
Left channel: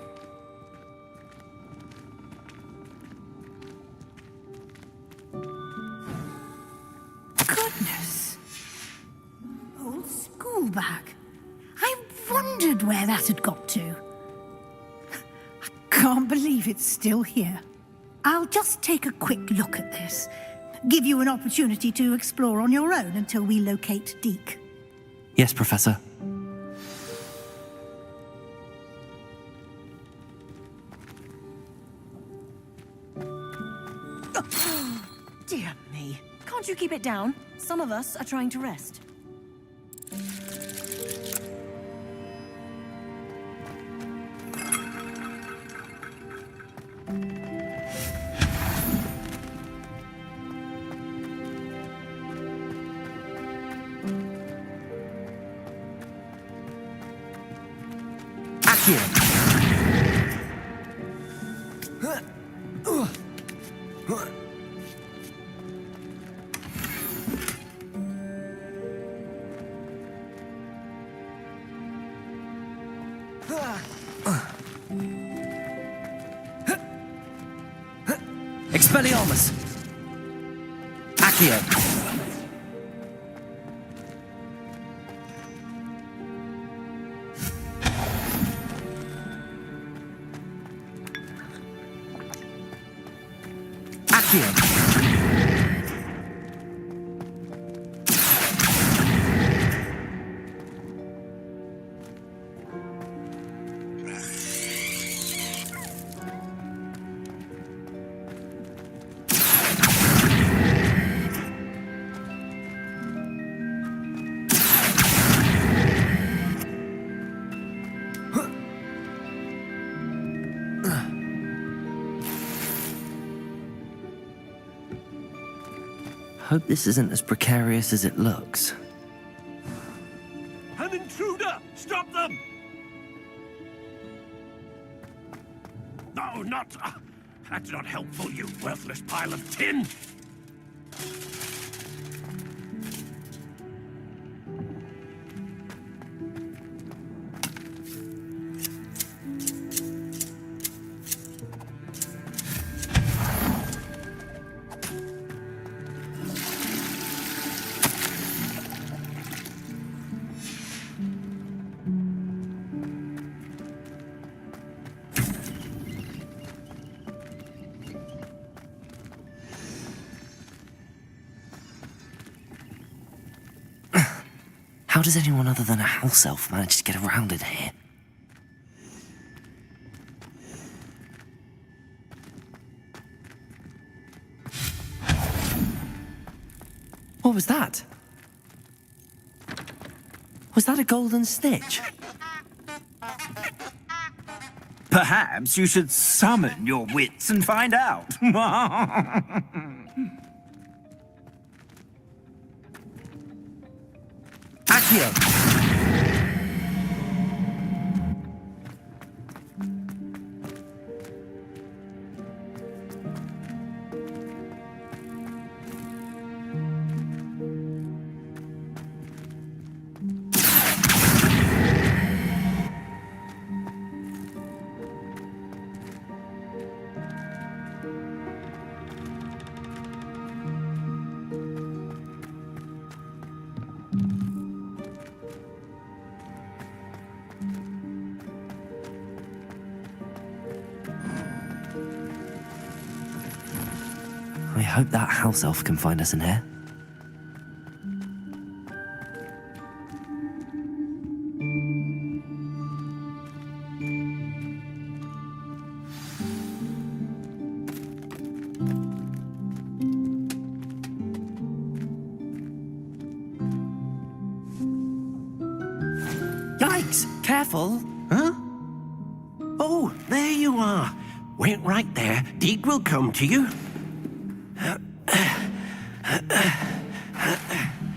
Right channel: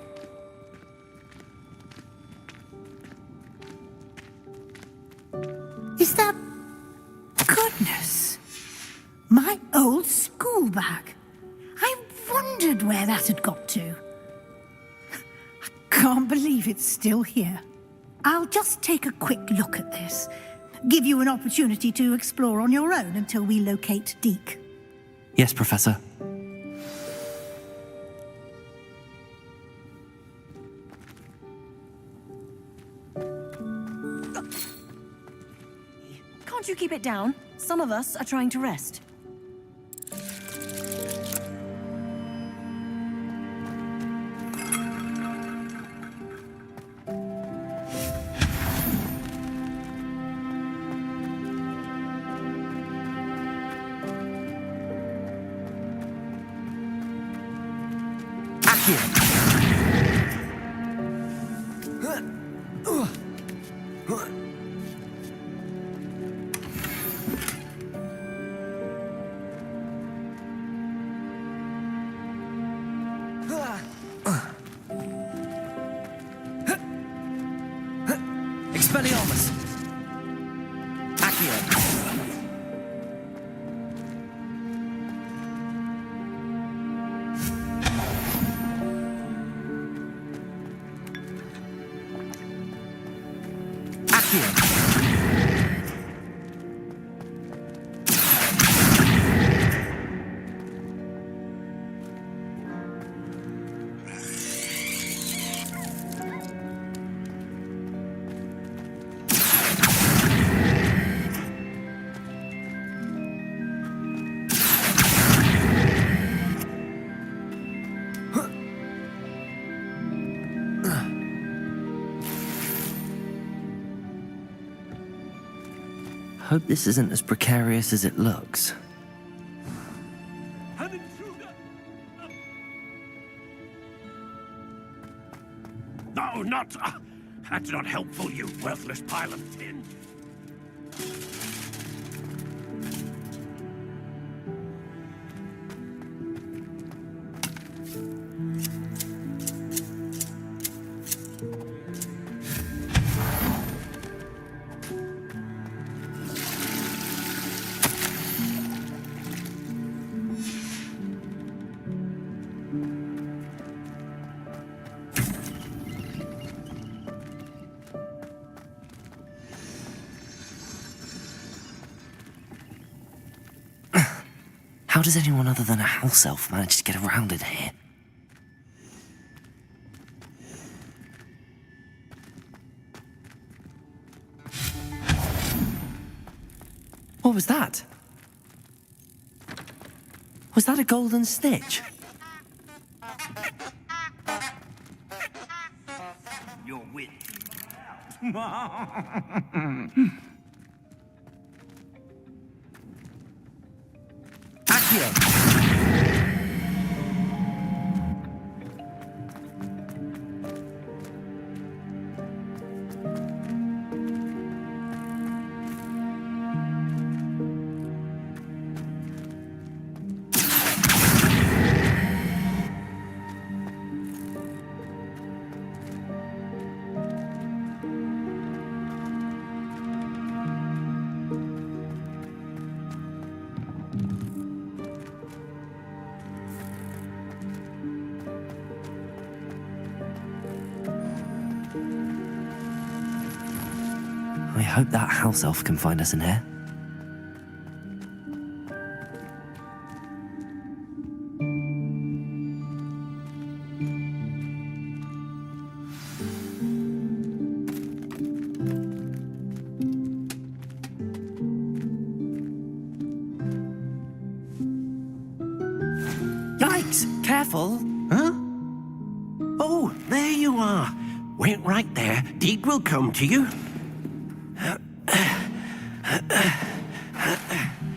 Is that... Goodness! My old school bag. I wondered where that had got to. I can't believe it's still here. I'll just take a quick look at this. Give you an opportunity to explore on your own until we locate Deke. Yes, Professor. keep it down. Some of us are trying to rest. Expelliarmus! Accio! Accio! Hope this isn't as precarious as it looks. An intruder! Stop them! No, not... that's not helpful, you worthless pile of tin! How does anyone other than a house elf manage to get around in here? What was that? Was that a golden snitch? Perhaps you should summon your wits and find out. Accio! I hope that house elf can find us in here. Yikes! Careful! Huh? Oh, there you are. Wait right there. Deek will come to you.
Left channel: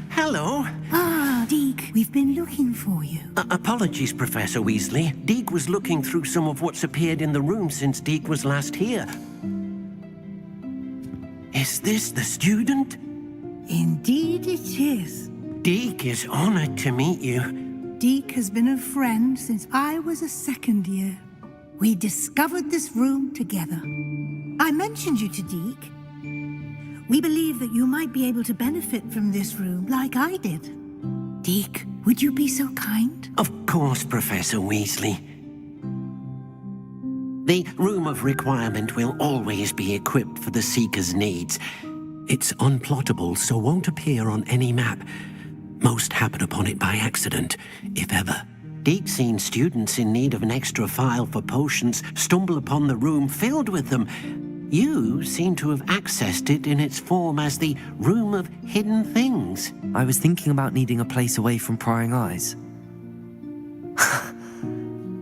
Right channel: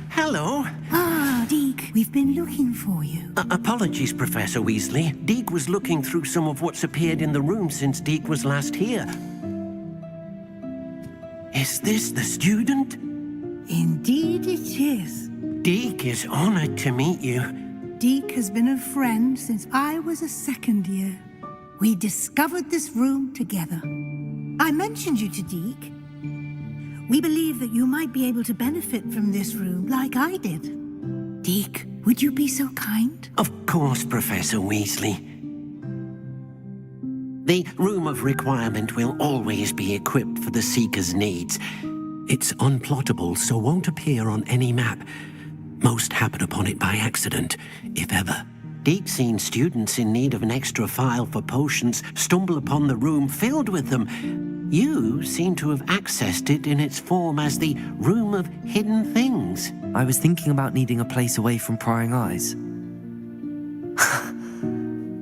Hello. Ah, Deek, we've been looking for you. Apologies, Professor Weasley. Deek was looking through some of what's appeared in the room since Deek was last here. Is this the student? Indeed it is. Deek is honored to meet you. Deek has been a friend since I was a second year. We discovered this room together. I mentioned you to Deek. We believe that you might be able to benefit from this room like I did. Deek, would you be so kind? Of course, Professor Weasley. The Room of Requirement will always be equipped for the Seeker's needs. It's unplottable, so won't appear on any map. Most happen upon it by accident, if ever. Deek's seen students in need of an extra file for potions stumble upon the room filled with them, You seem to have accessed it in its form as the Room of Hidden Things. I was thinking about needing a place away from prying eyes.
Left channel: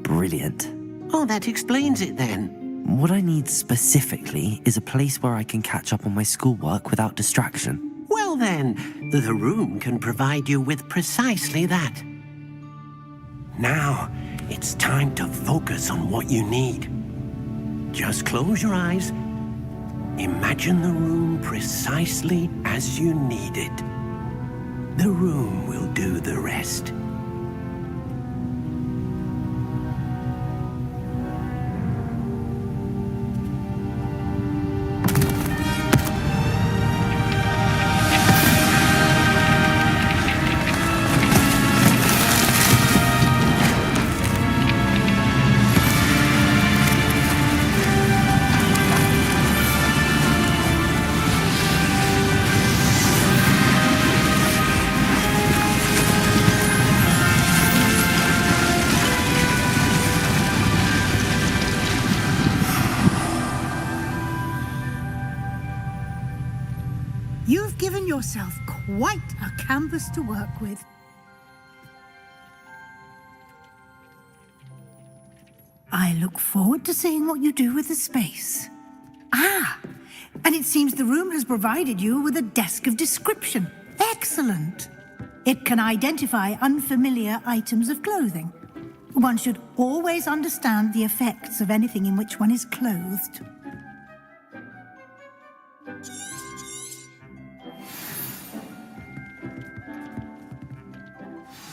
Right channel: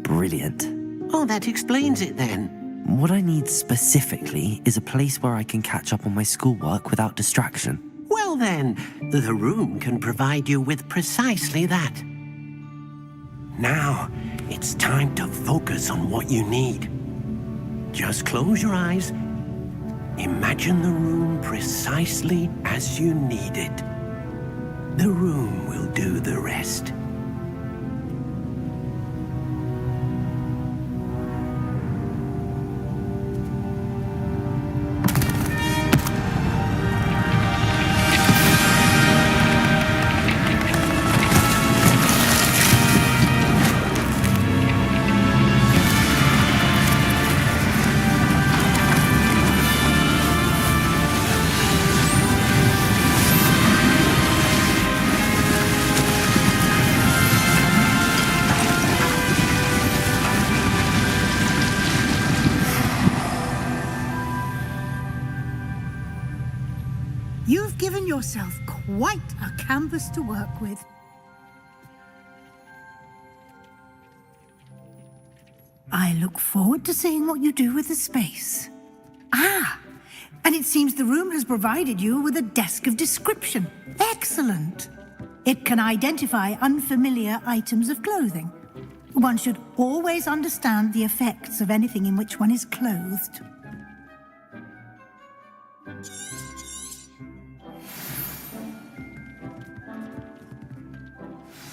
Brilliant. Oh, that explains it then. What I need specifically is a place where I can catch up on my schoolwork without distraction. Well then, the room can provide you with precisely that. Now, it's time to focus on what you need. Just close your eyes. Imagine the room precisely as you need it. The room will do the rest. You've given yourself quite a canvas to work with. I look forward to seeing what you do with the space. Ah, and it seems the room has provided you with a desk of description. Excellent. It can identify unfamiliar items of clothing. One should always understand the effects of anything in which one is clothed.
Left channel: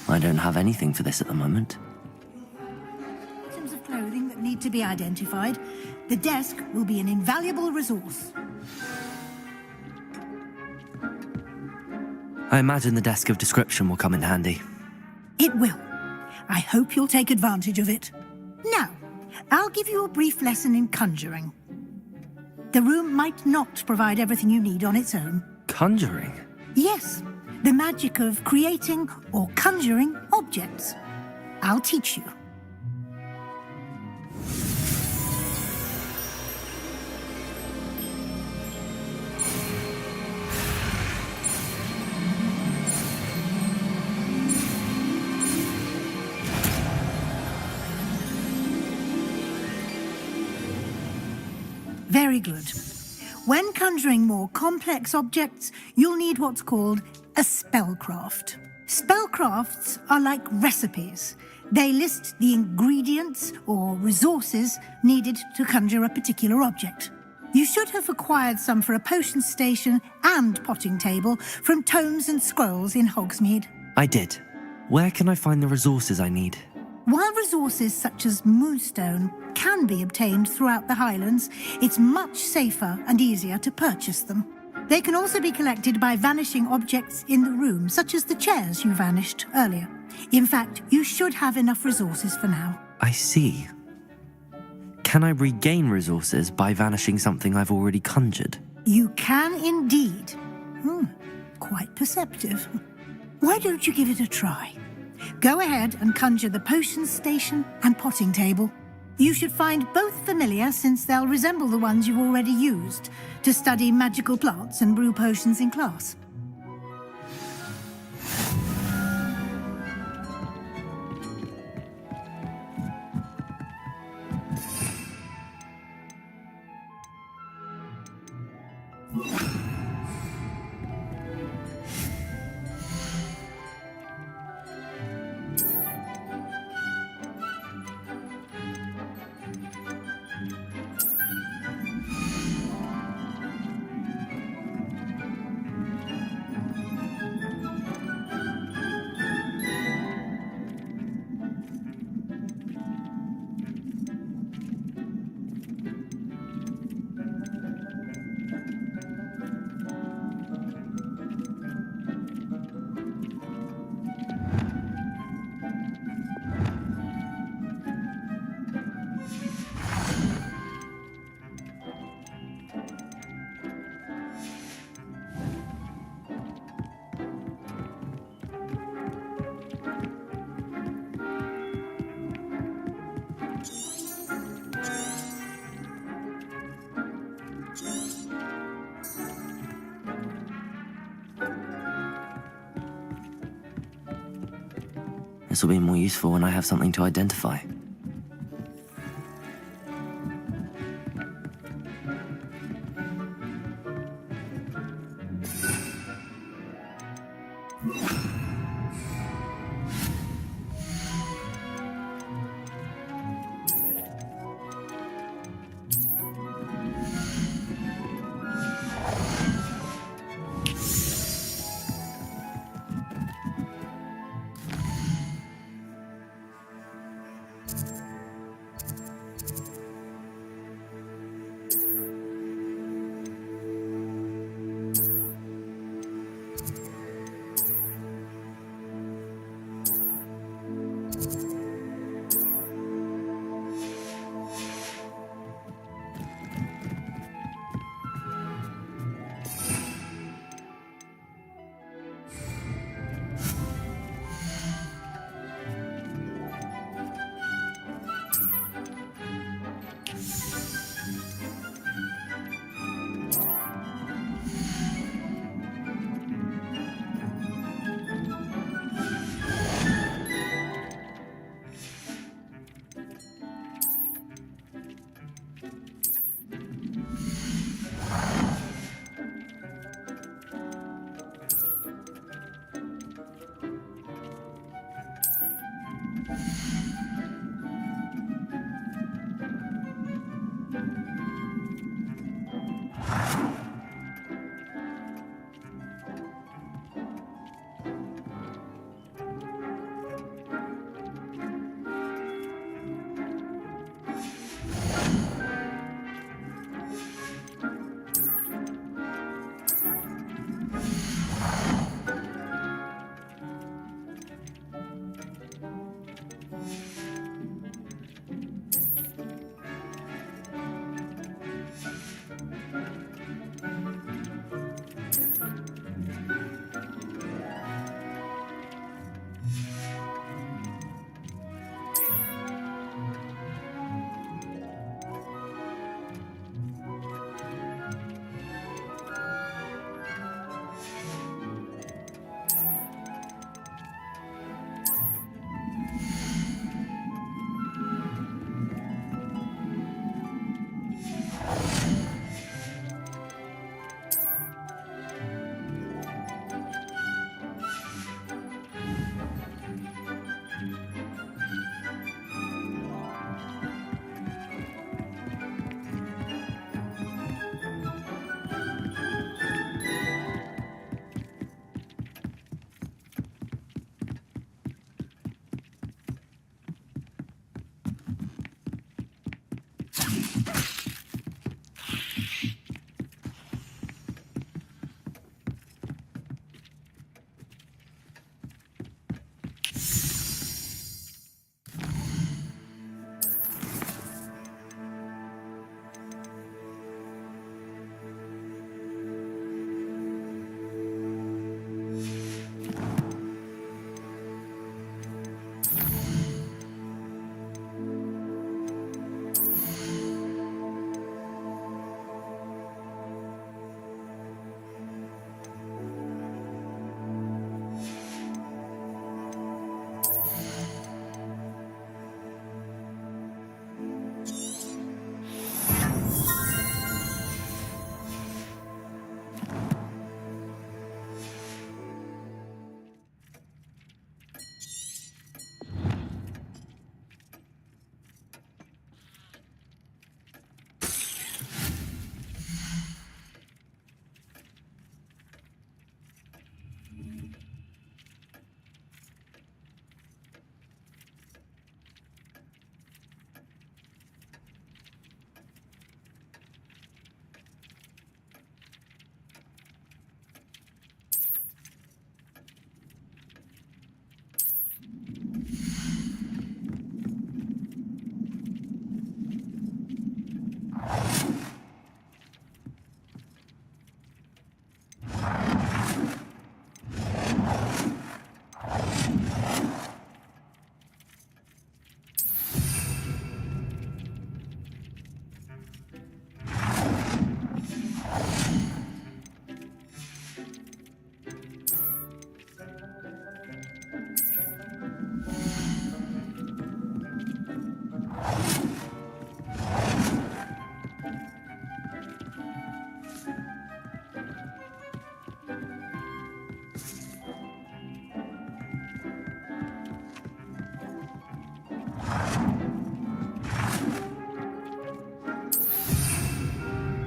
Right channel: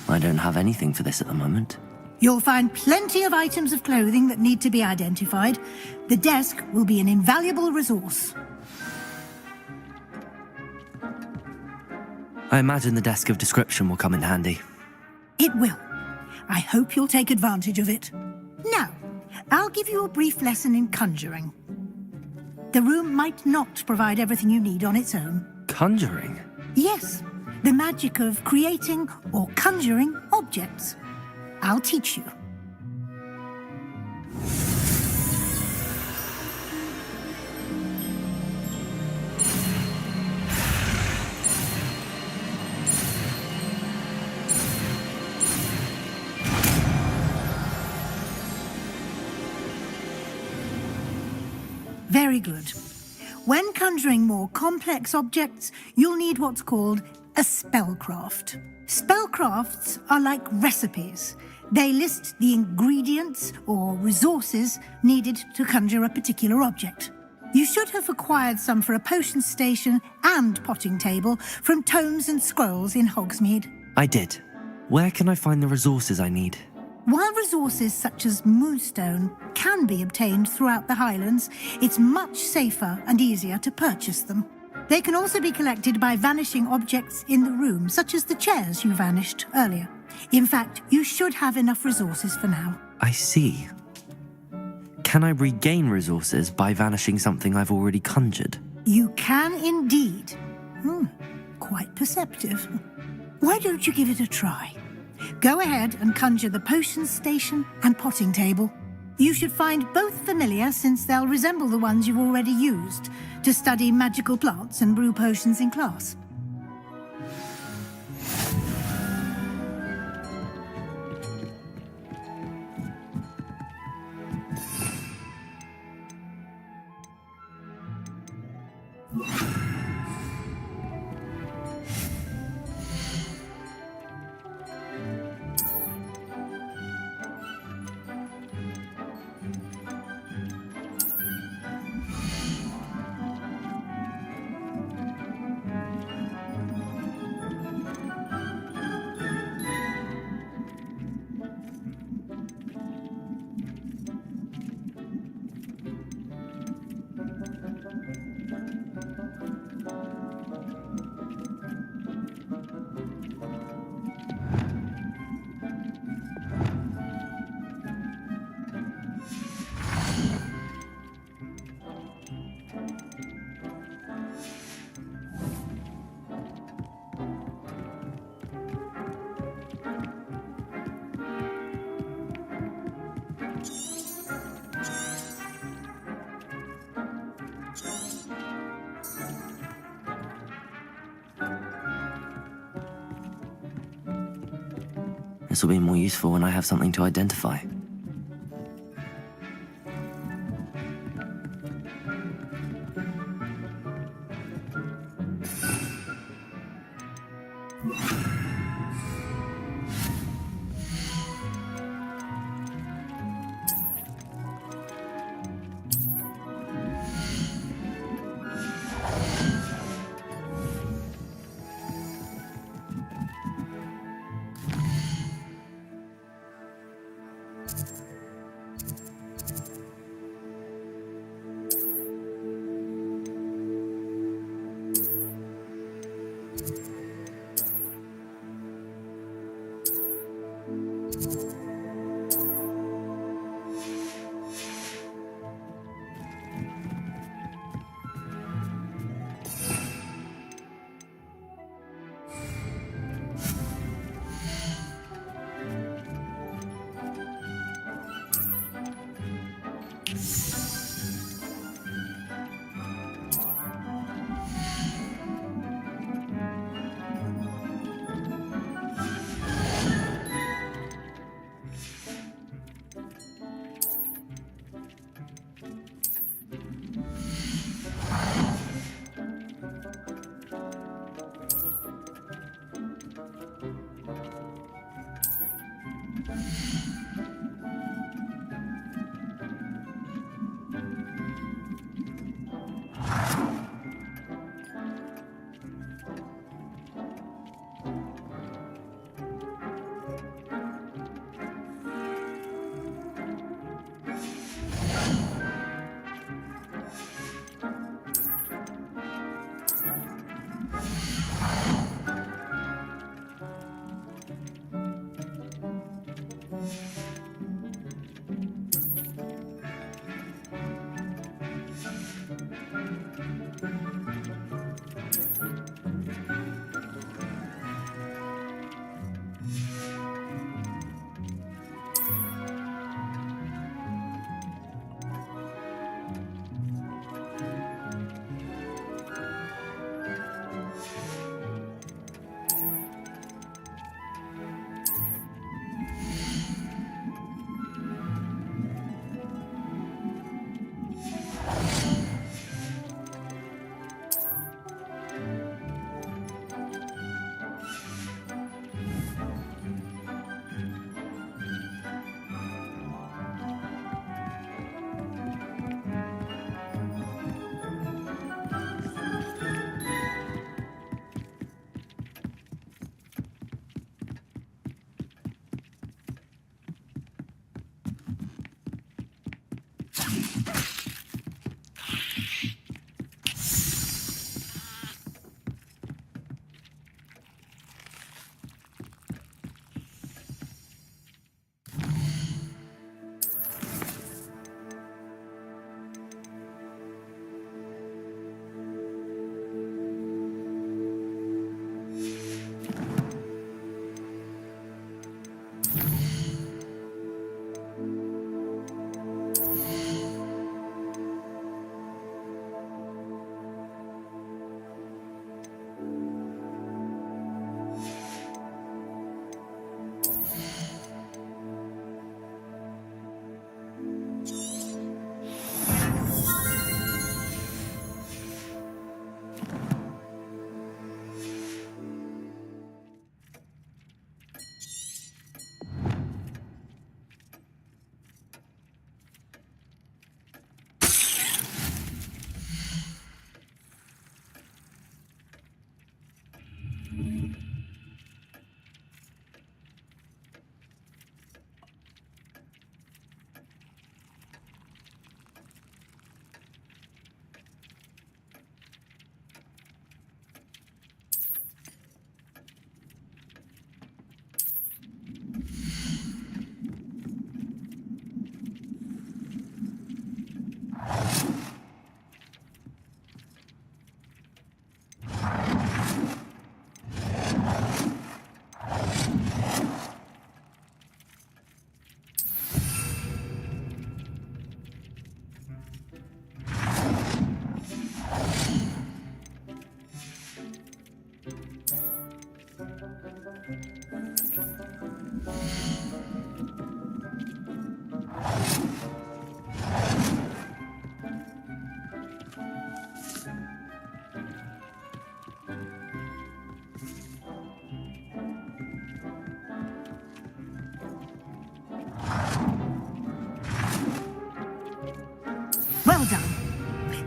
I don't have anything for this at the moment. You'll find plenty of items of clothing that need to be identified. The desk will be an invaluable resource. I imagine the desk of description will come in handy. It will. I hope you'll take advantage of it. Now, I'll give you a brief lesson in conjuring. The room might not provide everything you need on its own. Conjuring? Yes, the magic of creating or conjuring objects. I'll teach you. Very good. When conjuring more complex objects, you'll need what's called a spellcraft. Spellcrafts are like recipes. They list the ingredients or resources needed to conjure a particular object. You should have acquired some for a potion station and potting table from tomes and scrolls in Hogsmeade. I did. Where can I find the resources I need? While resources such as moonstone can be obtained throughout the Highlands, it's much safer and easier to purchase them. They can also be collected by vanishing objects in the room, such as the chairs you vanished earlier. In fact, you should have enough resources for now. I see. Can I regain resources by vanishing something I've already conjured? You can indeed. Quite perceptive. Why don't you give it a try? Go ahead and conjure the potion station and potting table. You should find both familiar, since they'll resemble the ones you've already used to study magical plants and brew potions in class. This will be more useful when I have something to identify.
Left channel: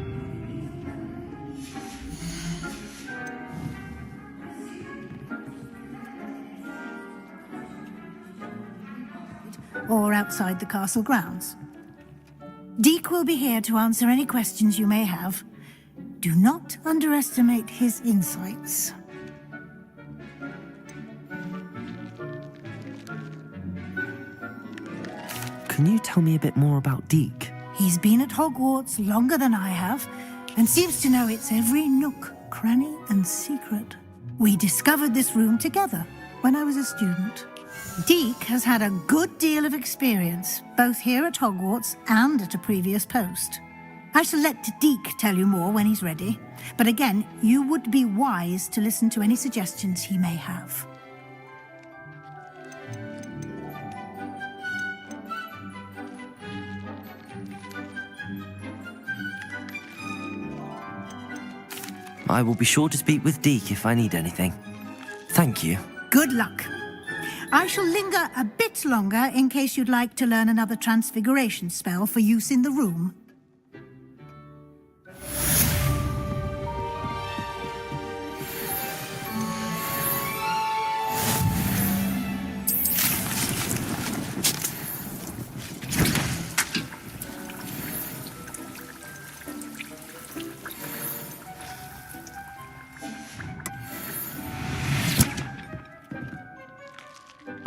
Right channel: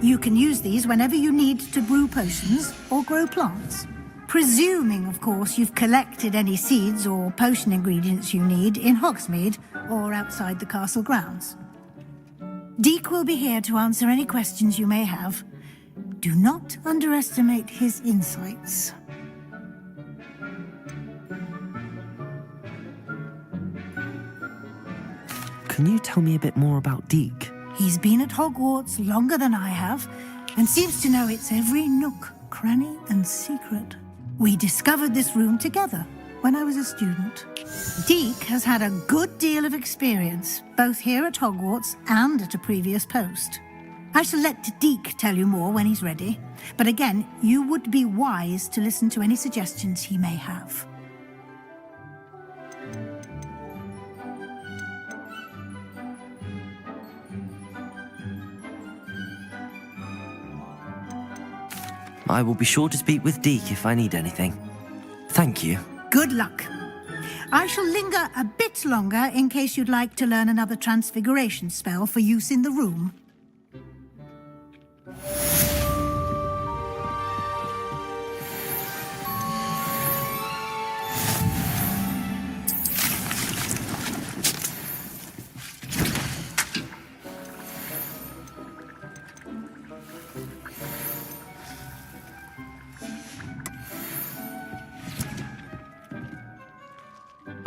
You can use these whenever you need to brew potions or grow plants. Presuming, of course, you've collected any seeds or potion ingredients you need in Hogsmeade or outside the castle grounds. Deek will be here to answer any questions you may have. Do not underestimate his insights. Can you tell me a bit more about Deek? He's been at Hogwarts longer than I have, and seems to know its every nook, cranny, and secret. We discovered this room together when I was a student. Deek has had a good deal of experience, both here at Hogwarts and at a previous post. I shall let Deek tell you more when he's ready, but again, you would be wise to listen to any suggestions he may have. I will be sure to speak with Deek if I need anything. Thank you. Good luck. I shall linger a bit longer in case you'd like to learn another transfiguration spell for use in the room.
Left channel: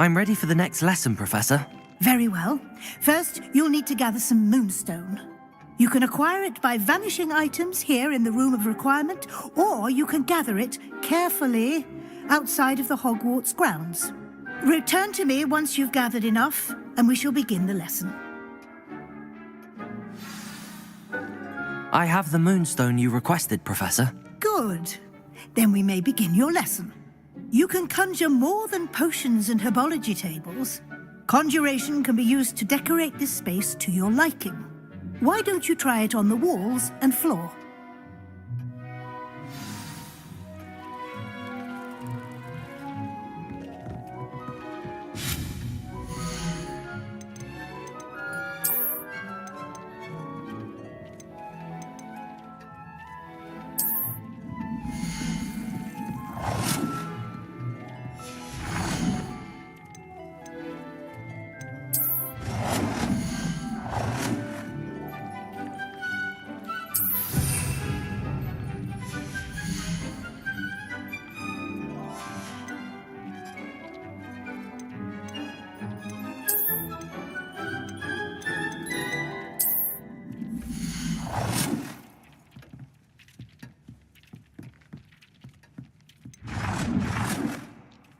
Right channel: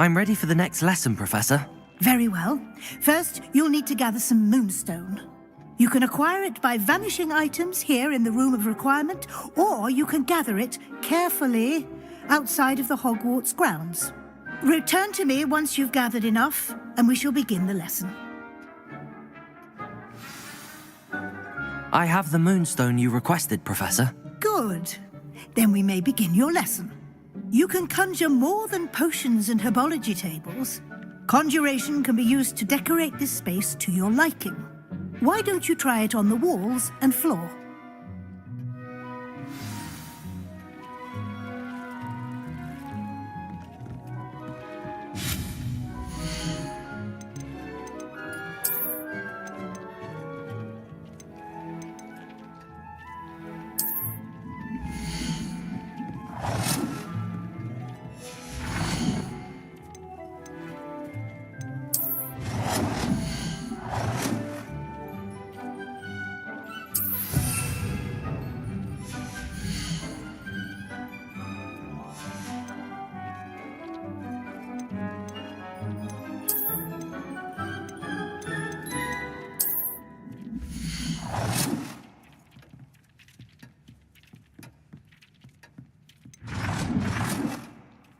I'm ready for the next lesson, Professor. Very well. First, you'll need to gather some moonstone. You can acquire it by vanishing items here in the Room of Requirement, or you can gather it carefully outside of the Hogwarts grounds. Return to me once you've gathered enough, and we shall begin the lesson. I have the moonstone you requested, Professor. Good. Then we may begin your lesson. You can conjure more than potions and herbology tables. Conjuration can be used to decorate this space to your liking. Why don't you try it on the walls and floor?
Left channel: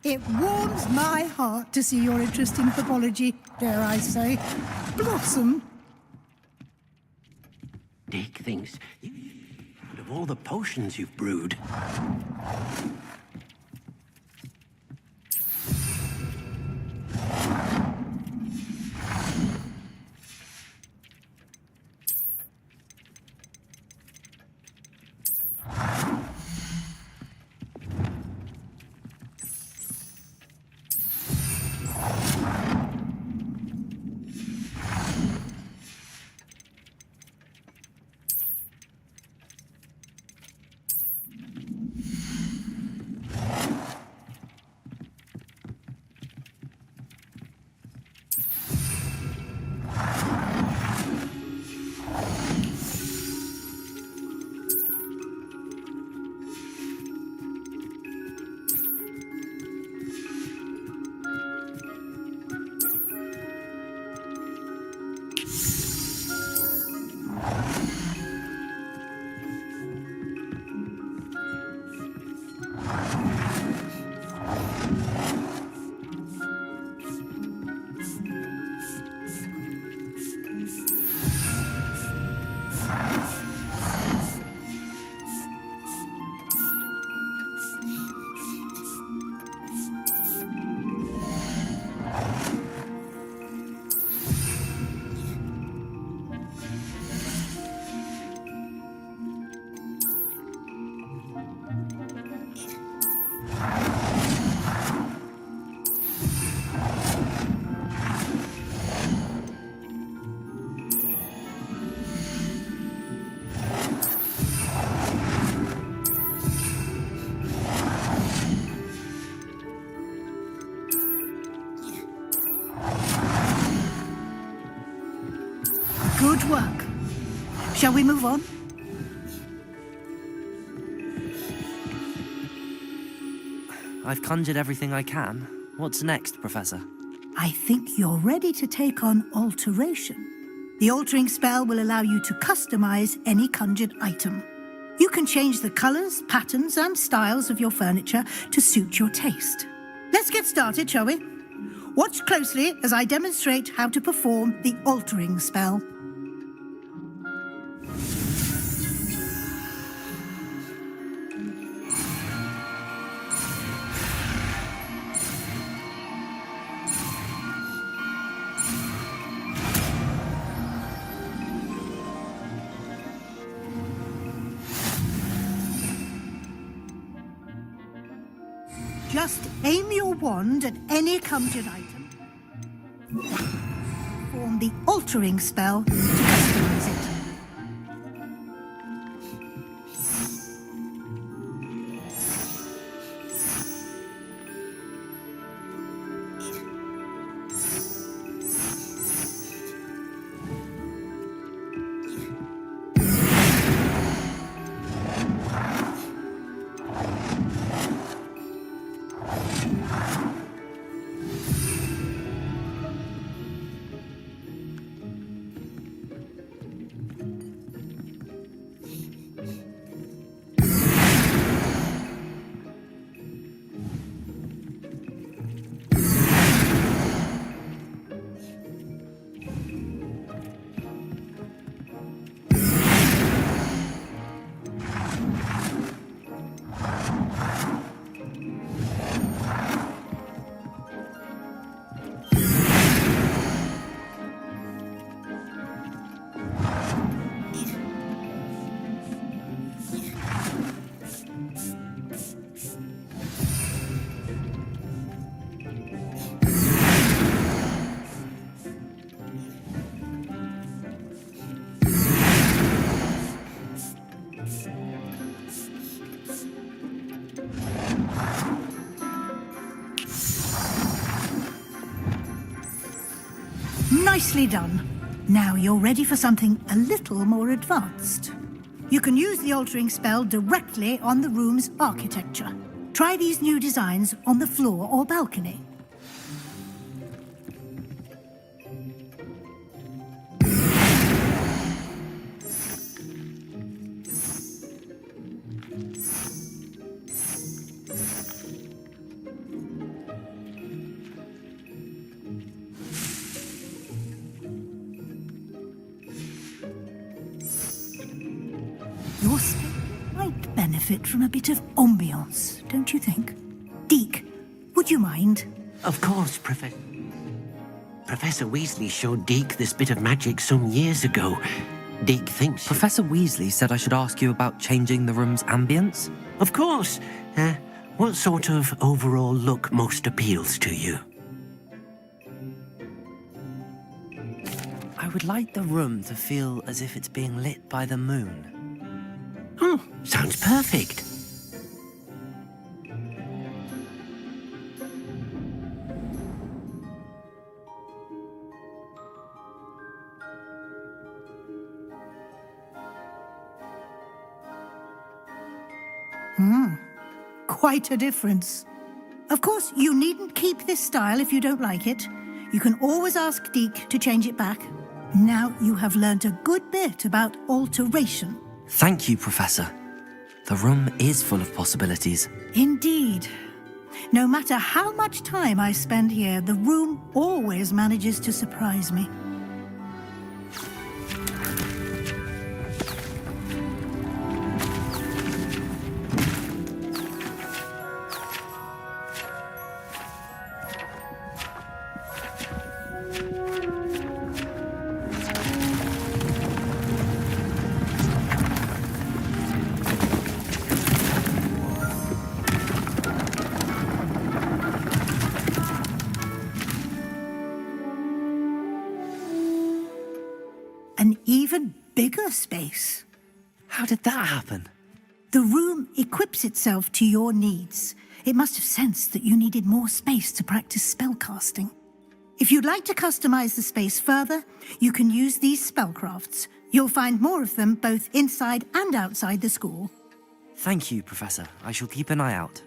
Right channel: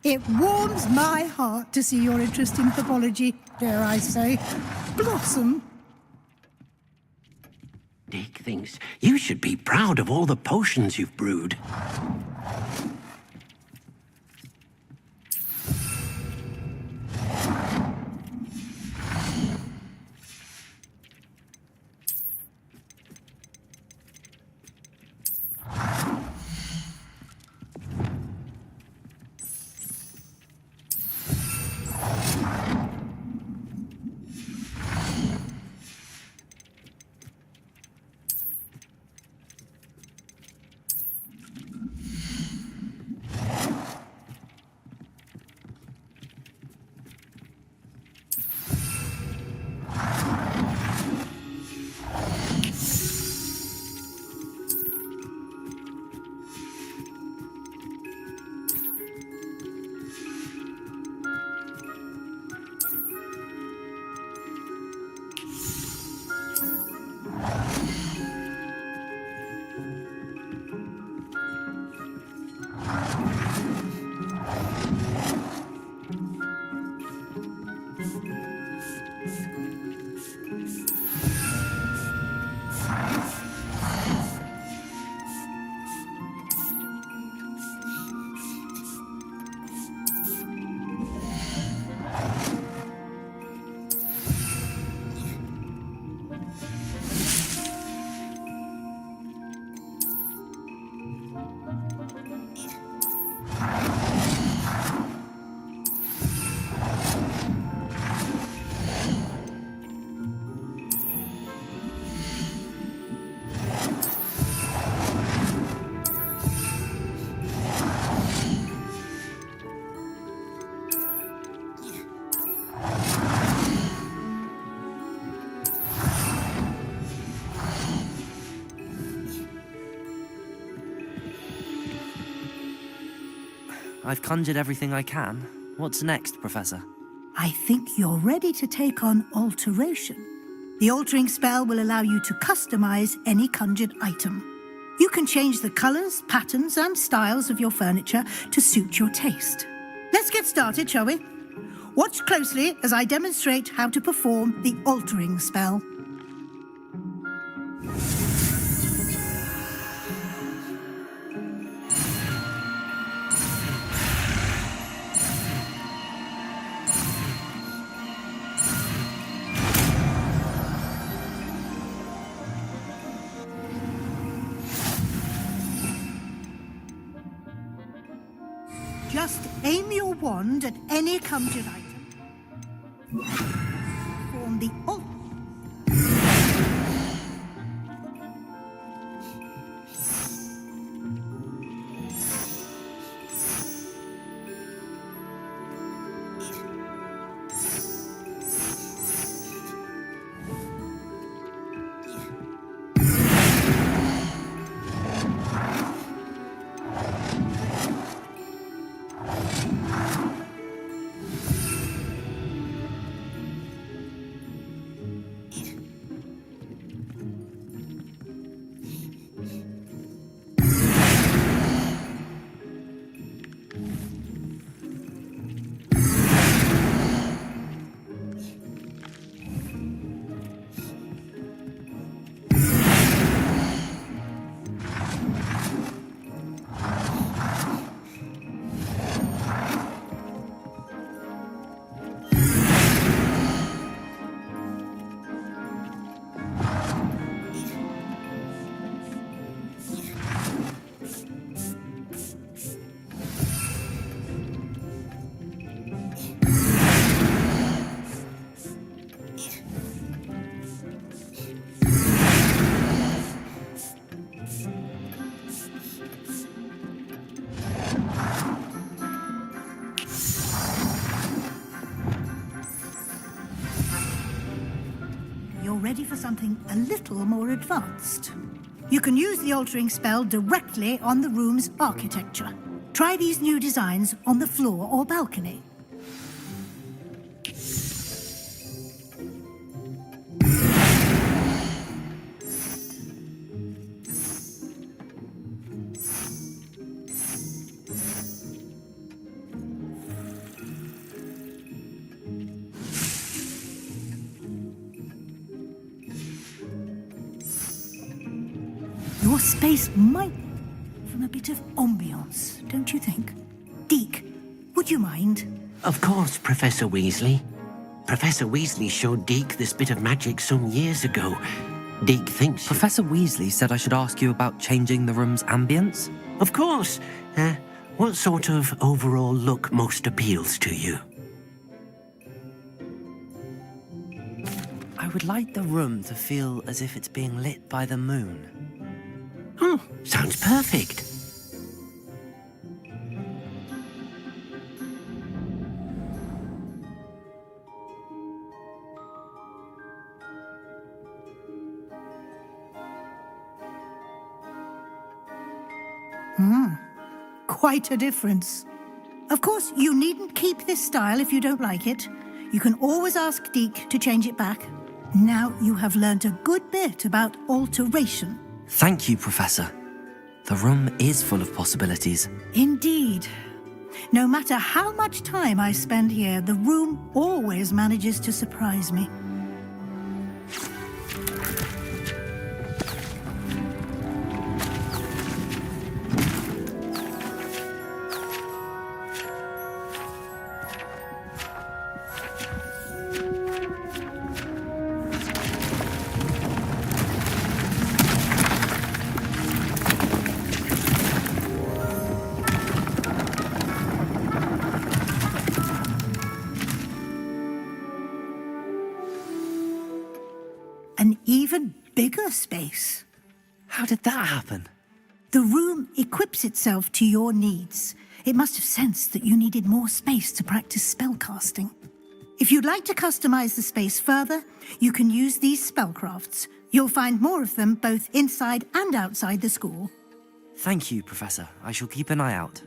It warms my heart to see your interest in herbology, dare I say, blossom. Dick thinks you should be proud of all the potions you've brewed. Shall we move on? I've conjured everything I can. What's next, Professor? I think you're ready to take on alteration. The altering spell will allow you to customize any conjured item. You can change the colors, patterns, and styles of your furniture to suit your taste. Let's get started, shall we? Watch closely as I demonstrate how to perform the altering spell. Just aim your wand at any conjured item. Form the altering spell. Nicely done. Now you're ready for something a little more advanced. You can use the altering spell directly on the room's architecture. Try these new designs on the floor or balcony. Your space might benefit from a bit of ambiance, don't you think? Deke, would you mind? Of course, Professor Weasley. Professor Weasley showed Deke this bit of magic some years ago. Deke thinks... Professor Weasley said I should ask you about changing the room's ambience? Of course. What sort of overall look most appeals to you? I would like the room to feel as if it's being lit by the moon. Oh, sounds perfect. Quite a difference. Of course, you needn't keep this style if you don't like it. You can always ask Deke to change it back. Now you have learnt a good bit about alteration. Thank you, Professor. The room is full of possibilities. Indeed. No matter how much time I spend here, the room always manages to surprise me. An even bigger space. How did that happen? The room equips itself to your needs. It must have sensed that you needed more space to practice spellcasting. If you'd like to customize the space further, you can use these spellcrafts. You'll find more of them both inside and outside the school. Thank you, Professor. I shall keep an eye out.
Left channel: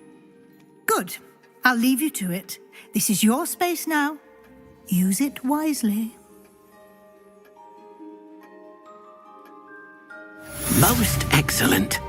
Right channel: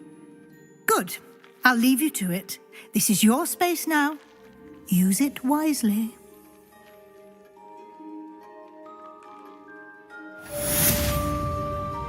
Good. I'll leave you to it. This is your space now. Use it wisely. Most excellent.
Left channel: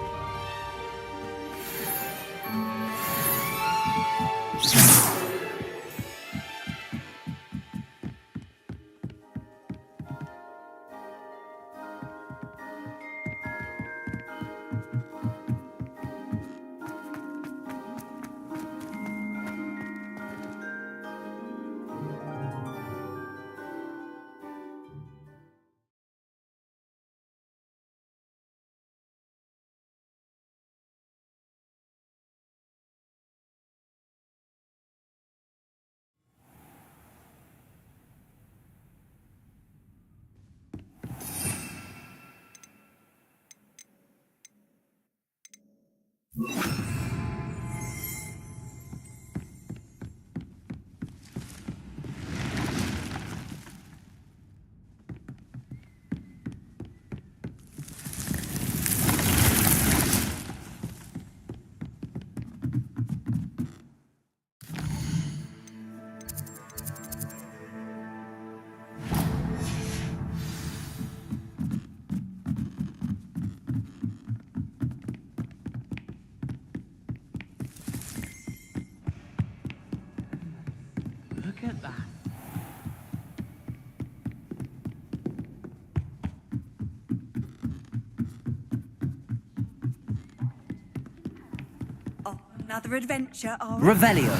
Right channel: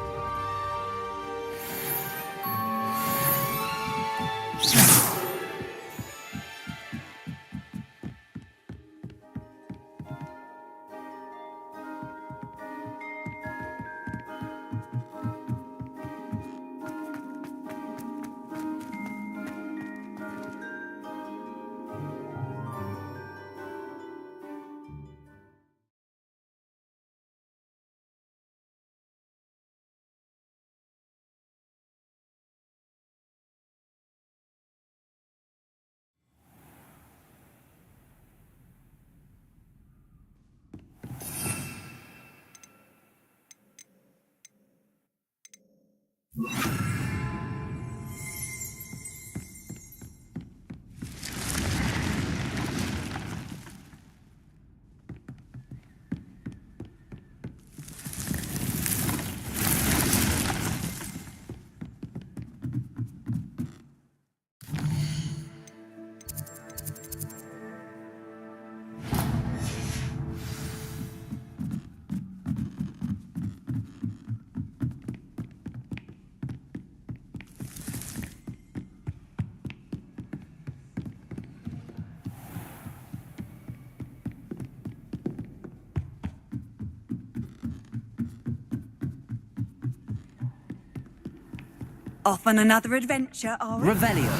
Off on another adventure, are we? Revelio.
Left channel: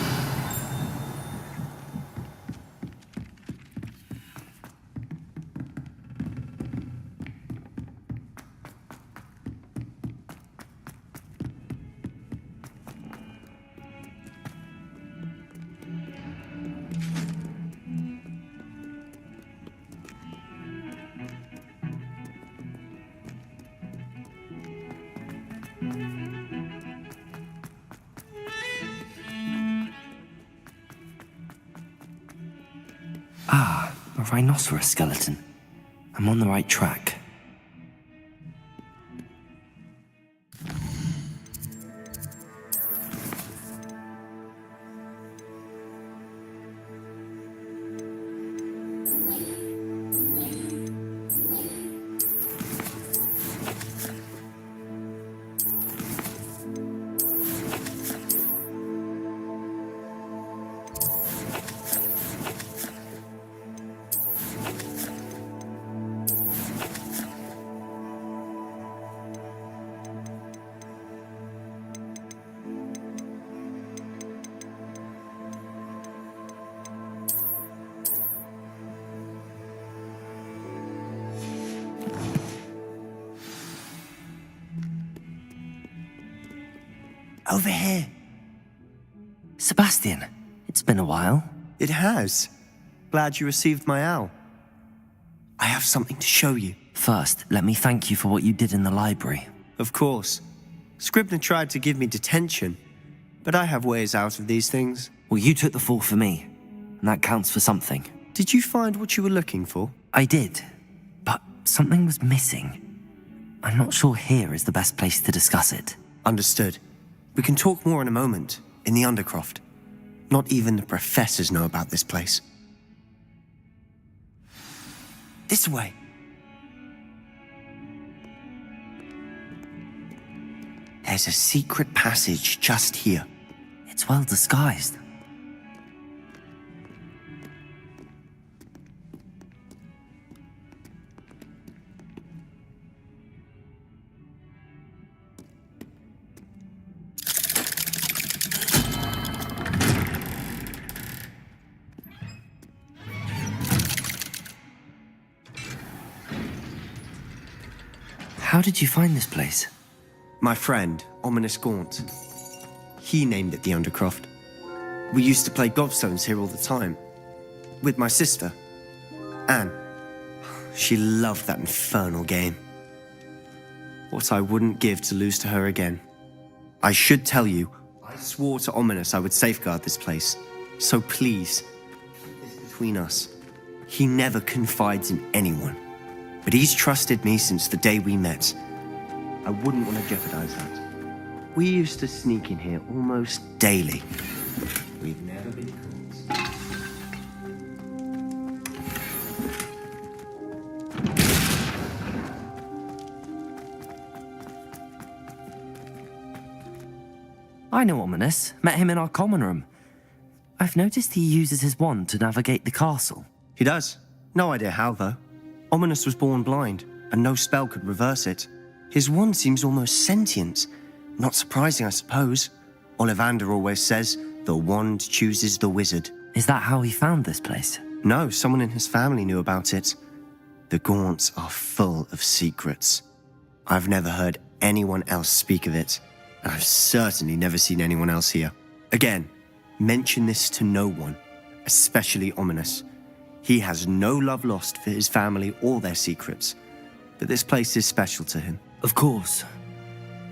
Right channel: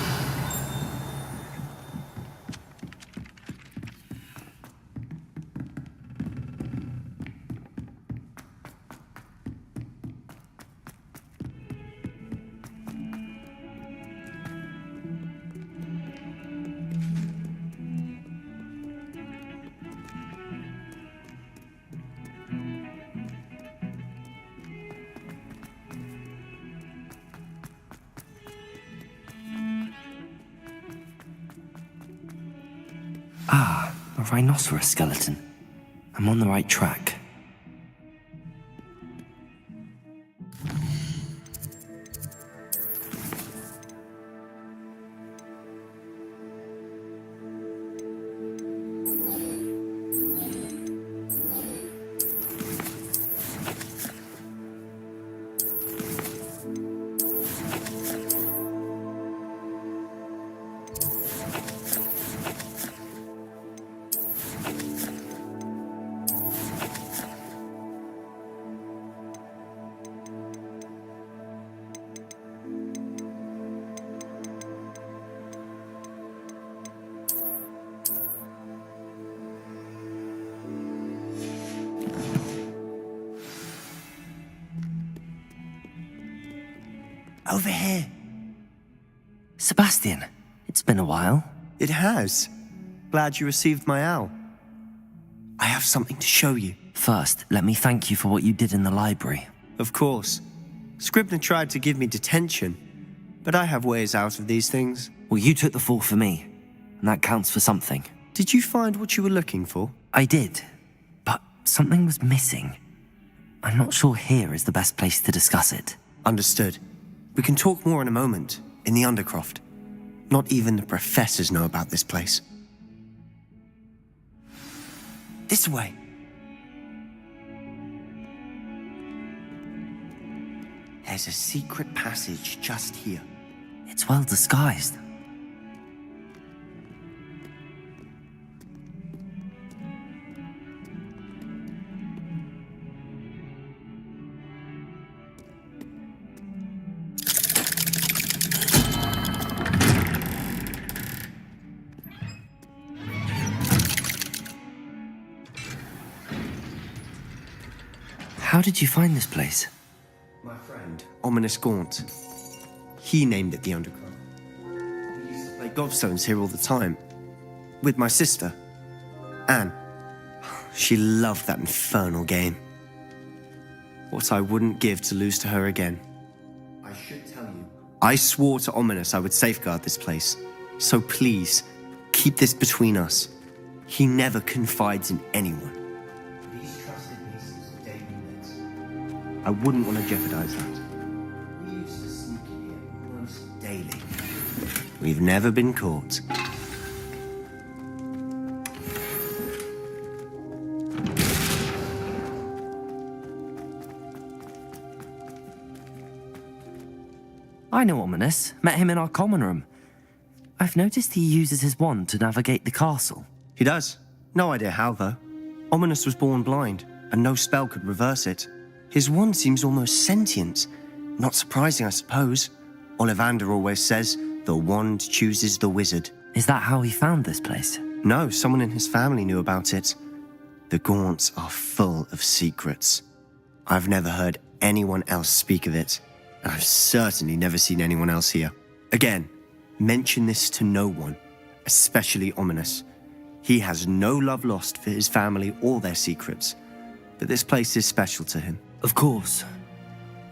Ah, a rhinoceros skeleton. I'm on the right track. Over here. Sebastian, it's been a while. It has. Glad you received my owl. I have something to show you. First, let me thank you for what you did in the library. Of course. Scribner tried to give me detention, but I have ways out of these things. Well, you took the fall for me, and that counts for something. Did you find what you were looking for? I did, but something was missing. I'm not sure here is the best place to discuss it. Understood. We can talk more in a moment, in the Undercroft. Not even the professors know about this place. This way. There's a secret passage just here. It's well disguised. How did you find this place? My friend, Ominous Gaunt. He named it the Undercroft. We used to play gobstones here all the time. With my sister, Anne. She loved that infernal game. What I wouldn't give to lose to her again. I should tell you, I swore to Ominous I would safeguard this place. So please, keep this between us. He never confides in anyone. but he's trusted me since the day we met. I wouldn't want to jeopardize that. We used to sneak in here almost daily. We've never been caught. I know Ominous. Met him in our common room. I've noticed he uses his wand to navigate the castle. He does. No idea how, though. Ominous was born blind, and no spell could reverse it. His wand seems almost sentient. Not surprising, I suppose. Ollivander always says, the wand chooses the wizard. Is that how he found this place? No, someone in his family knew about it. The Gaunts are full of secrets. I've never heard anyone else speak of it, and I've certainly never seen anyone else here. Again, mention this to no one, especially Ominous. He has no love lost for his family or their secrets, but this place is special to him. Of course.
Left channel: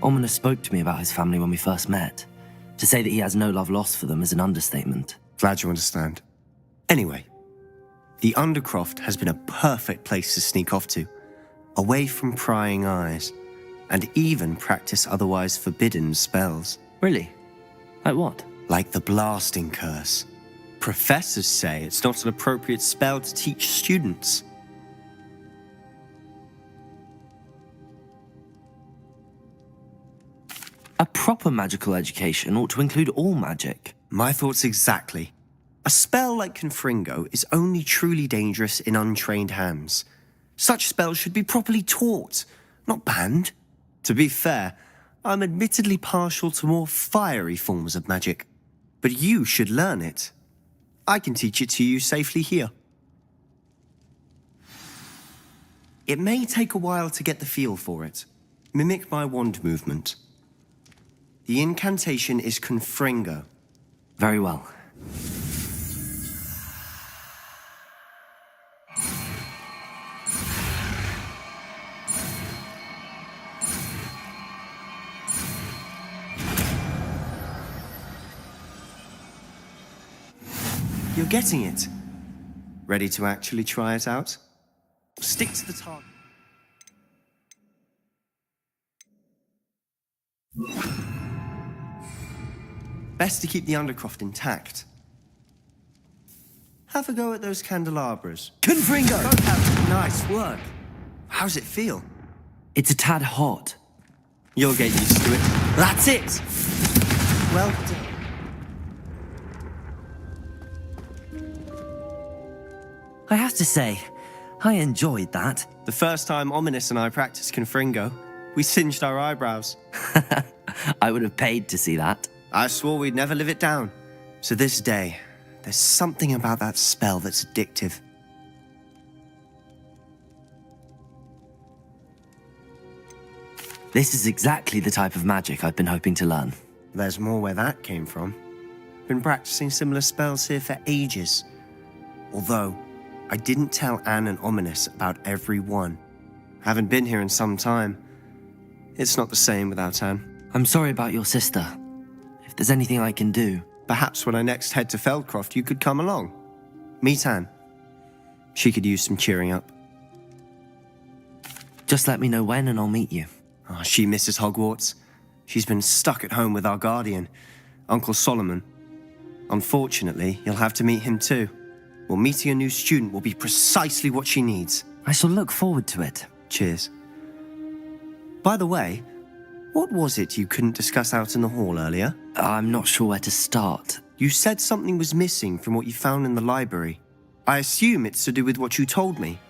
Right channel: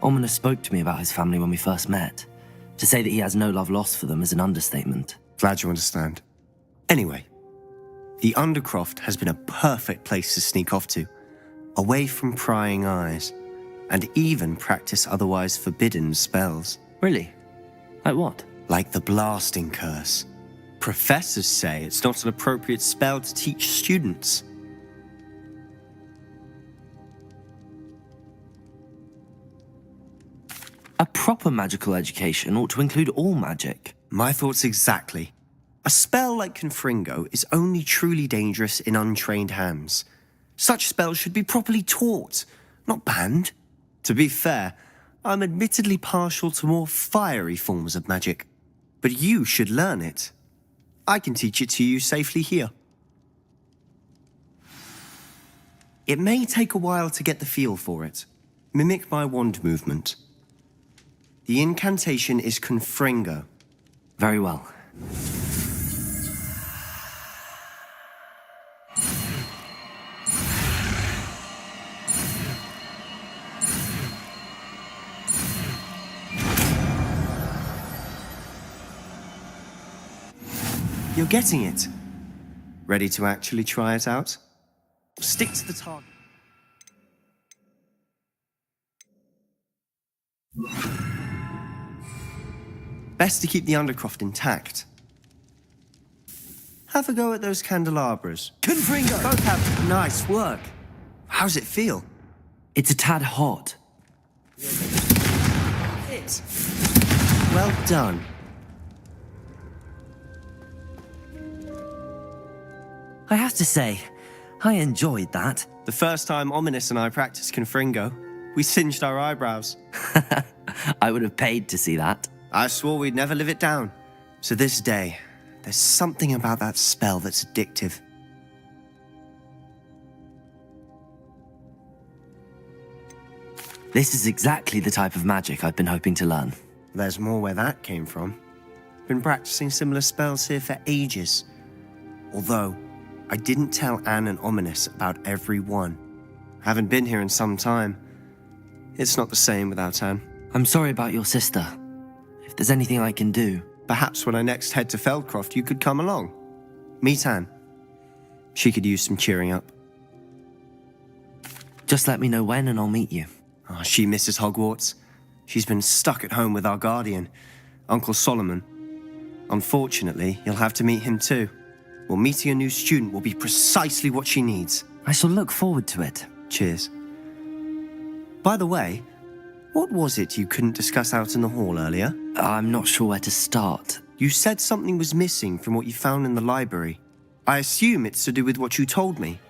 Ominous spoke to me about his family when we first met. To say that he has no love lost for them is an understatement. Glad you understand. Anyway, the Undercroft has been a perfect place to sneak off to, away from prying eyes, and even practice otherwise forbidden spells. Really? Like what? Like the blasting curse. Professors say it's not an appropriate spell to teach students. A proper magical education ought to include all magic. My thoughts exactly. A spell like Confringo is only truly dangerous in untrained hands. Such spells should be properly taught, not banned. To be fair, I'm admittedly partial to more fiery forms of magic. But you should learn it. I can teach it to you safely here. It may take a while to get the feel for it. Mimic my wand movement. The incantation is Confringo. Very well. You're getting it. Ready to actually try it out? Stick to the target. Best to keep the Undercroft intact. Have a go at those candelabras. Confringo! Both have nice work. How's it feel? It's a tad hot. You'll get used to it. That's it! Well done. I have to say, I enjoyed that. The first time Ominous and I practiced Confringo, we singed our eyebrows. I would have paid to see that. I swore we'd never live it down. So this day, there's something about that spell that's addictive. This is exactly the type of magic I've been hoping to learn. There's more where that came from. Been practicing similar spells here for ages. Although, I didn't tell Anne and Ominous about every one. Haven't been here in some time. It's not the same without Anne. I'm sorry about your sister. If there's anything I can do... Perhaps when I next head to Feldcroft, you could come along. Meet Anne. She could use some cheering up. Just let me know when and I'll meet you. Oh, she misses Hogwarts. She's been stuck at home with our guardian, Uncle Solomon. Unfortunately, you'll have to meet him too. Well, meeting a new student will be precisely what she needs. I shall look forward to it. Cheers. By the way, what was it you couldn't discuss out in the hall earlier? I'm not sure where to start. You said something was missing from what you found in the library. I assume it's to do with what you told me.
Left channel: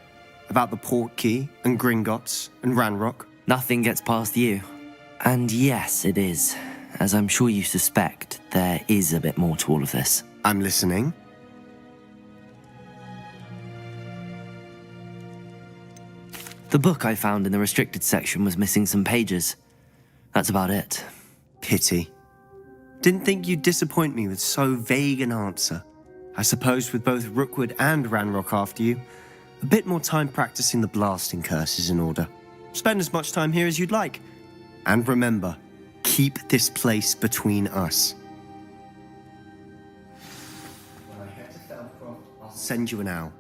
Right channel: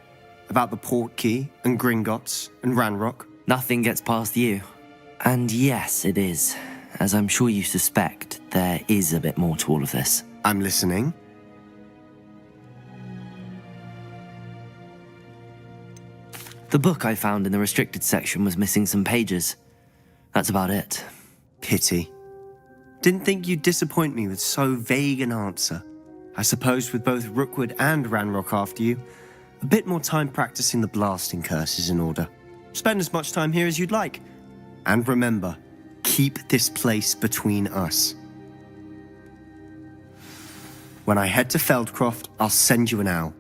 About the port key, and Gringotts, and Ranrock. Nothing gets past you. And yes, it is. As I'm sure you suspect, there is a bit more to all of this. I'm listening. The book I found in the restricted section was missing some pages. That's about it. Pity. Didn't think you'd disappoint me with so vague an answer. I suppose with both Rookwood and Ranrock after you, a bit more time practicing the blasting curse is in order. Spend as much time here as you'd like. And remember, keep this place between us. When I head to Feldcroft, I'll send you an owl.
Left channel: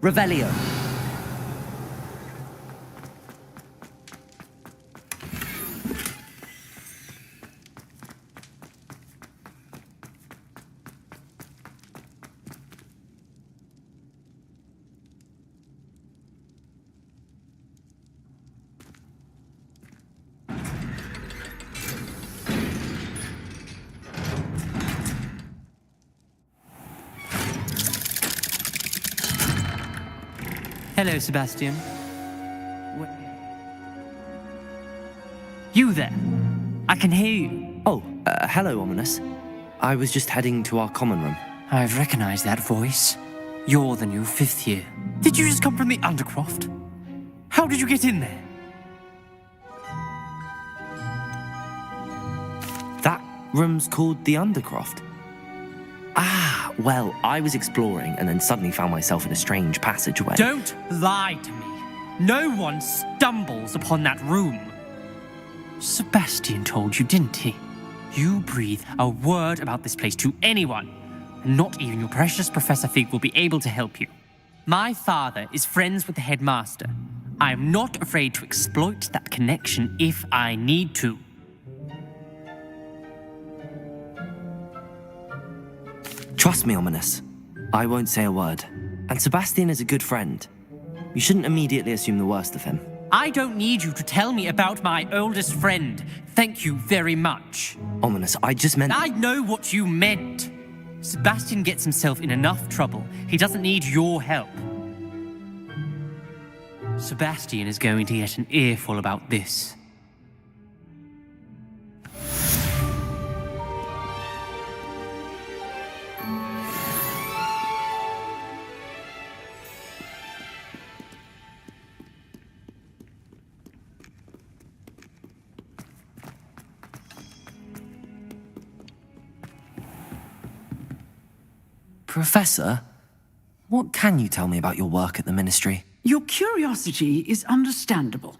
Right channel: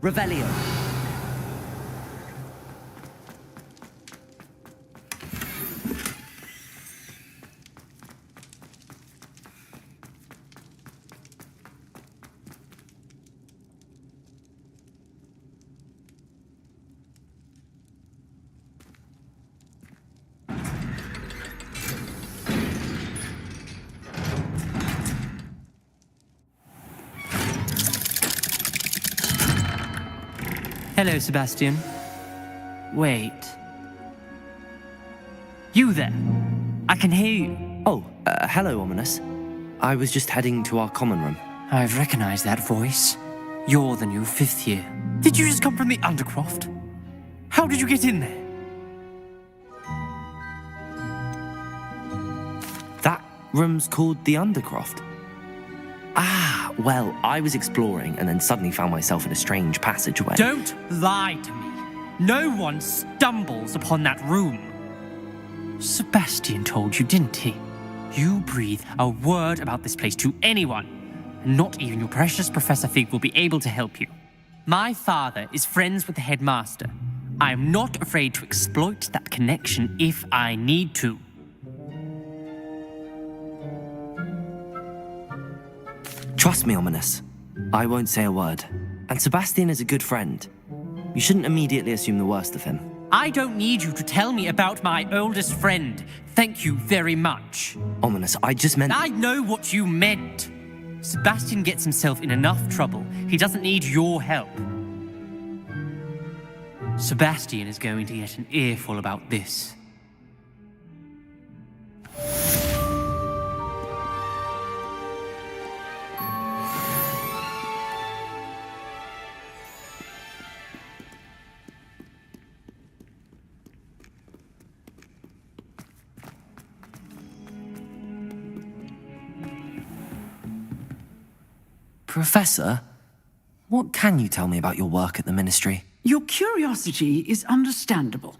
Revelio. Hello, Sebastian. Wait. You there? I can hear you. Oh, hello, Ominous. I was just heading to our common room. I've recognized that voice. You're the new 5th year. Did you just come from the Undercroft? How did you get in there? That room's called the Undercroft. Ah, well, I was exploring and then suddenly found myself in a strange passageway. Don't lie to me. No one stumbles upon that room. Sebastian told you, didn't he? You breathe a word about this place to anyone, and not even your precious Professor Fig will be able to help you. My father is friends with the headmaster. I am not afraid to exploit that connection if I need to. Trust me, Ominous. I won't say a word. And Sebastian is a good friend. You shouldn't immediately assume the worst of him. I don't need you to tell me about my oldest friend. Thank you very much. Ominous, I just meant... I know what you meant. Sebastian gets himself in enough trouble. He doesn't need your help. Sebastian is going to get an earful about this. Professor, what can you tell me about your work at the Ministry? Your curiosity is understandable.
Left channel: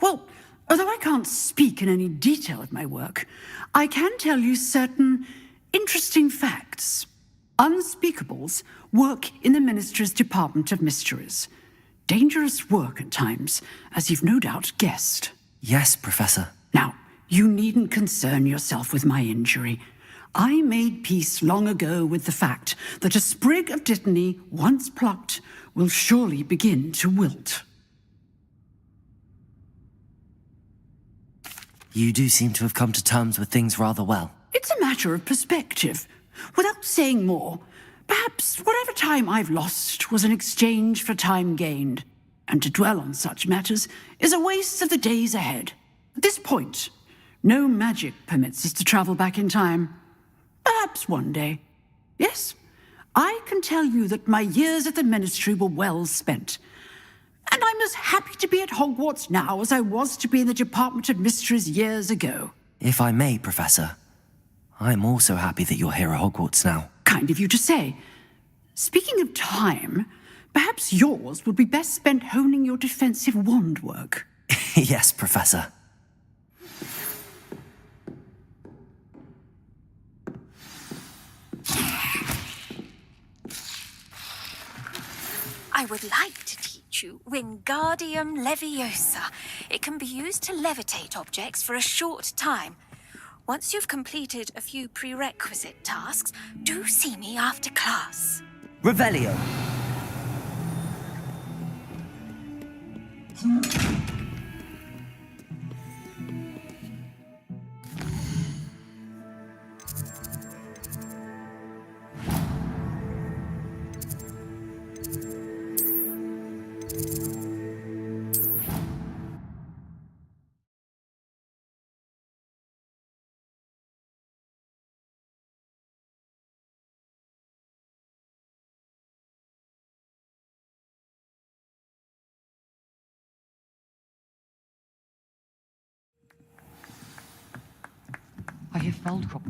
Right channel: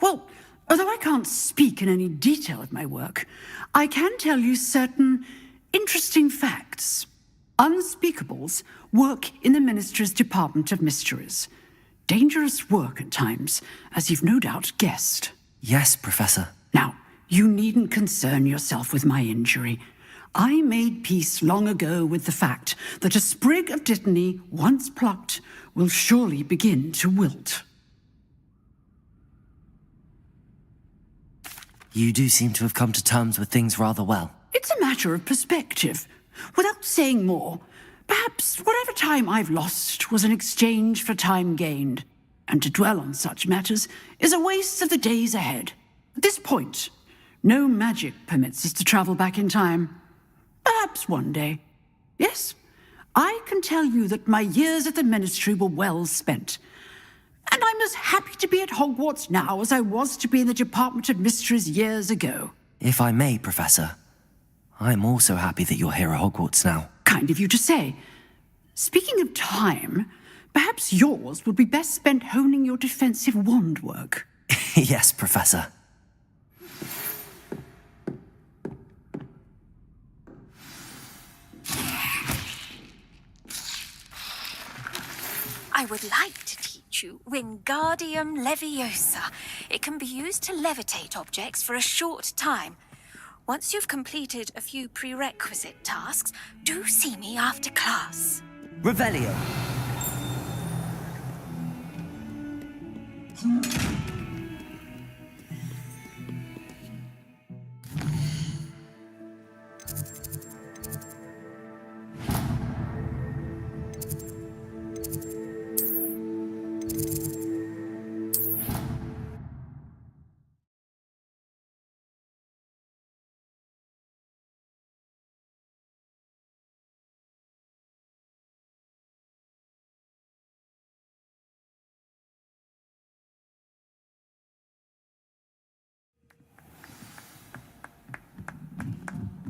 Well, although I can't speak in any detail of my work, I can tell you certain interesting facts. Unspeakables work in the Ministry's Department of Mysteries. Dangerous work at times, as you've no doubt guessed. Yes, Professor. Now, you needn't concern yourself with my injury. I made peace long ago with the fact that a sprig of dittany, once plucked, will surely begin to wilt. You do seem to have come to terms with things rather well. It's a matter of perspective. Without saying more, perhaps whatever time I've lost was an exchange for time gained, and to dwell on such matters is a waste of the days ahead. At this point, no magic permits us to travel back in time. Perhaps one day. Yes, I can tell you that my years at the Ministry were well spent. And I'm as happy to be at Hogwarts now as I was to be in the Department of Mysteries years ago. If I may, Professor, I'm also happy that you're here at Hogwarts now. Kind of you to say. Speaking of time, perhaps yours would be best spent honing your defensive wand work. Yes, Professor. I would like to teach you Wingardium Leviosa. It can be used to levitate objects for a short time. Once you've completed a few prerequisite tasks, do see me after class. Revelio. I have found crop.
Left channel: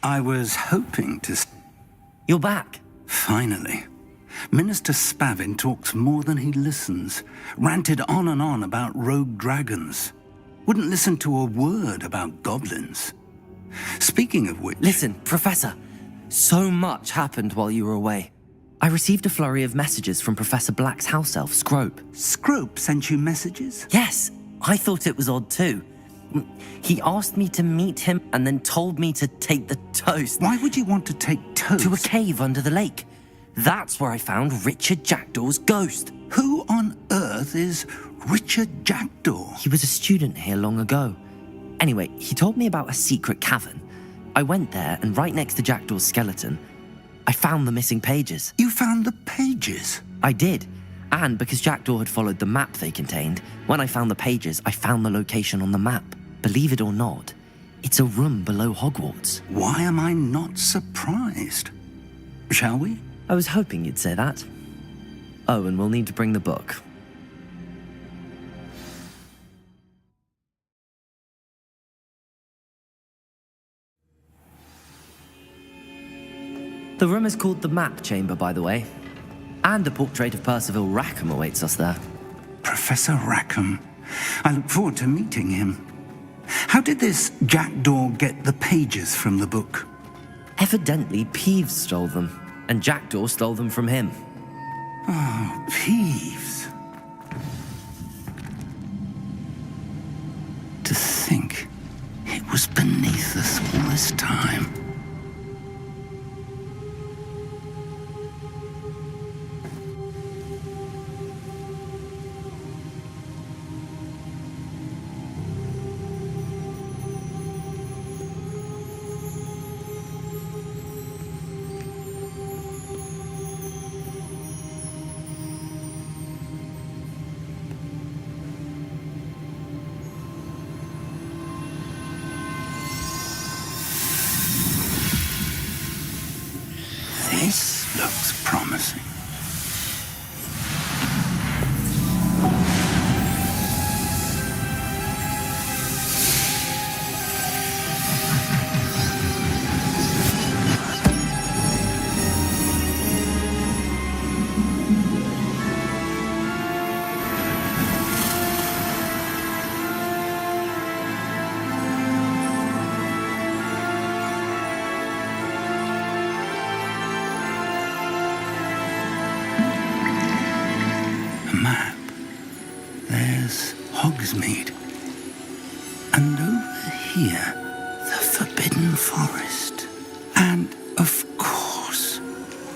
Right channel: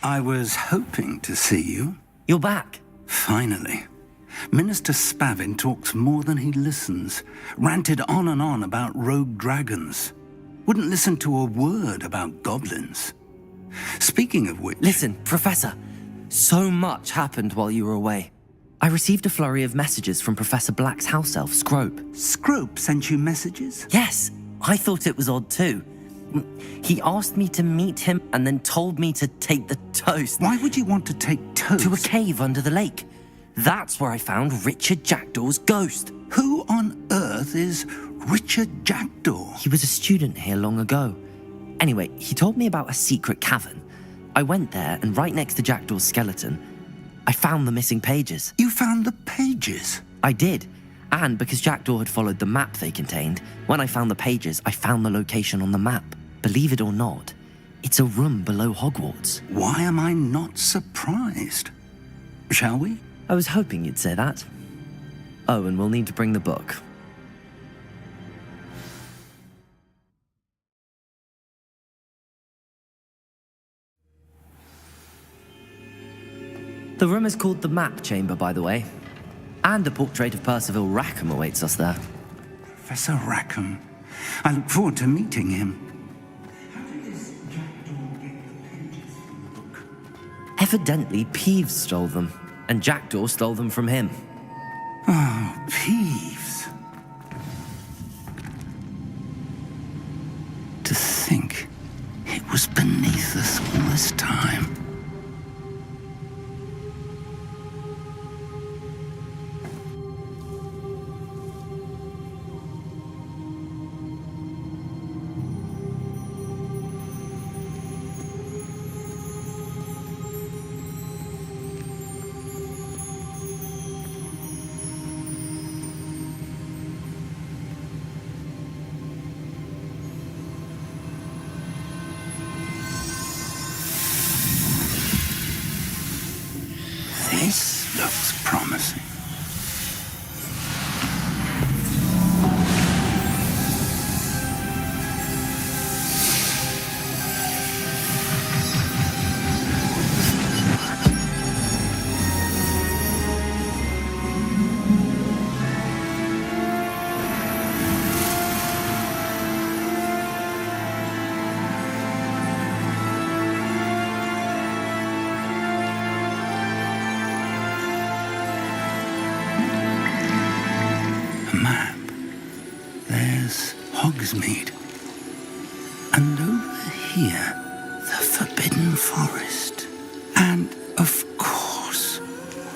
I was hoping to see you. You're back. Finally. Minister Spavin talks more than he listens. Ranted on and on about rogue dragons. Wouldn't listen to a word about goblins. Speaking of which... Listen, Professor. So much happened while you were away. I received a flurry of messages from Professor Black's house elf, Scrope. Scrope sent you messages? Yes, I thought it was odd too. He asked me to meet him and then told me to take the toast. Why would you want to take toast? To a cave under the lake. That's where I found Richard Jackdaw's ghost. Who on earth is Richard Jackdaw? He was a student here long ago. Anyway, he told me about a secret cavern. I went there, and right next to Jackdaw's skeleton, I found the missing pages. You found the pages? I did. And because Jackdaw had followed the map they contained, when I found the pages, I found the location on the map. Believe it or not, it's a room below Hogwarts. Why am I not surprised? Shall we? I was hoping you'd say that. Oh, and we'll need to bring the book. The room is called the Map Chamber, by the way. And a portrait of Percival Rackham awaits us there. Professor Rackham. I look forward to meeting him. How did this Jackdaw get the pages from the book? Evidently, Peeves stole them, and Jackdaw stole them from him. Oh, Peeves. To think it was beneath us all this time. This looks promising. Map. There's Hogsmeade. And over here, the Forbidden Forest. And, of course,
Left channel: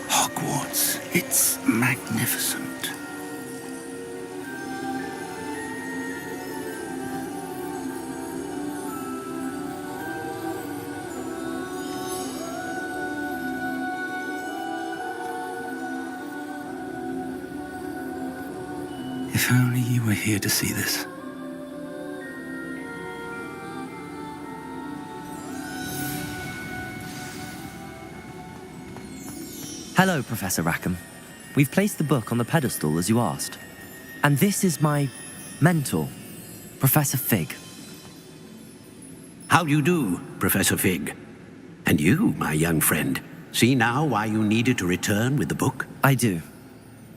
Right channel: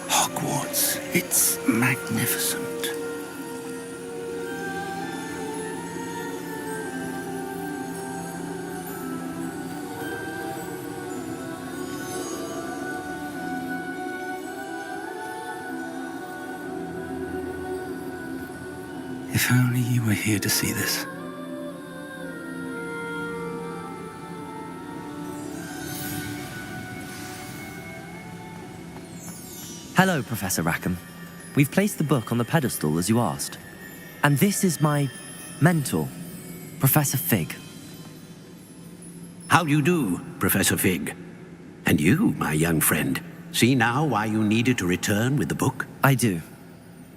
Hogwarts. It's magnificent. If only you were here to see this. Hello, Professor Rackham. We've placed the book on the pedestal as you asked. And this is my mentor, Professor Fig. How do you do, Professor Fig? And you, my young friend, see now why you needed to return with the book? I do.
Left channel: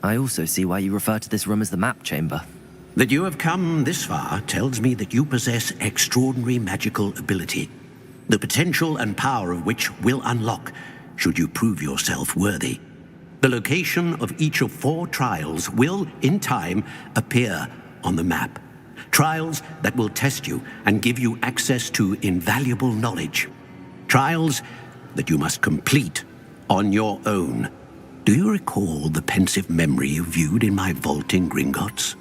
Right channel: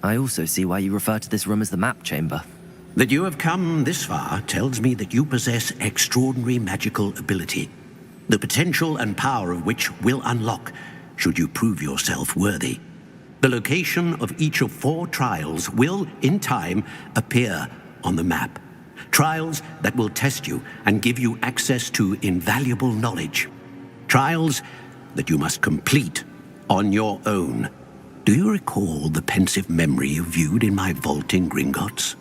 I also see why you refer to this room as the Map Chamber. That you have come this far tells me that you possess extraordinary magical ability, the potential and power of which will unlock should you prove yourself worthy. The location of each of 4 trials will, in time, appear on the map. Trials that will test you and give you access to invaluable knowledge. Trials that you must complete on your own. Do you recall the pensive memory you viewed in my vault in Gringotts?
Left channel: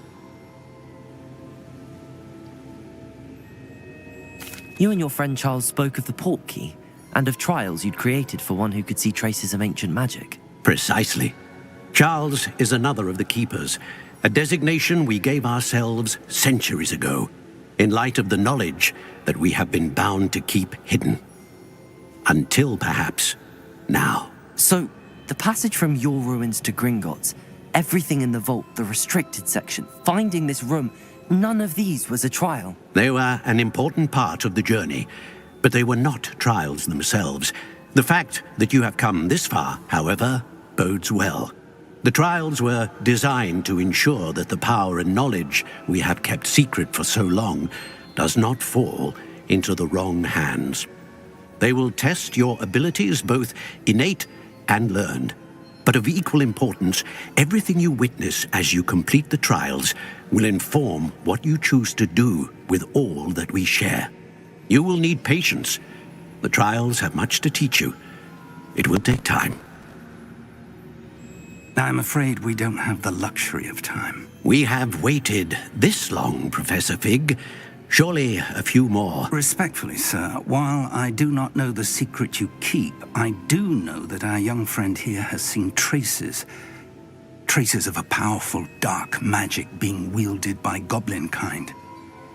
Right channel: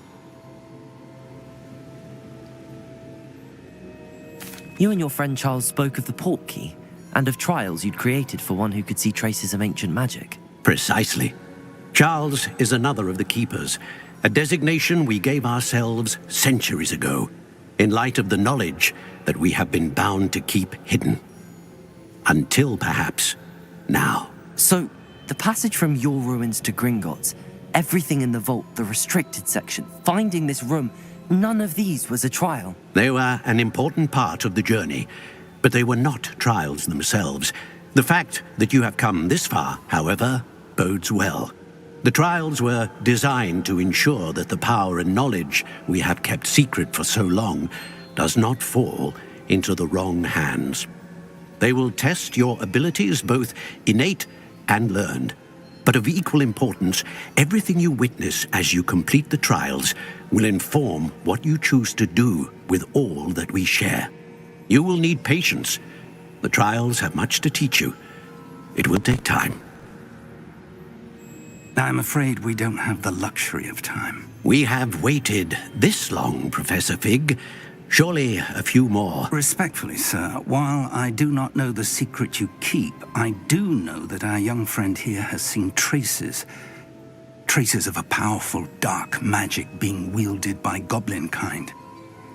You and your friend Charles spoke of the Portkey and of trials you'd created for one who could see traces of ancient magic. Precisely. Charles is another of the Keepers, a designation we gave ourselves centuries ago, in light of the knowledge that we have been bound to keep hidden. Until, perhaps, now. So, the passage from your ruins to Gringotts, everything in the vault, the restricted section, finding this room, none of these was a trial. They were an important part of the journey, but they were not trials themselves. The fact that you have come this far, however, bodes well. The trials were designed to ensure that the power and knowledge we have kept secret for so long does not fall into the wrong hands. They will test your abilities, both innate and learned. But of equal importance, everything you witness as you complete the trials will inform what you choose to do with all that we share. You will need patience. The trials have much to teach you. It will take time. I'm afraid we don't have the luxury of time. We have waited this long, Professor Fig. Surely a few more. Respectfully, sir, while I do not know the secret you keep, I do know that our young friend here has seen traces of a powerful dark magic being wielded by goblin kind.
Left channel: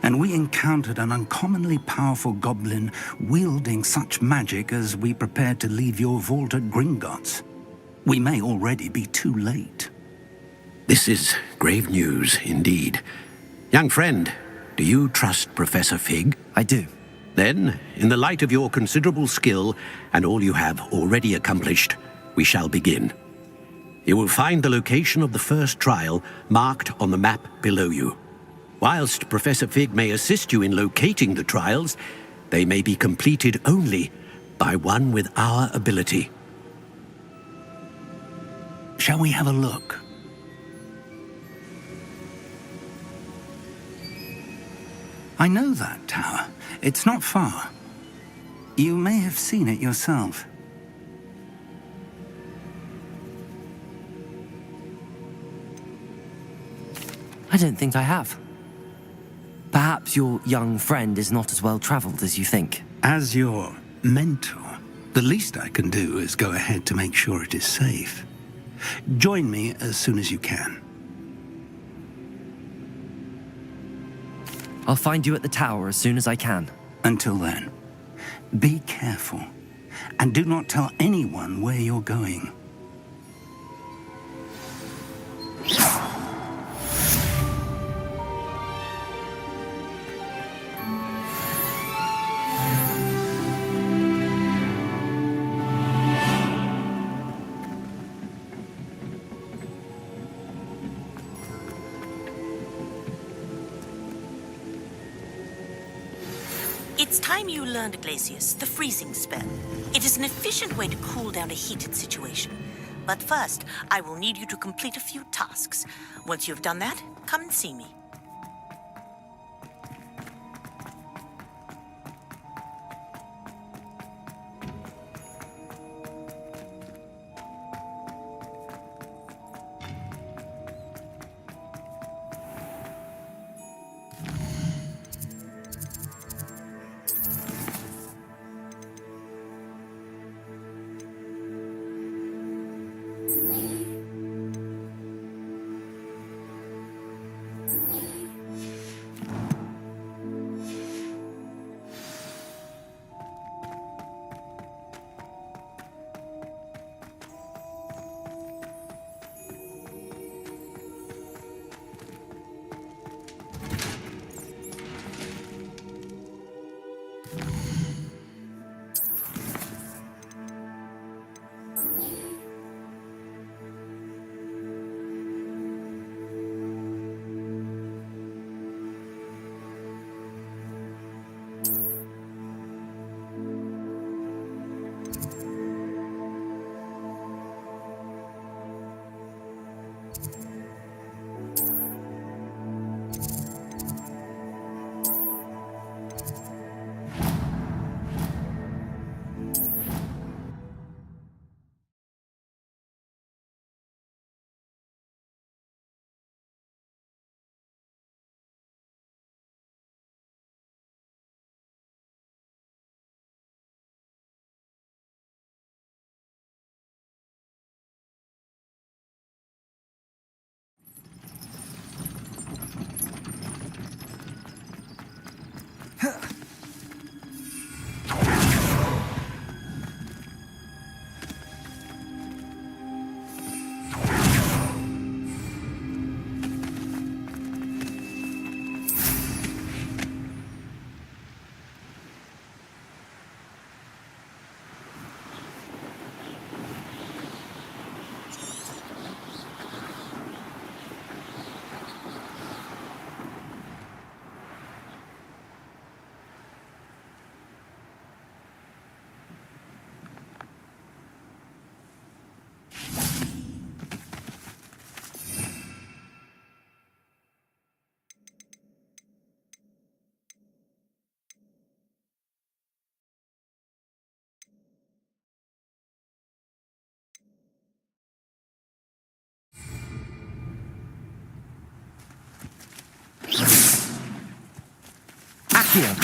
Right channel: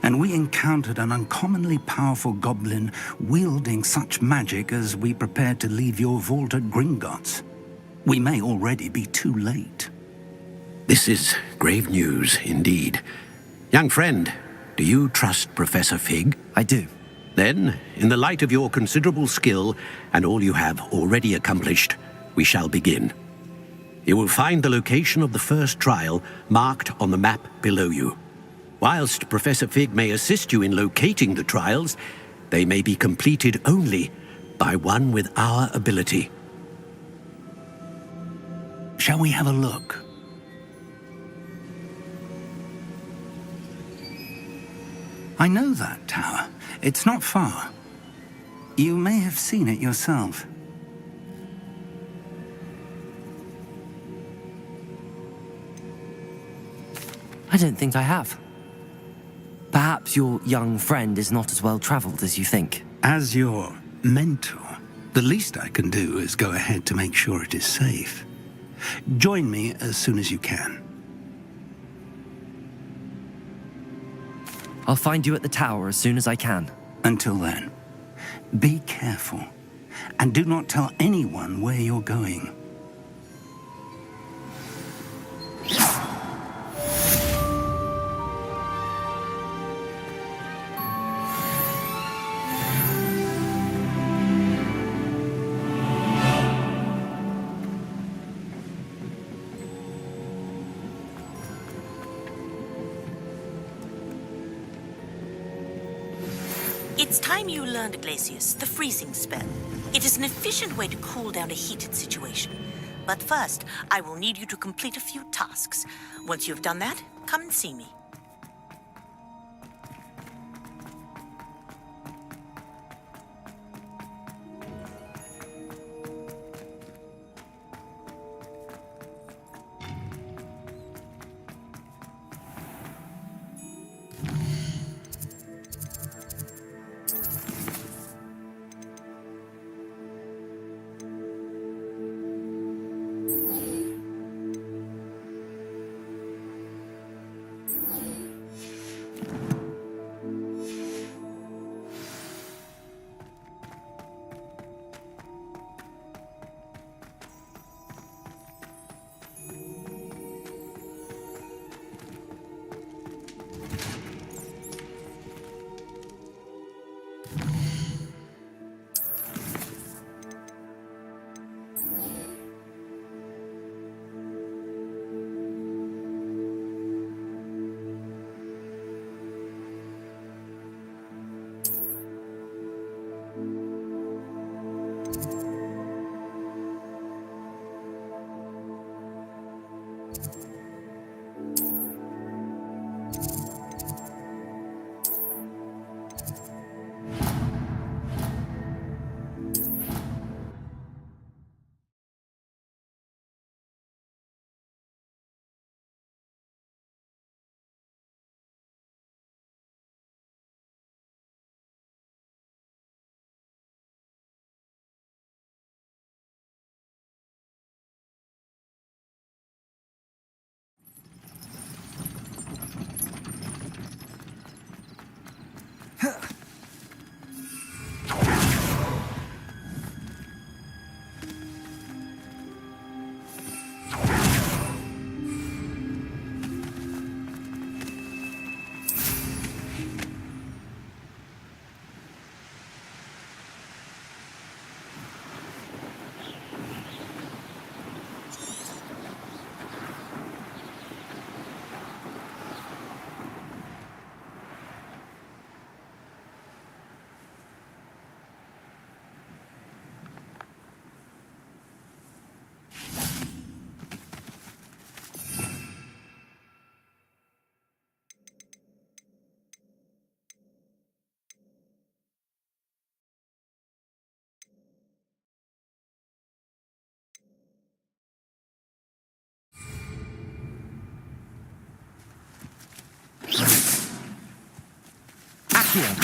And we encountered an uncommonly powerful goblin wielding such magic as we prepared to leave your vault at Gringotts. We may already be too late. This is grave news indeed. Young friend, do you trust Professor Fig? I do. Then, in the light of your considerable skill and all you have already accomplished, we shall begin. You will find the location of the first trial marked on the map below you. Whilst Professor Fig may assist you in locating the trials, they may be completed only by one with our ability. Shall we have a look? I know that tower. It's not far. You may have seen it yourself. I don't think I have. Perhaps your young friend is not as well traveled as you think. As your mentor, the least I can do is go ahead to make sure it is safe. Join me as soon as you can. I'll find you at the tower as soon as I can. Until then, be careful, and do not tell anyone where you're going. It's time you learned, Glacius, the freezing spell. It is an efficient way to cool down a heated situation. But first, I will need you to complete a few tasks. Once you've done that, come and see me. Here.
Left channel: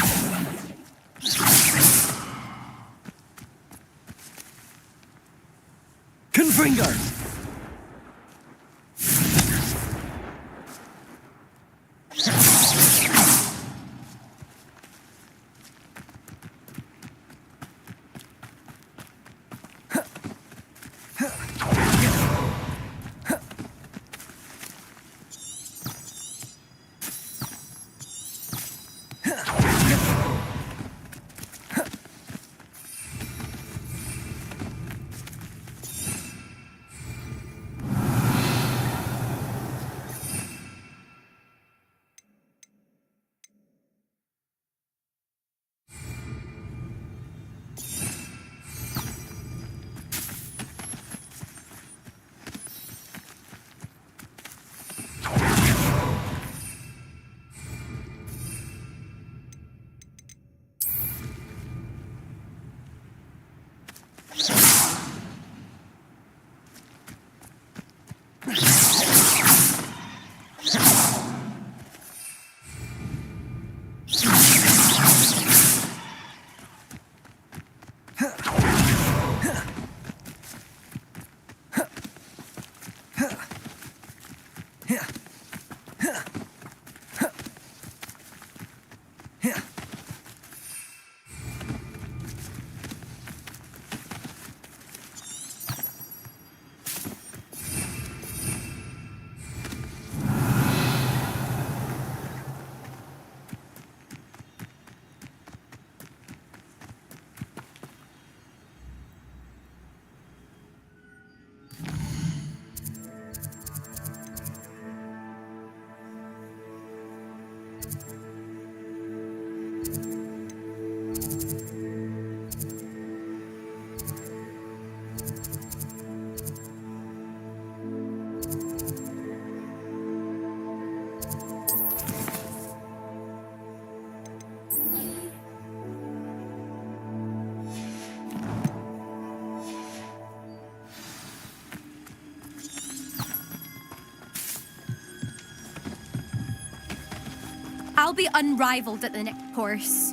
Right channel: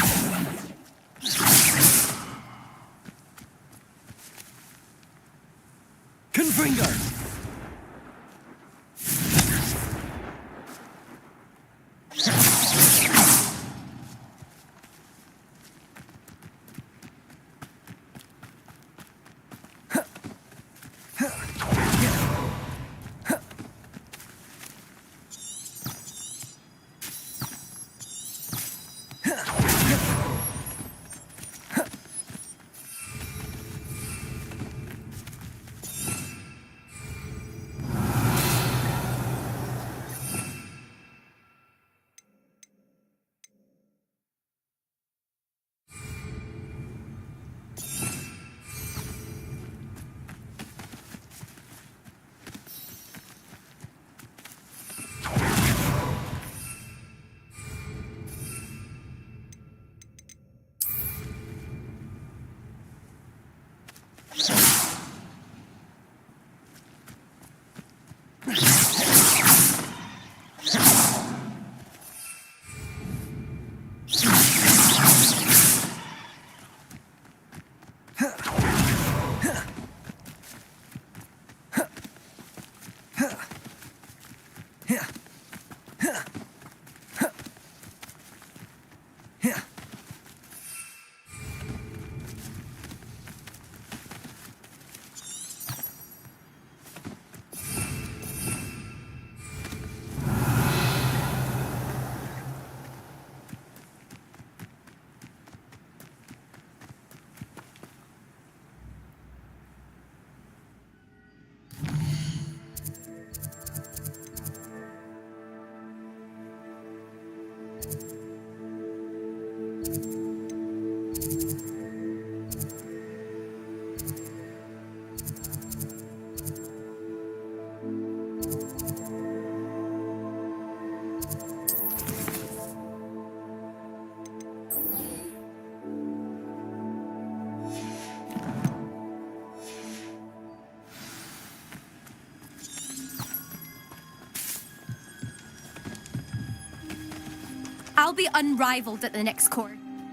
Confringo! I'll be unrivaled at the next course.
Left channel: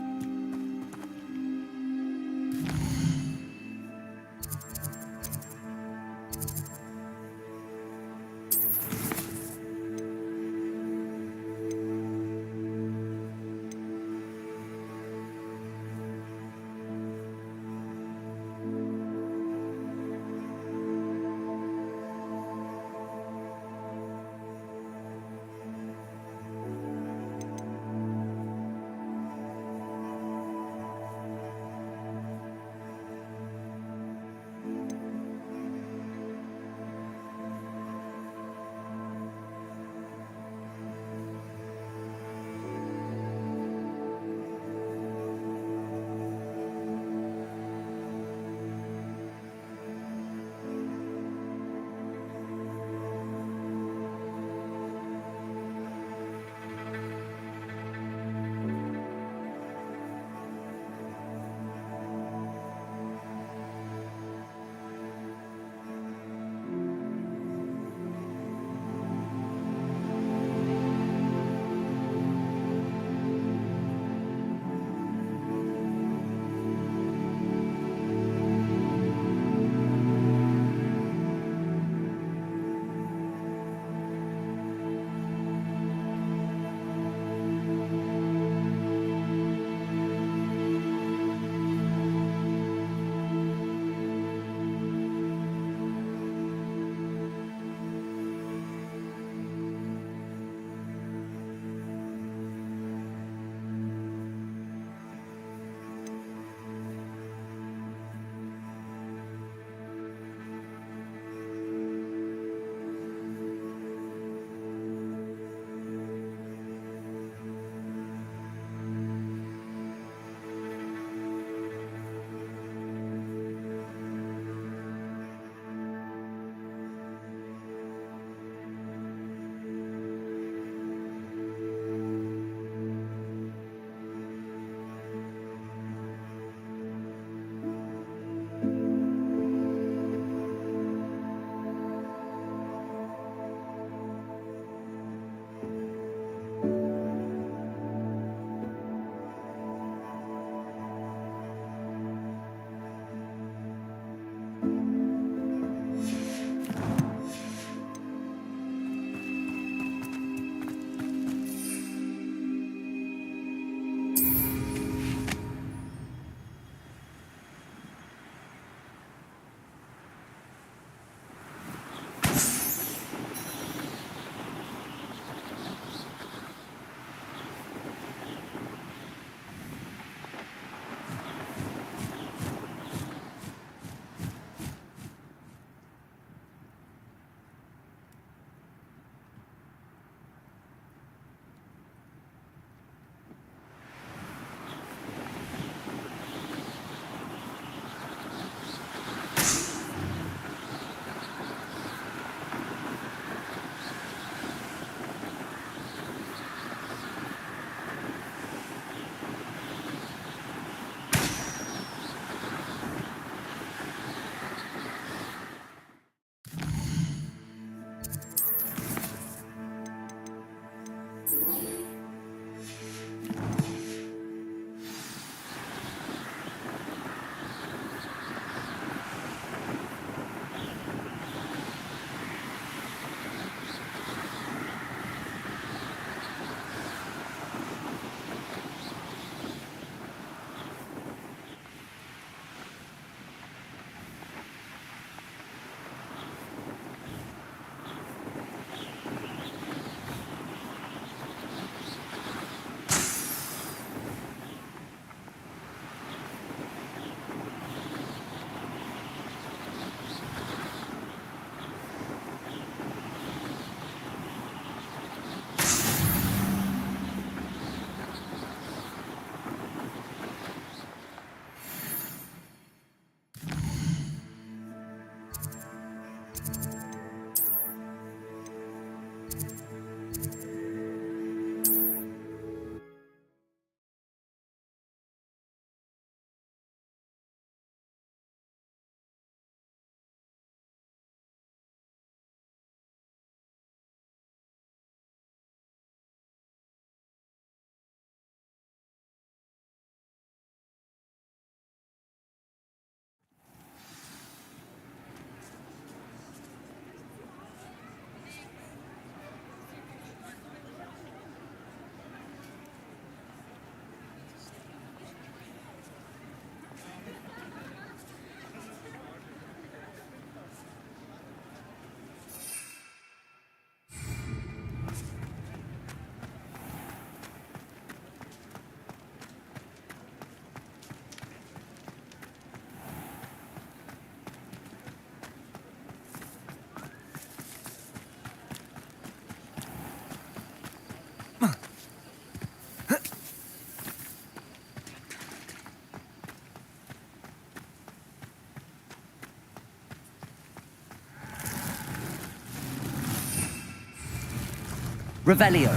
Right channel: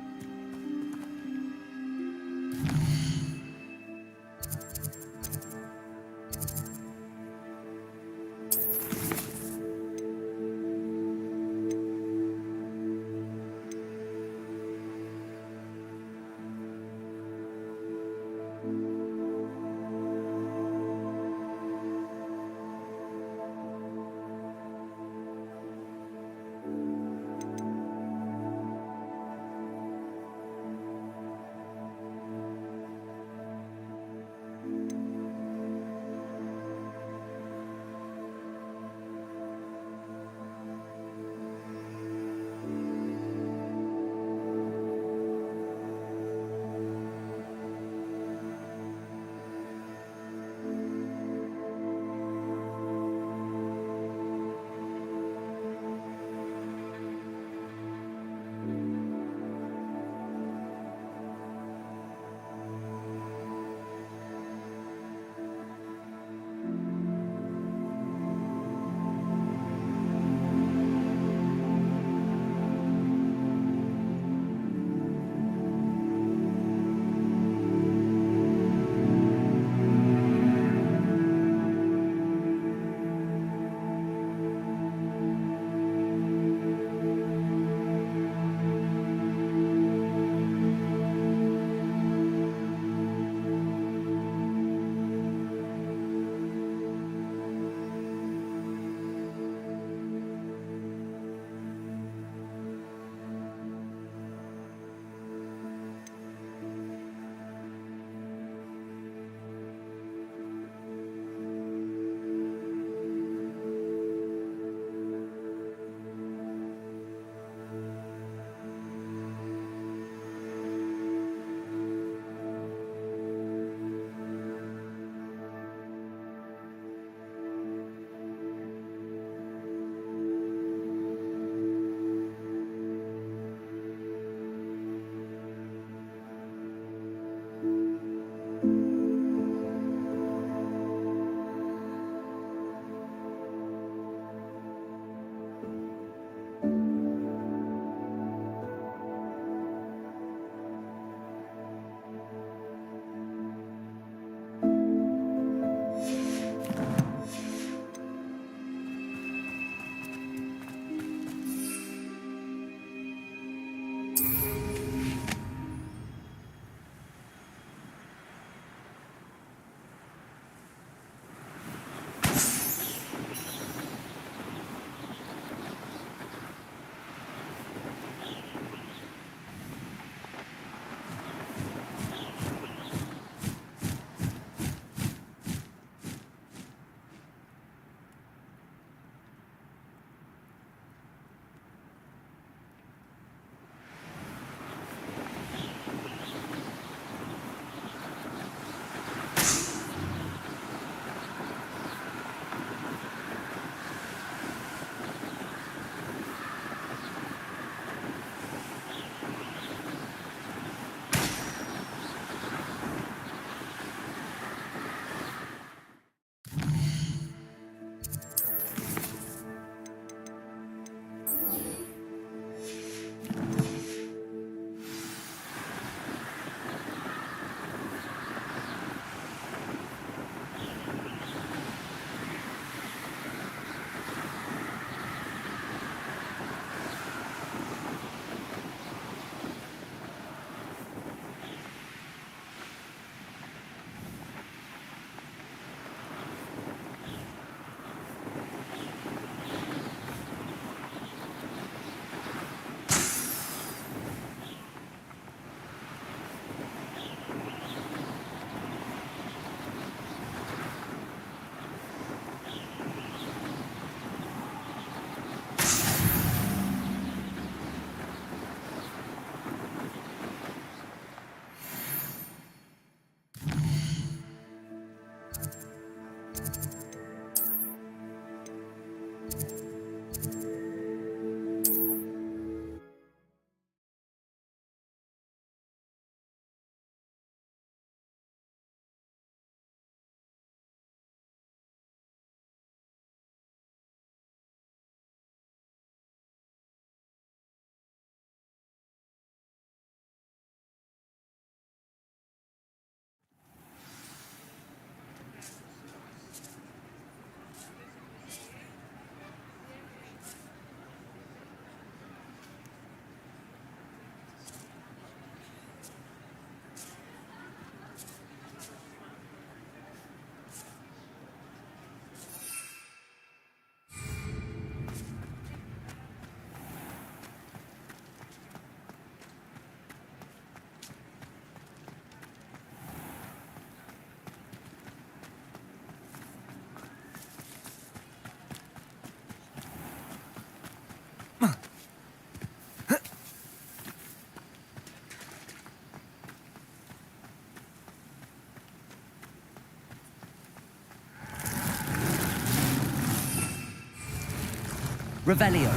Revelio.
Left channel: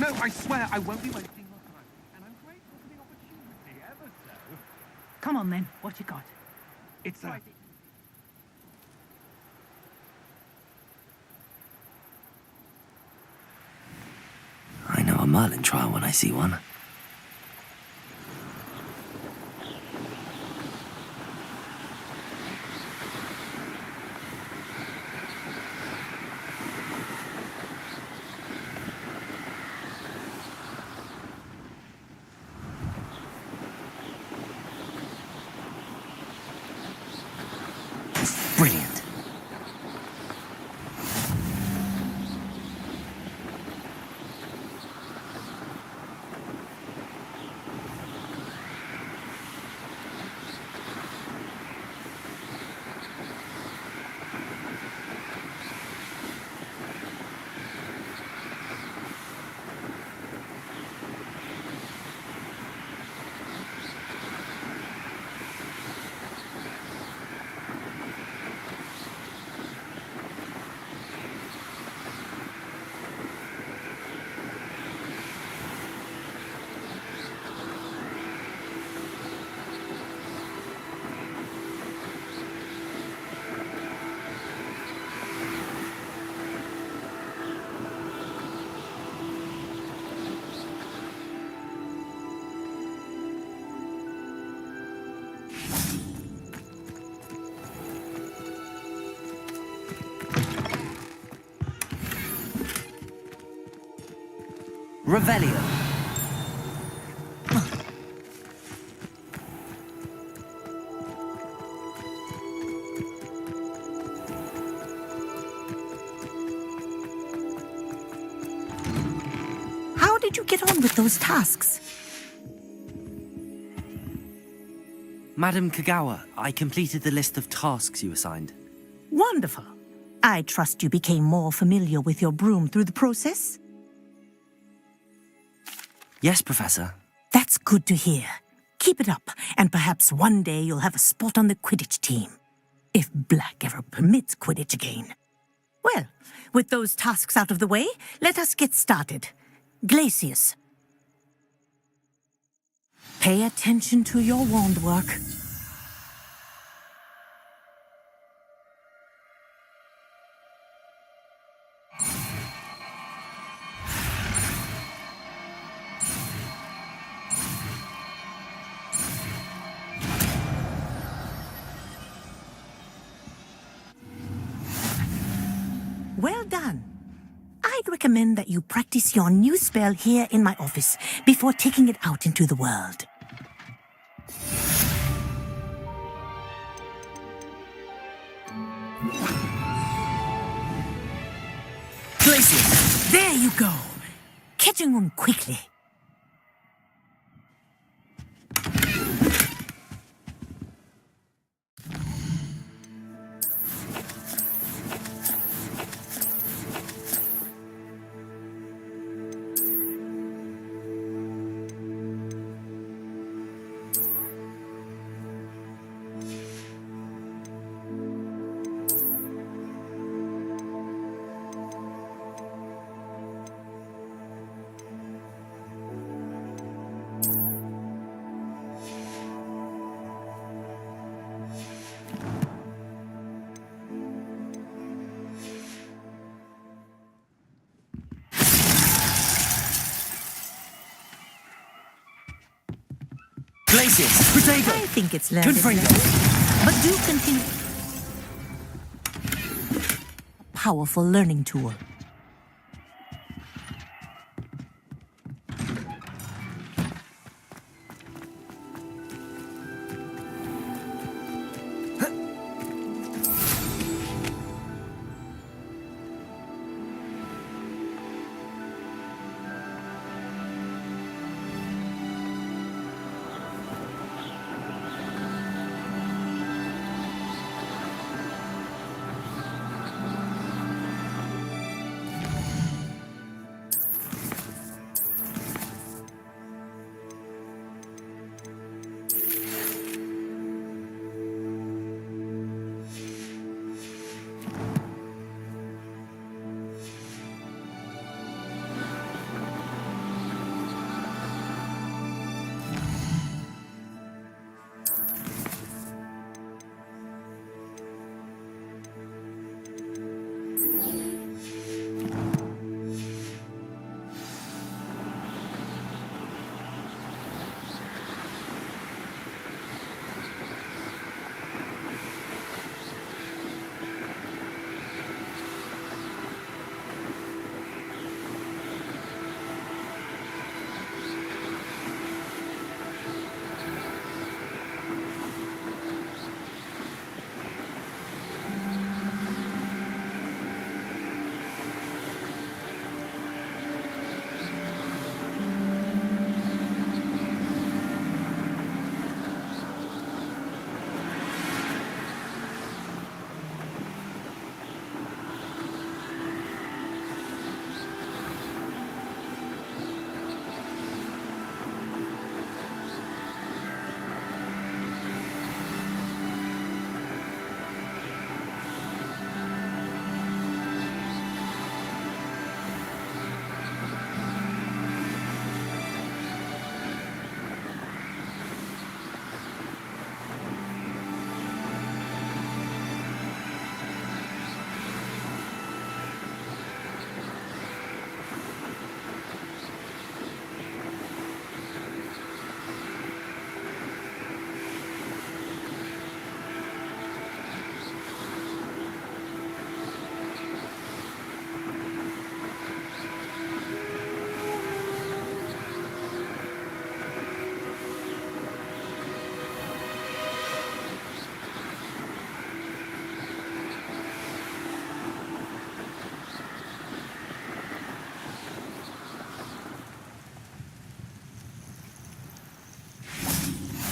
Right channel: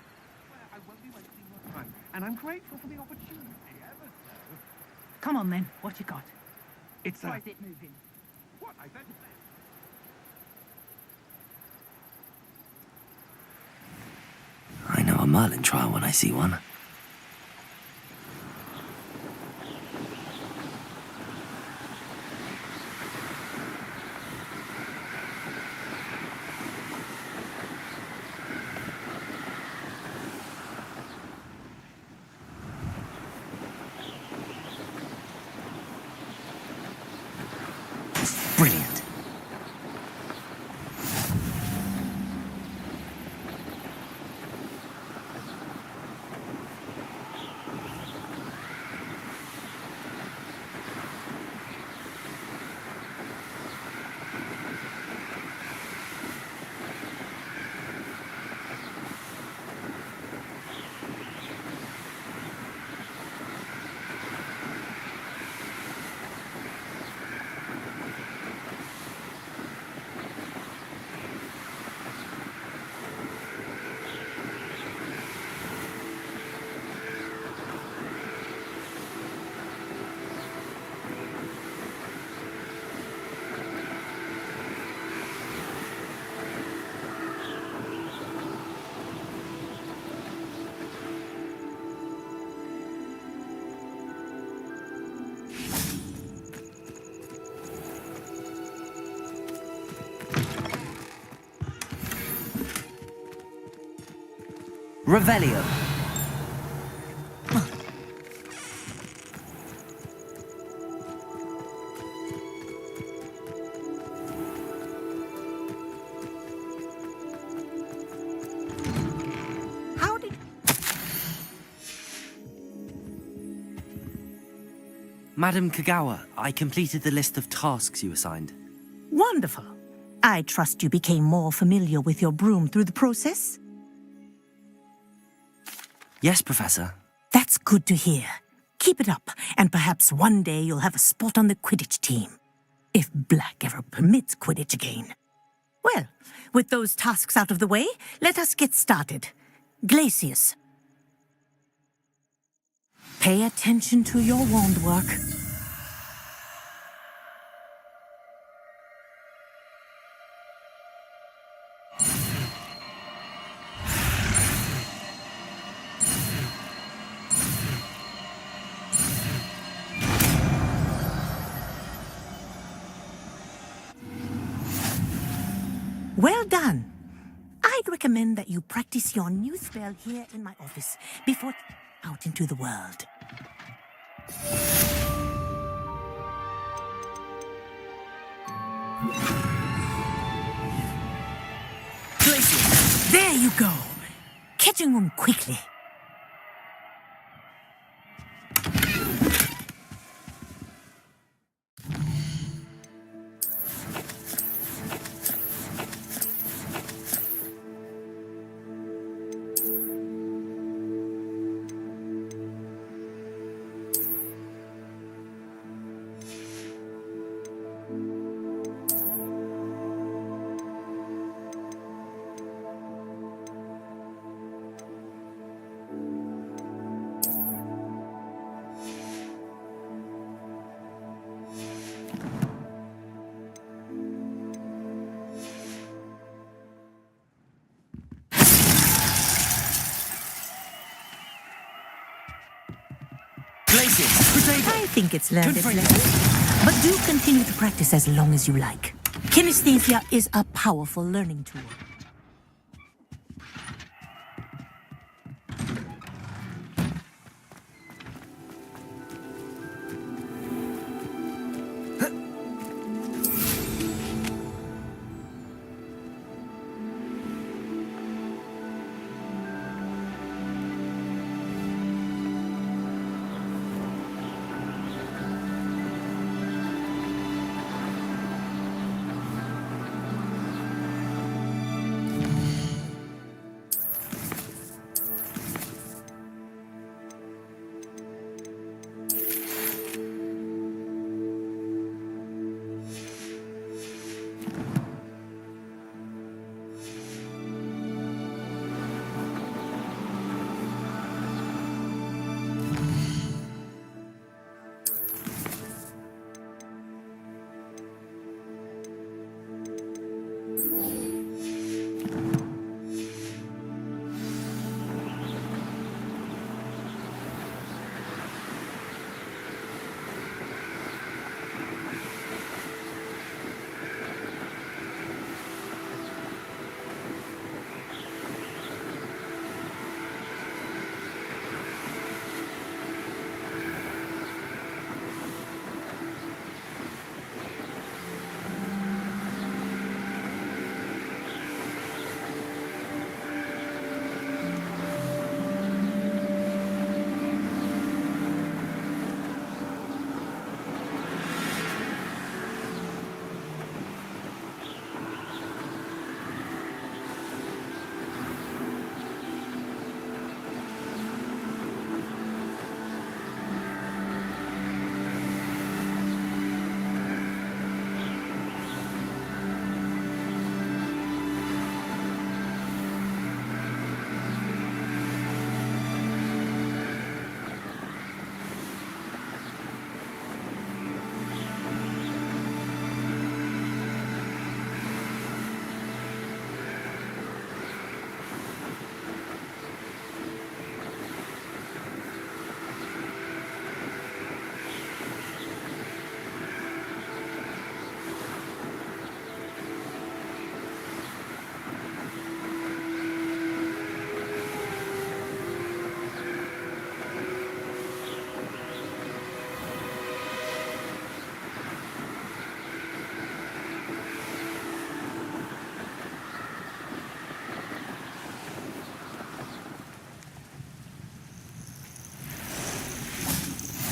No, I swear I won't be wasting your time. And I'm grateful for the opportunity, ever so. Come on then, what you got? It's Why is it moving? What? I said... I know a Merlin trial when I see one. Brilliant. Revelio. How did you get on with those tasks? Madam Kagawa, I completed the list of tasks you assigned. Wonderful. I trust you became more familiar with your broom through the process? Yes, Professor. That's good to hear. Keep it up, and perhaps one day you'll have a spot on the Quidditch team. If Black ever permits Quidditch again. Well, with those tasks out of the way, let us get started. Glacius. Pay attention to your wand work. Well done. I'd recommend that you practice your new spell here in my office before taking it out into the world. Glacius, there you go. Catching on quickly. I think it's learned its lesson. But do continue to practice as long as you like. Kinesthesia is a powerful learning tool.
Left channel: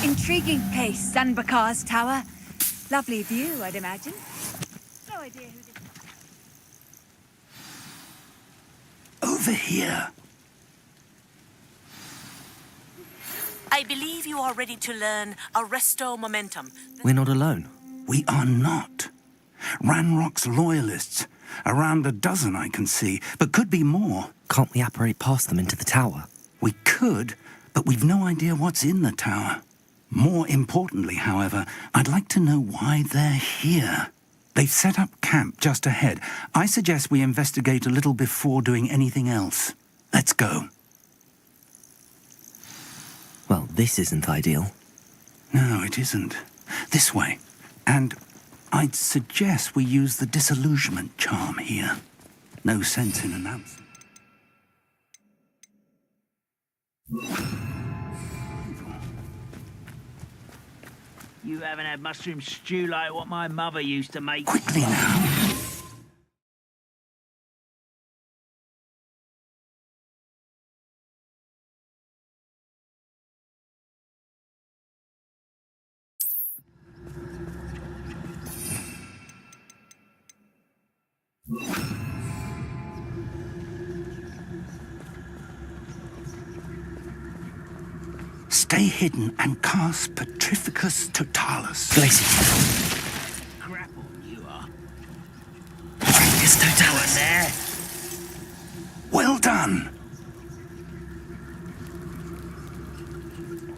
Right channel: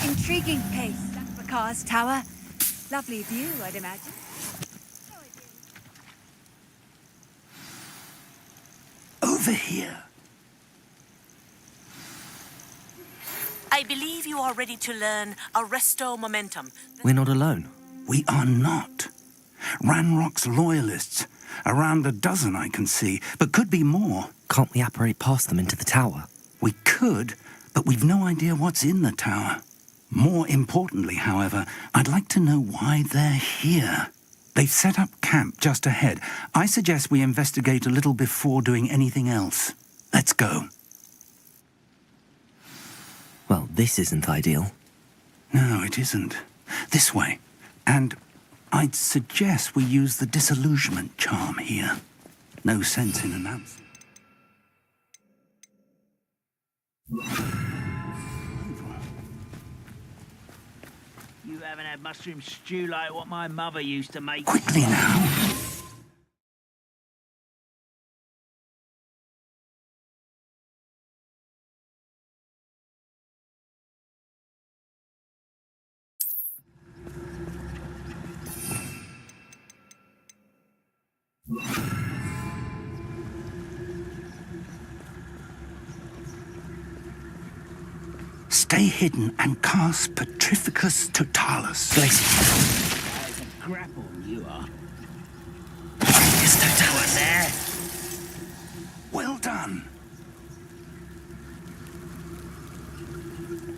Intriguing place, Sanbakar's tower. Lovely view, I'd imagine. No idea who did... Over here. I believe you are ready to learn Arresto Momentum. We're not alone. We are not. Ranrock's loyalists. Around a dozen I can see, but could be more. Can't we apparate past them into the tower? We could, but we've no idea what's in the tower. More importantly, however, I'd like to know why they're here. They've set up camp just ahead. I suggest we investigate a little before doing anything else. Let's go. Well, this isn't ideal. No, it isn't. This way. And I'd suggest we use the disillusionment charm here. No sense in announcing. You haven't had mushroom stew like what my mother used to make. Quickly now. Stay hidden and cast Petrificus Totalis. Grapple, you are. Petrificus Totalis. There. Well done.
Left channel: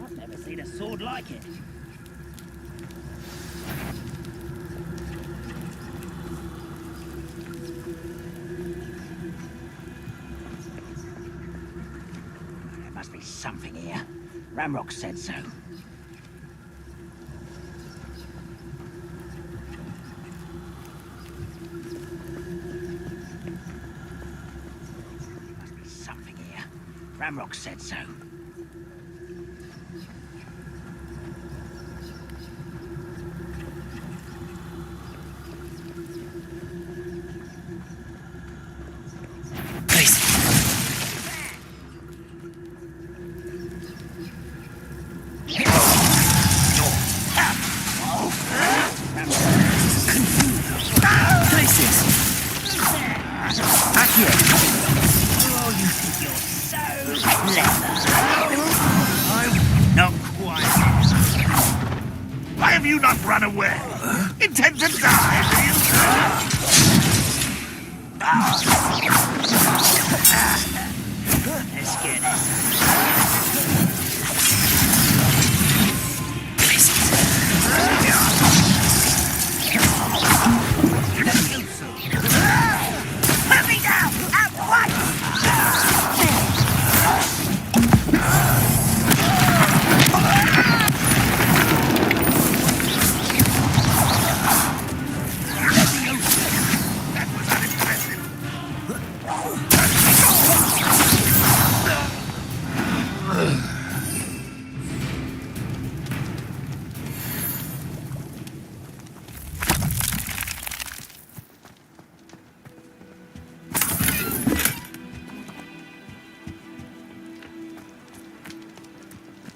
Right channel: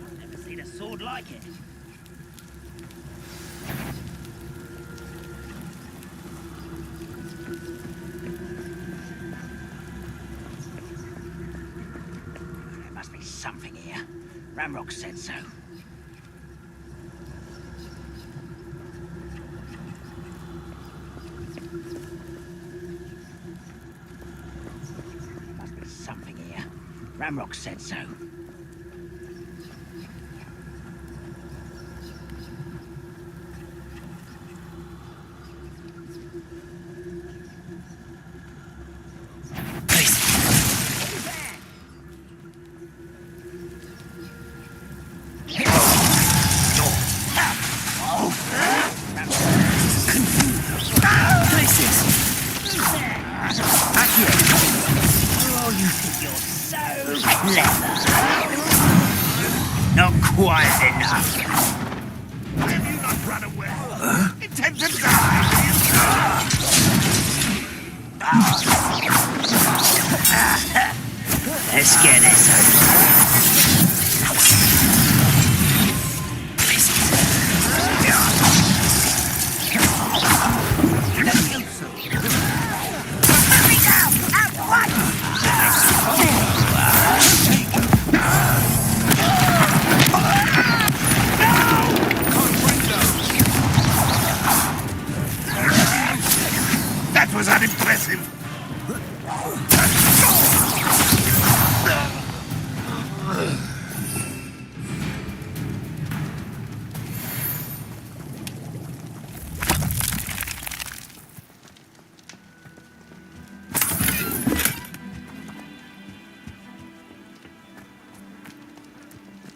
I've never seen a sword like it. There must be something here. Ramrock said so. Must be something here. Ramrock said so. Oh, you think you're so clever. Not quite enough. Why have you not run away? Intend to die, do you? Let's get this That was unimpressive.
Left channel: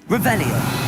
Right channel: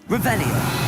Revelio.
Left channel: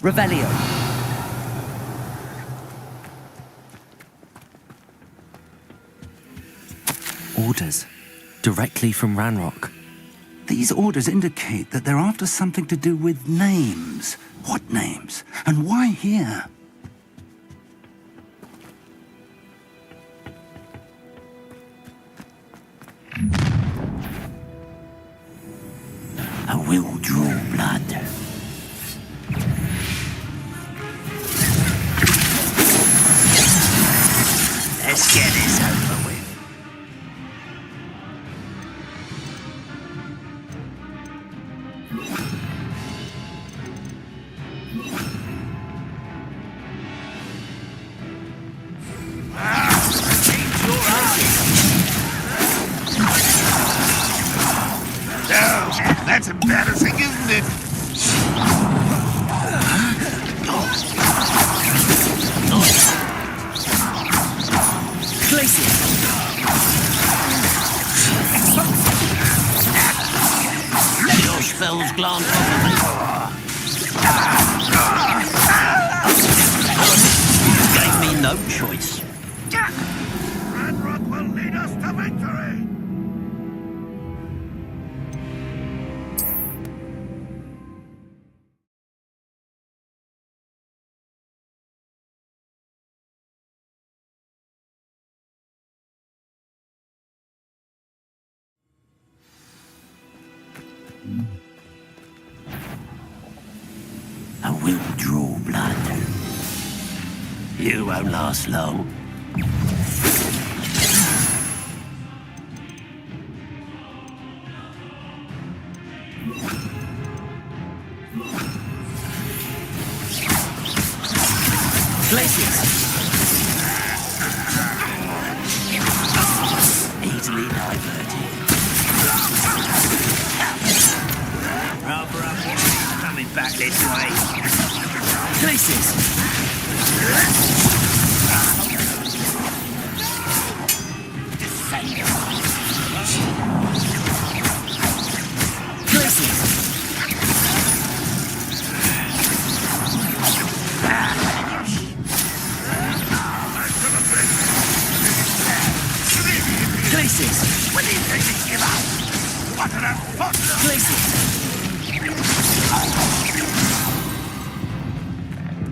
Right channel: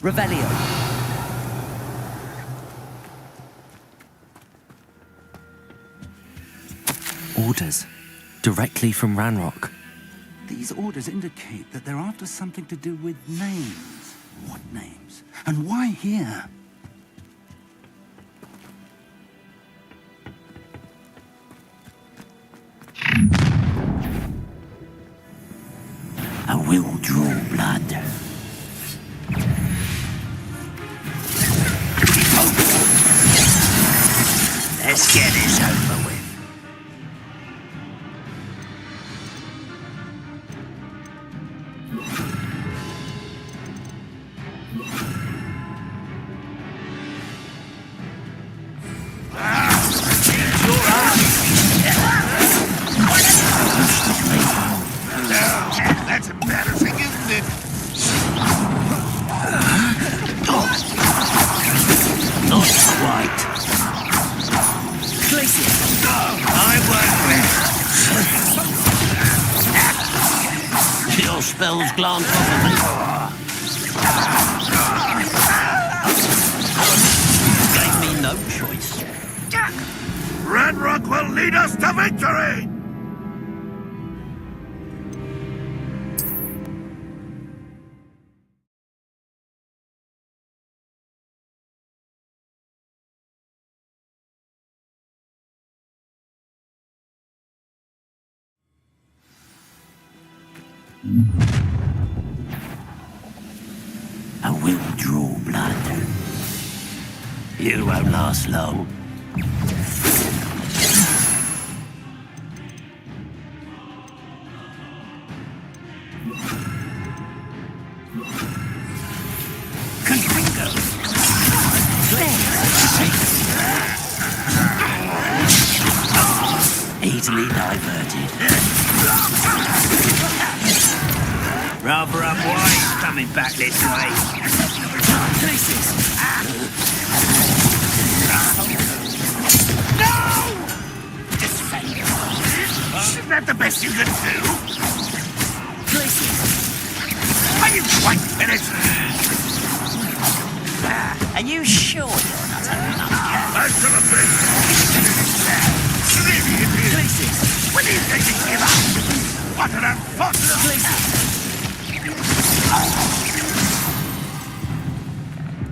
Revelio. Orders. Directly from Ranrock. These orders indicate that they're after something to do with names. What names? And why here? I will draw blood. Let's get this over with. That's embarrassing, isn't it? Not quite. Glacier. Your spells glance off of me. Gave me no choice. Ranrock will lead us to victory! I will draw blood. You won't last long. Easily diverted. Rather up wide, coming back this way. Places. Isn't that the best you can do? Places. Are you quite finished? Are you sure? Back to the thing! Places. When do you think you give up? What an unfortunate... Places.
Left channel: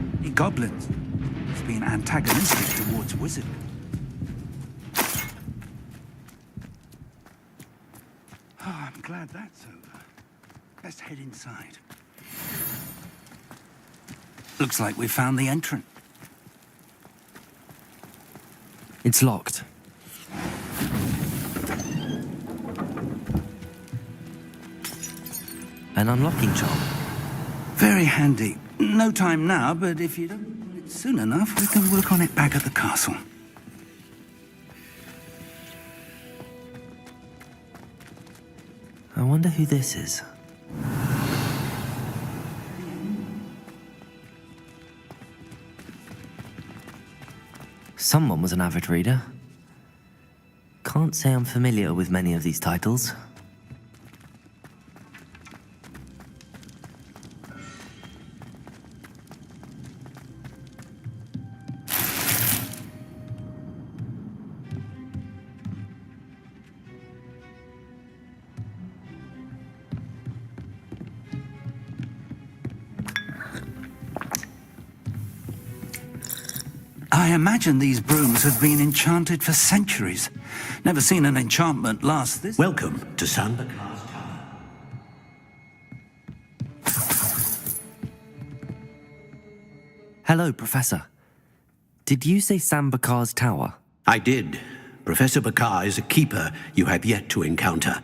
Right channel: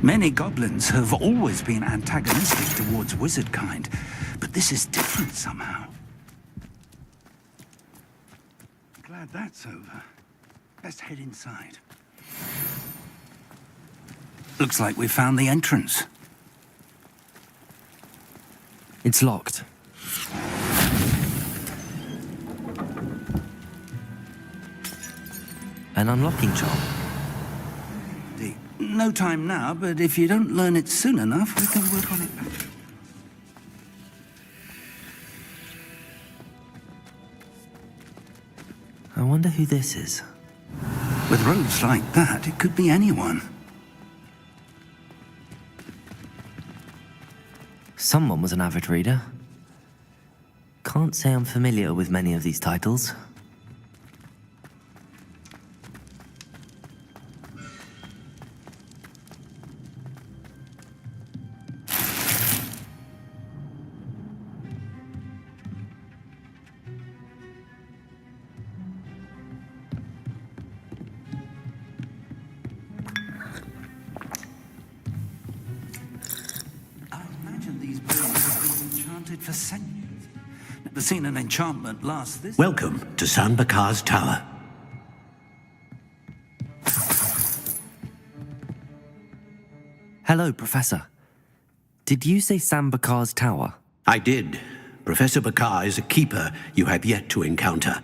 Many goblins have always been antagonistic towards wizard kind, but this is different somehow. Oh, I'm glad that's over. Let's head inside. Looks like we found the entrance. It's locked. An unlocking charm. Very handy. No time now, but if you don't learn it soon enough, we can work on it back at the castle. I wonder who this is. With robes like that, it could be anyone. Someone was an avid reader. Can't say I'm familiar with many of these titles. I imagine these brooms have been enchanted for centuries. Never seen an enchantment last this... Welcome to San Bakar's Tower. Hello, Professor. Did you say San Bakar's Tower? I did. Professor Bakar is a keeper you have yet to encounter.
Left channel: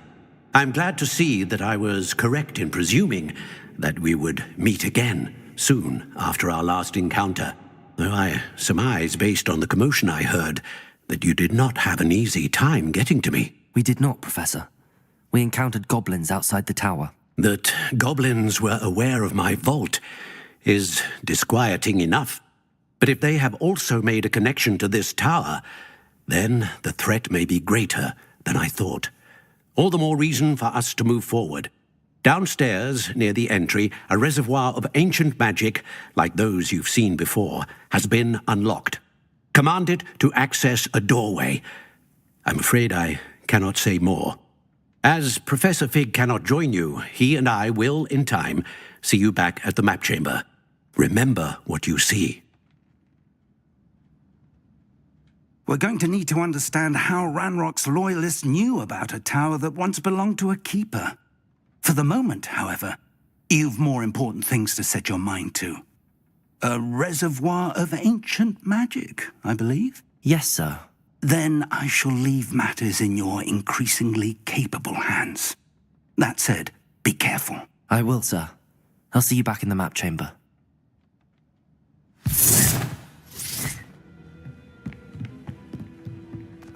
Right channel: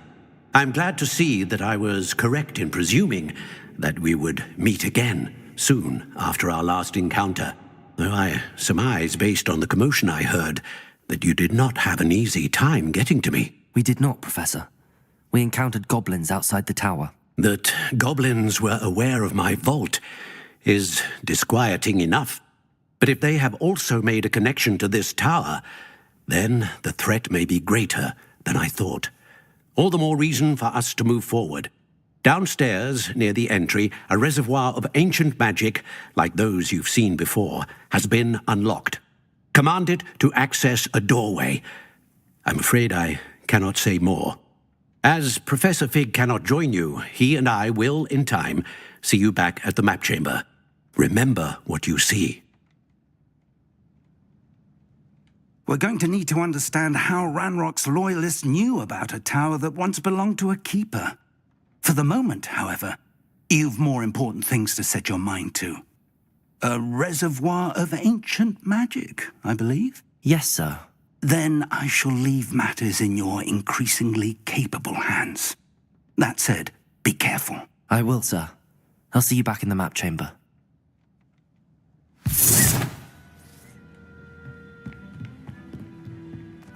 I'm glad to see that I was correct in presuming that we would meet again soon after our last encounter. Though I surmise, based on the commotion I heard, that you did not have an easy time getting to me. We did not, Professor. We encountered goblins outside the tower. That goblins were aware of my vault is disquieting enough. But if they have also made a connection to this tower, then the threat may be greater than I thought. All the more reason for us to move forward. Downstairs, near the entry, a reservoir of ancient magic, like those you've seen before, has been unlocked. Commanded to access a doorway. I'm afraid I cannot say more. As Professor Fig cannot join you, he and I will, in time, see you back at the map chamber. Remember what you see. We're going to need to understand how Ranrock's loyalists knew about a tower that once belonged to a keeper. For the moment, however, you've more important things to set your mind to. A reservoir of ancient magic, I believe? Yes, sir. Then I shall leave matters in your increasingly capable hands. That said, be careful. I will, sir. I'll see you back in the map chamber.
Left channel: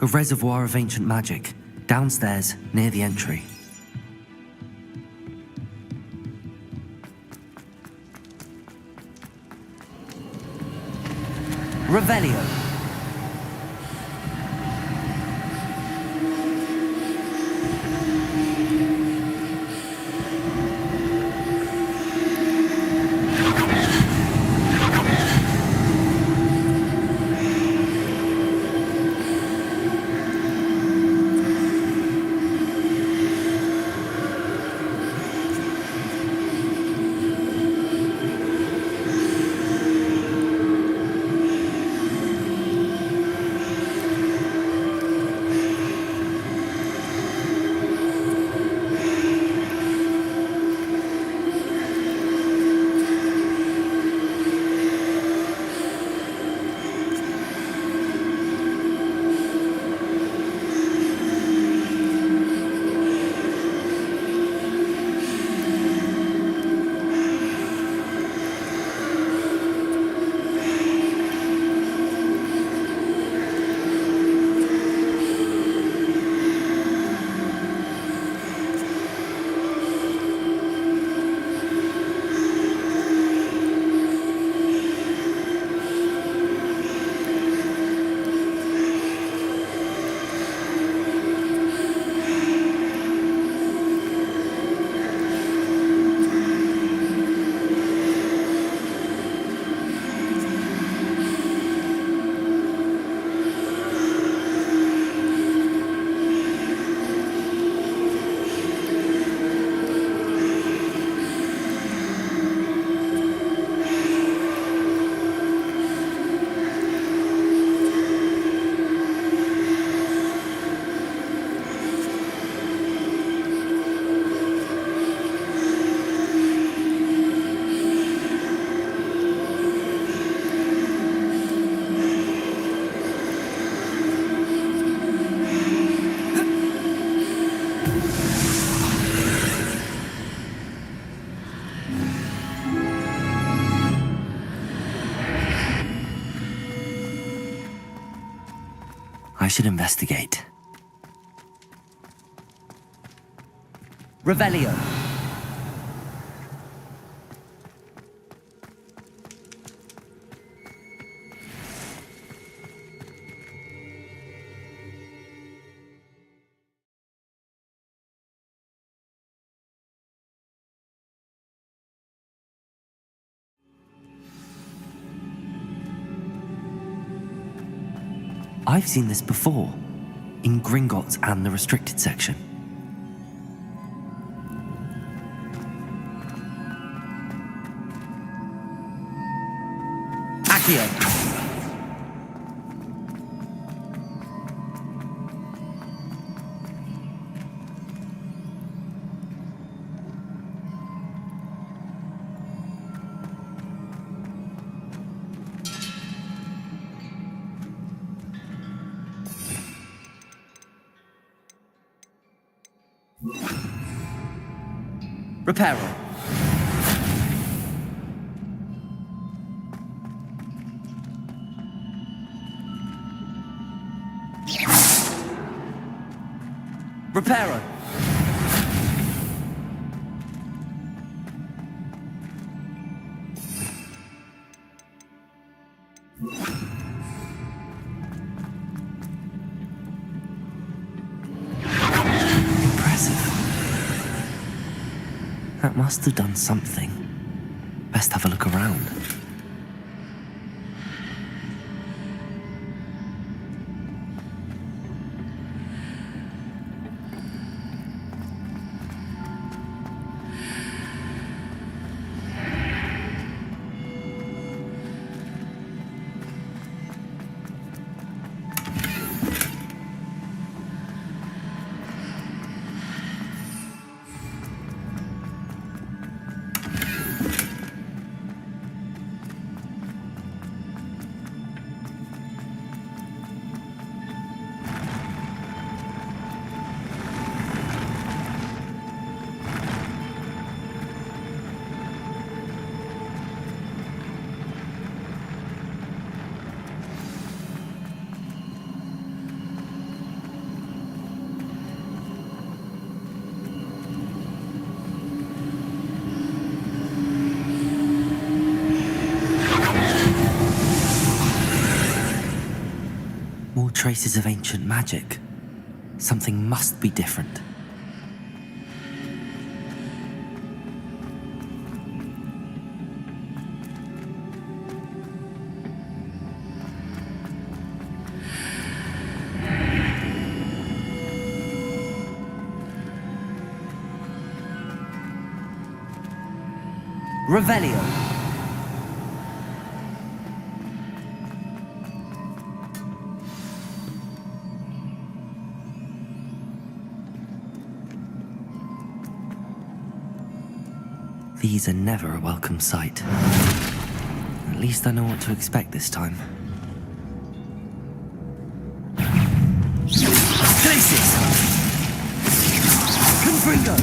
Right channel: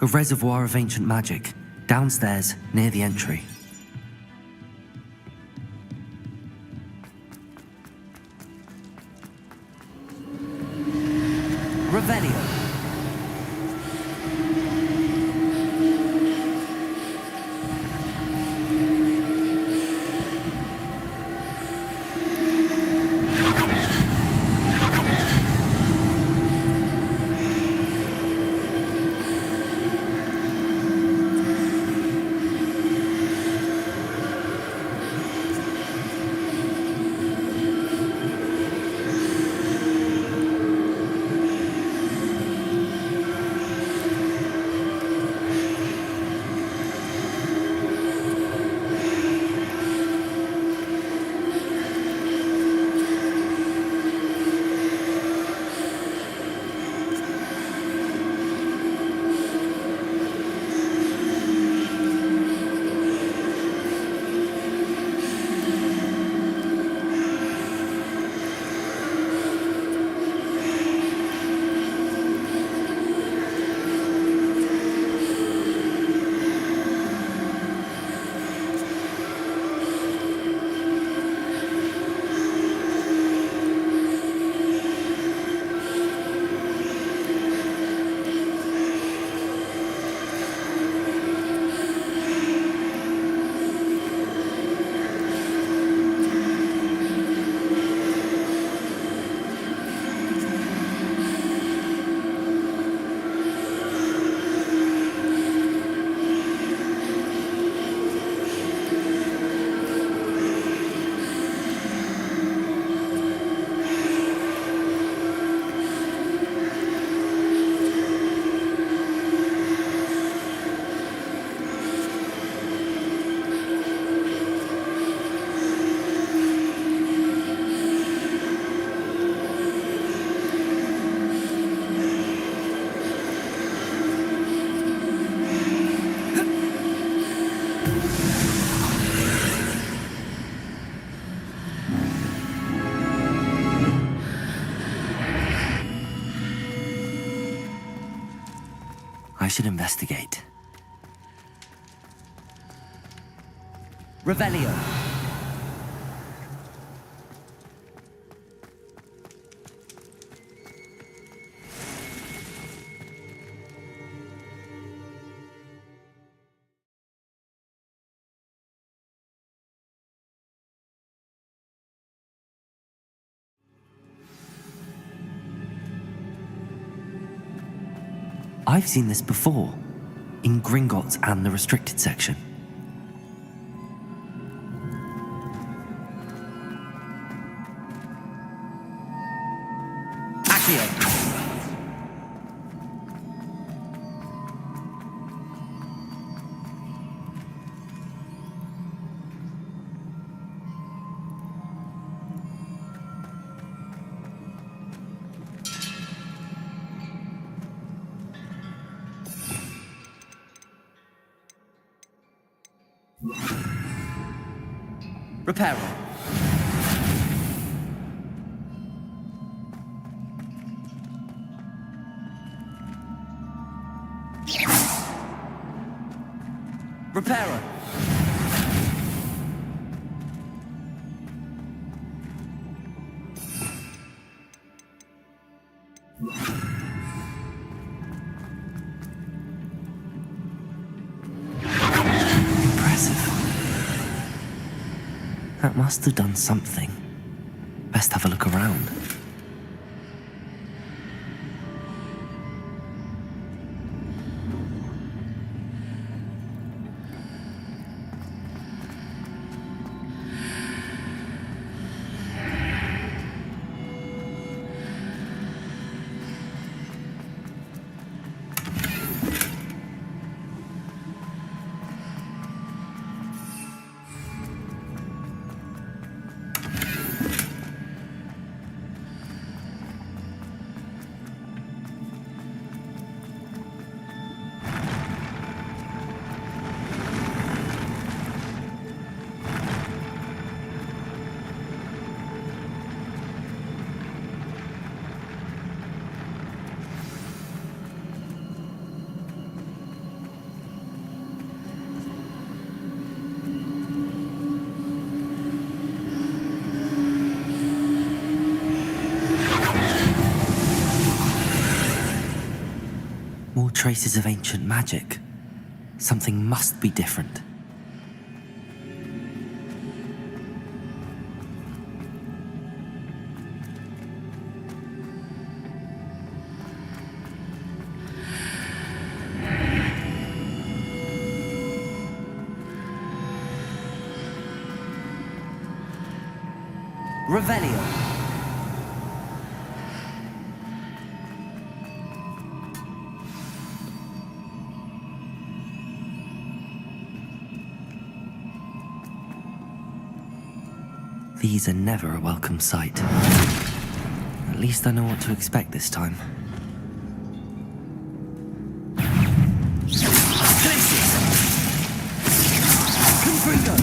A reservoir of ancient magic, downstairs, near the entry. Revelio. I should investigate. Revelio. I've seen this before, in Gringotts and the restricted section. Accio. Reparo. Reparo. Impressive. That must have done something. Best have a look around. More traces of ancient magic. Something must be different. Revelio. These are never a welcome sight. At least I know what to expect this time. Glacius! Confringo!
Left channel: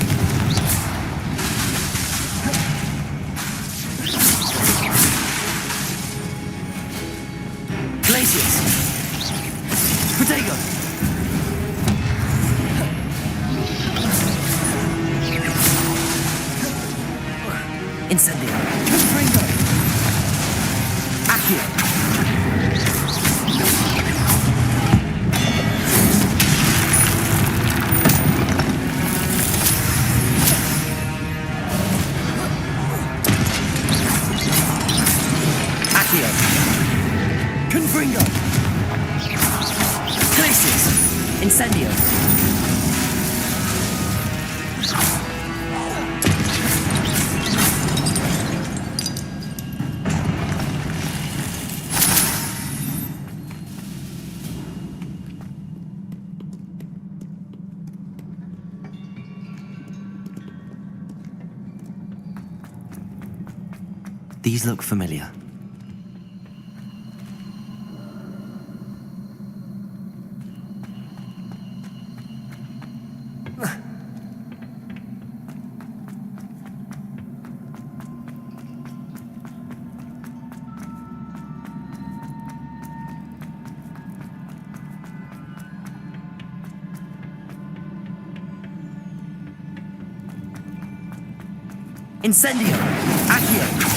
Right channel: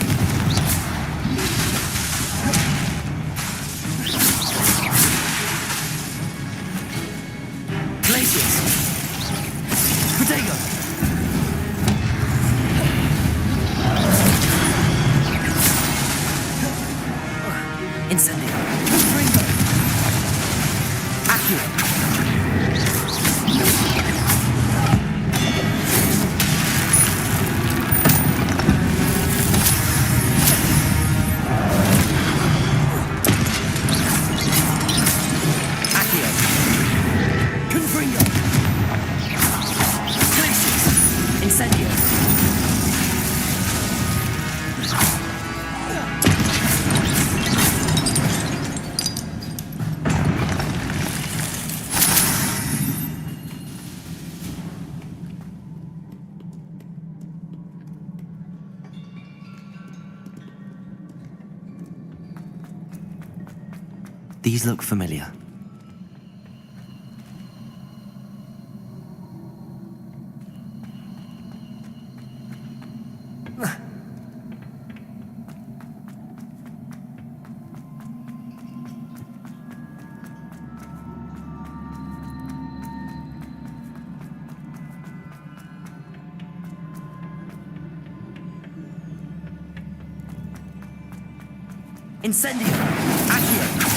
Glacius! Protego! Incendio. Confringo. Accio. Accio. Confringo. Glacius. Incendio. These look familiar. Incendio! Accio!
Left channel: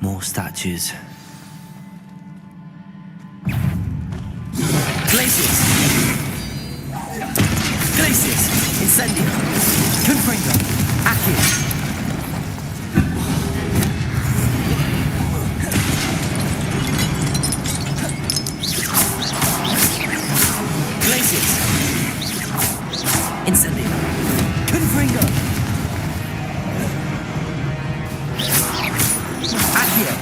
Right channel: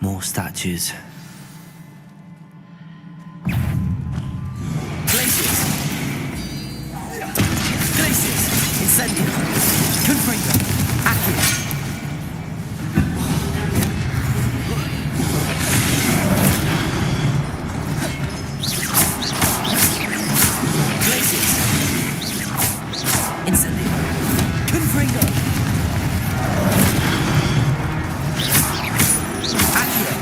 More statues. Glacius! Glacius! Incendio! Confringo! Accio! Glacius! Incendio! Confringo! Accio!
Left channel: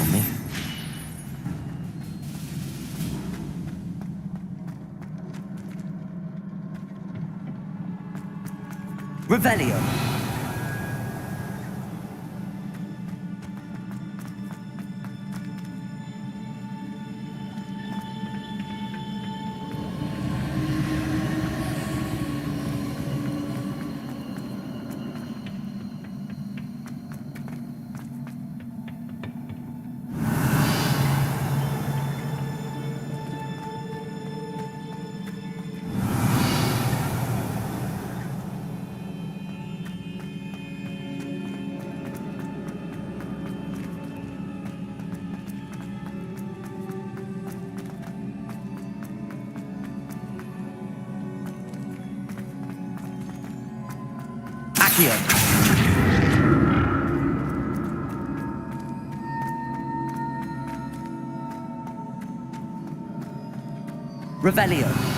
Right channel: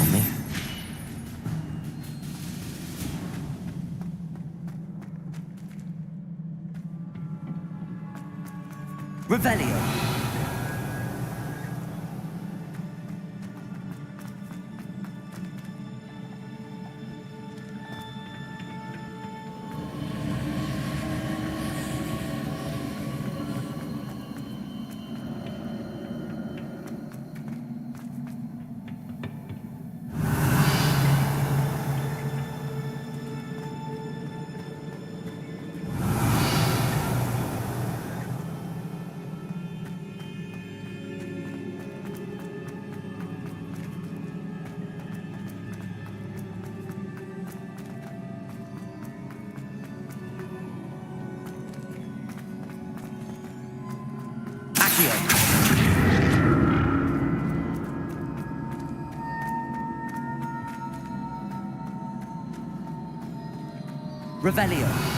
on me. Revelio. Revelio.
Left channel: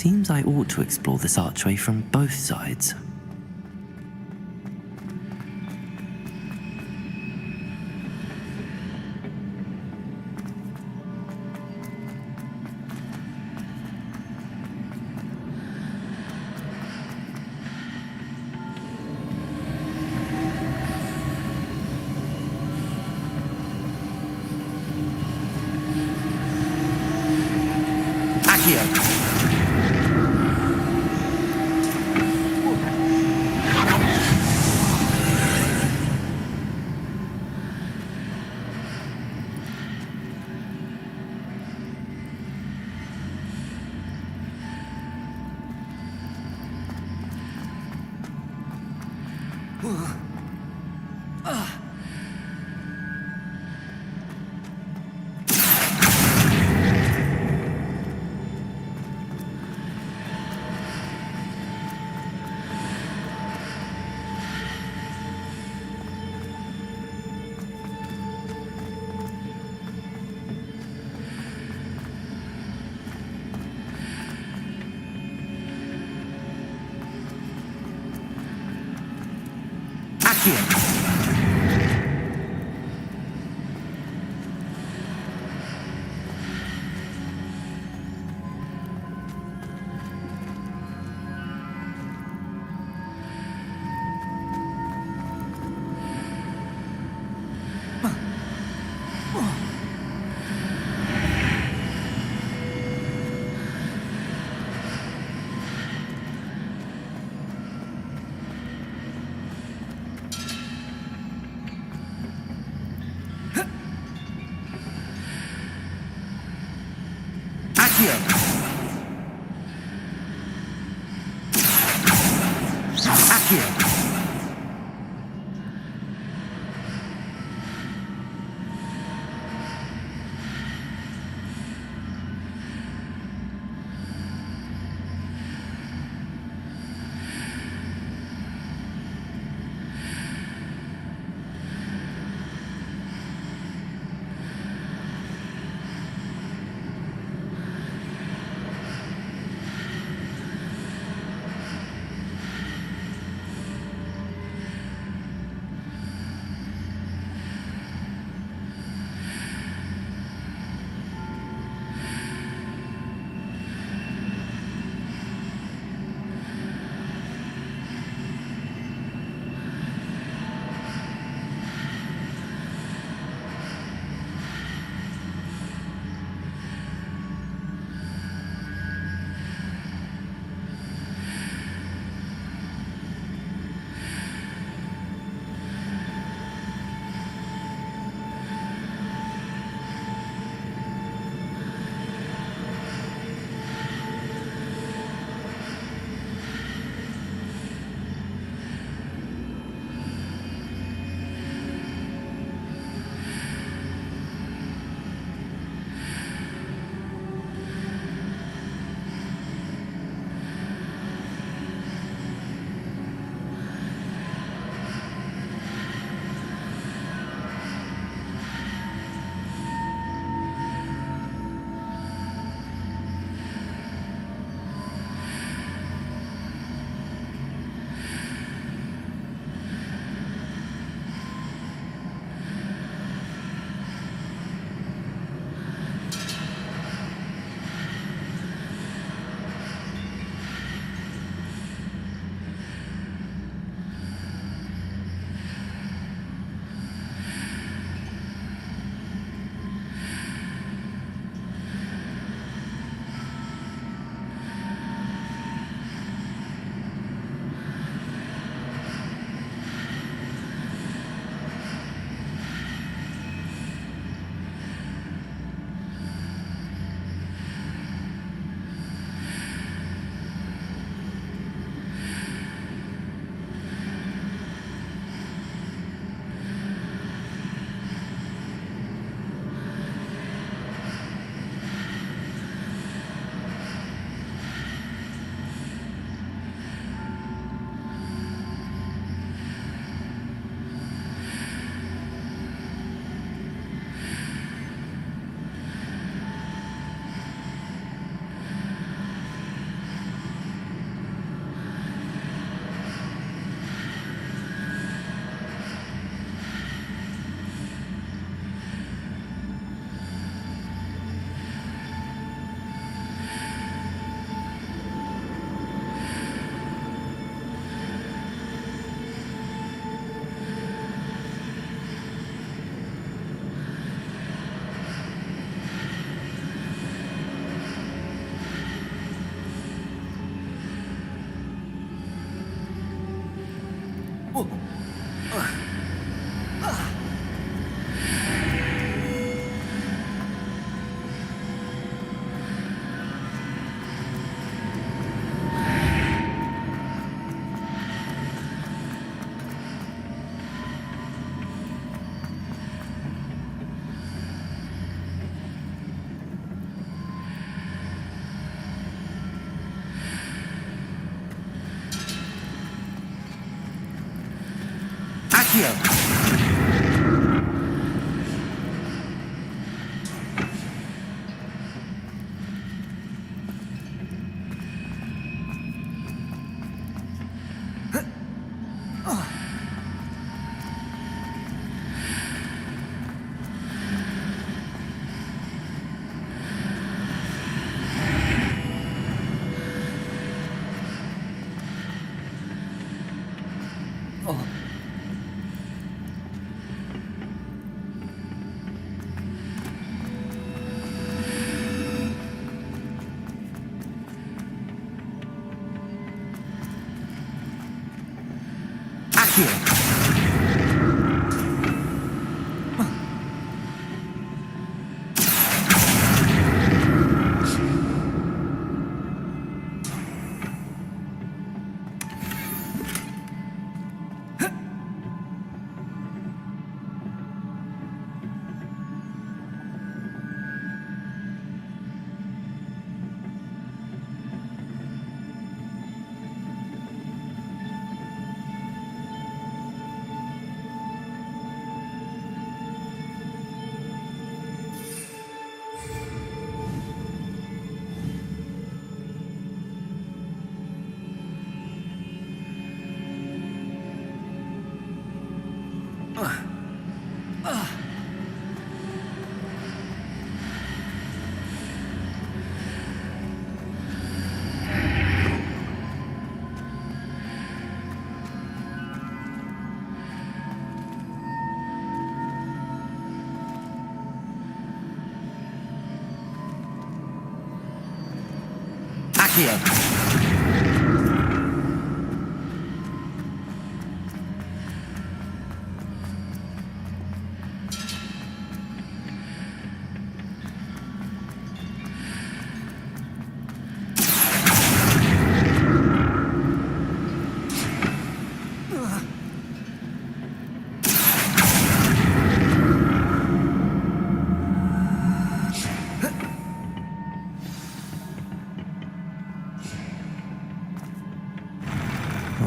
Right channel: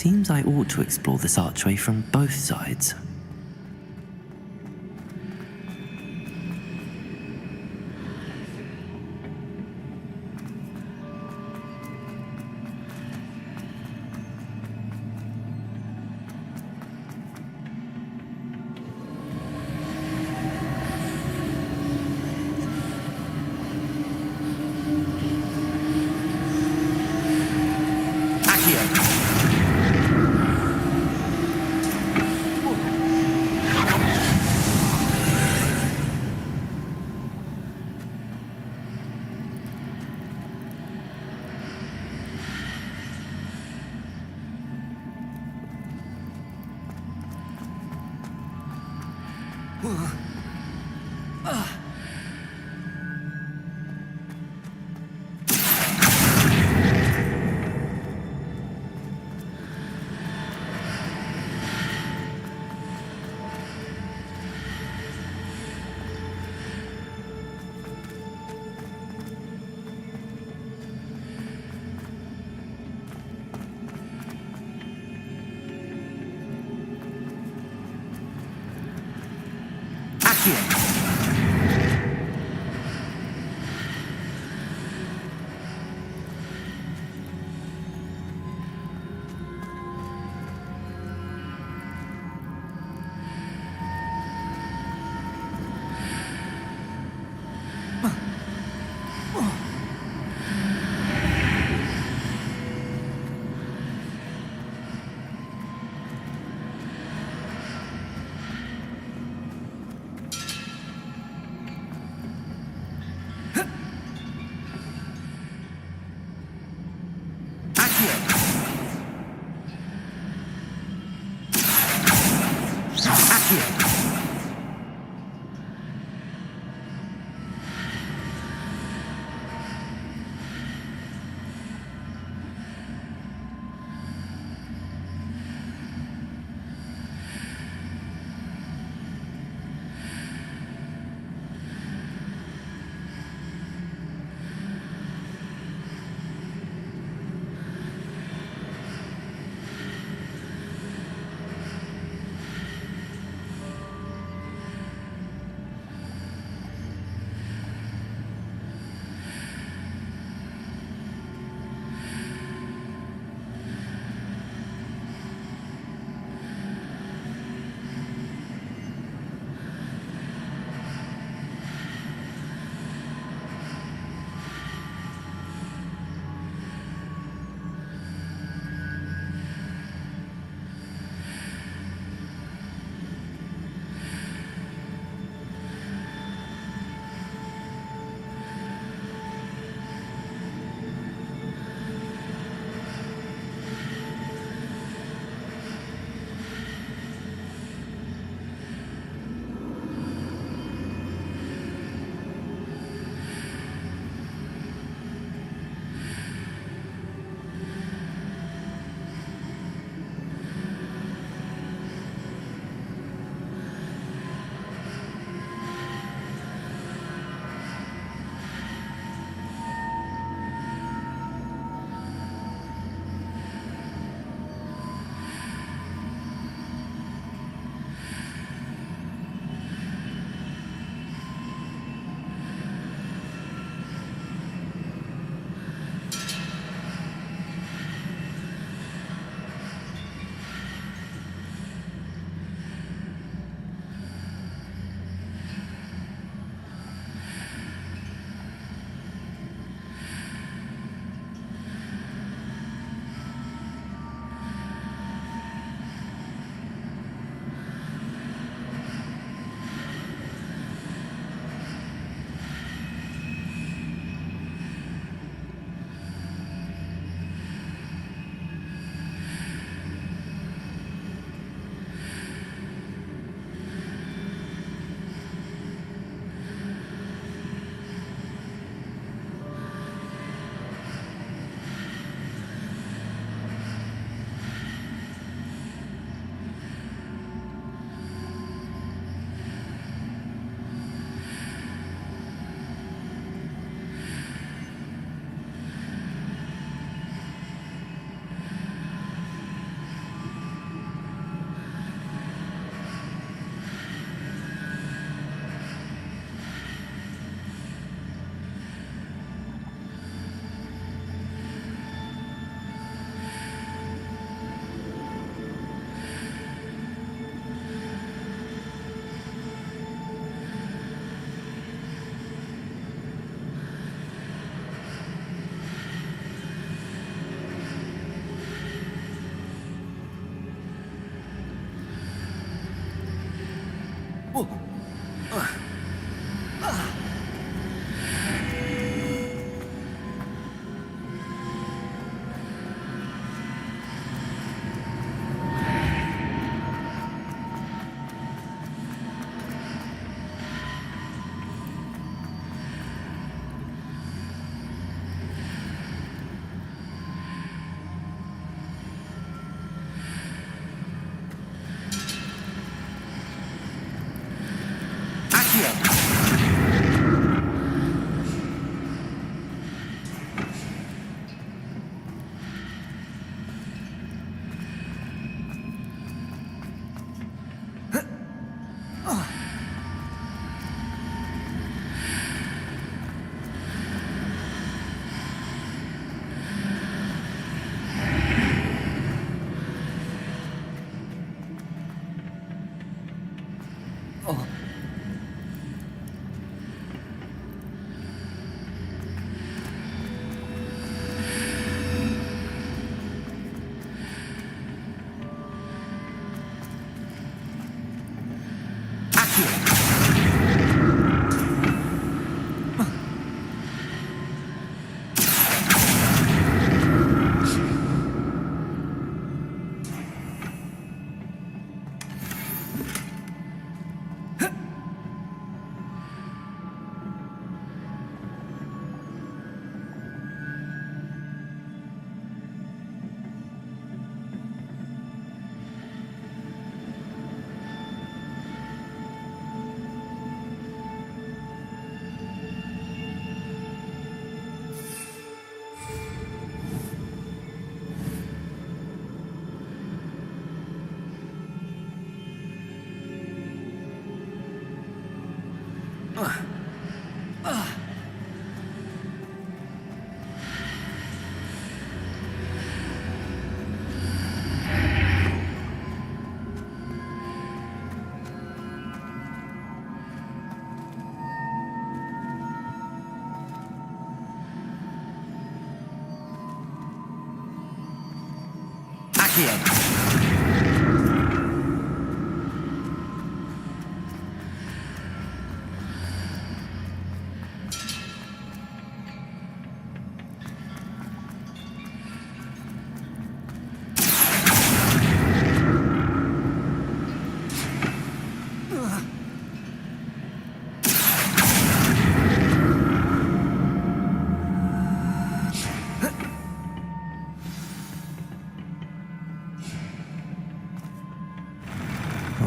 Seems I ought to explore this archway from both sides.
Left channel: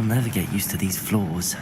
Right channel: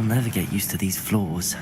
I'll never get used to these floors.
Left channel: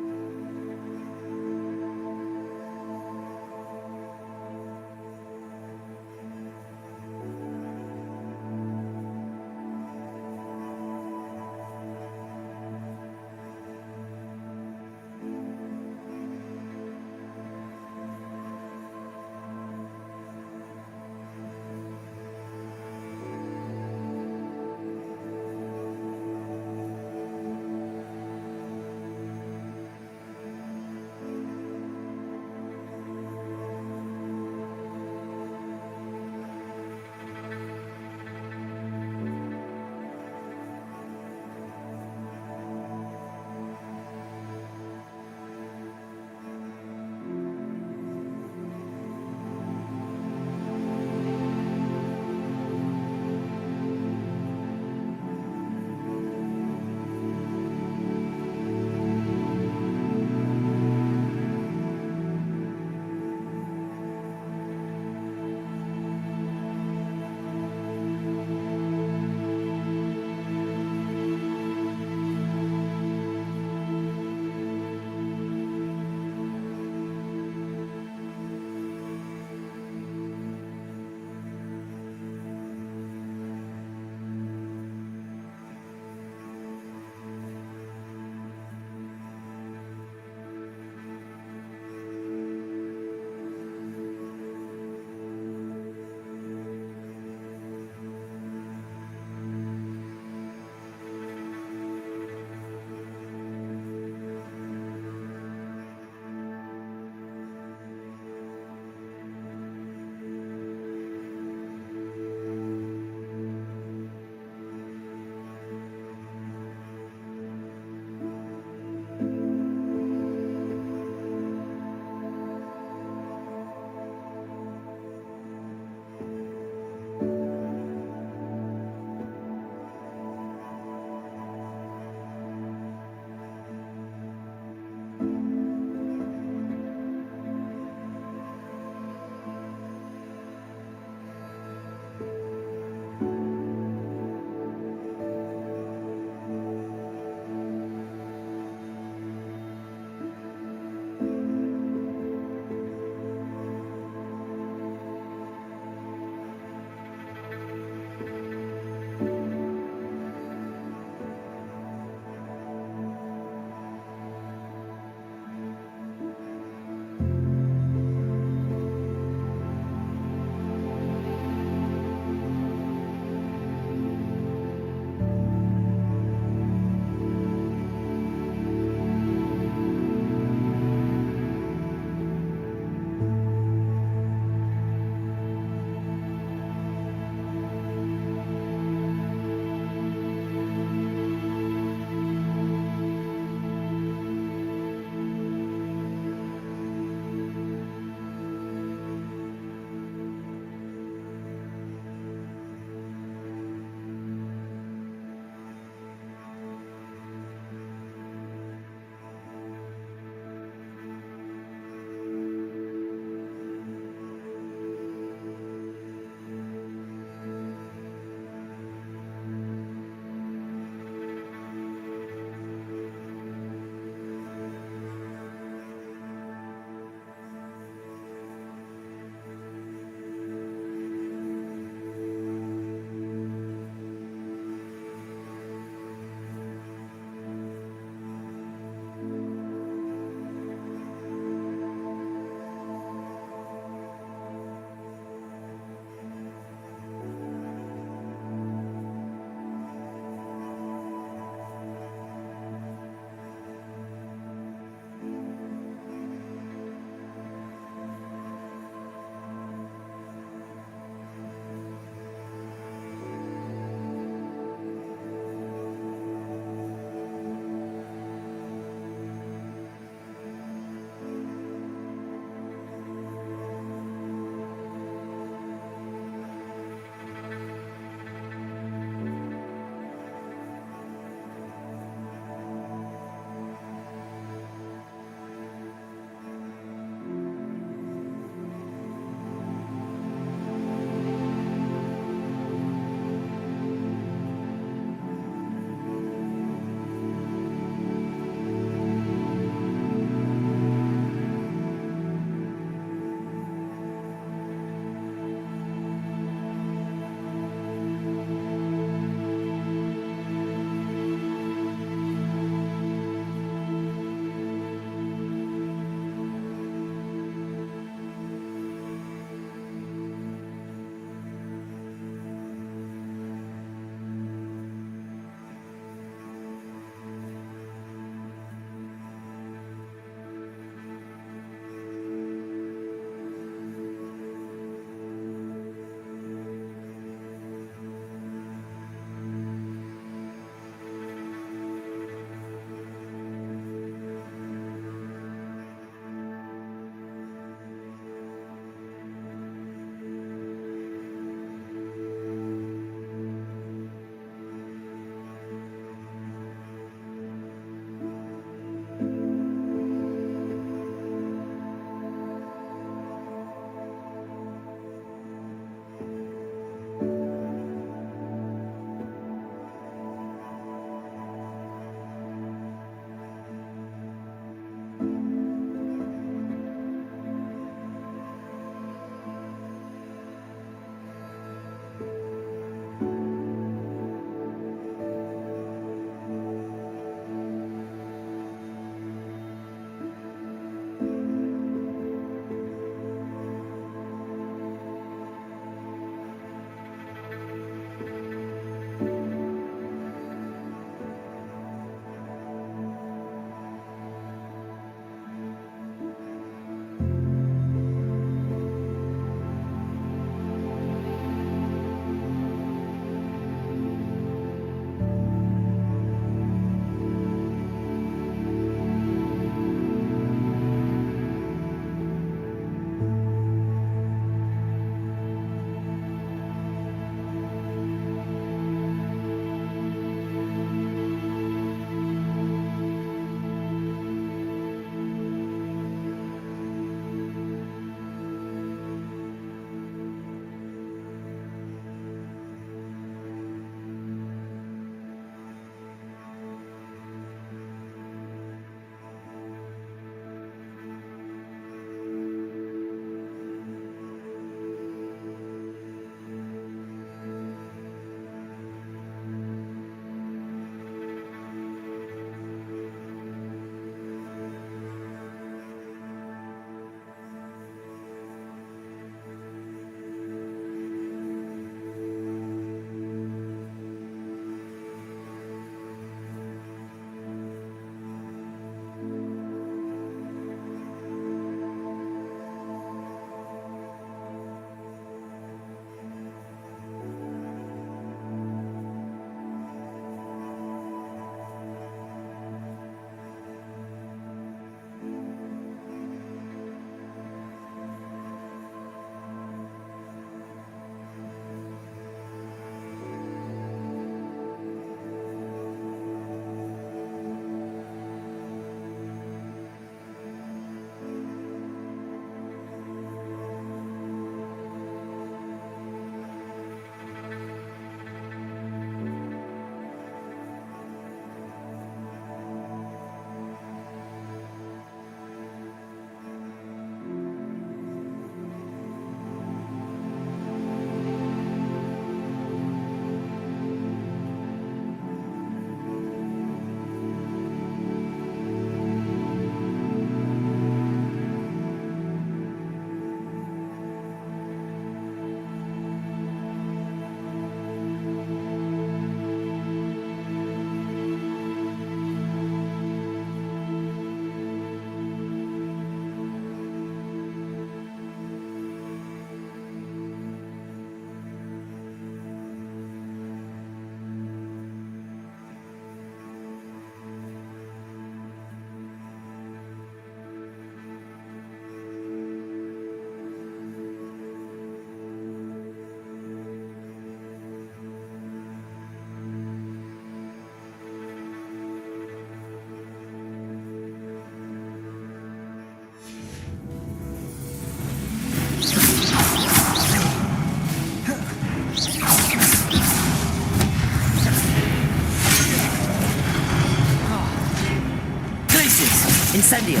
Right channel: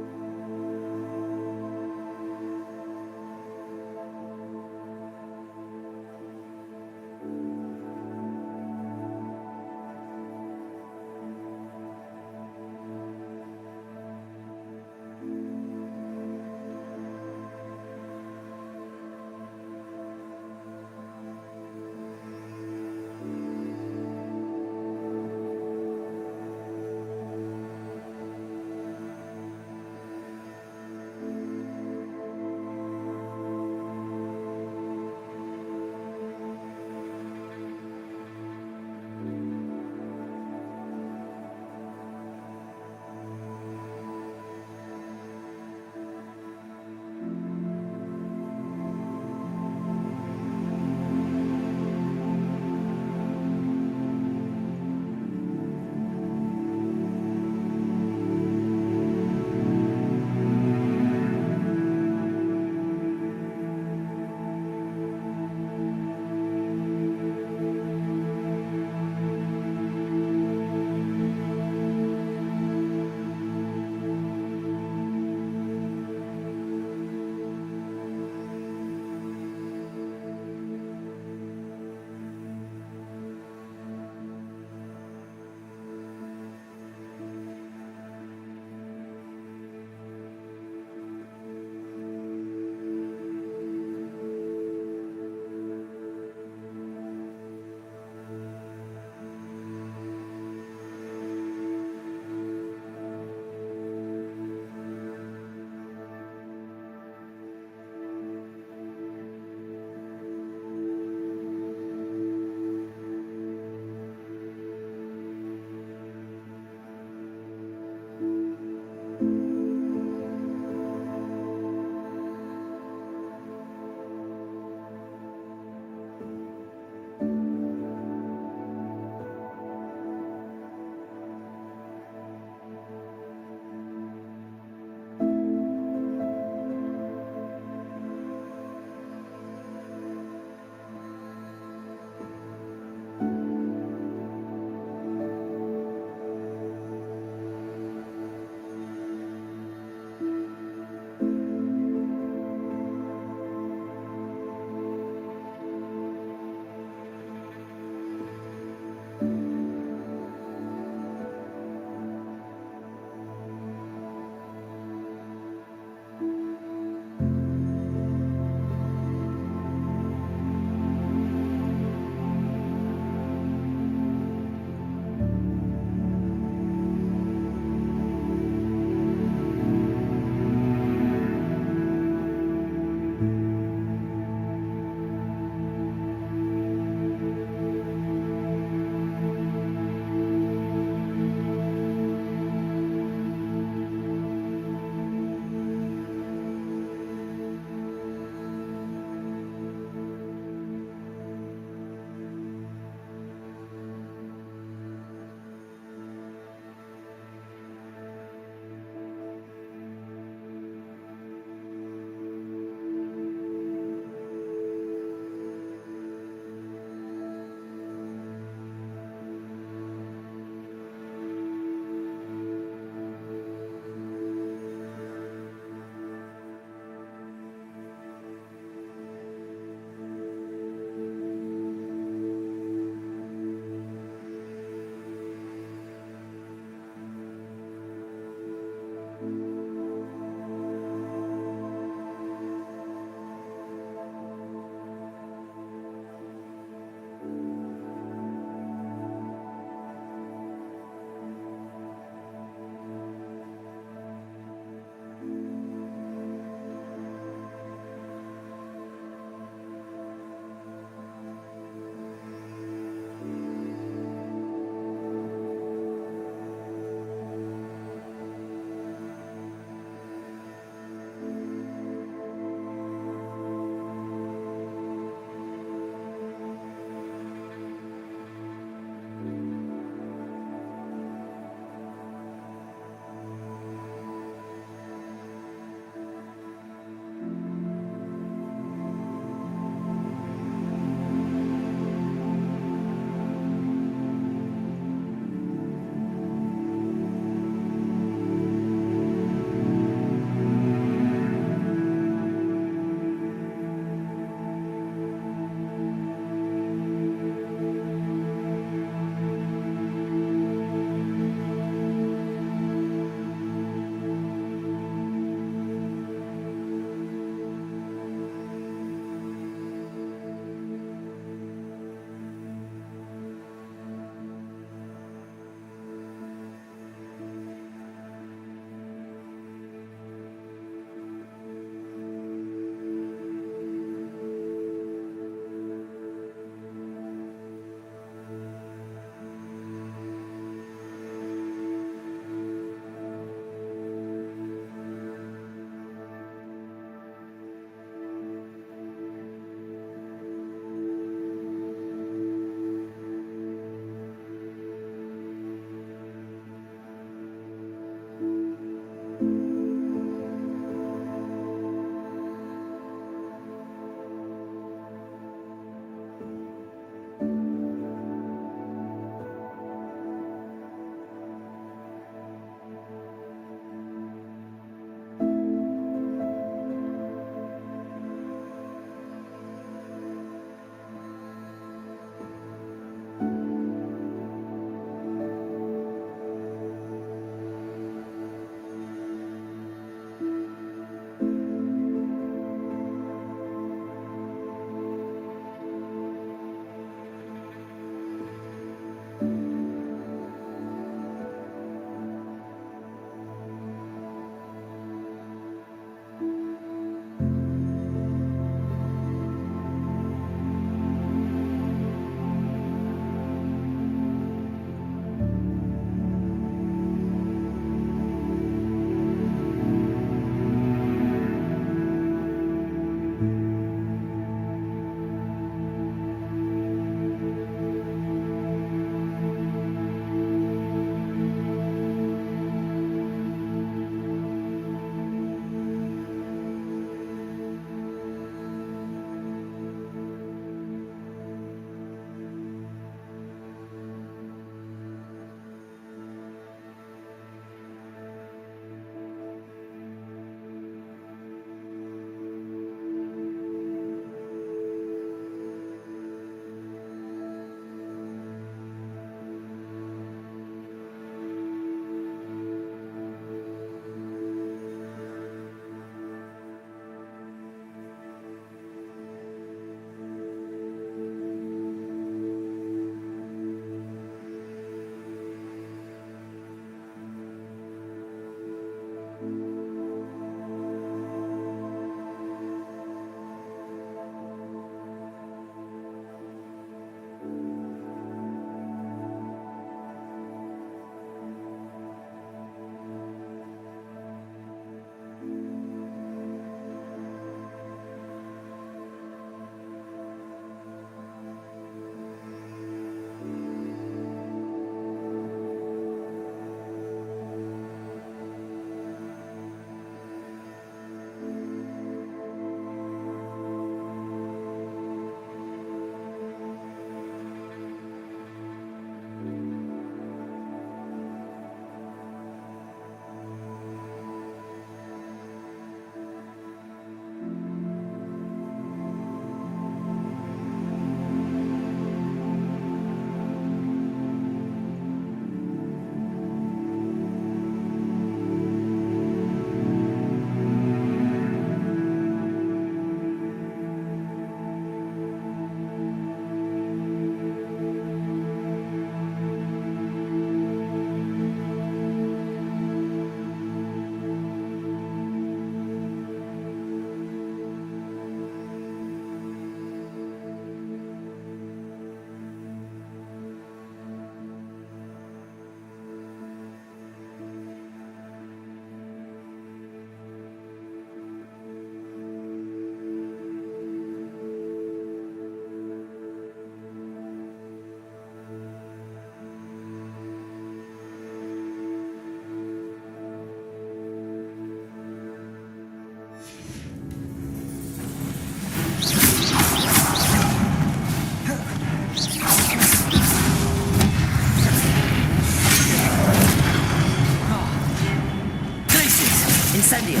Incendio.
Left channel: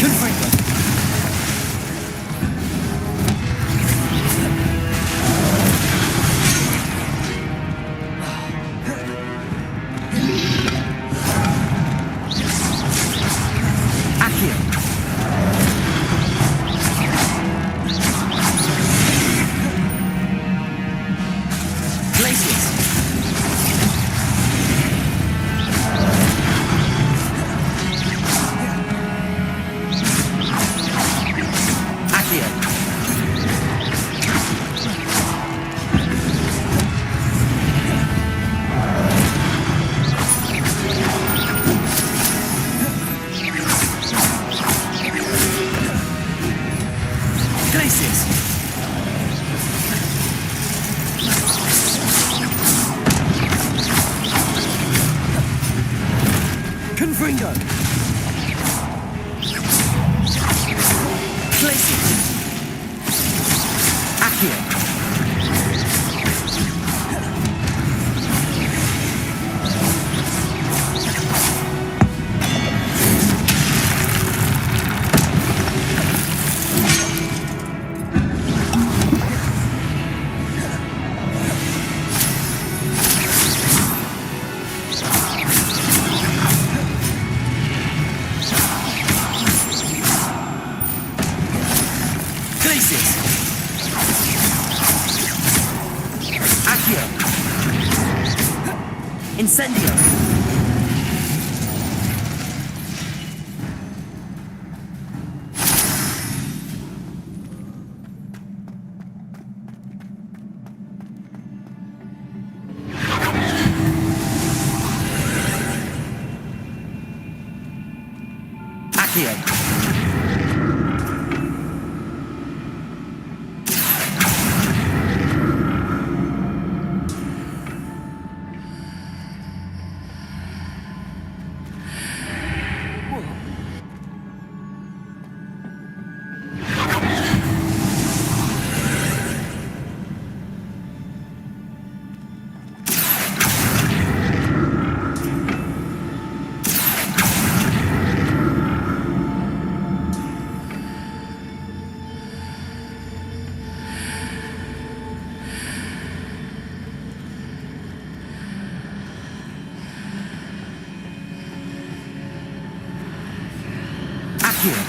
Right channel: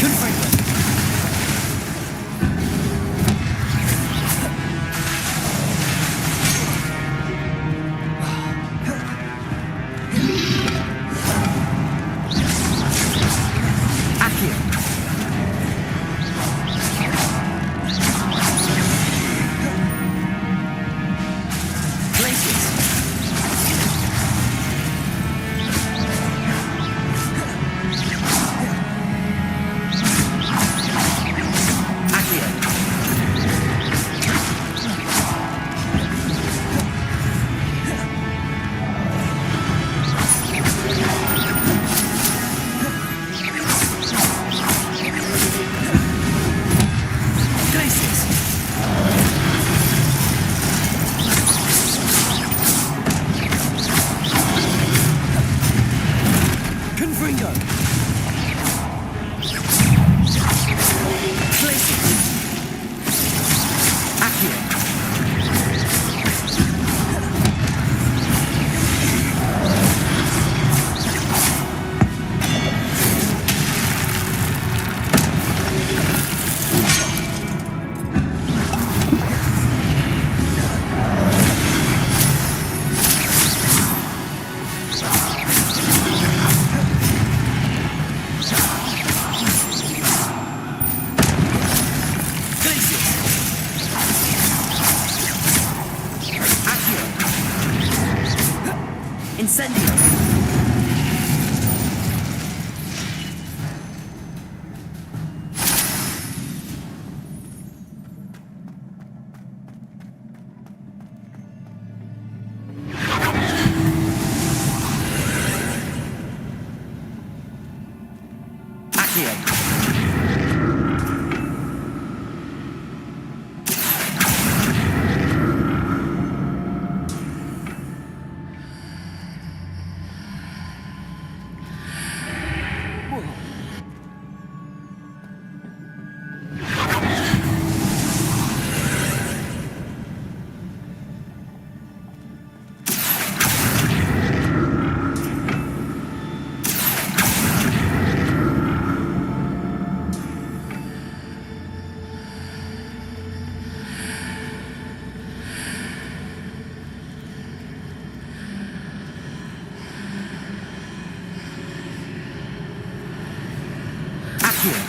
Confringo. Accio. Glacius. Confringo. Glacius. Accio. Incendio. Accio.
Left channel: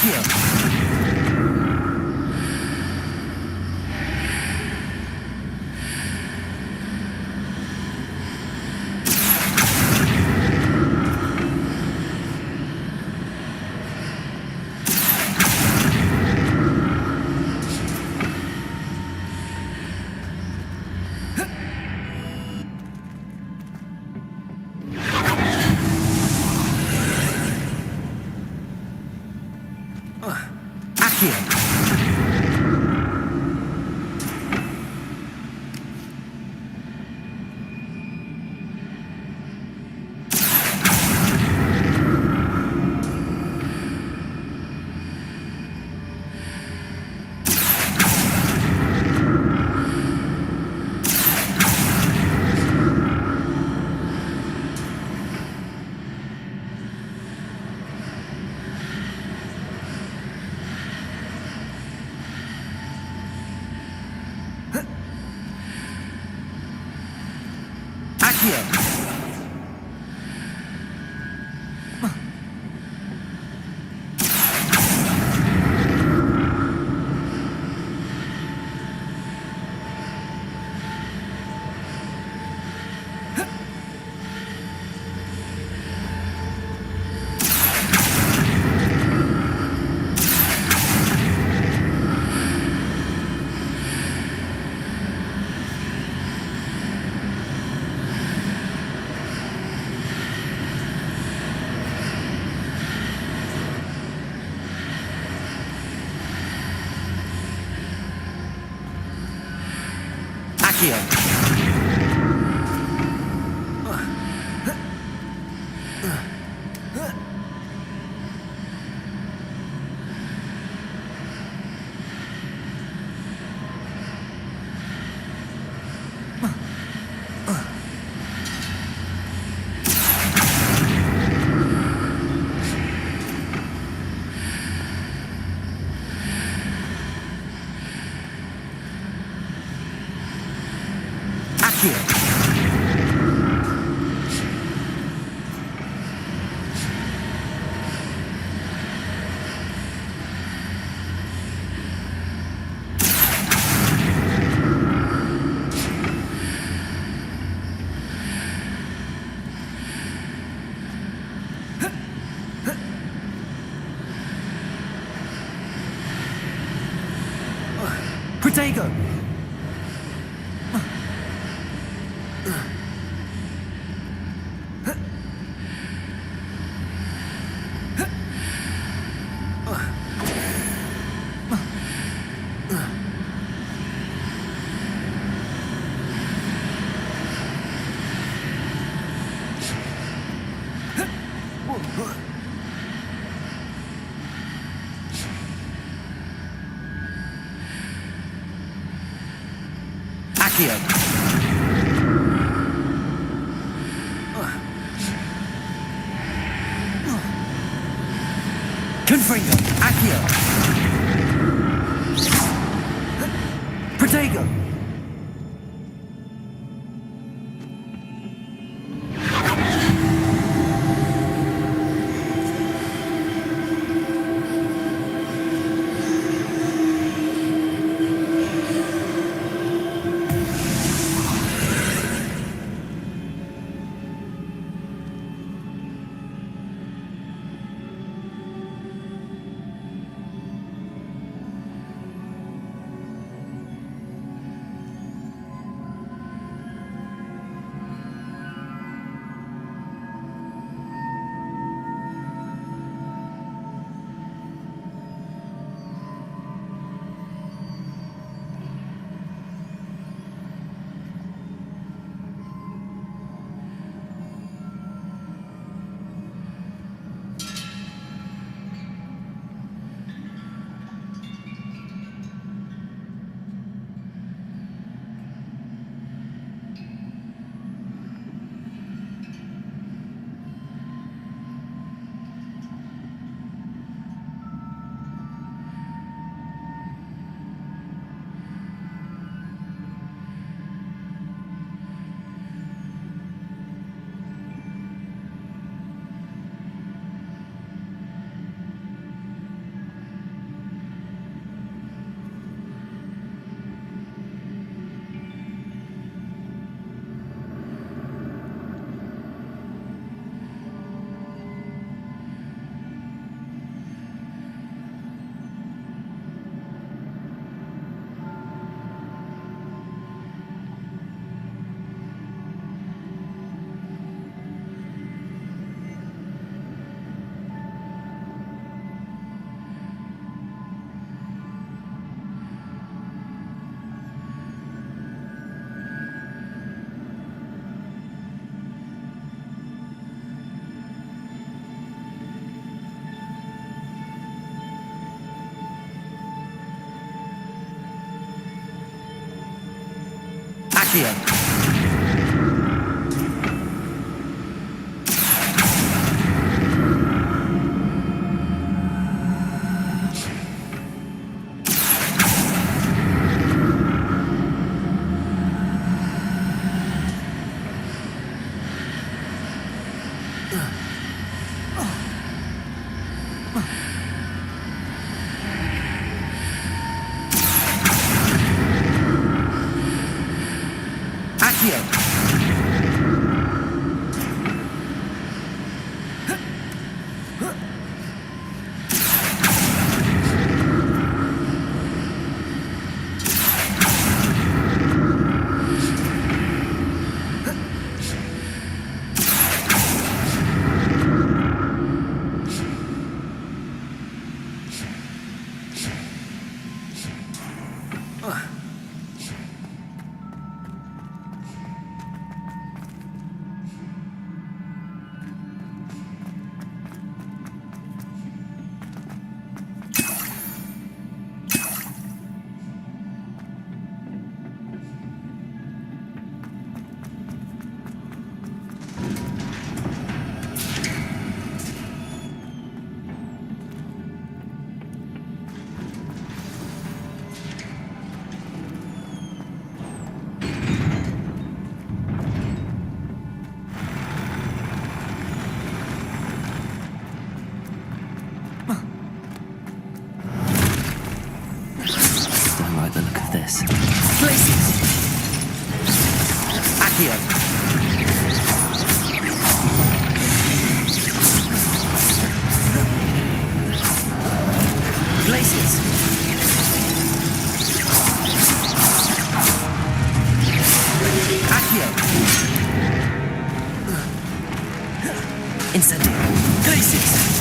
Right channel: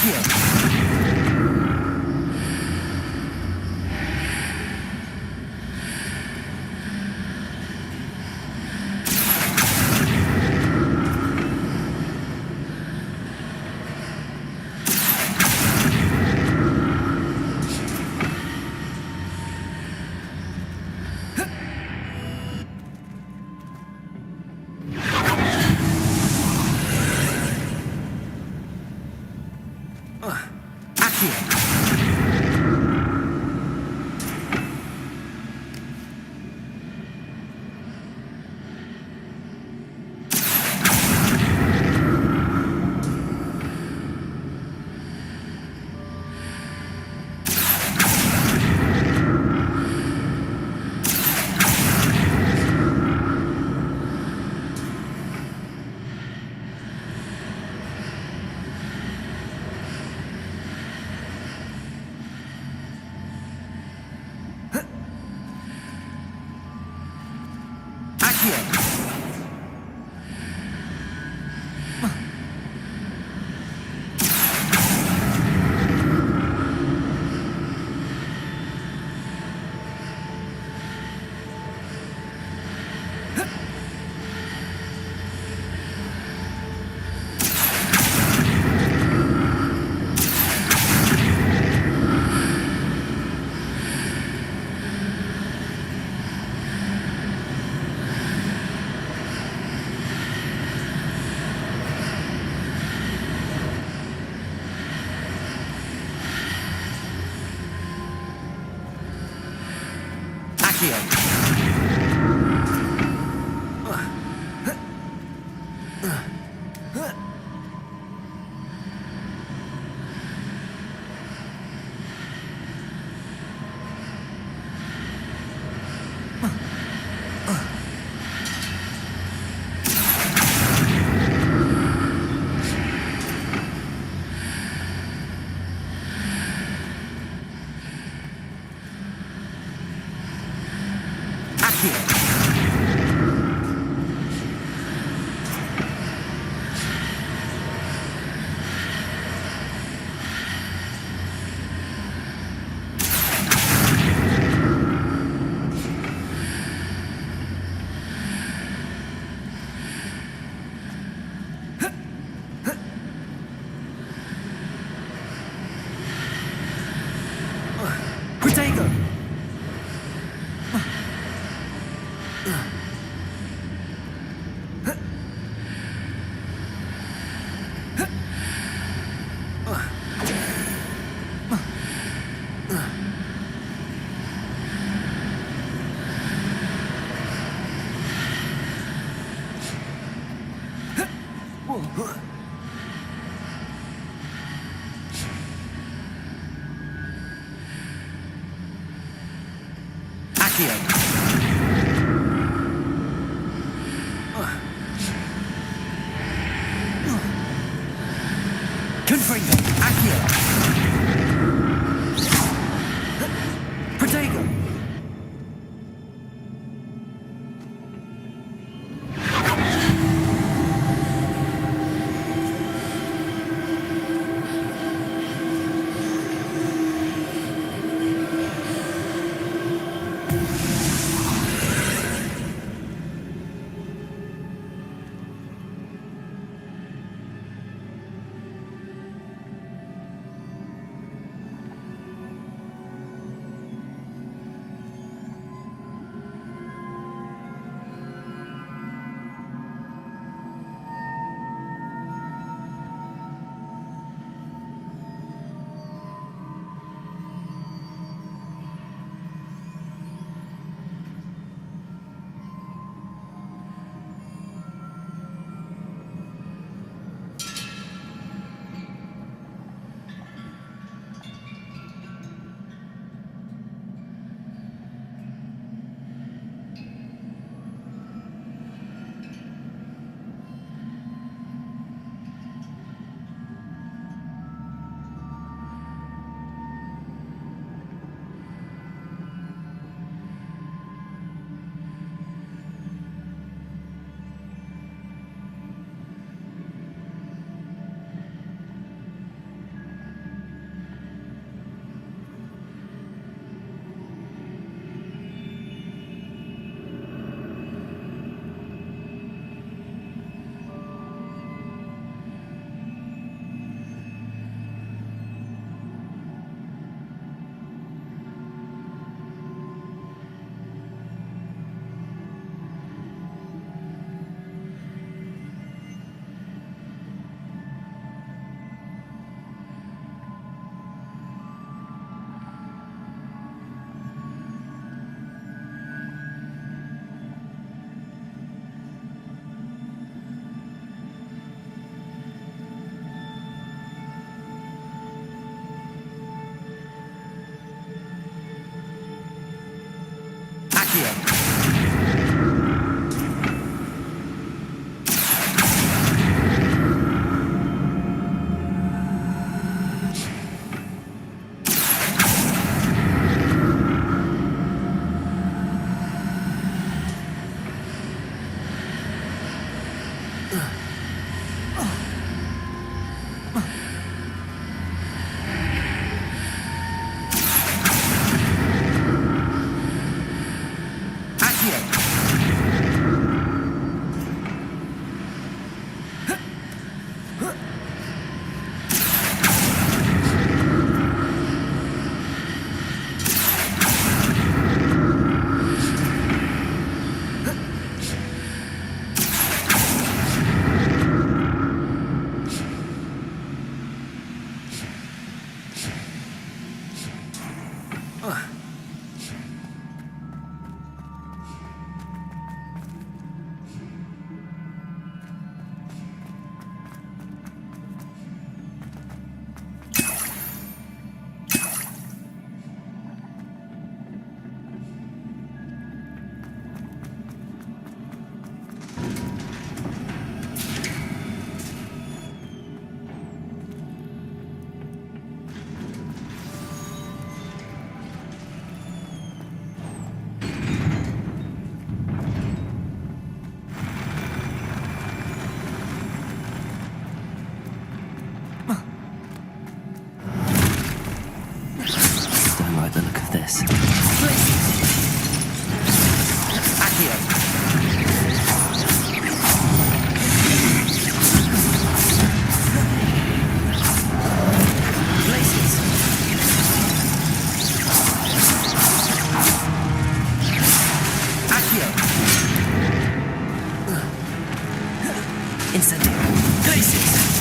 Protego! Confringo! Accio! Protego! Don't like the look of this. Incendio. Glacius.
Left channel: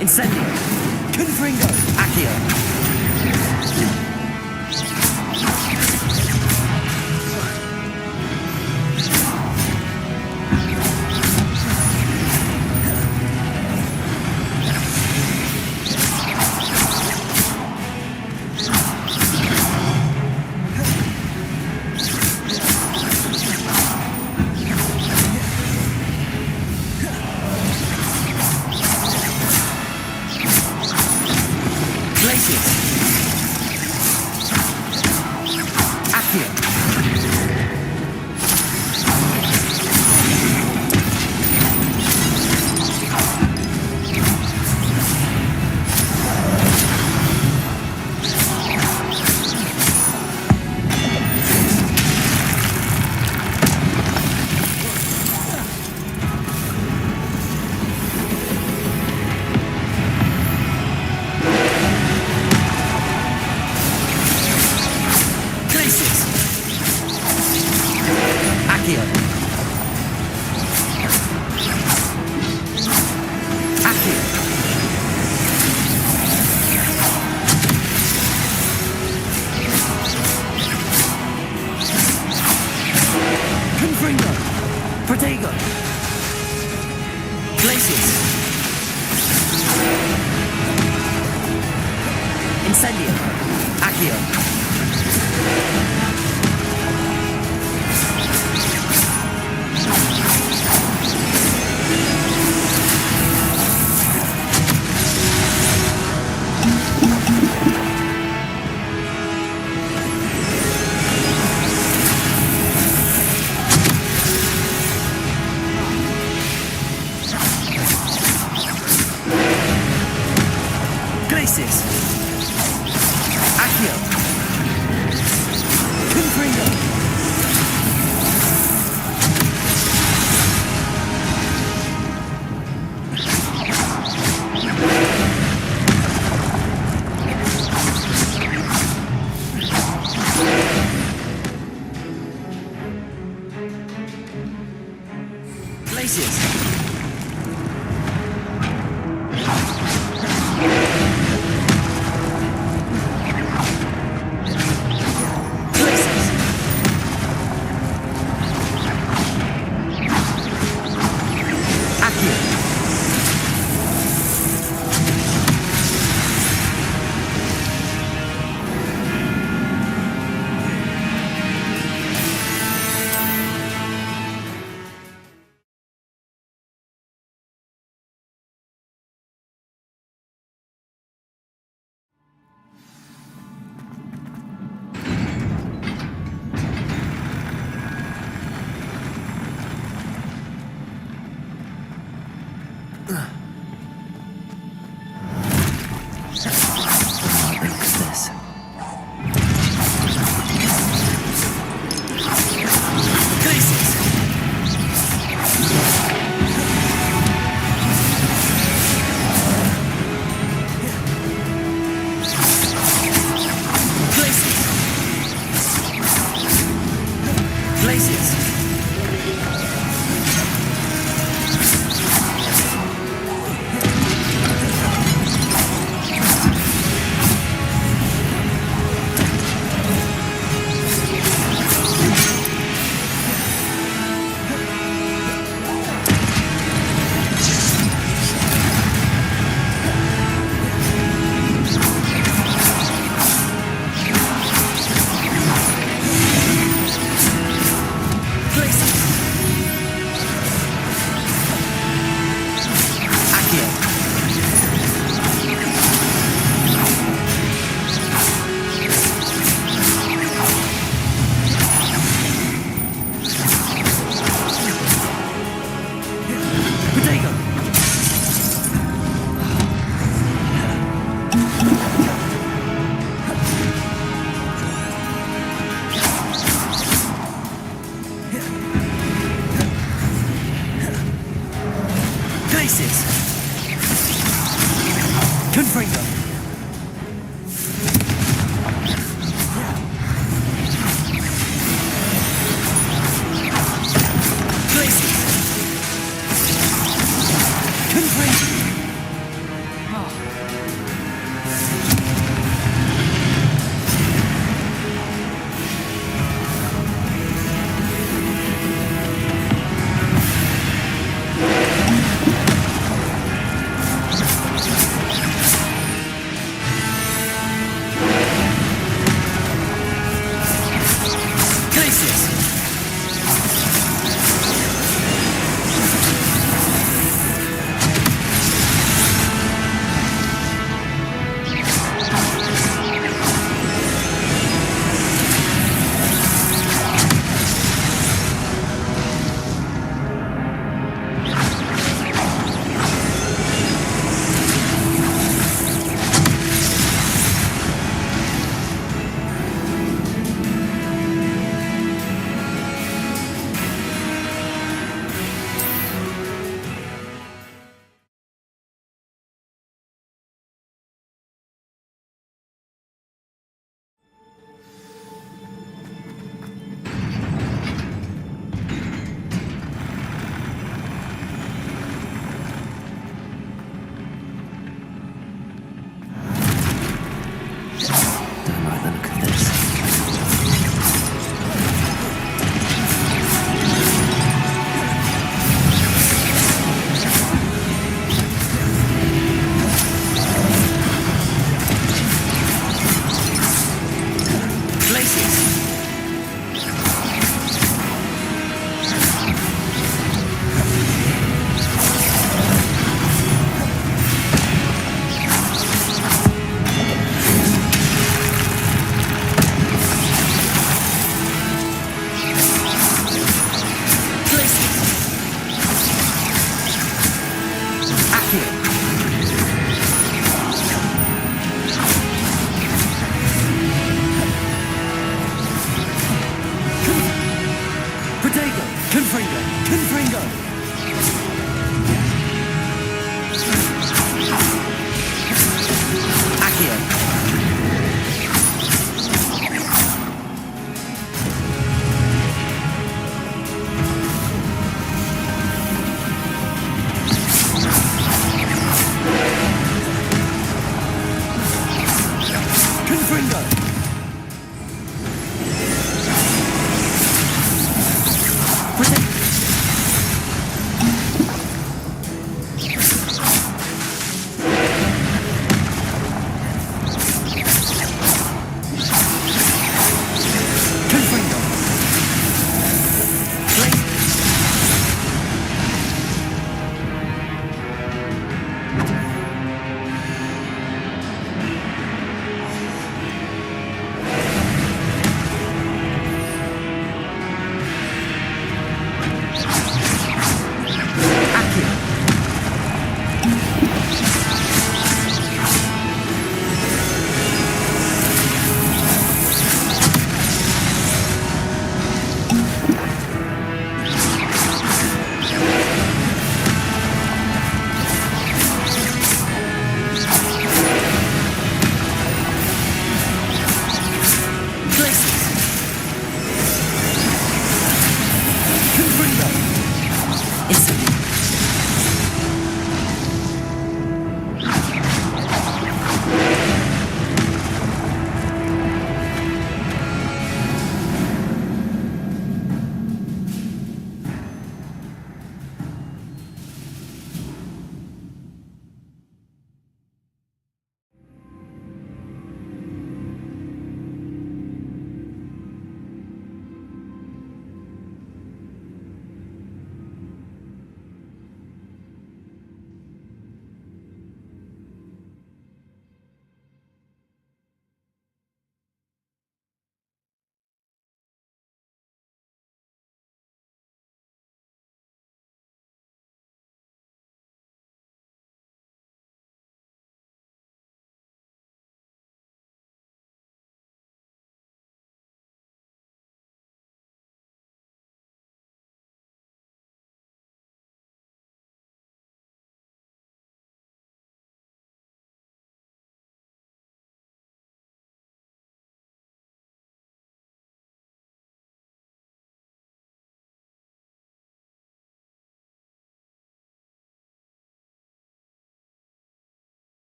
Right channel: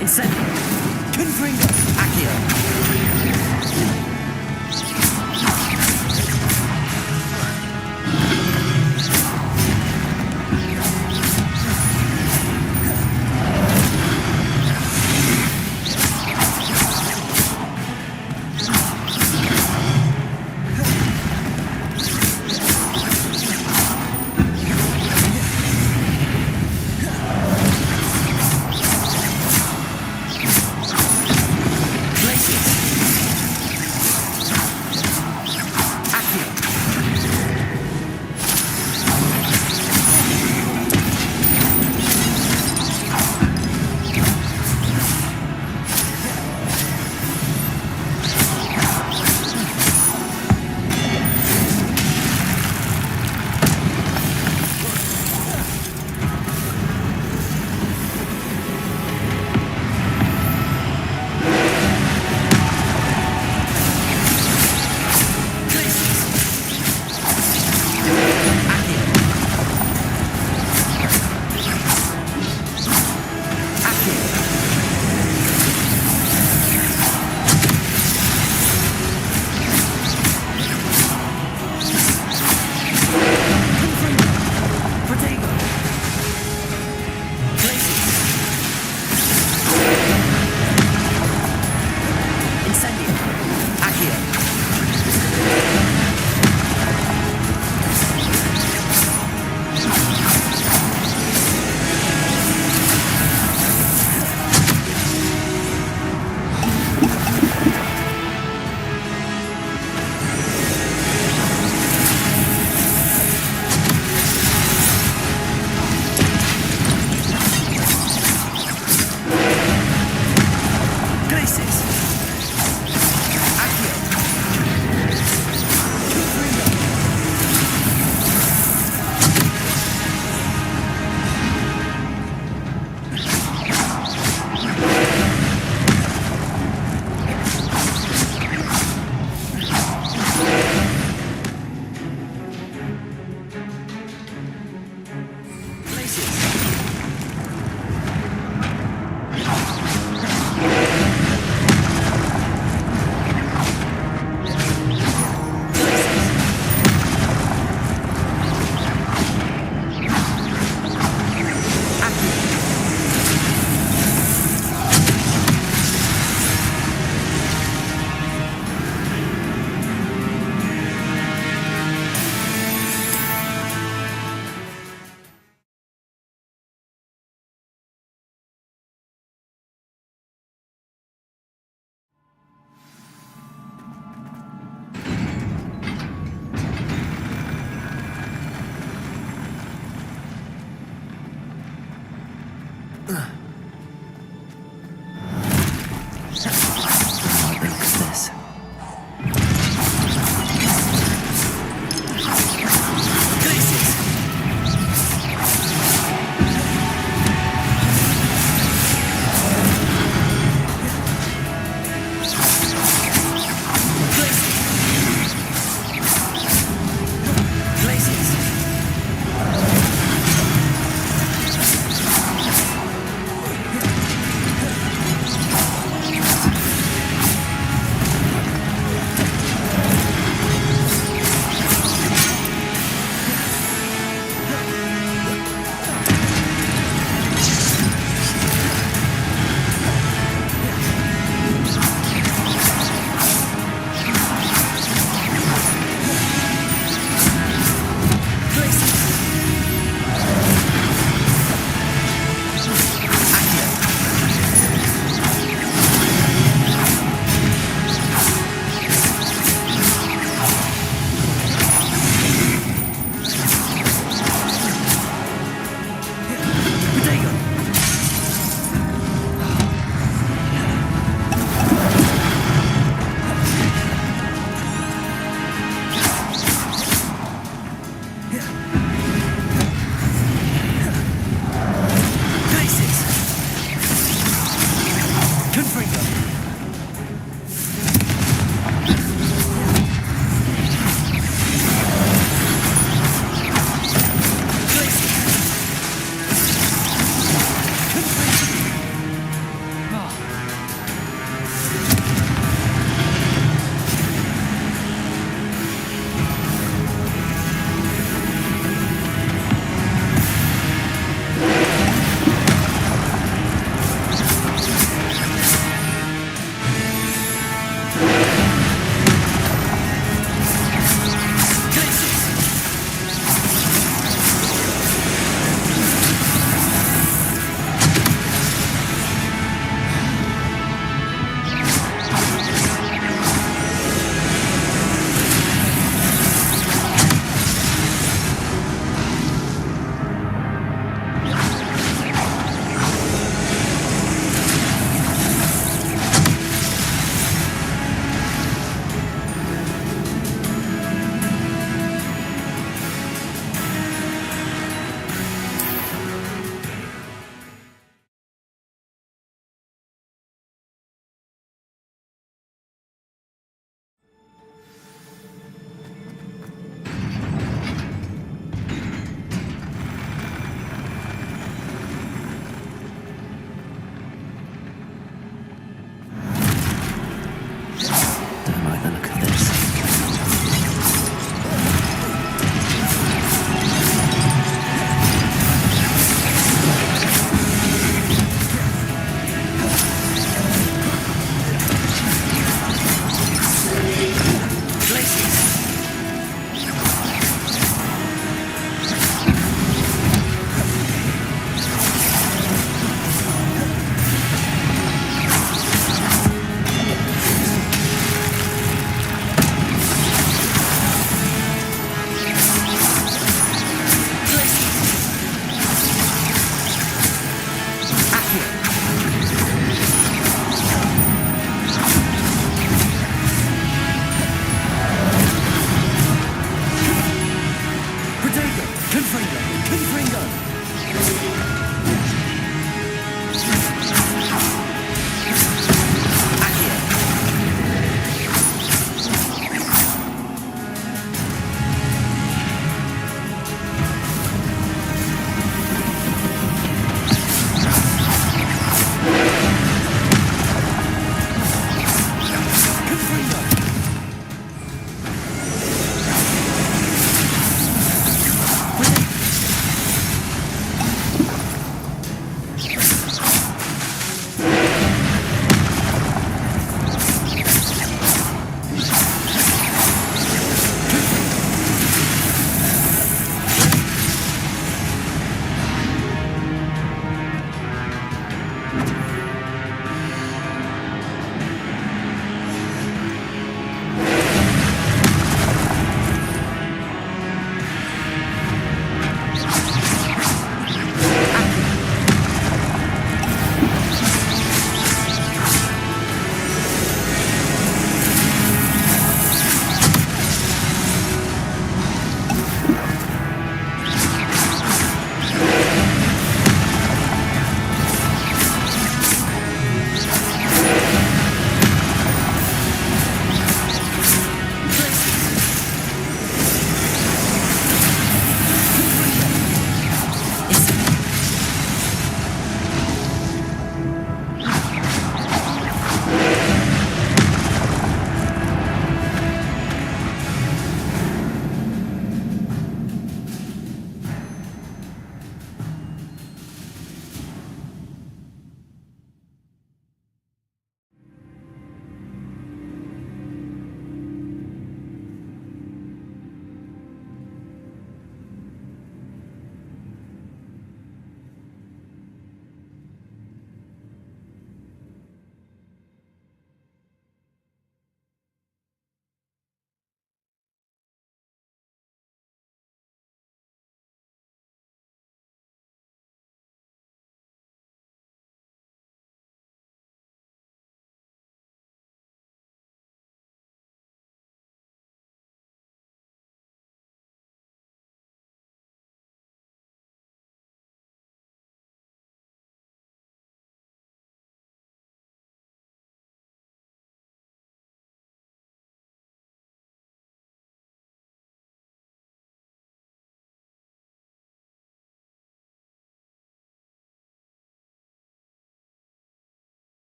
Incendio. Confringo. Accio. Incendio. Accio. Glacius. Accio.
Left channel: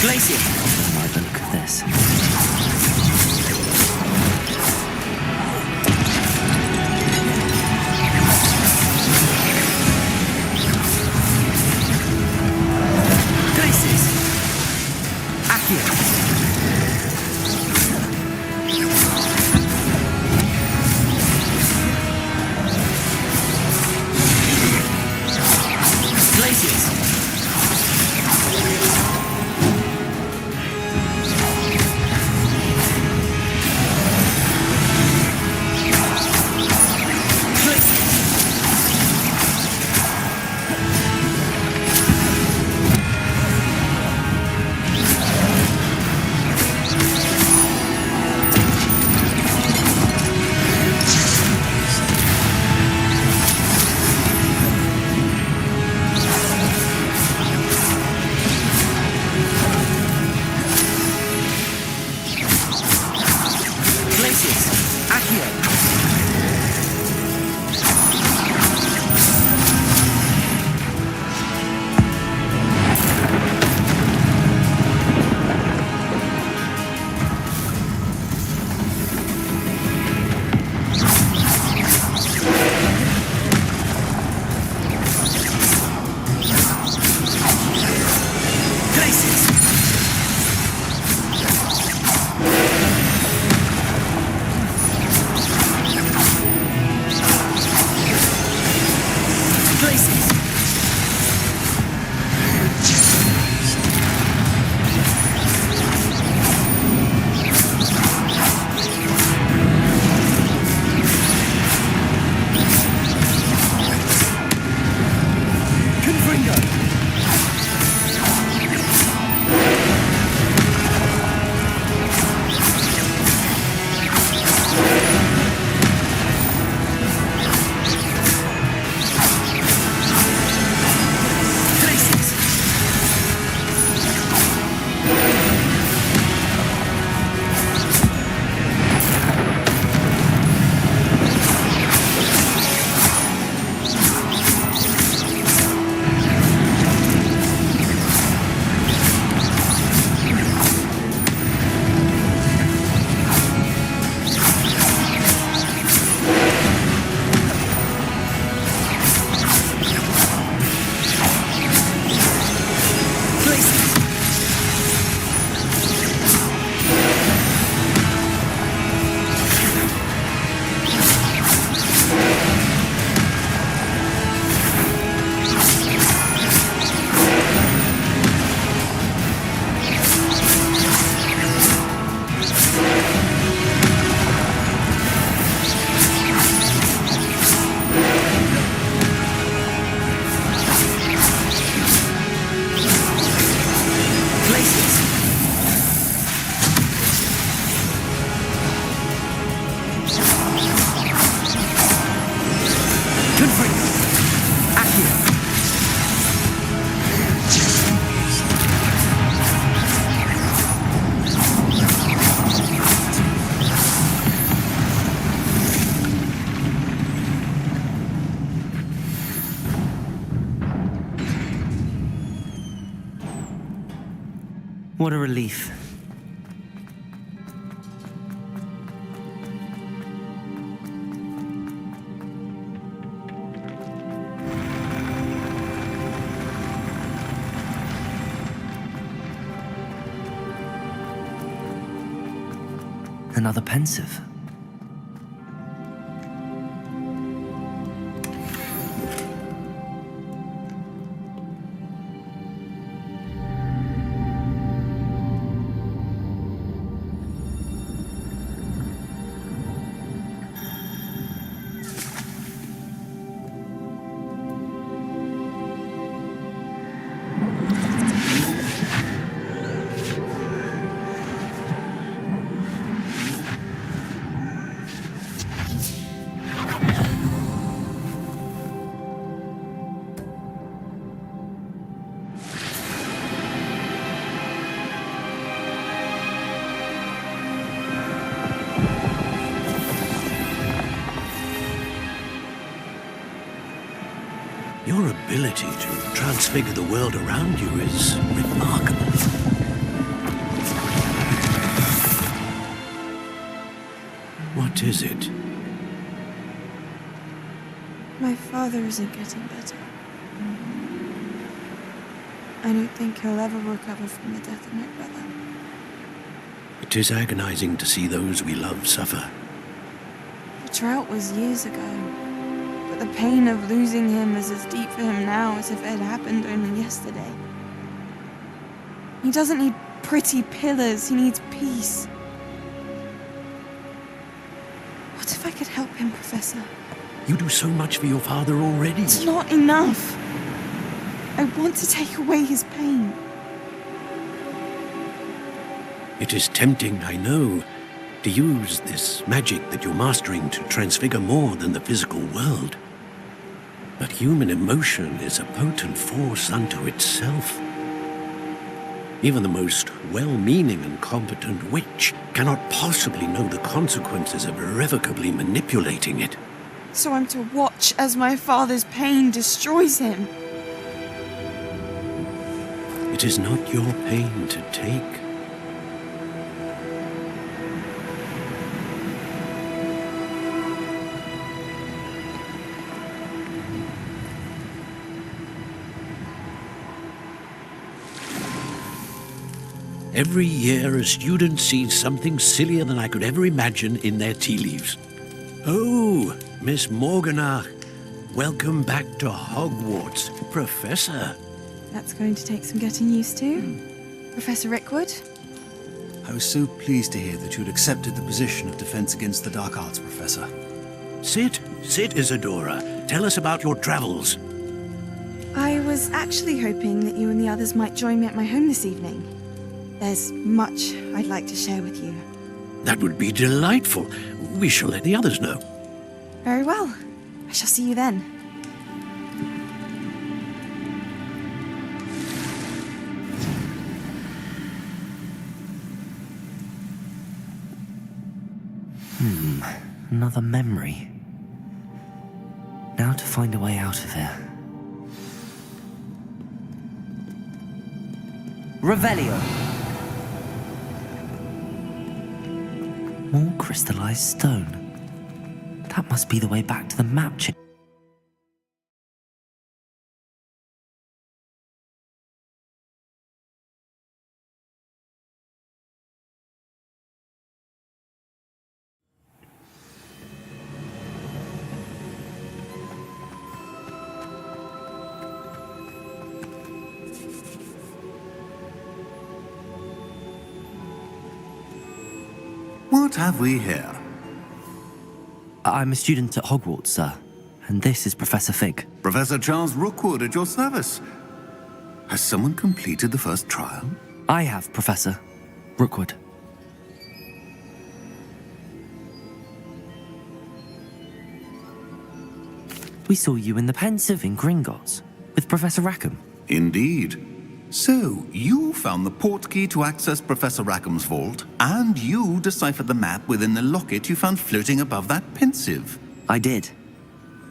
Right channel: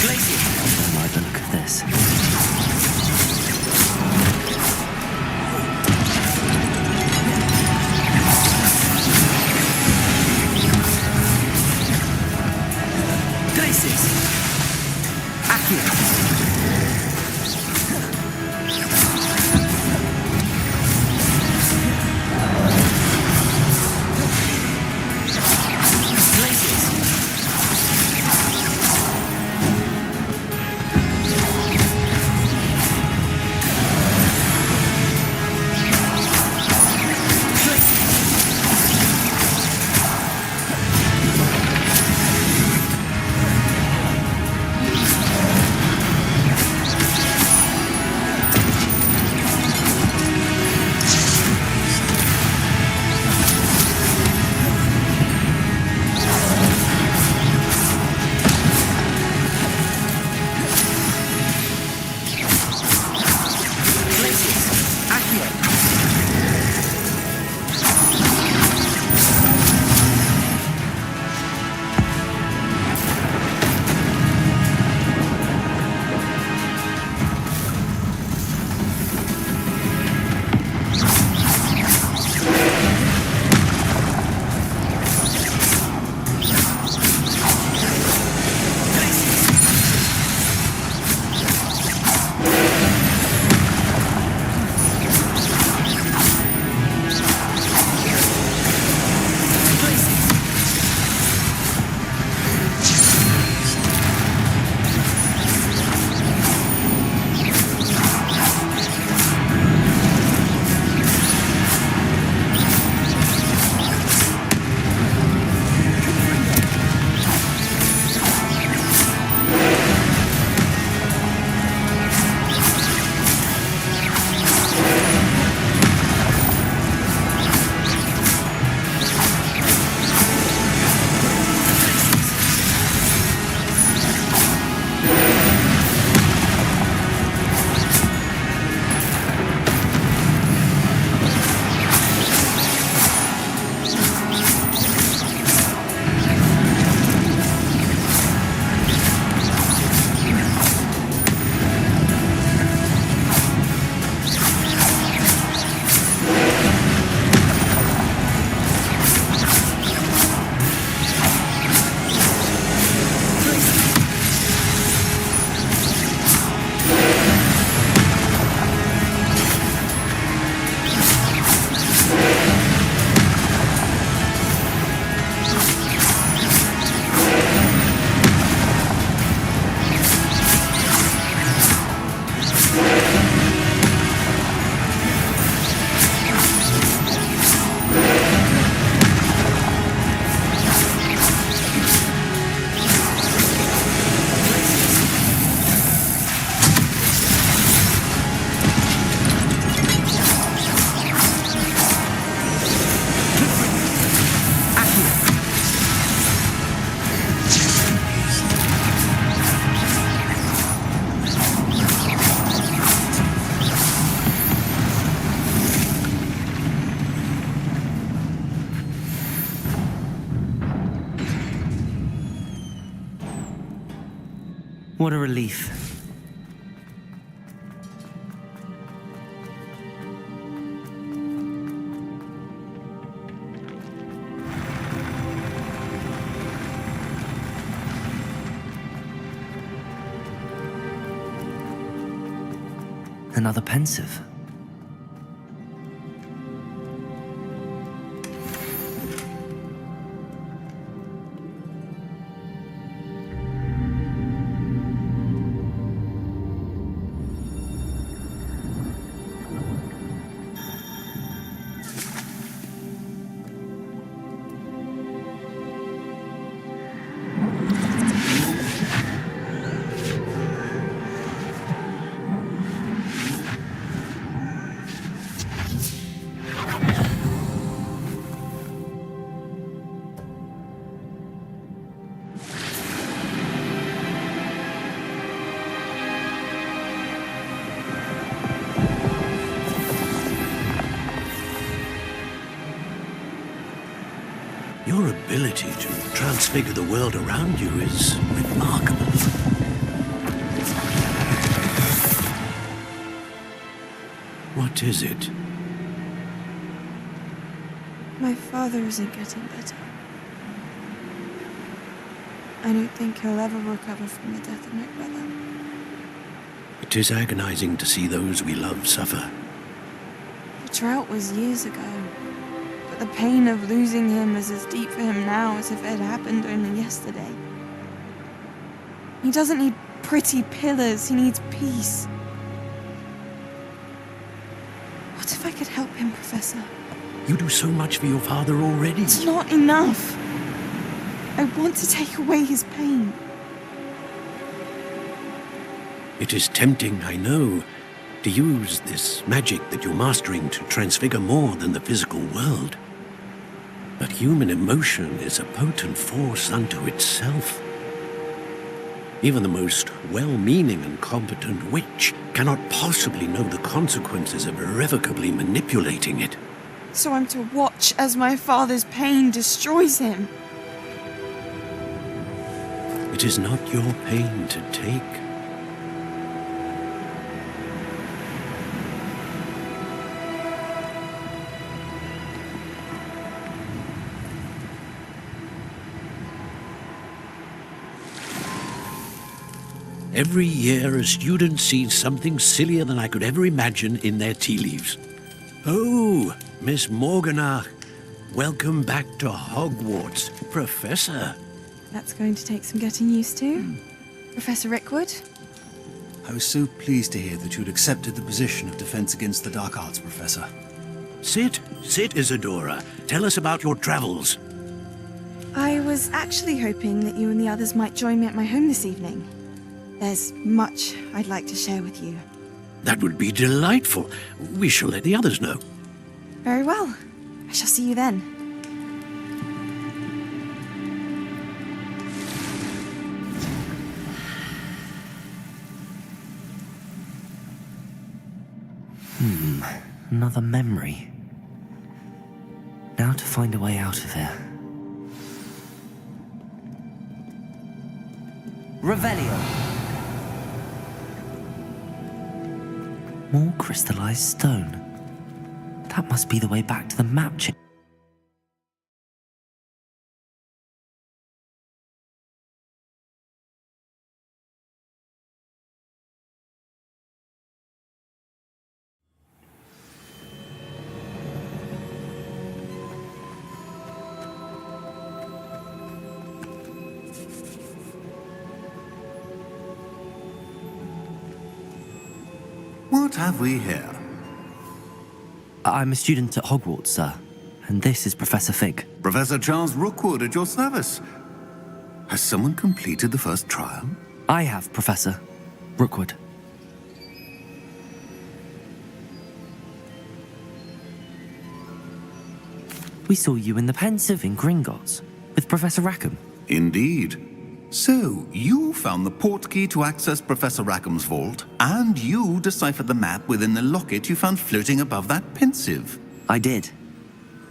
Glacier! I like the look of this. Glaciers! Accio! What a relief. Another pensive. ability to transfigure the world around you is remarkable. What is it? My father isn't getting better. I don't think he'll ever recover from the death of my brother. It is agonizing to see those we love suffer. The drought was years ago, but the pain of losing him is as deep for him now as if it had happened only yesterday. He doesn't need pretty pillars, he needs peace. What if I could help him, Professor? You do so much for your father already. It's not enough. I want to take away his pain. It is tempting, I know, to use this magic that you're mastering to transfigure more than the physical world. But human emotion is a potent force unto itself. Even the most well-meaning and competent witch cannot possibly know the consequences of irrevocably manipulating it. So I'm to watch as my father's pain destroys him. It is not your pain to take. Every year, a student sees something sillier than I could ever imagine in their tea leaves. Oh, Miss Morganach, welcome back to Hogwarts, Professor. That's going to take some getting used to. Professor Rickwood? I was so pleased to hear that you'd accepted the position of Defense Against the Dark Arts, Professor. Sit, Isadora. Tell us about your travels. I was actually hoping that you and the others might join me at my home this evening. There's much I'd like to share with you. That would be delightful. We shall let the others know. Very well. I shall see you then. Another memory. Now to find a way out of here. Revelio. More crystallized stone. That must be the way back to the map chip. What have we here? I'm a student at Hogwarts, sir. And this is Professor Fig. Professor Charles Rookwood at your service. Has someone completed the first trial? I have, Professor Rookwood. We saw you in the Pensive in Gringotts with Professor Rackham. Indeed. So, you found the portkey to access Professor Rackham's vault, and you deciphered the map within the locket you found floating above that Pensive. I did.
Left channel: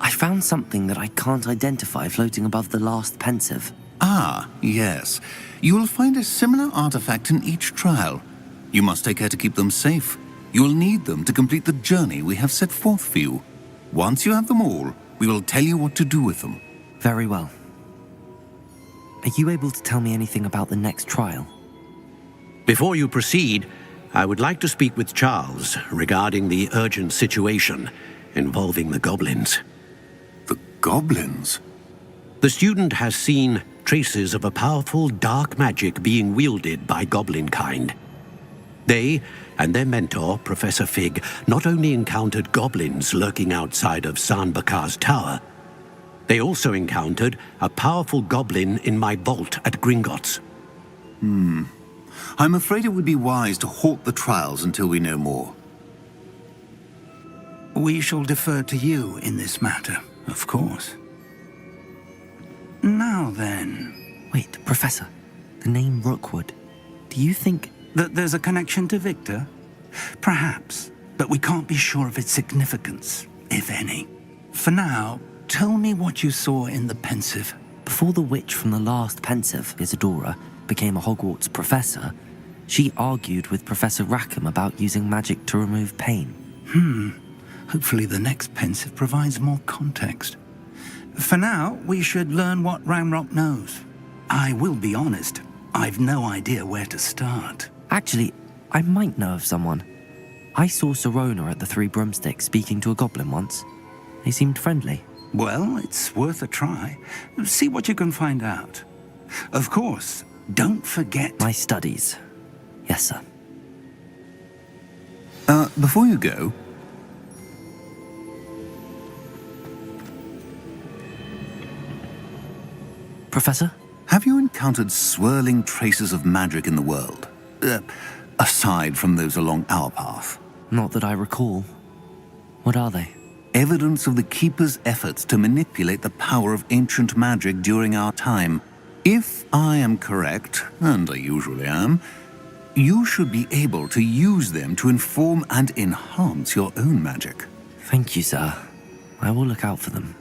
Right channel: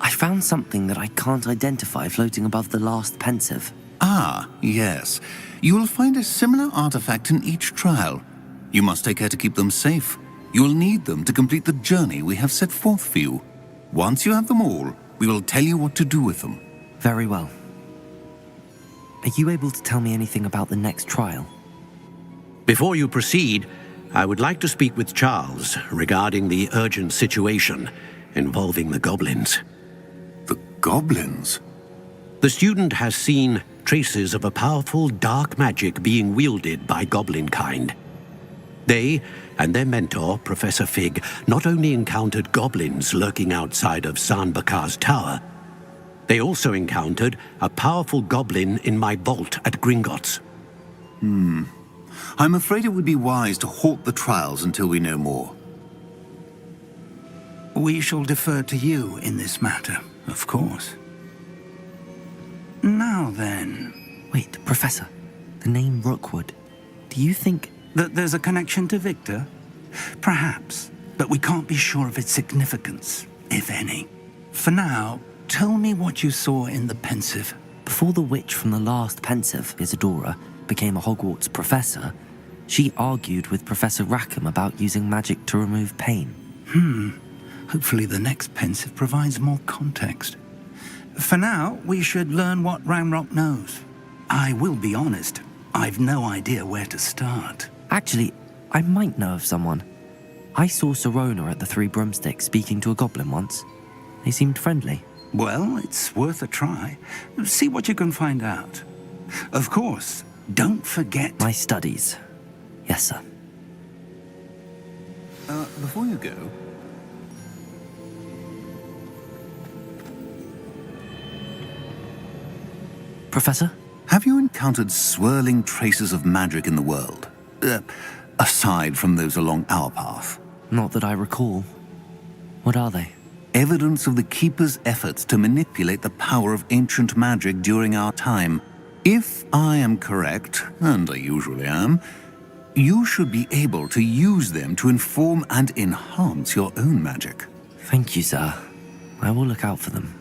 I found something that I can't identify floating above the last Pensive. Ah, yes. You will find a similar artifact in each trial. You must take care to keep them safe. You will need them to complete the journey we have set forth for you. Once you have them all, we will tell you what to do with them. Very well. Are you able to tell me anything about the next trial? Before you proceed, I would like to speak with Charles regarding the urgent situation involving the goblins. The goblins? The student has seen traces of a powerful dark magic being wielded by goblin kind. They and their mentor, Professor Fig, not only encountered goblins lurking outside of Sanbakar's tower, they also encountered a powerful goblin in my vault at Gringotts. I'm afraid it would be wise to halt the trials until we know more. We shall defer to you in this matter, of course. Now then... Wait, Professor. The name Rookwood. Do you think... that there's a connection to Victor? Perhaps, but we can't be sure of its significance, if any. For now, tell me what you saw in the Pensive. Before the witch from the last pensive, Isadora, became a Hogwarts professor, she argued with Professor Rackham about using magic to remove pain. Hopefully the next pensive provides more context. For now, we should learn what Ranrock knows. I will be honest, I've no idea where to start. Actually, I might know of someone. I saw Sirona at the Three Broomsticks speaking to a goblin once. They seemed friendly. Well, it's worth a try. See what you can find out. Of course, don't forget... My studies. Yes, sir. Before you go... Professor? Have you encountered swirling traces of magic in the world? Aside from those along our path? Not that I recall. What are they? Evidence of the Keeper's efforts to manipulate the power of ancient magic during our time. If I am correct, and I usually am, you should be able to use them to inform and enhance your own magic. Thank you, sir. I will look out for them.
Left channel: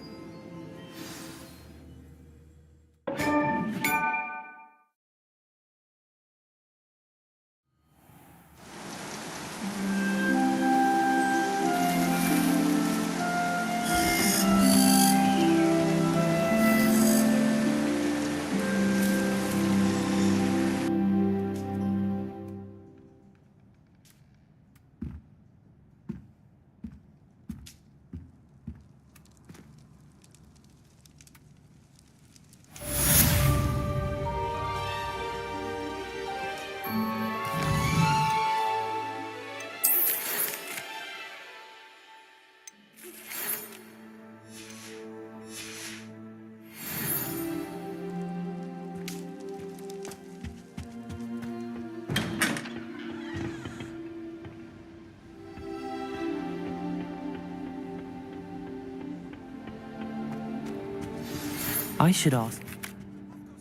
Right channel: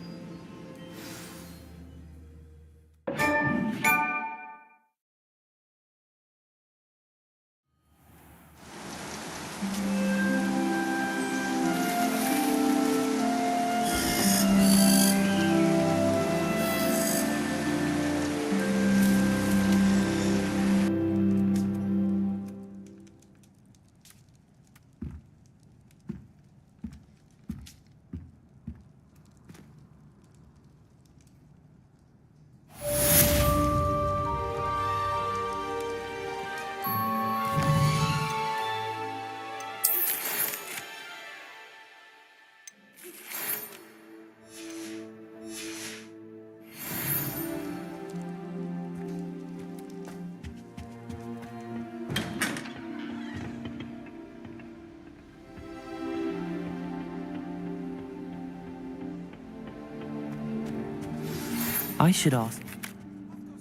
I should ask.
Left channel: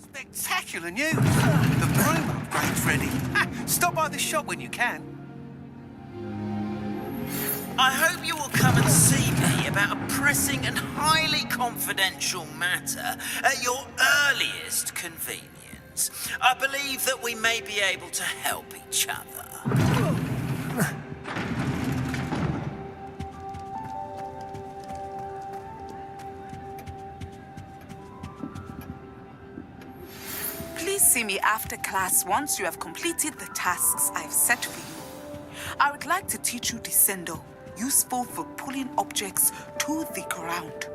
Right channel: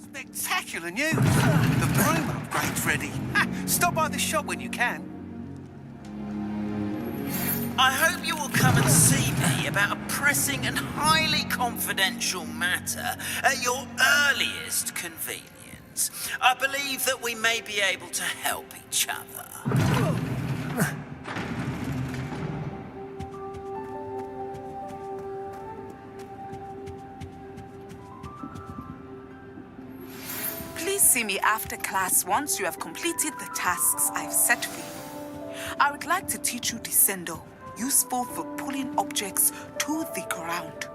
Spectacular news! The broom upgrade's ready. Stop by the shop when you can. I hope you will come and see me about a pressing and highly confidential matter at your earliest convenience. I believe that we may be able to help each other. Please see me after class once you have completed the tasks I've set for you. I would like to teach you Descendo, useful for pulling objects to the ground.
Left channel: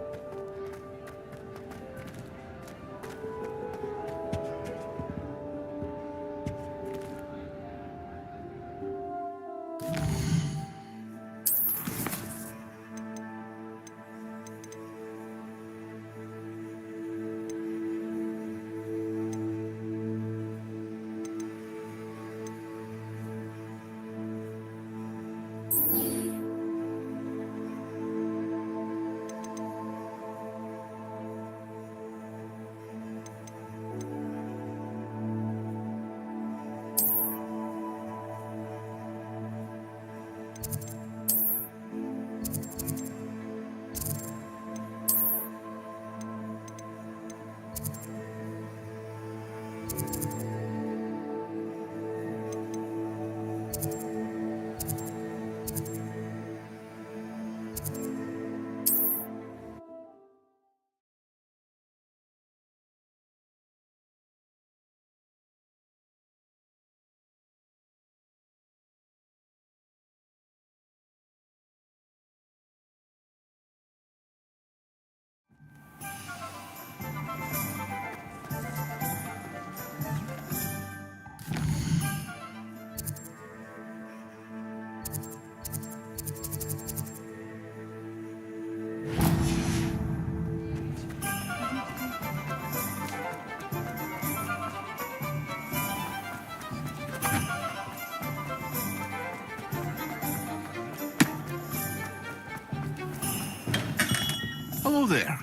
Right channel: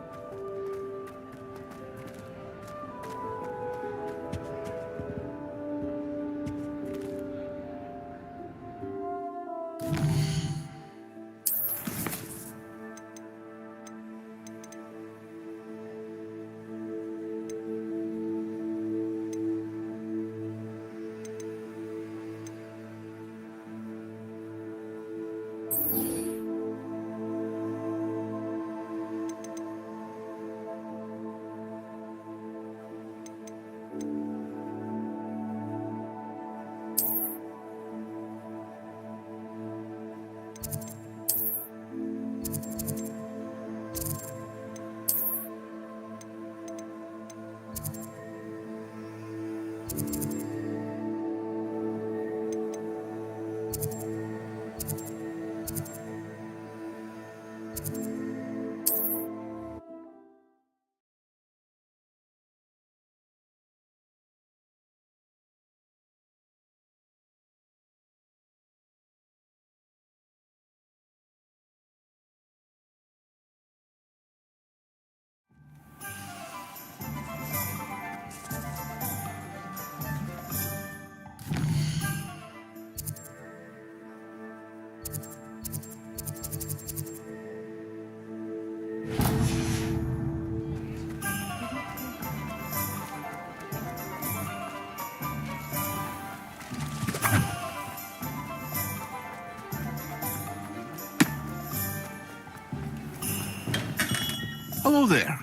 Hello there.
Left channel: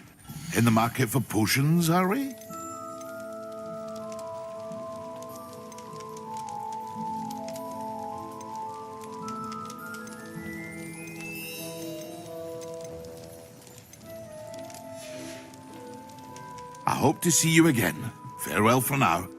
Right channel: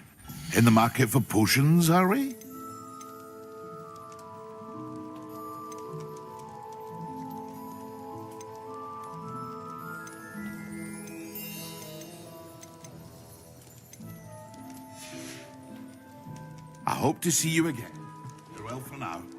In the market for potions, are we? A hope to see you again. Farewell for now.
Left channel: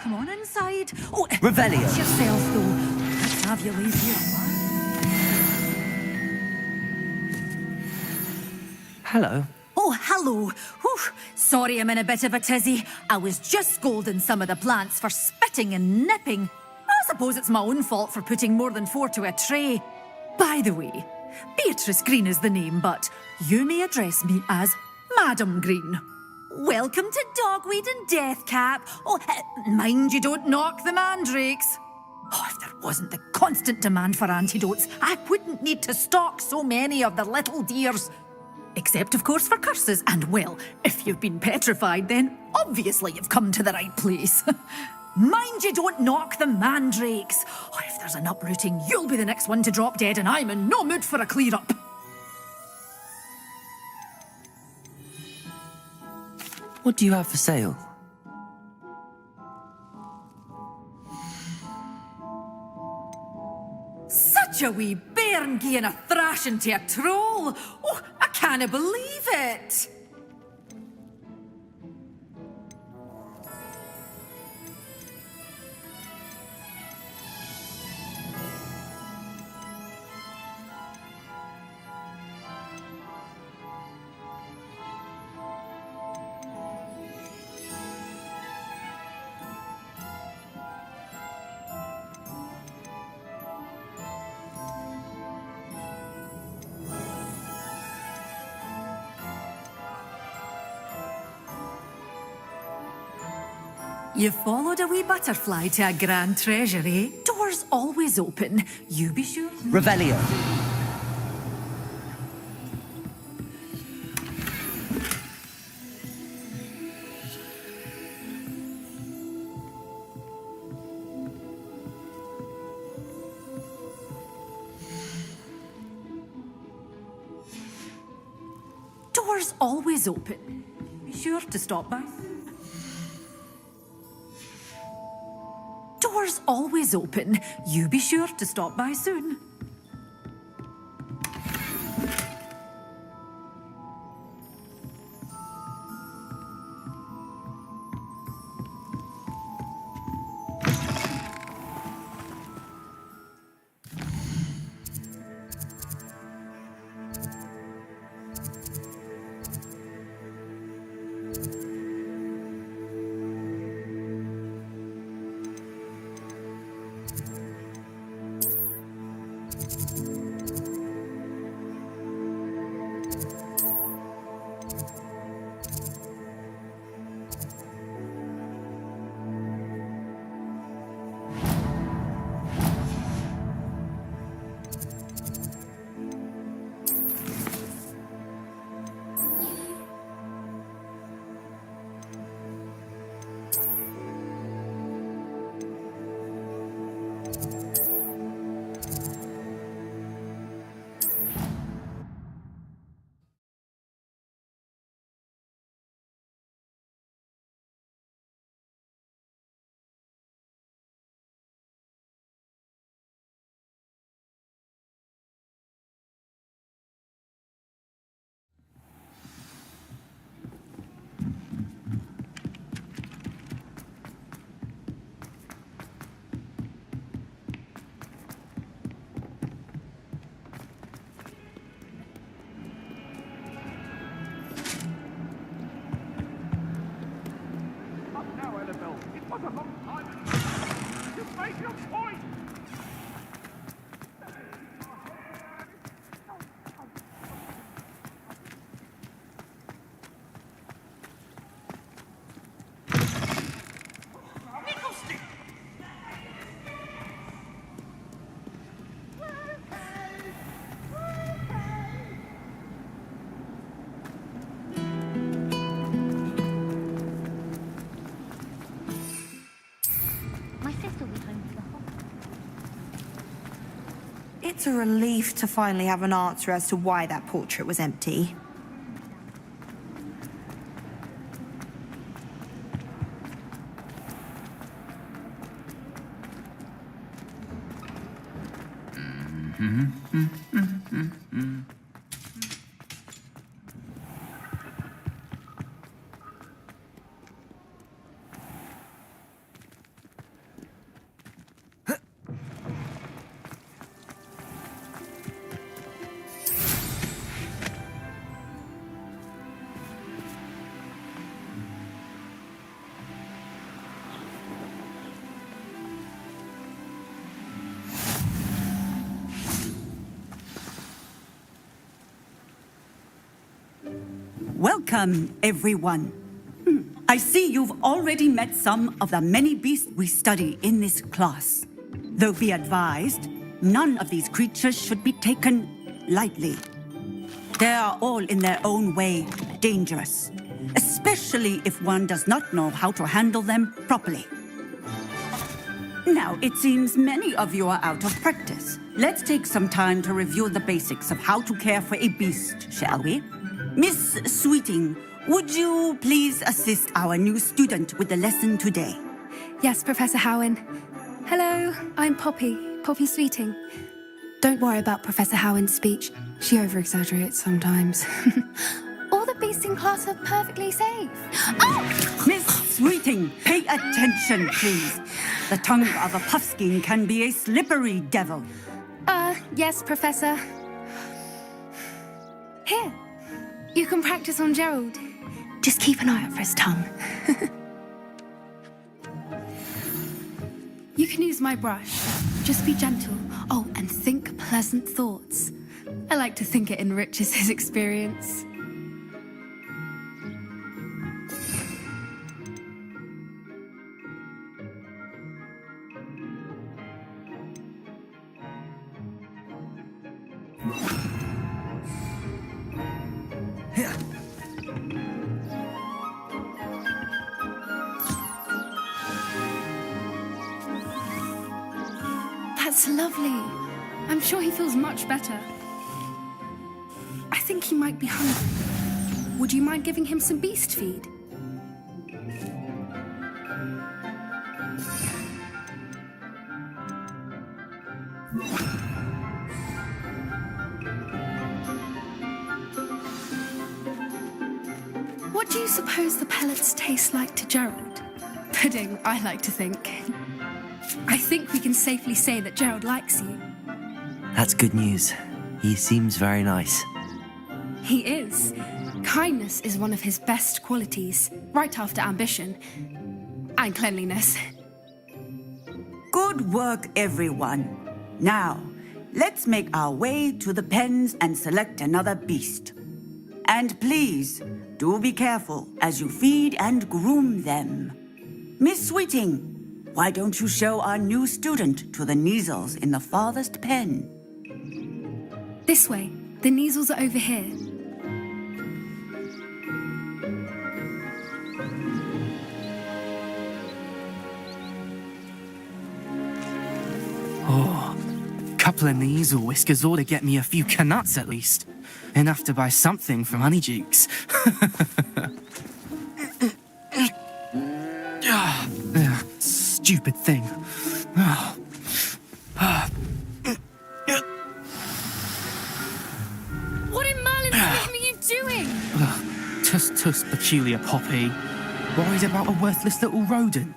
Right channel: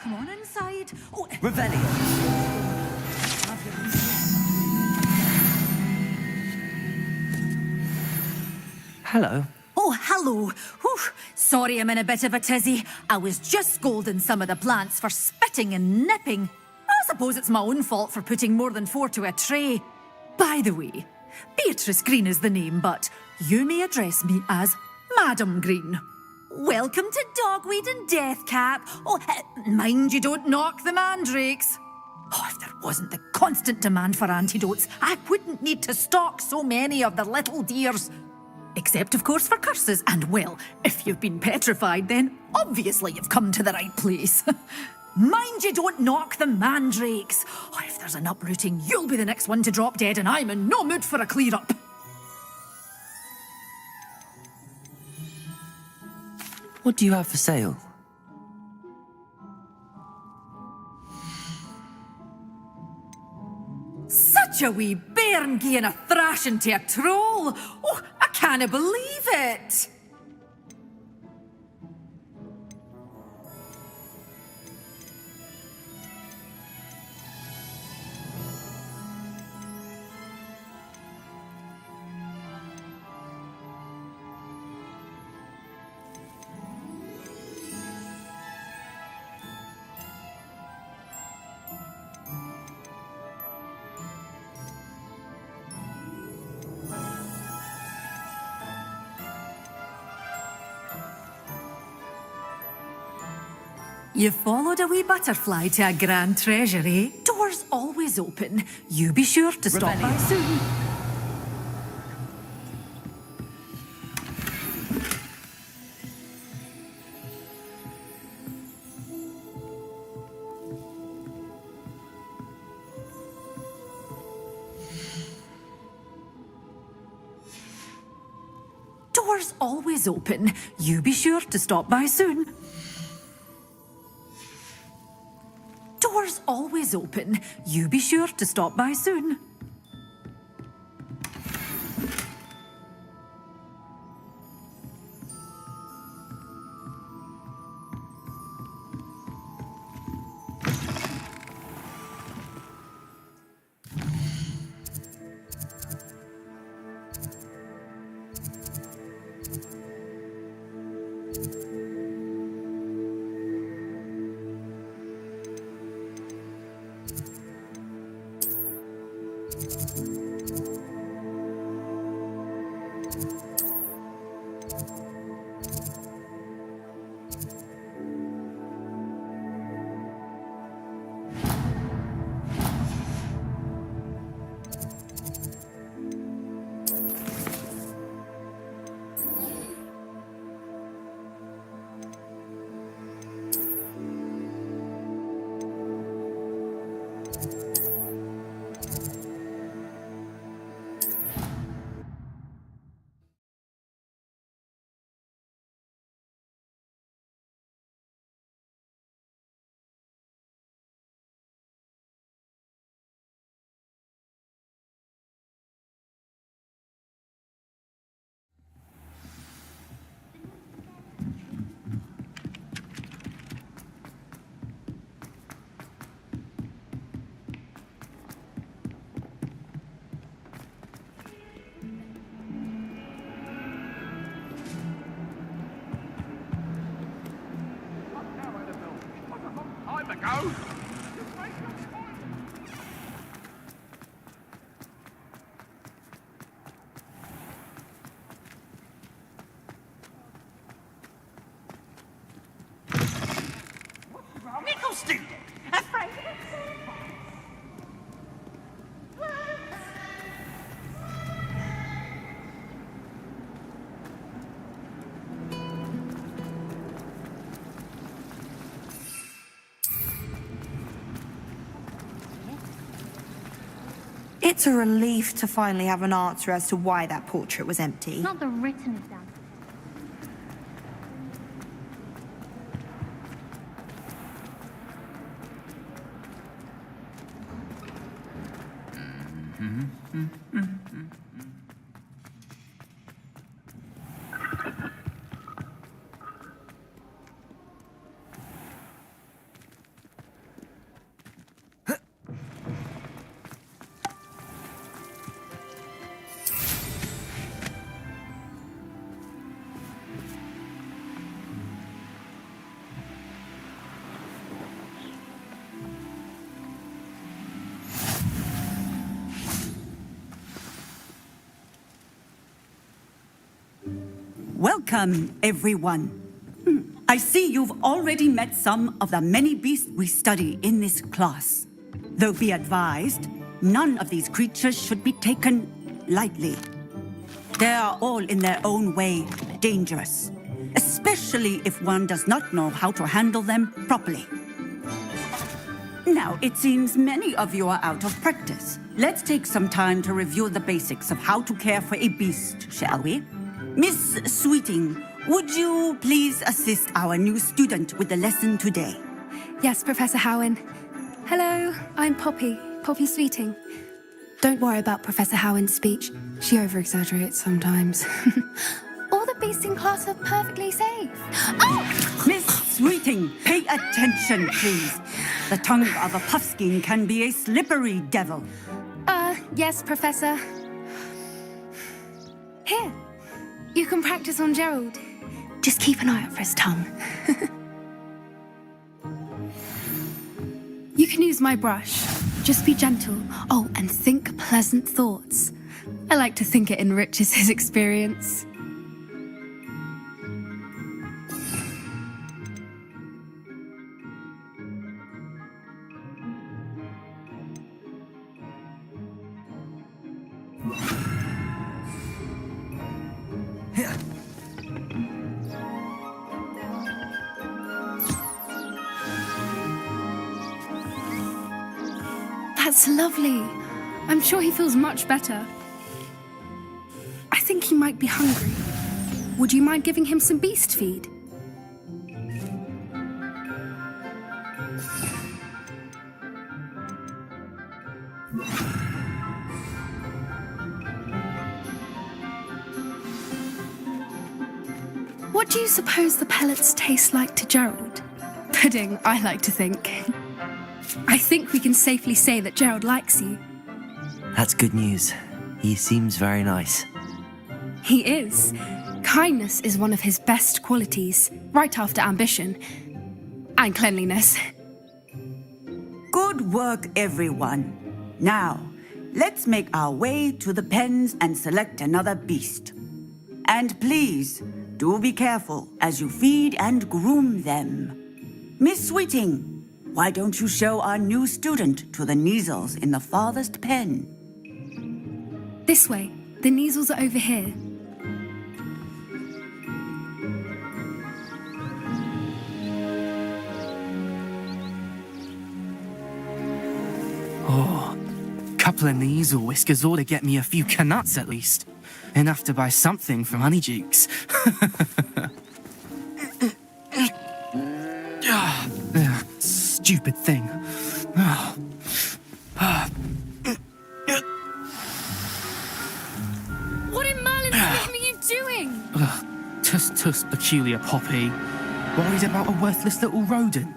Come on inside. Oh, Revelio. Yourself, though. Let's have you leave here. Hello. Oh, hello. Whew. Sorry I'm in a bit of a tizzy. I was just scolding some of the plants for spitting and nipping. I suppose it's my own fault for putting more than 4 to a tray. By the way, Beatrice Green is the name, but you may address me as Madam Green. Welcome to Dogweed and Deathcap. Oh, mind you don't knock the mandrakes. Oh, if there wasn't the constant demand for antidotes, I wouldn't need to stock so many of the little dears. Except, of course, for curses. And, well, if you've been petrified, then obviously you've come to the right place. Mind you don't knock the mandrakes. Oh, if there's an uprooting, you'll be the next one to drop dead, and I'm in no mood for a clear-up. What do you have for sale? Such a wee bairn gieing a thrashing to a troll. Oh, I can't believe it. You followed a wee butterfly to a grand treasure, eh? Doors always open. You be sure to stop Revelio. by soon. Doors always open. You be sure to stop by soon. Doors always open. You be sure to stop by soon. It's a relief to finally have an answer as to why that portrait was empty. Not the written example. Welcome, everyone. I see you've already met some of the many beasts we study in this class. Though be advised, none of these creatures should be taken lightly. They are all in their own way dangerous, especially if one does not know how to handle them properly. Now, it seems many of you are out of practice. Let's take some time to review the basics of how to care for a beast, shall we? Miss Sweeting, would you please assist our new student with the lesson today? Yes, Professor Howen. Hello, I'm Poppy Sweeting. Don't worry about Professor Howen's speech. She over-exaggerates sometimes. All the beasts in class are perfectly safe. Oh! Miss Sweeting, pay attention, please. The tongue of a puffskein can be a slippery devil. Yes, Professor. Here, you can practice on Gerald. Just keep an eye out for his tongue. You can use my brush. Just be gentle. Oh, and think pleasant thoughts. I like to think it enriches his experience. That's lovely. I'm sure he feels much better. I think he might be hungry. Would you mind giving him some beast feed? What do you suppose the pellets taste like to Gerald? Pudding, I like to think. I think we can safely say that Gerald likes you. That's good news. He seems very nice. He is. Kindness is one of his best qualities, right after ambition. And cleanliness. Good work, everyone. Now, let's make our way to the pens and select another beast. And please, do be careful as you feed and groom them. Miss Sweeting, why don't you show our new student to the Neasels in the farthest pen? This way. The Neasels are over here. Oh, couple of Neasel whiskers ought to get me a few canuts at least. Enough to buy something from Honeydukes. Stupid thing. What in Merlin's name are you doing? Tuss, peculiar Poppy. Worried about a worthless little rodent.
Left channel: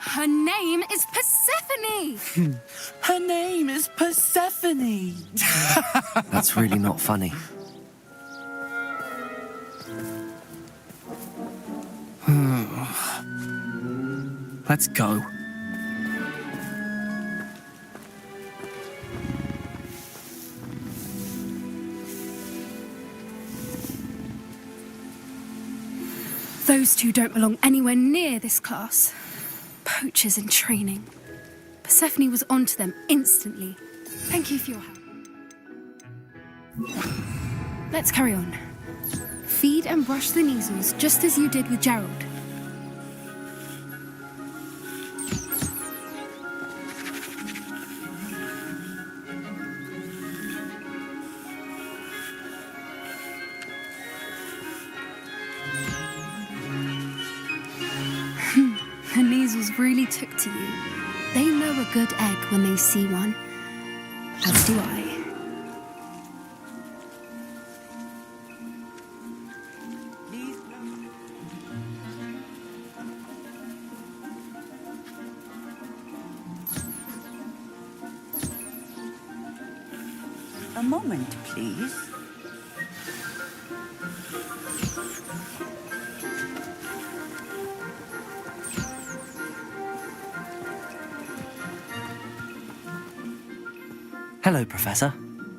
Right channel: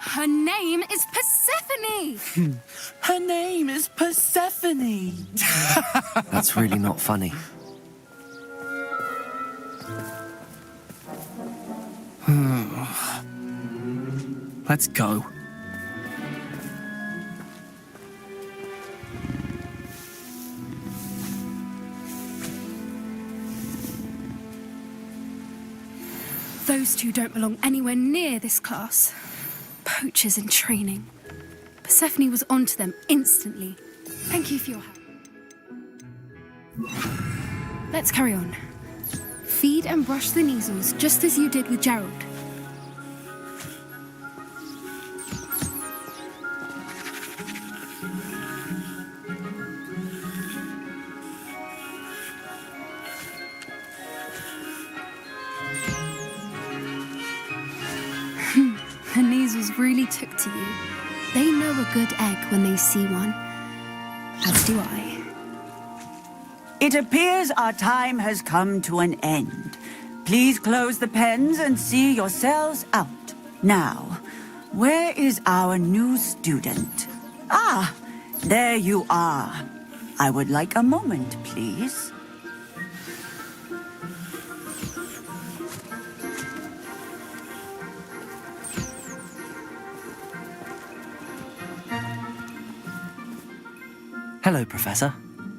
Her name is Persephone! Her name is Persephone! That's really not funny. Let's go. Those two don't belong anywhere near this class. Poachers in training. Persephone was onto them instantly. Thank you for your help. Let's carry on. Feed and brush the Neasels just as you did with Gerald. The Neasels really took to you. They know a good egg when they see one. As do I. It appears our time has come to an end. Please close the pens and see yourselves out. Now, where is our new student? Ah, there you are. I would like a moment, please. Hello, Professor.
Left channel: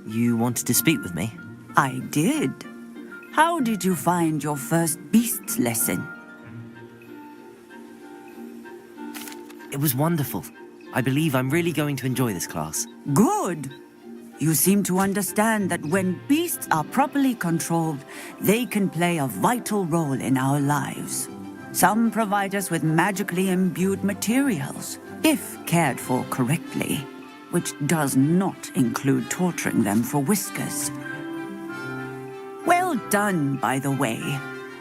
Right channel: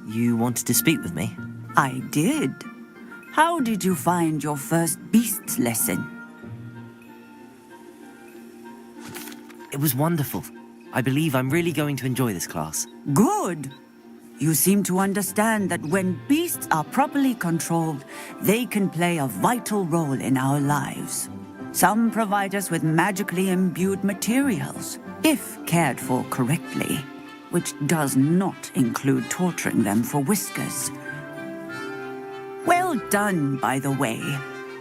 You wanted to speak with me? I did. How did you find your first beasts lesson? It was wonderful. I believe I'm really going to enjoy this class. Good. You seem to understand that when beasts are properly controlled, they can play a vital role in our lives. Some provide us with magically imbued materials, if cared for correctly, which does not include torturing them for whiskers. Well done, by the way.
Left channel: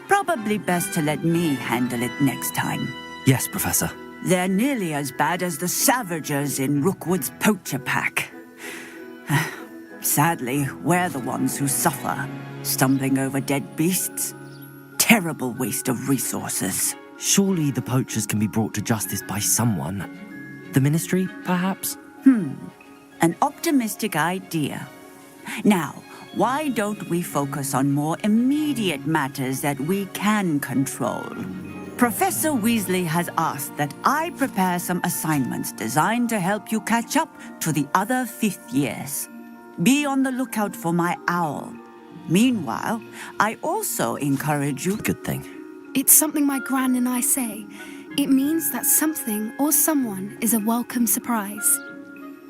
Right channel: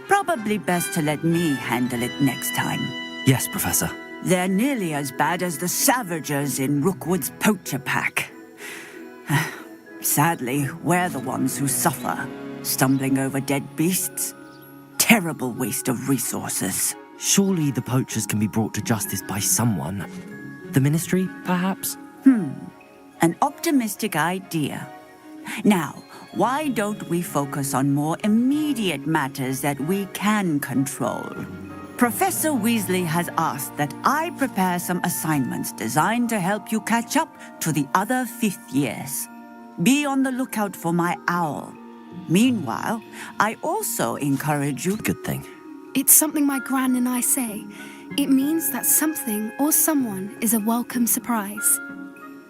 Probably best to let me handle it next time. Yes, Professor. They're nearly as bad as the Savagers in Rookwood's poacher pack. Sadly, we're the ones who suffer, stumbling over dead beasts. Terrible waste of resources. Surely the poachers can be brought to justice by someone. The Ministry, perhaps? An optimistic idea. Now, why don't we focus on more immediate matters that we can control? Professor Weasley has asked that I prepare some assignments designed to help you catch up to the other fifth years. Be on the lookout for my owl. Meanwhile, I also encourage you... Good thing. It's something my gran and I say. It means that something or someone is a welcome surprise.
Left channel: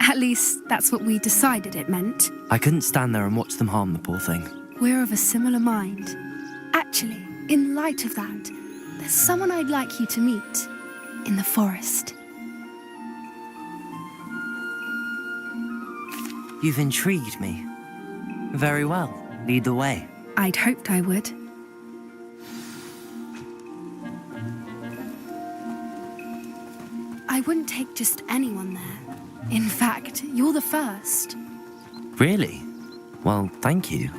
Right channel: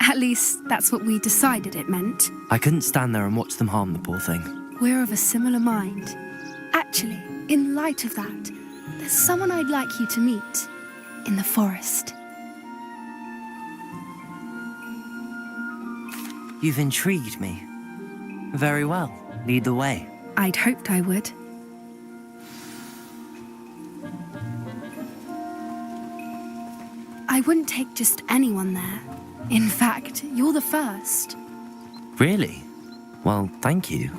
At least, that's what we decided it meant. I couldn't stand there and watch them harm the poor thing. We're of a similar mind. Actually, in light of that, there's someone I'd like you to meet. In the forest. You've intrigued me. Very well. Lead the way. I'd hoped I would. I wouldn't take just anyone there. In fact, you're the first. Really? Well, thank you,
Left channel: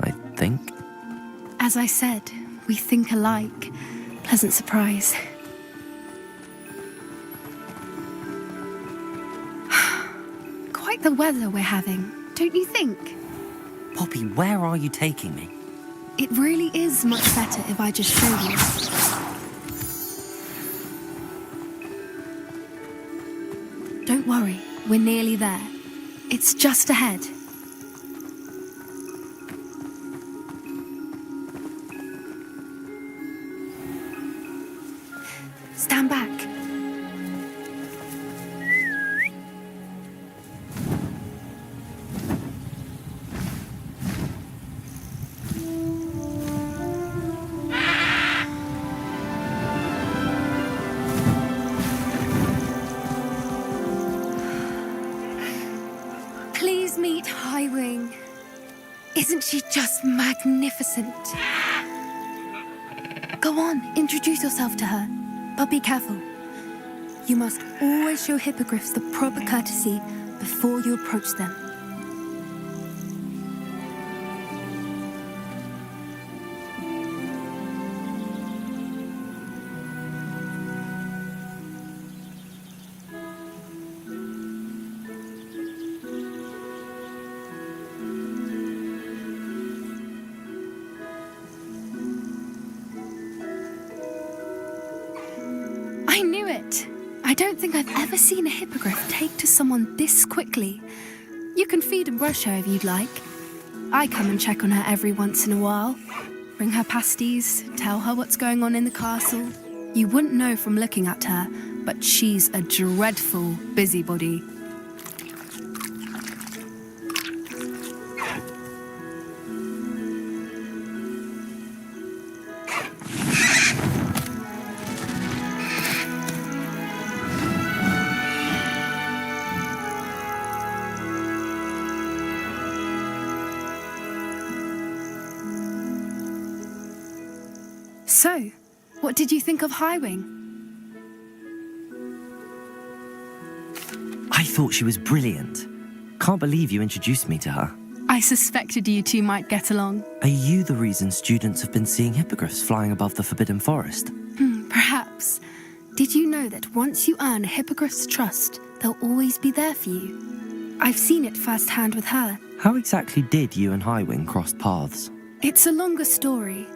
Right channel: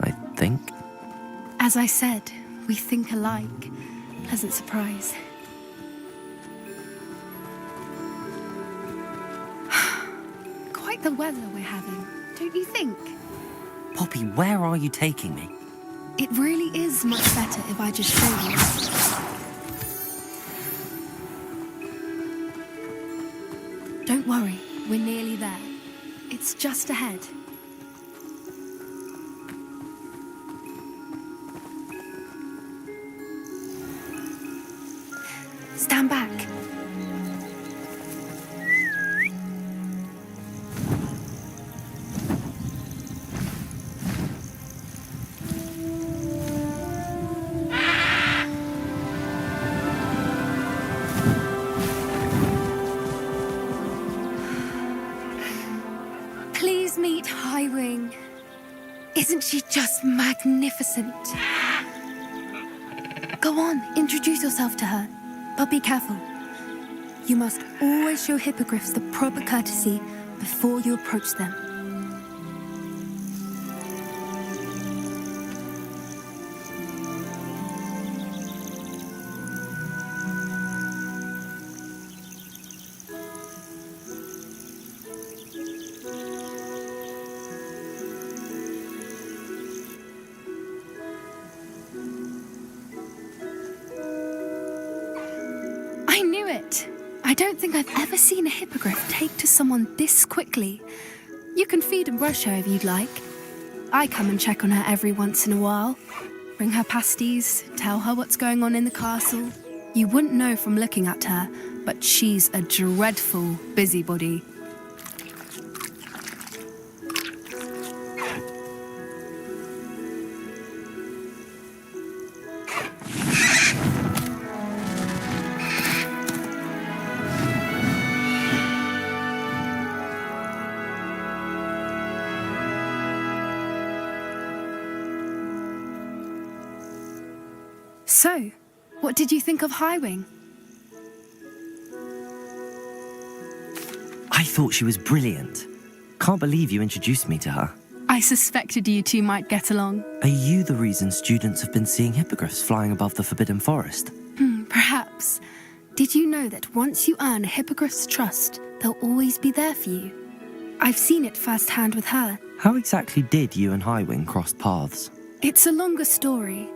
I think. As I said, we think alike. Pleasant surprise. Quite the weather we're having, don't you think? Poppy, where are you taking me? It really is much better if I just show you. Don't worry, we're nearly there. It's just ahead. Stand back. Please meet Highwing. Isn't she just magnificent? Go on, introduce yourself to her. But be careful. You must always show hippogriffs the proper courtesy before you approach them. I knew it! I don't think I've ever seen a hippogriff take to someone this quickly. You can feed and brush her if you'd like. I come and check on her every once in a while. bring her pasties, tell her what's going on in the castle. You wouldn't know from looking at her, but she's a dreadful busybody. So, what did you think of Highwing? I thought she was brilliant. Can't believe you introduced me to her. I suspected you two might get along. Are you the reason students have been seeing hippogriffs flying above the Forbidden Forest? Perhaps. Did you know that once you earn a hippogriff's trust, they'll always be there for you? I've seen it firsthand with her. How exactly did you and Highwing cross paths? It's a longer story,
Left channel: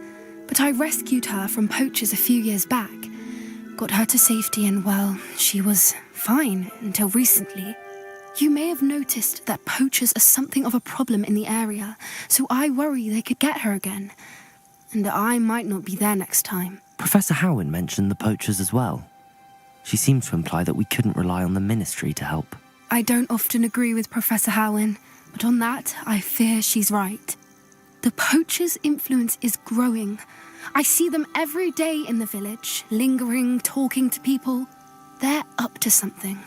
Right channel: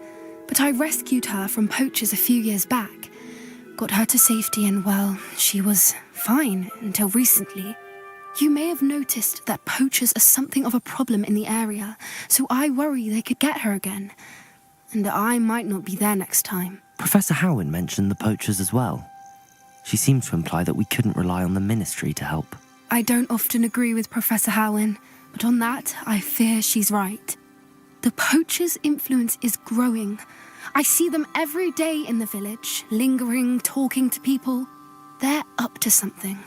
but I rescued her from poachers a few years back. Got her to safety and, well, she was fine until recently. You may have noticed that poachers are something of a problem in the area, so I worry they could get her again. And I might not be there next time. Professor Howin mentioned the poachers as well. She seemed to imply that we couldn't rely on the ministry to help. I don't often agree with Professor Howin, but on that, I fear she's right. The poachers' influence is growing. I see them every day in the village, lingering, talking to people. They're up to something.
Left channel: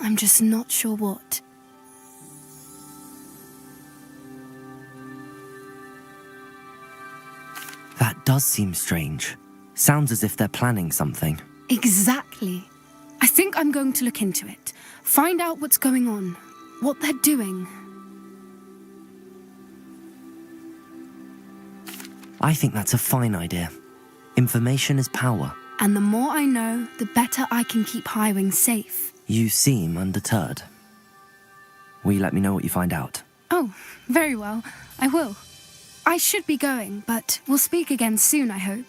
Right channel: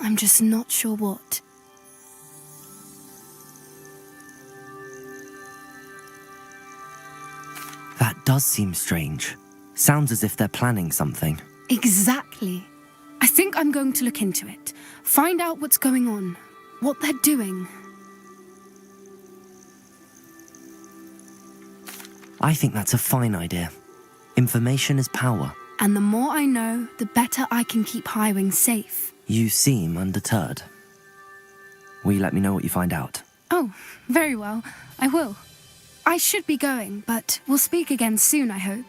I'm just not sure what. That does seem strange. Sounds as if they're planning something. Exactly. I think I'm going to look into it. Find out what's going on, what they're doing. I think that's a fine idea. Information is power. And the more I know, the better I can keep Highwing safe. You seem undeterred. Will you let me know what you find out? Oh, very well. I will. I should be going, but we'll speak again soon, I hope.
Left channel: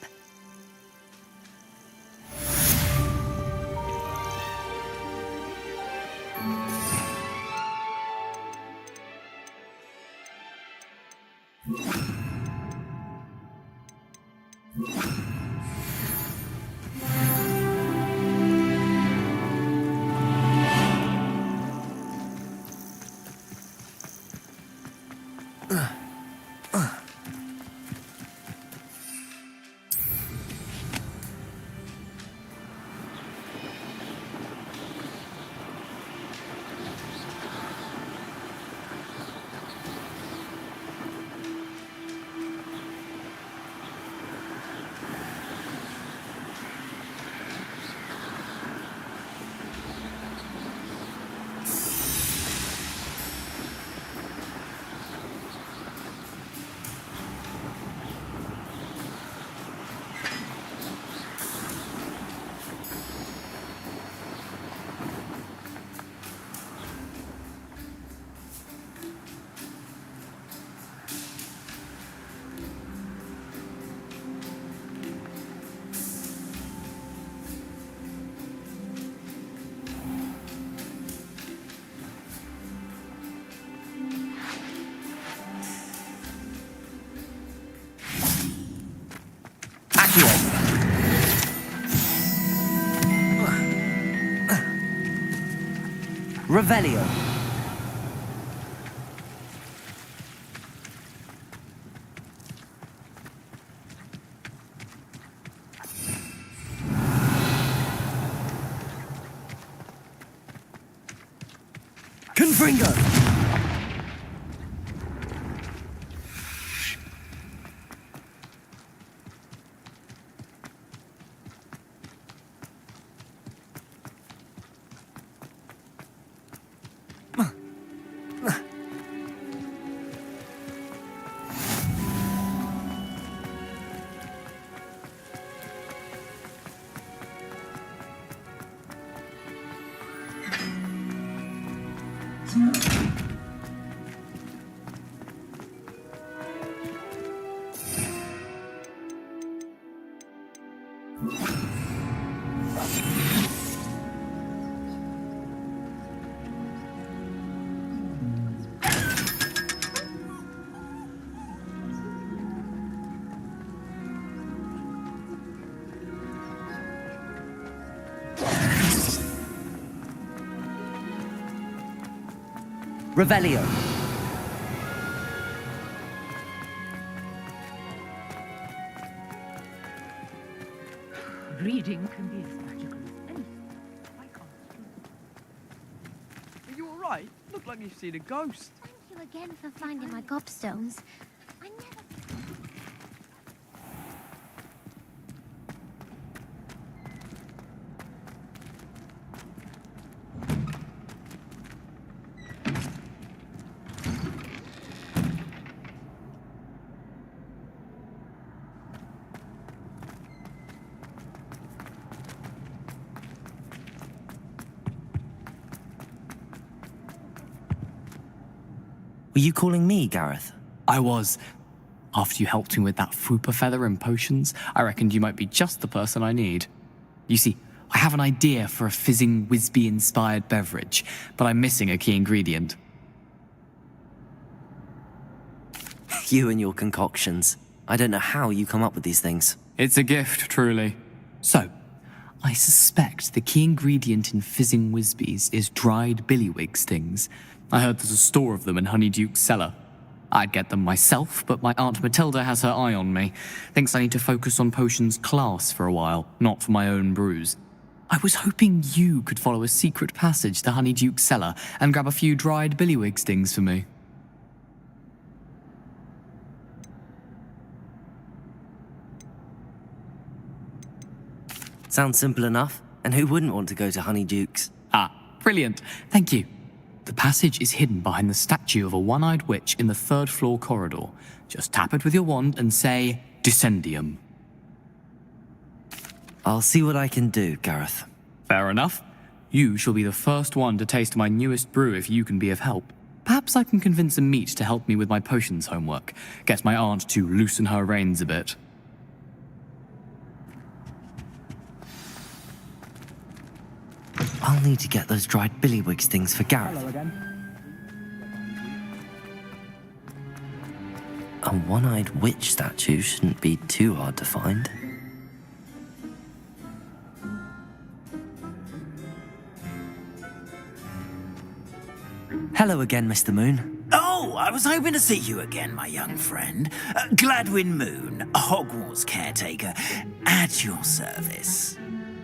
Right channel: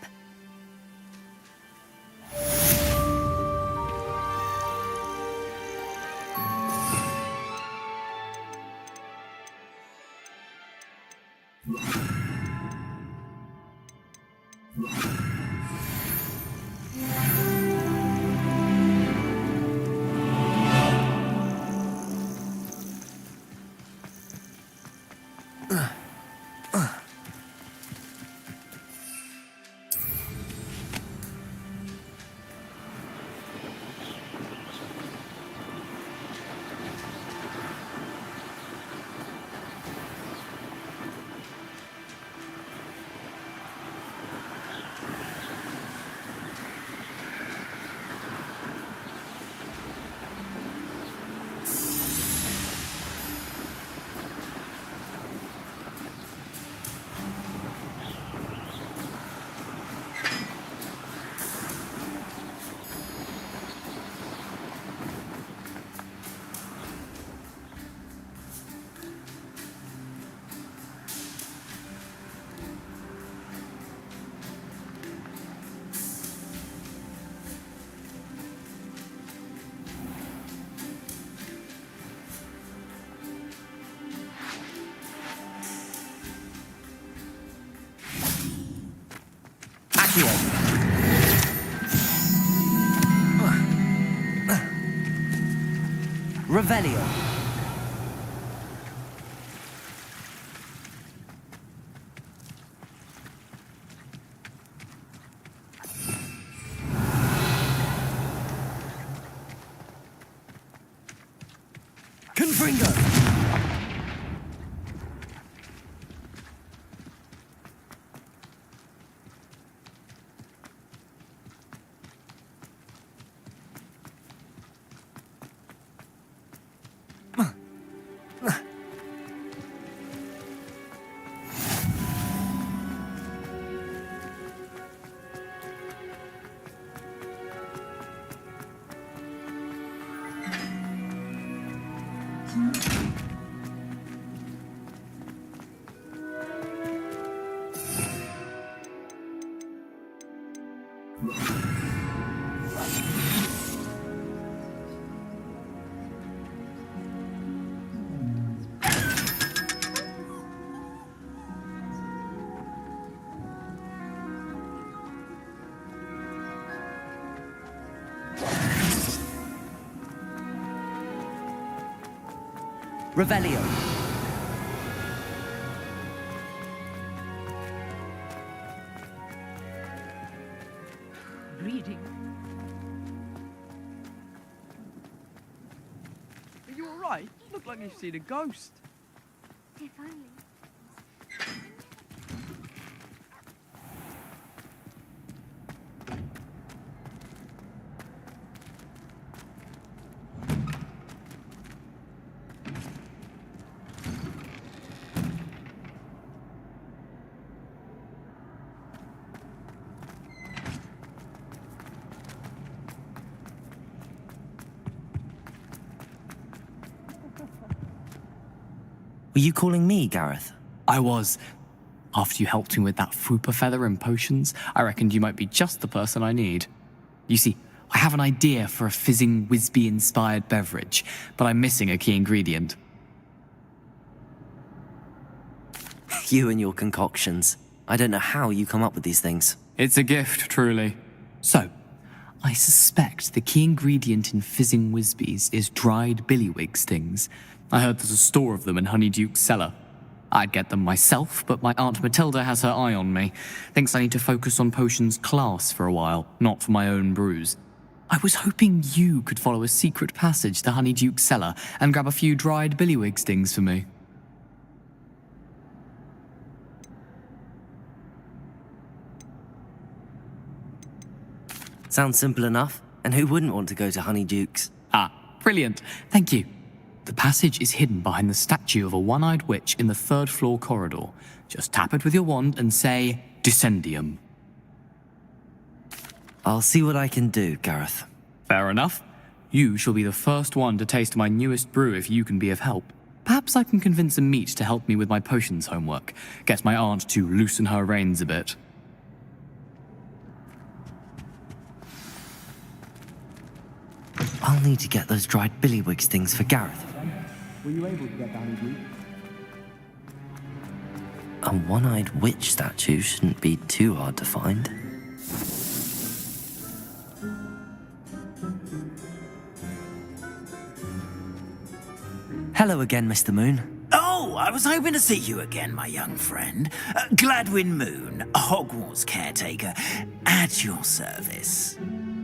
Revelio. Confringo. Revelio. Reading can be Are you alright? Look like you've seen a ghost. Thank you again for finding my gobstones. Were you calling me, Gareth? I was. After you helped me with that Fupa feather and potions, I reckoned you might be just the person I need. You see, I have an idea for a fizzing Wisby-inspired beverage, but I'm missing a key ingredient. You and your concoctions. I don't know how you come up with these things. It's a gift, truly. So, I suspect the key ingredient in fizzing Wisbies is dried billywig stings. I heard there's a store of them in Honeyduke's cellar. I'd get them myself, but my Aunt Matilda has her eye on me. Thinks I need to focus on potions class for a while, not for my own brews. I was hoping you could follow a secret passage to Honeyduke's cellar and grab a few dried billywig stings for me. Sounds simple enough. And who wouldn't want to go to Honeyduke's? Ah, brilliant. Thank you. The passage is hidden behind the statue of a one-eyed witch in the third-floor corridor. Just tap it with your wand and say, Descendium. I'll see what I can do, Gareth. Fair enough. You shall be the first one to taste my newest brew if you can be of help. Perhaps I can convince a meat to help me with my potions homework. Get my aunt to loosen her reins a bit. I'll need to get those dried billywig stings for Gareth. A one-eyed witch statue shouldn't be too hard to find. Hello again, Mr. Moon. Oh, I was hoping to see you again, my young friend. Gladwin Moon, Hogwarts caretaker, at your service.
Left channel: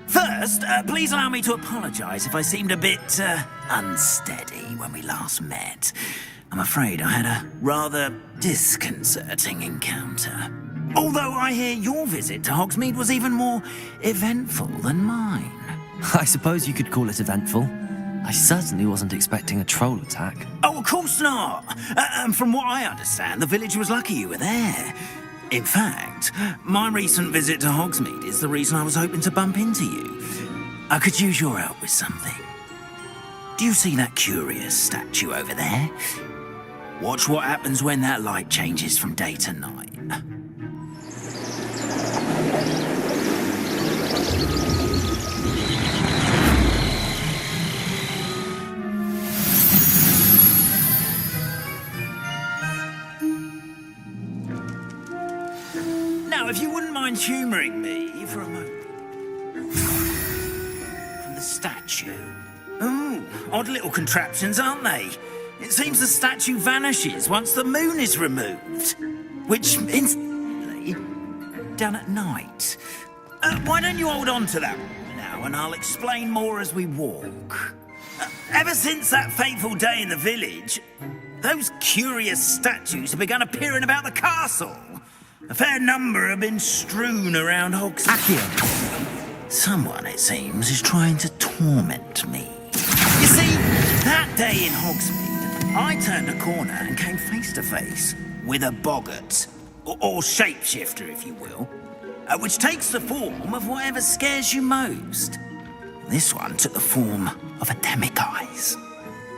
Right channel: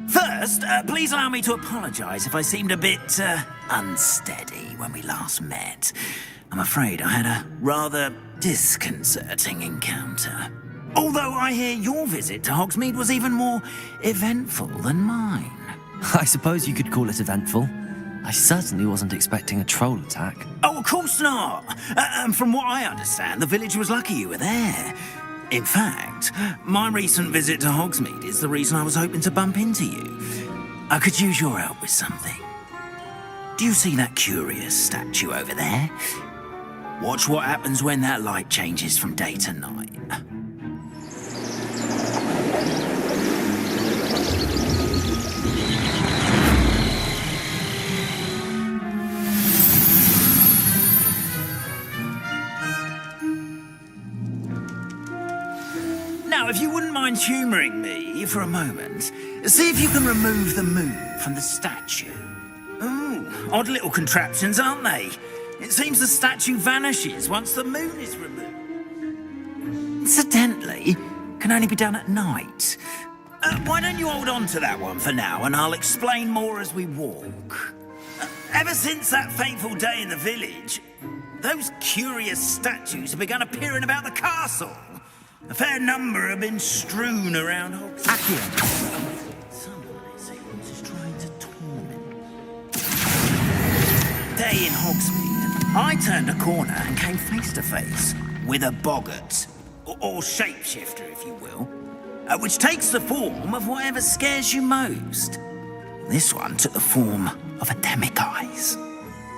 First, please allow me to apologise if I seemed a bit unsteady when we last met. I'm afraid I had a rather disconcerting encounter. Although I hear your visit to Hogsmeade was even more eventful than mine. I suppose you could call it eventful. I certainly wasn't expecting a troll attack. Oh, of course not. And from what I understand, the village was lucky you were there. In fact, my recent visit to Hogsmeade is the reason I was hoping to bump into you. I could use your help with something. Do you see that curious statue over there? Watch what happens when that light changes from day to night. Now, if you wouldn't mind humouring me for a moment, see if you can remove the moon from the statue. Ooh, odd little contraptions, aren't they? It seems the statue vanishes once the moon is removed, which, incidentally, can only be done at night. Why don't you hold on to that one for now, and I'll explain more as we walk. Ever since that fateful day in the village, those curious statues have begun appearing about the castle. A fair number have been strewn around Hogsmeade. Someone, it seems, is trying to torment me. You see, that day in Hogsmeade, I turned a corner and came face to face with a boggart, or shapeshifter, if you will, which takes the form of whatever scares you most. This one took the form of a demiguise.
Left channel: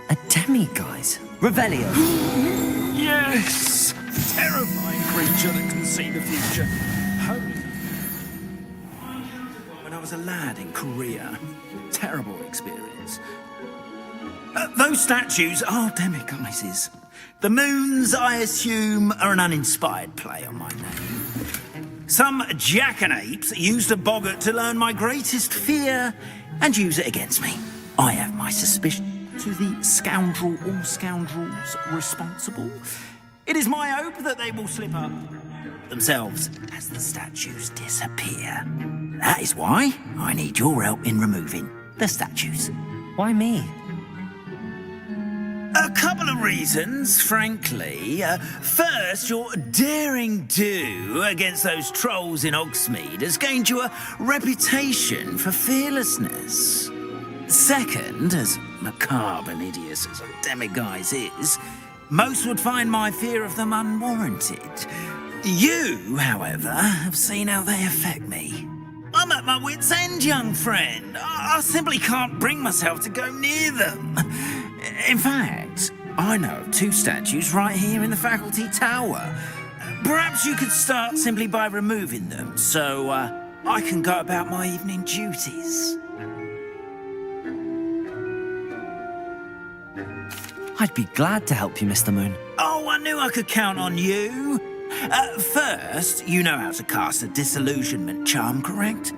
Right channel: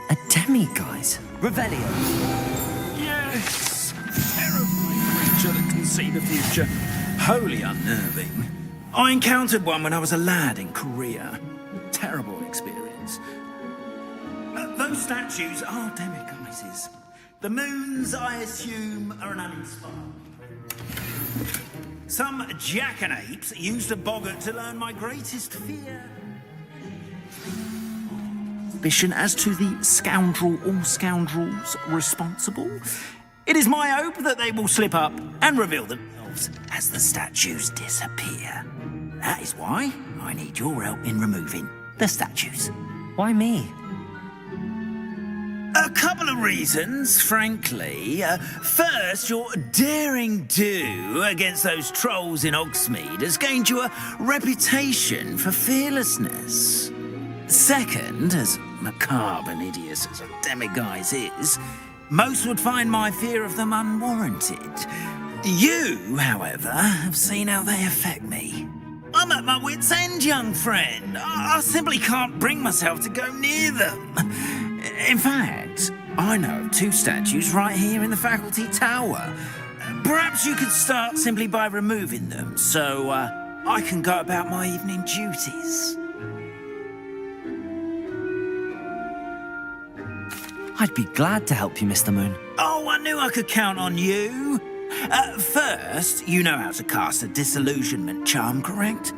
A demiguise? Revelio. Yes! Terrifying creature that can see the future. Wholly unnerving. I encountered one when I was a lad in Korea. Terrible experience. Those statues are demiguises. The moons, I assume, are an uninspired play on my name. Some jackanapes used a boggart to learn my greatest fear and use it against me. I have my my suspicion as to the scoundrel or scoundrels responsible. It is my hope that they will slip up and reveal themselves as the statues disappear. That is why I need your help in removing the statues. Why me? A couple of reasons, frankly. First, your daring do against those trolls in Hogsmeade has gained you a reputation for fearlessness. Second, as macabre and hideous as a demiguise is, most would find my fear of them unwarranted. You, however, have seen how they affect me. I'm at my wit's end, young friend. I simply can't bring myself to go near them. In fact, I know of 2 statues right here in the faculty tower. Perhaps you could start simply by removing them, so I can go about my evening duties. I'd be glad to help you, Mr. Moon. Oh, I knew I could count on you. First, you know how to cast a disillusionment charm, correct?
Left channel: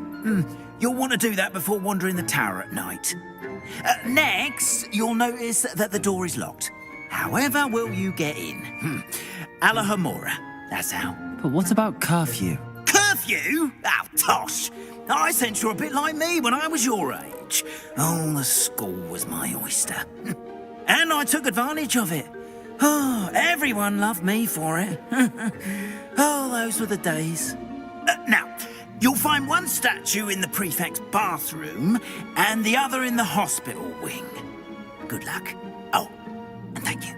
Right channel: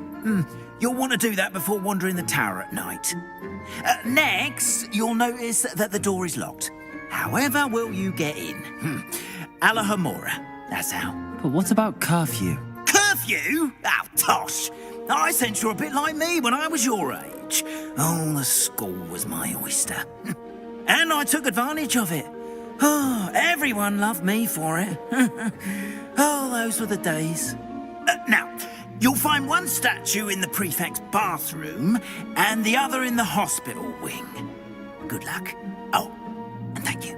You'll want to do that before wandering the tower at night. Next, you'll notice that the door is locked. However will you get in? Alahomora, that's how. But what about curfew? Curfew? Oh, tosh. I sense you're a bit like me when I was your age. Oh, the school was my oyster. And I took advantage of it. Oh, everyone loved me for it. Oh, those were the days. Now, you'll find one statue in the prefect's bathroom and the other in the hospital wing. Good luck. Oh, and thank you.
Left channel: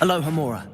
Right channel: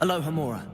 Alohomora.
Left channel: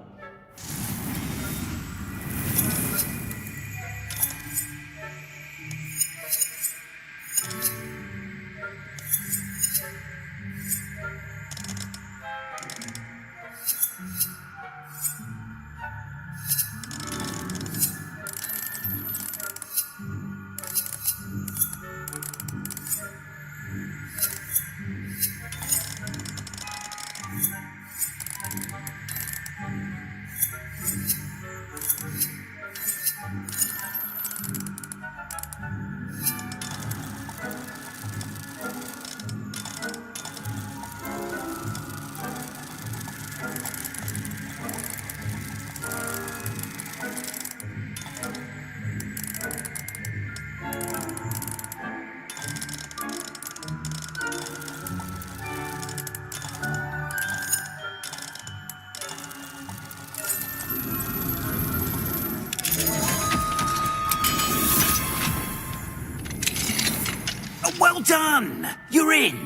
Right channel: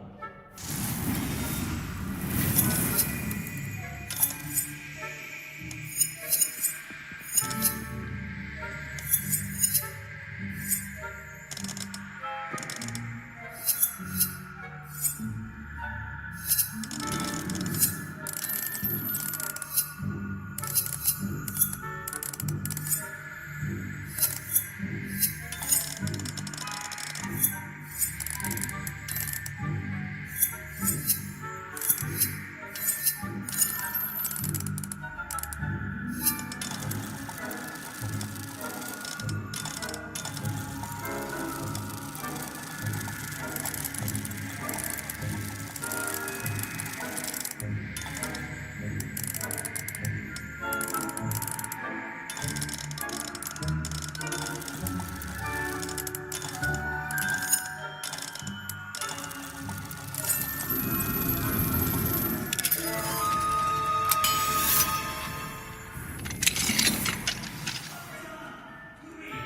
Well done! You're in.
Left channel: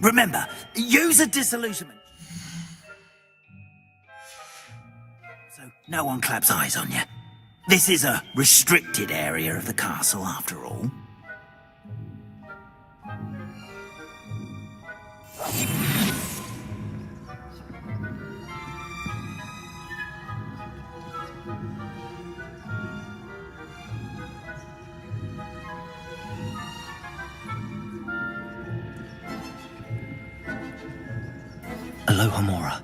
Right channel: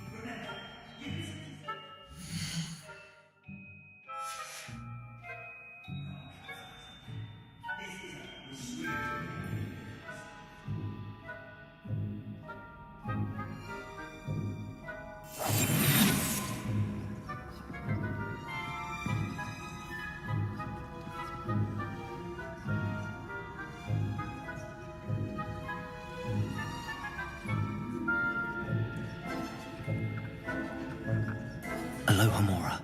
Remember, use a disillusionment. So no one claps eyes on you. This is a restricted area of the castle, after all. Alohomora.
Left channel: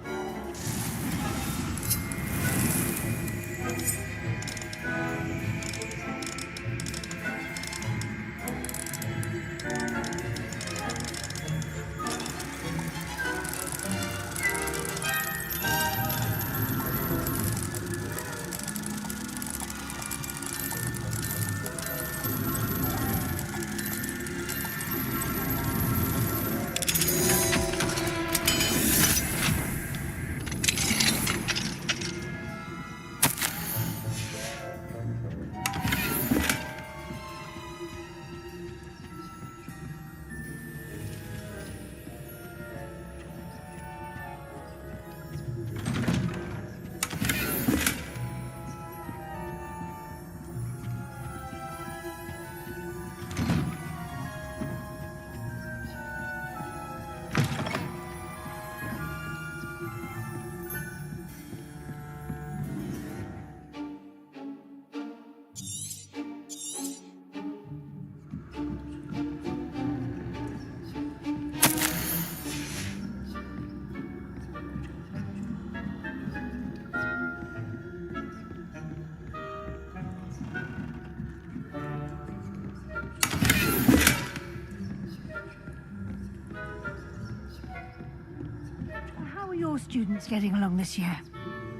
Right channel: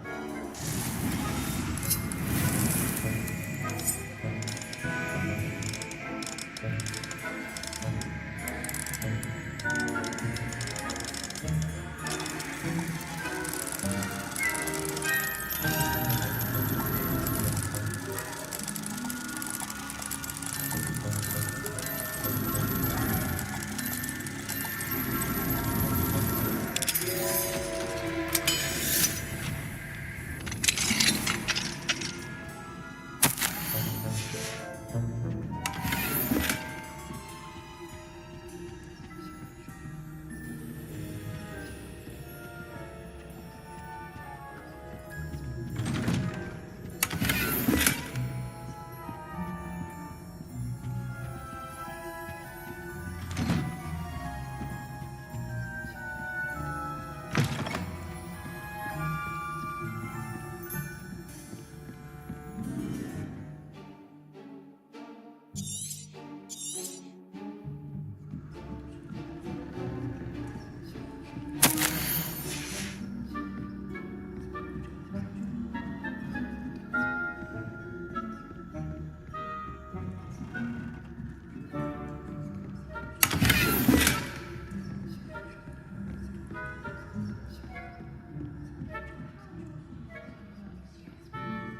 your students getting along this year?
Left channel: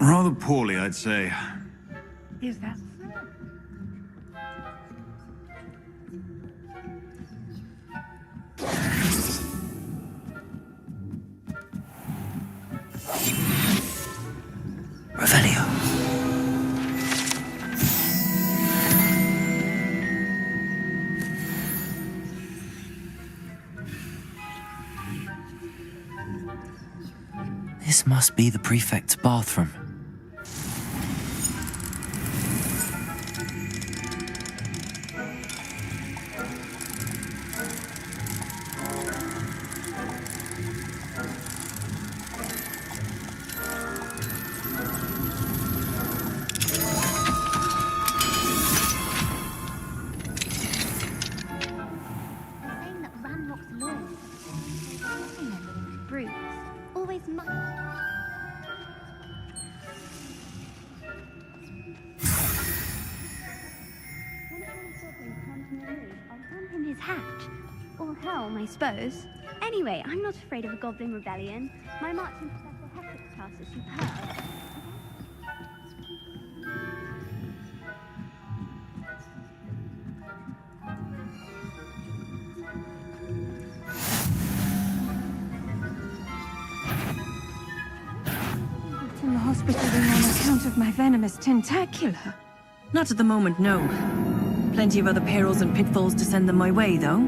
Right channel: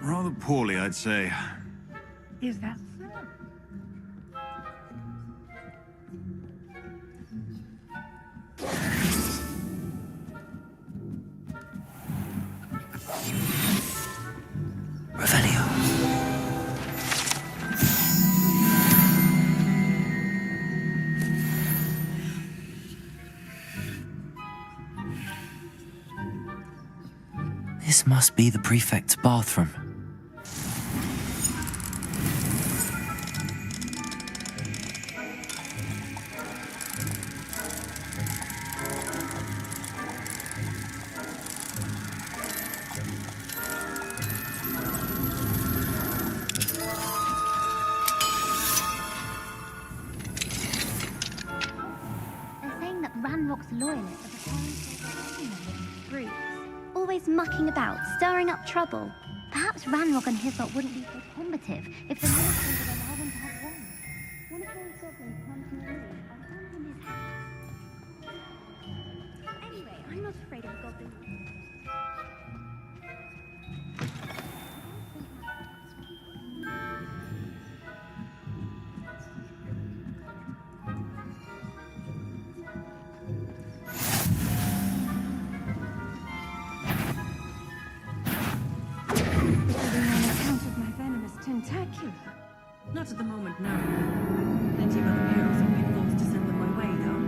Rather poorly, I'd say. Is that so? Revelio. This must be the prefect's bathroom. Loyalists are preparing for rebellion. Brutes, always mucking about, stirring up trouble. Perhaps Ranrock and his lot wouldn't be so combative if the military had won. One of those goblins comes near me, I'll hand him his hat. Or helm, I suppose. Anyway, I'm not afraid of a goblin rebellion. My marching Professor Hector's class is superb. Of my venomous tentacular? Not at the moment, no. Plenty of other perils and pitfalls to send them my way, though.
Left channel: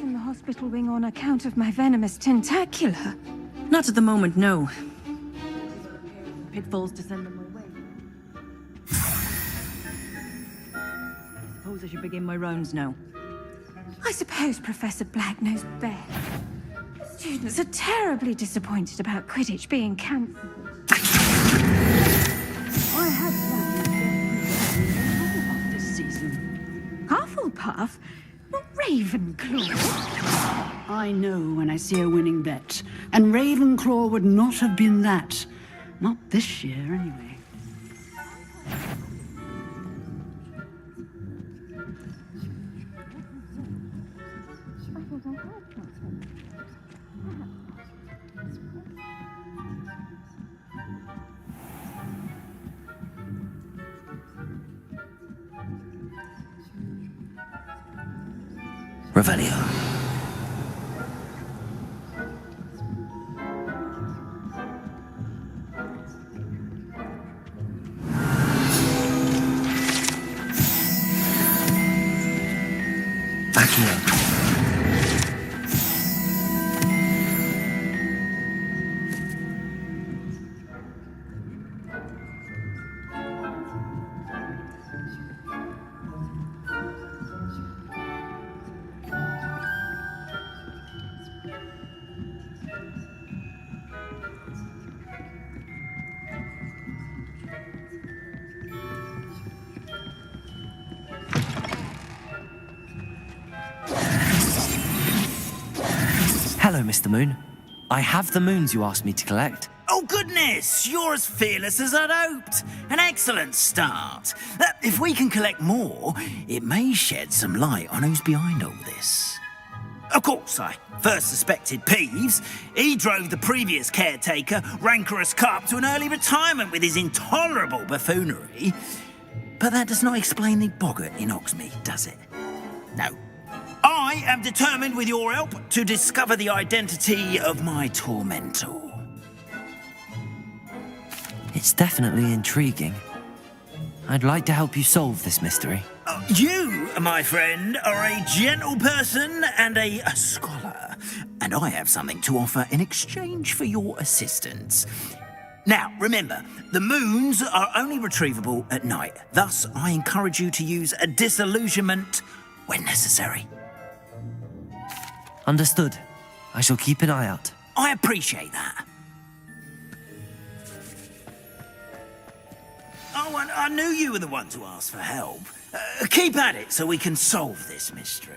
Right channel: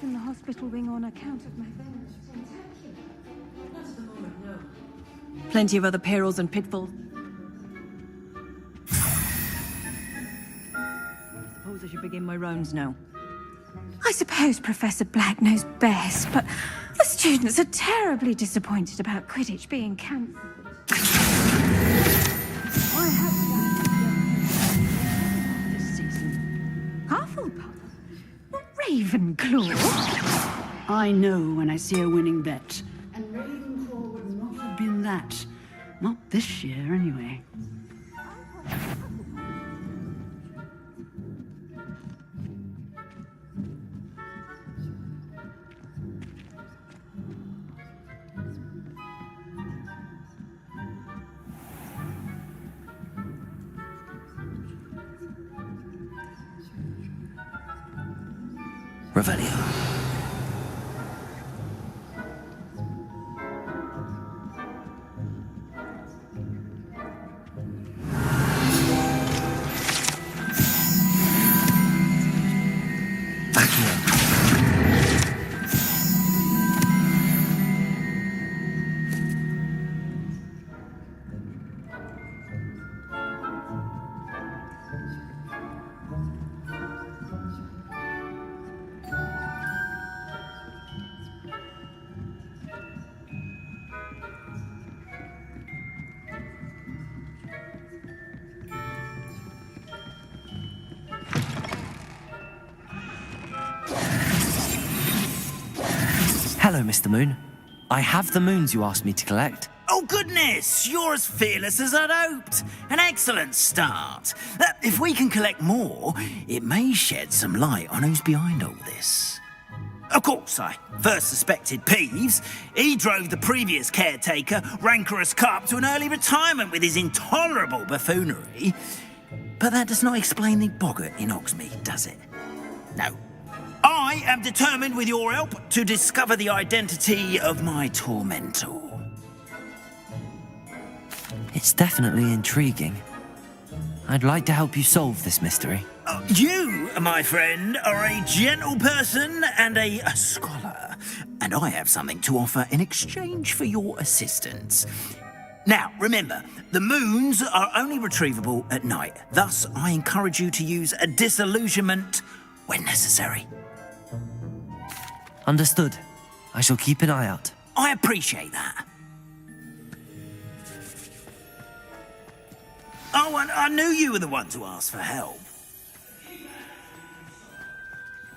In the hospital wing on account of my venomous tentacular? Not at the moment, no. Plenty of other perils and pitfalls to send them away. I suppose I should begin my rounds now. I suppose Professor Black knows best, but the students are terribly disappointed about Quidditch being cancelled. I have planned this season. Hufflepuff? Ravenclaw? I know when I see a winning bet, and Ravenclaw would not have been that. Not this year, anyway. Revelio. Hello, Mr. Moon. I have the moons you asked me to collect. Oh, goodness! You're as fearless as I'd hoped. An excellent start. If we can collect more, it may shed some light on who's behind all this. Of course, I first suspected Peeves. He drove the previous caretaker, Rancorous Carp, to an early retirement with his intolerable buffoonery. But that does not explain the boggart in Hogsmeade, does it? No. I am determined, with your help, to discover the identity of my tormentor. It's definitely intriguing. I'd like to help you solve this mystery. You, my friend, are a gentle person and a scholar, and I have something to offer in exchange for your assistance. Now, remember, the moons are only retrievable at night. Thus, I encourage you to use a disillusionment when necessary. Understood. I shall keep an eye out. I appreciate that. Oh, and I knew you were the one to ask for help. Keep at it so we can solve this mystery.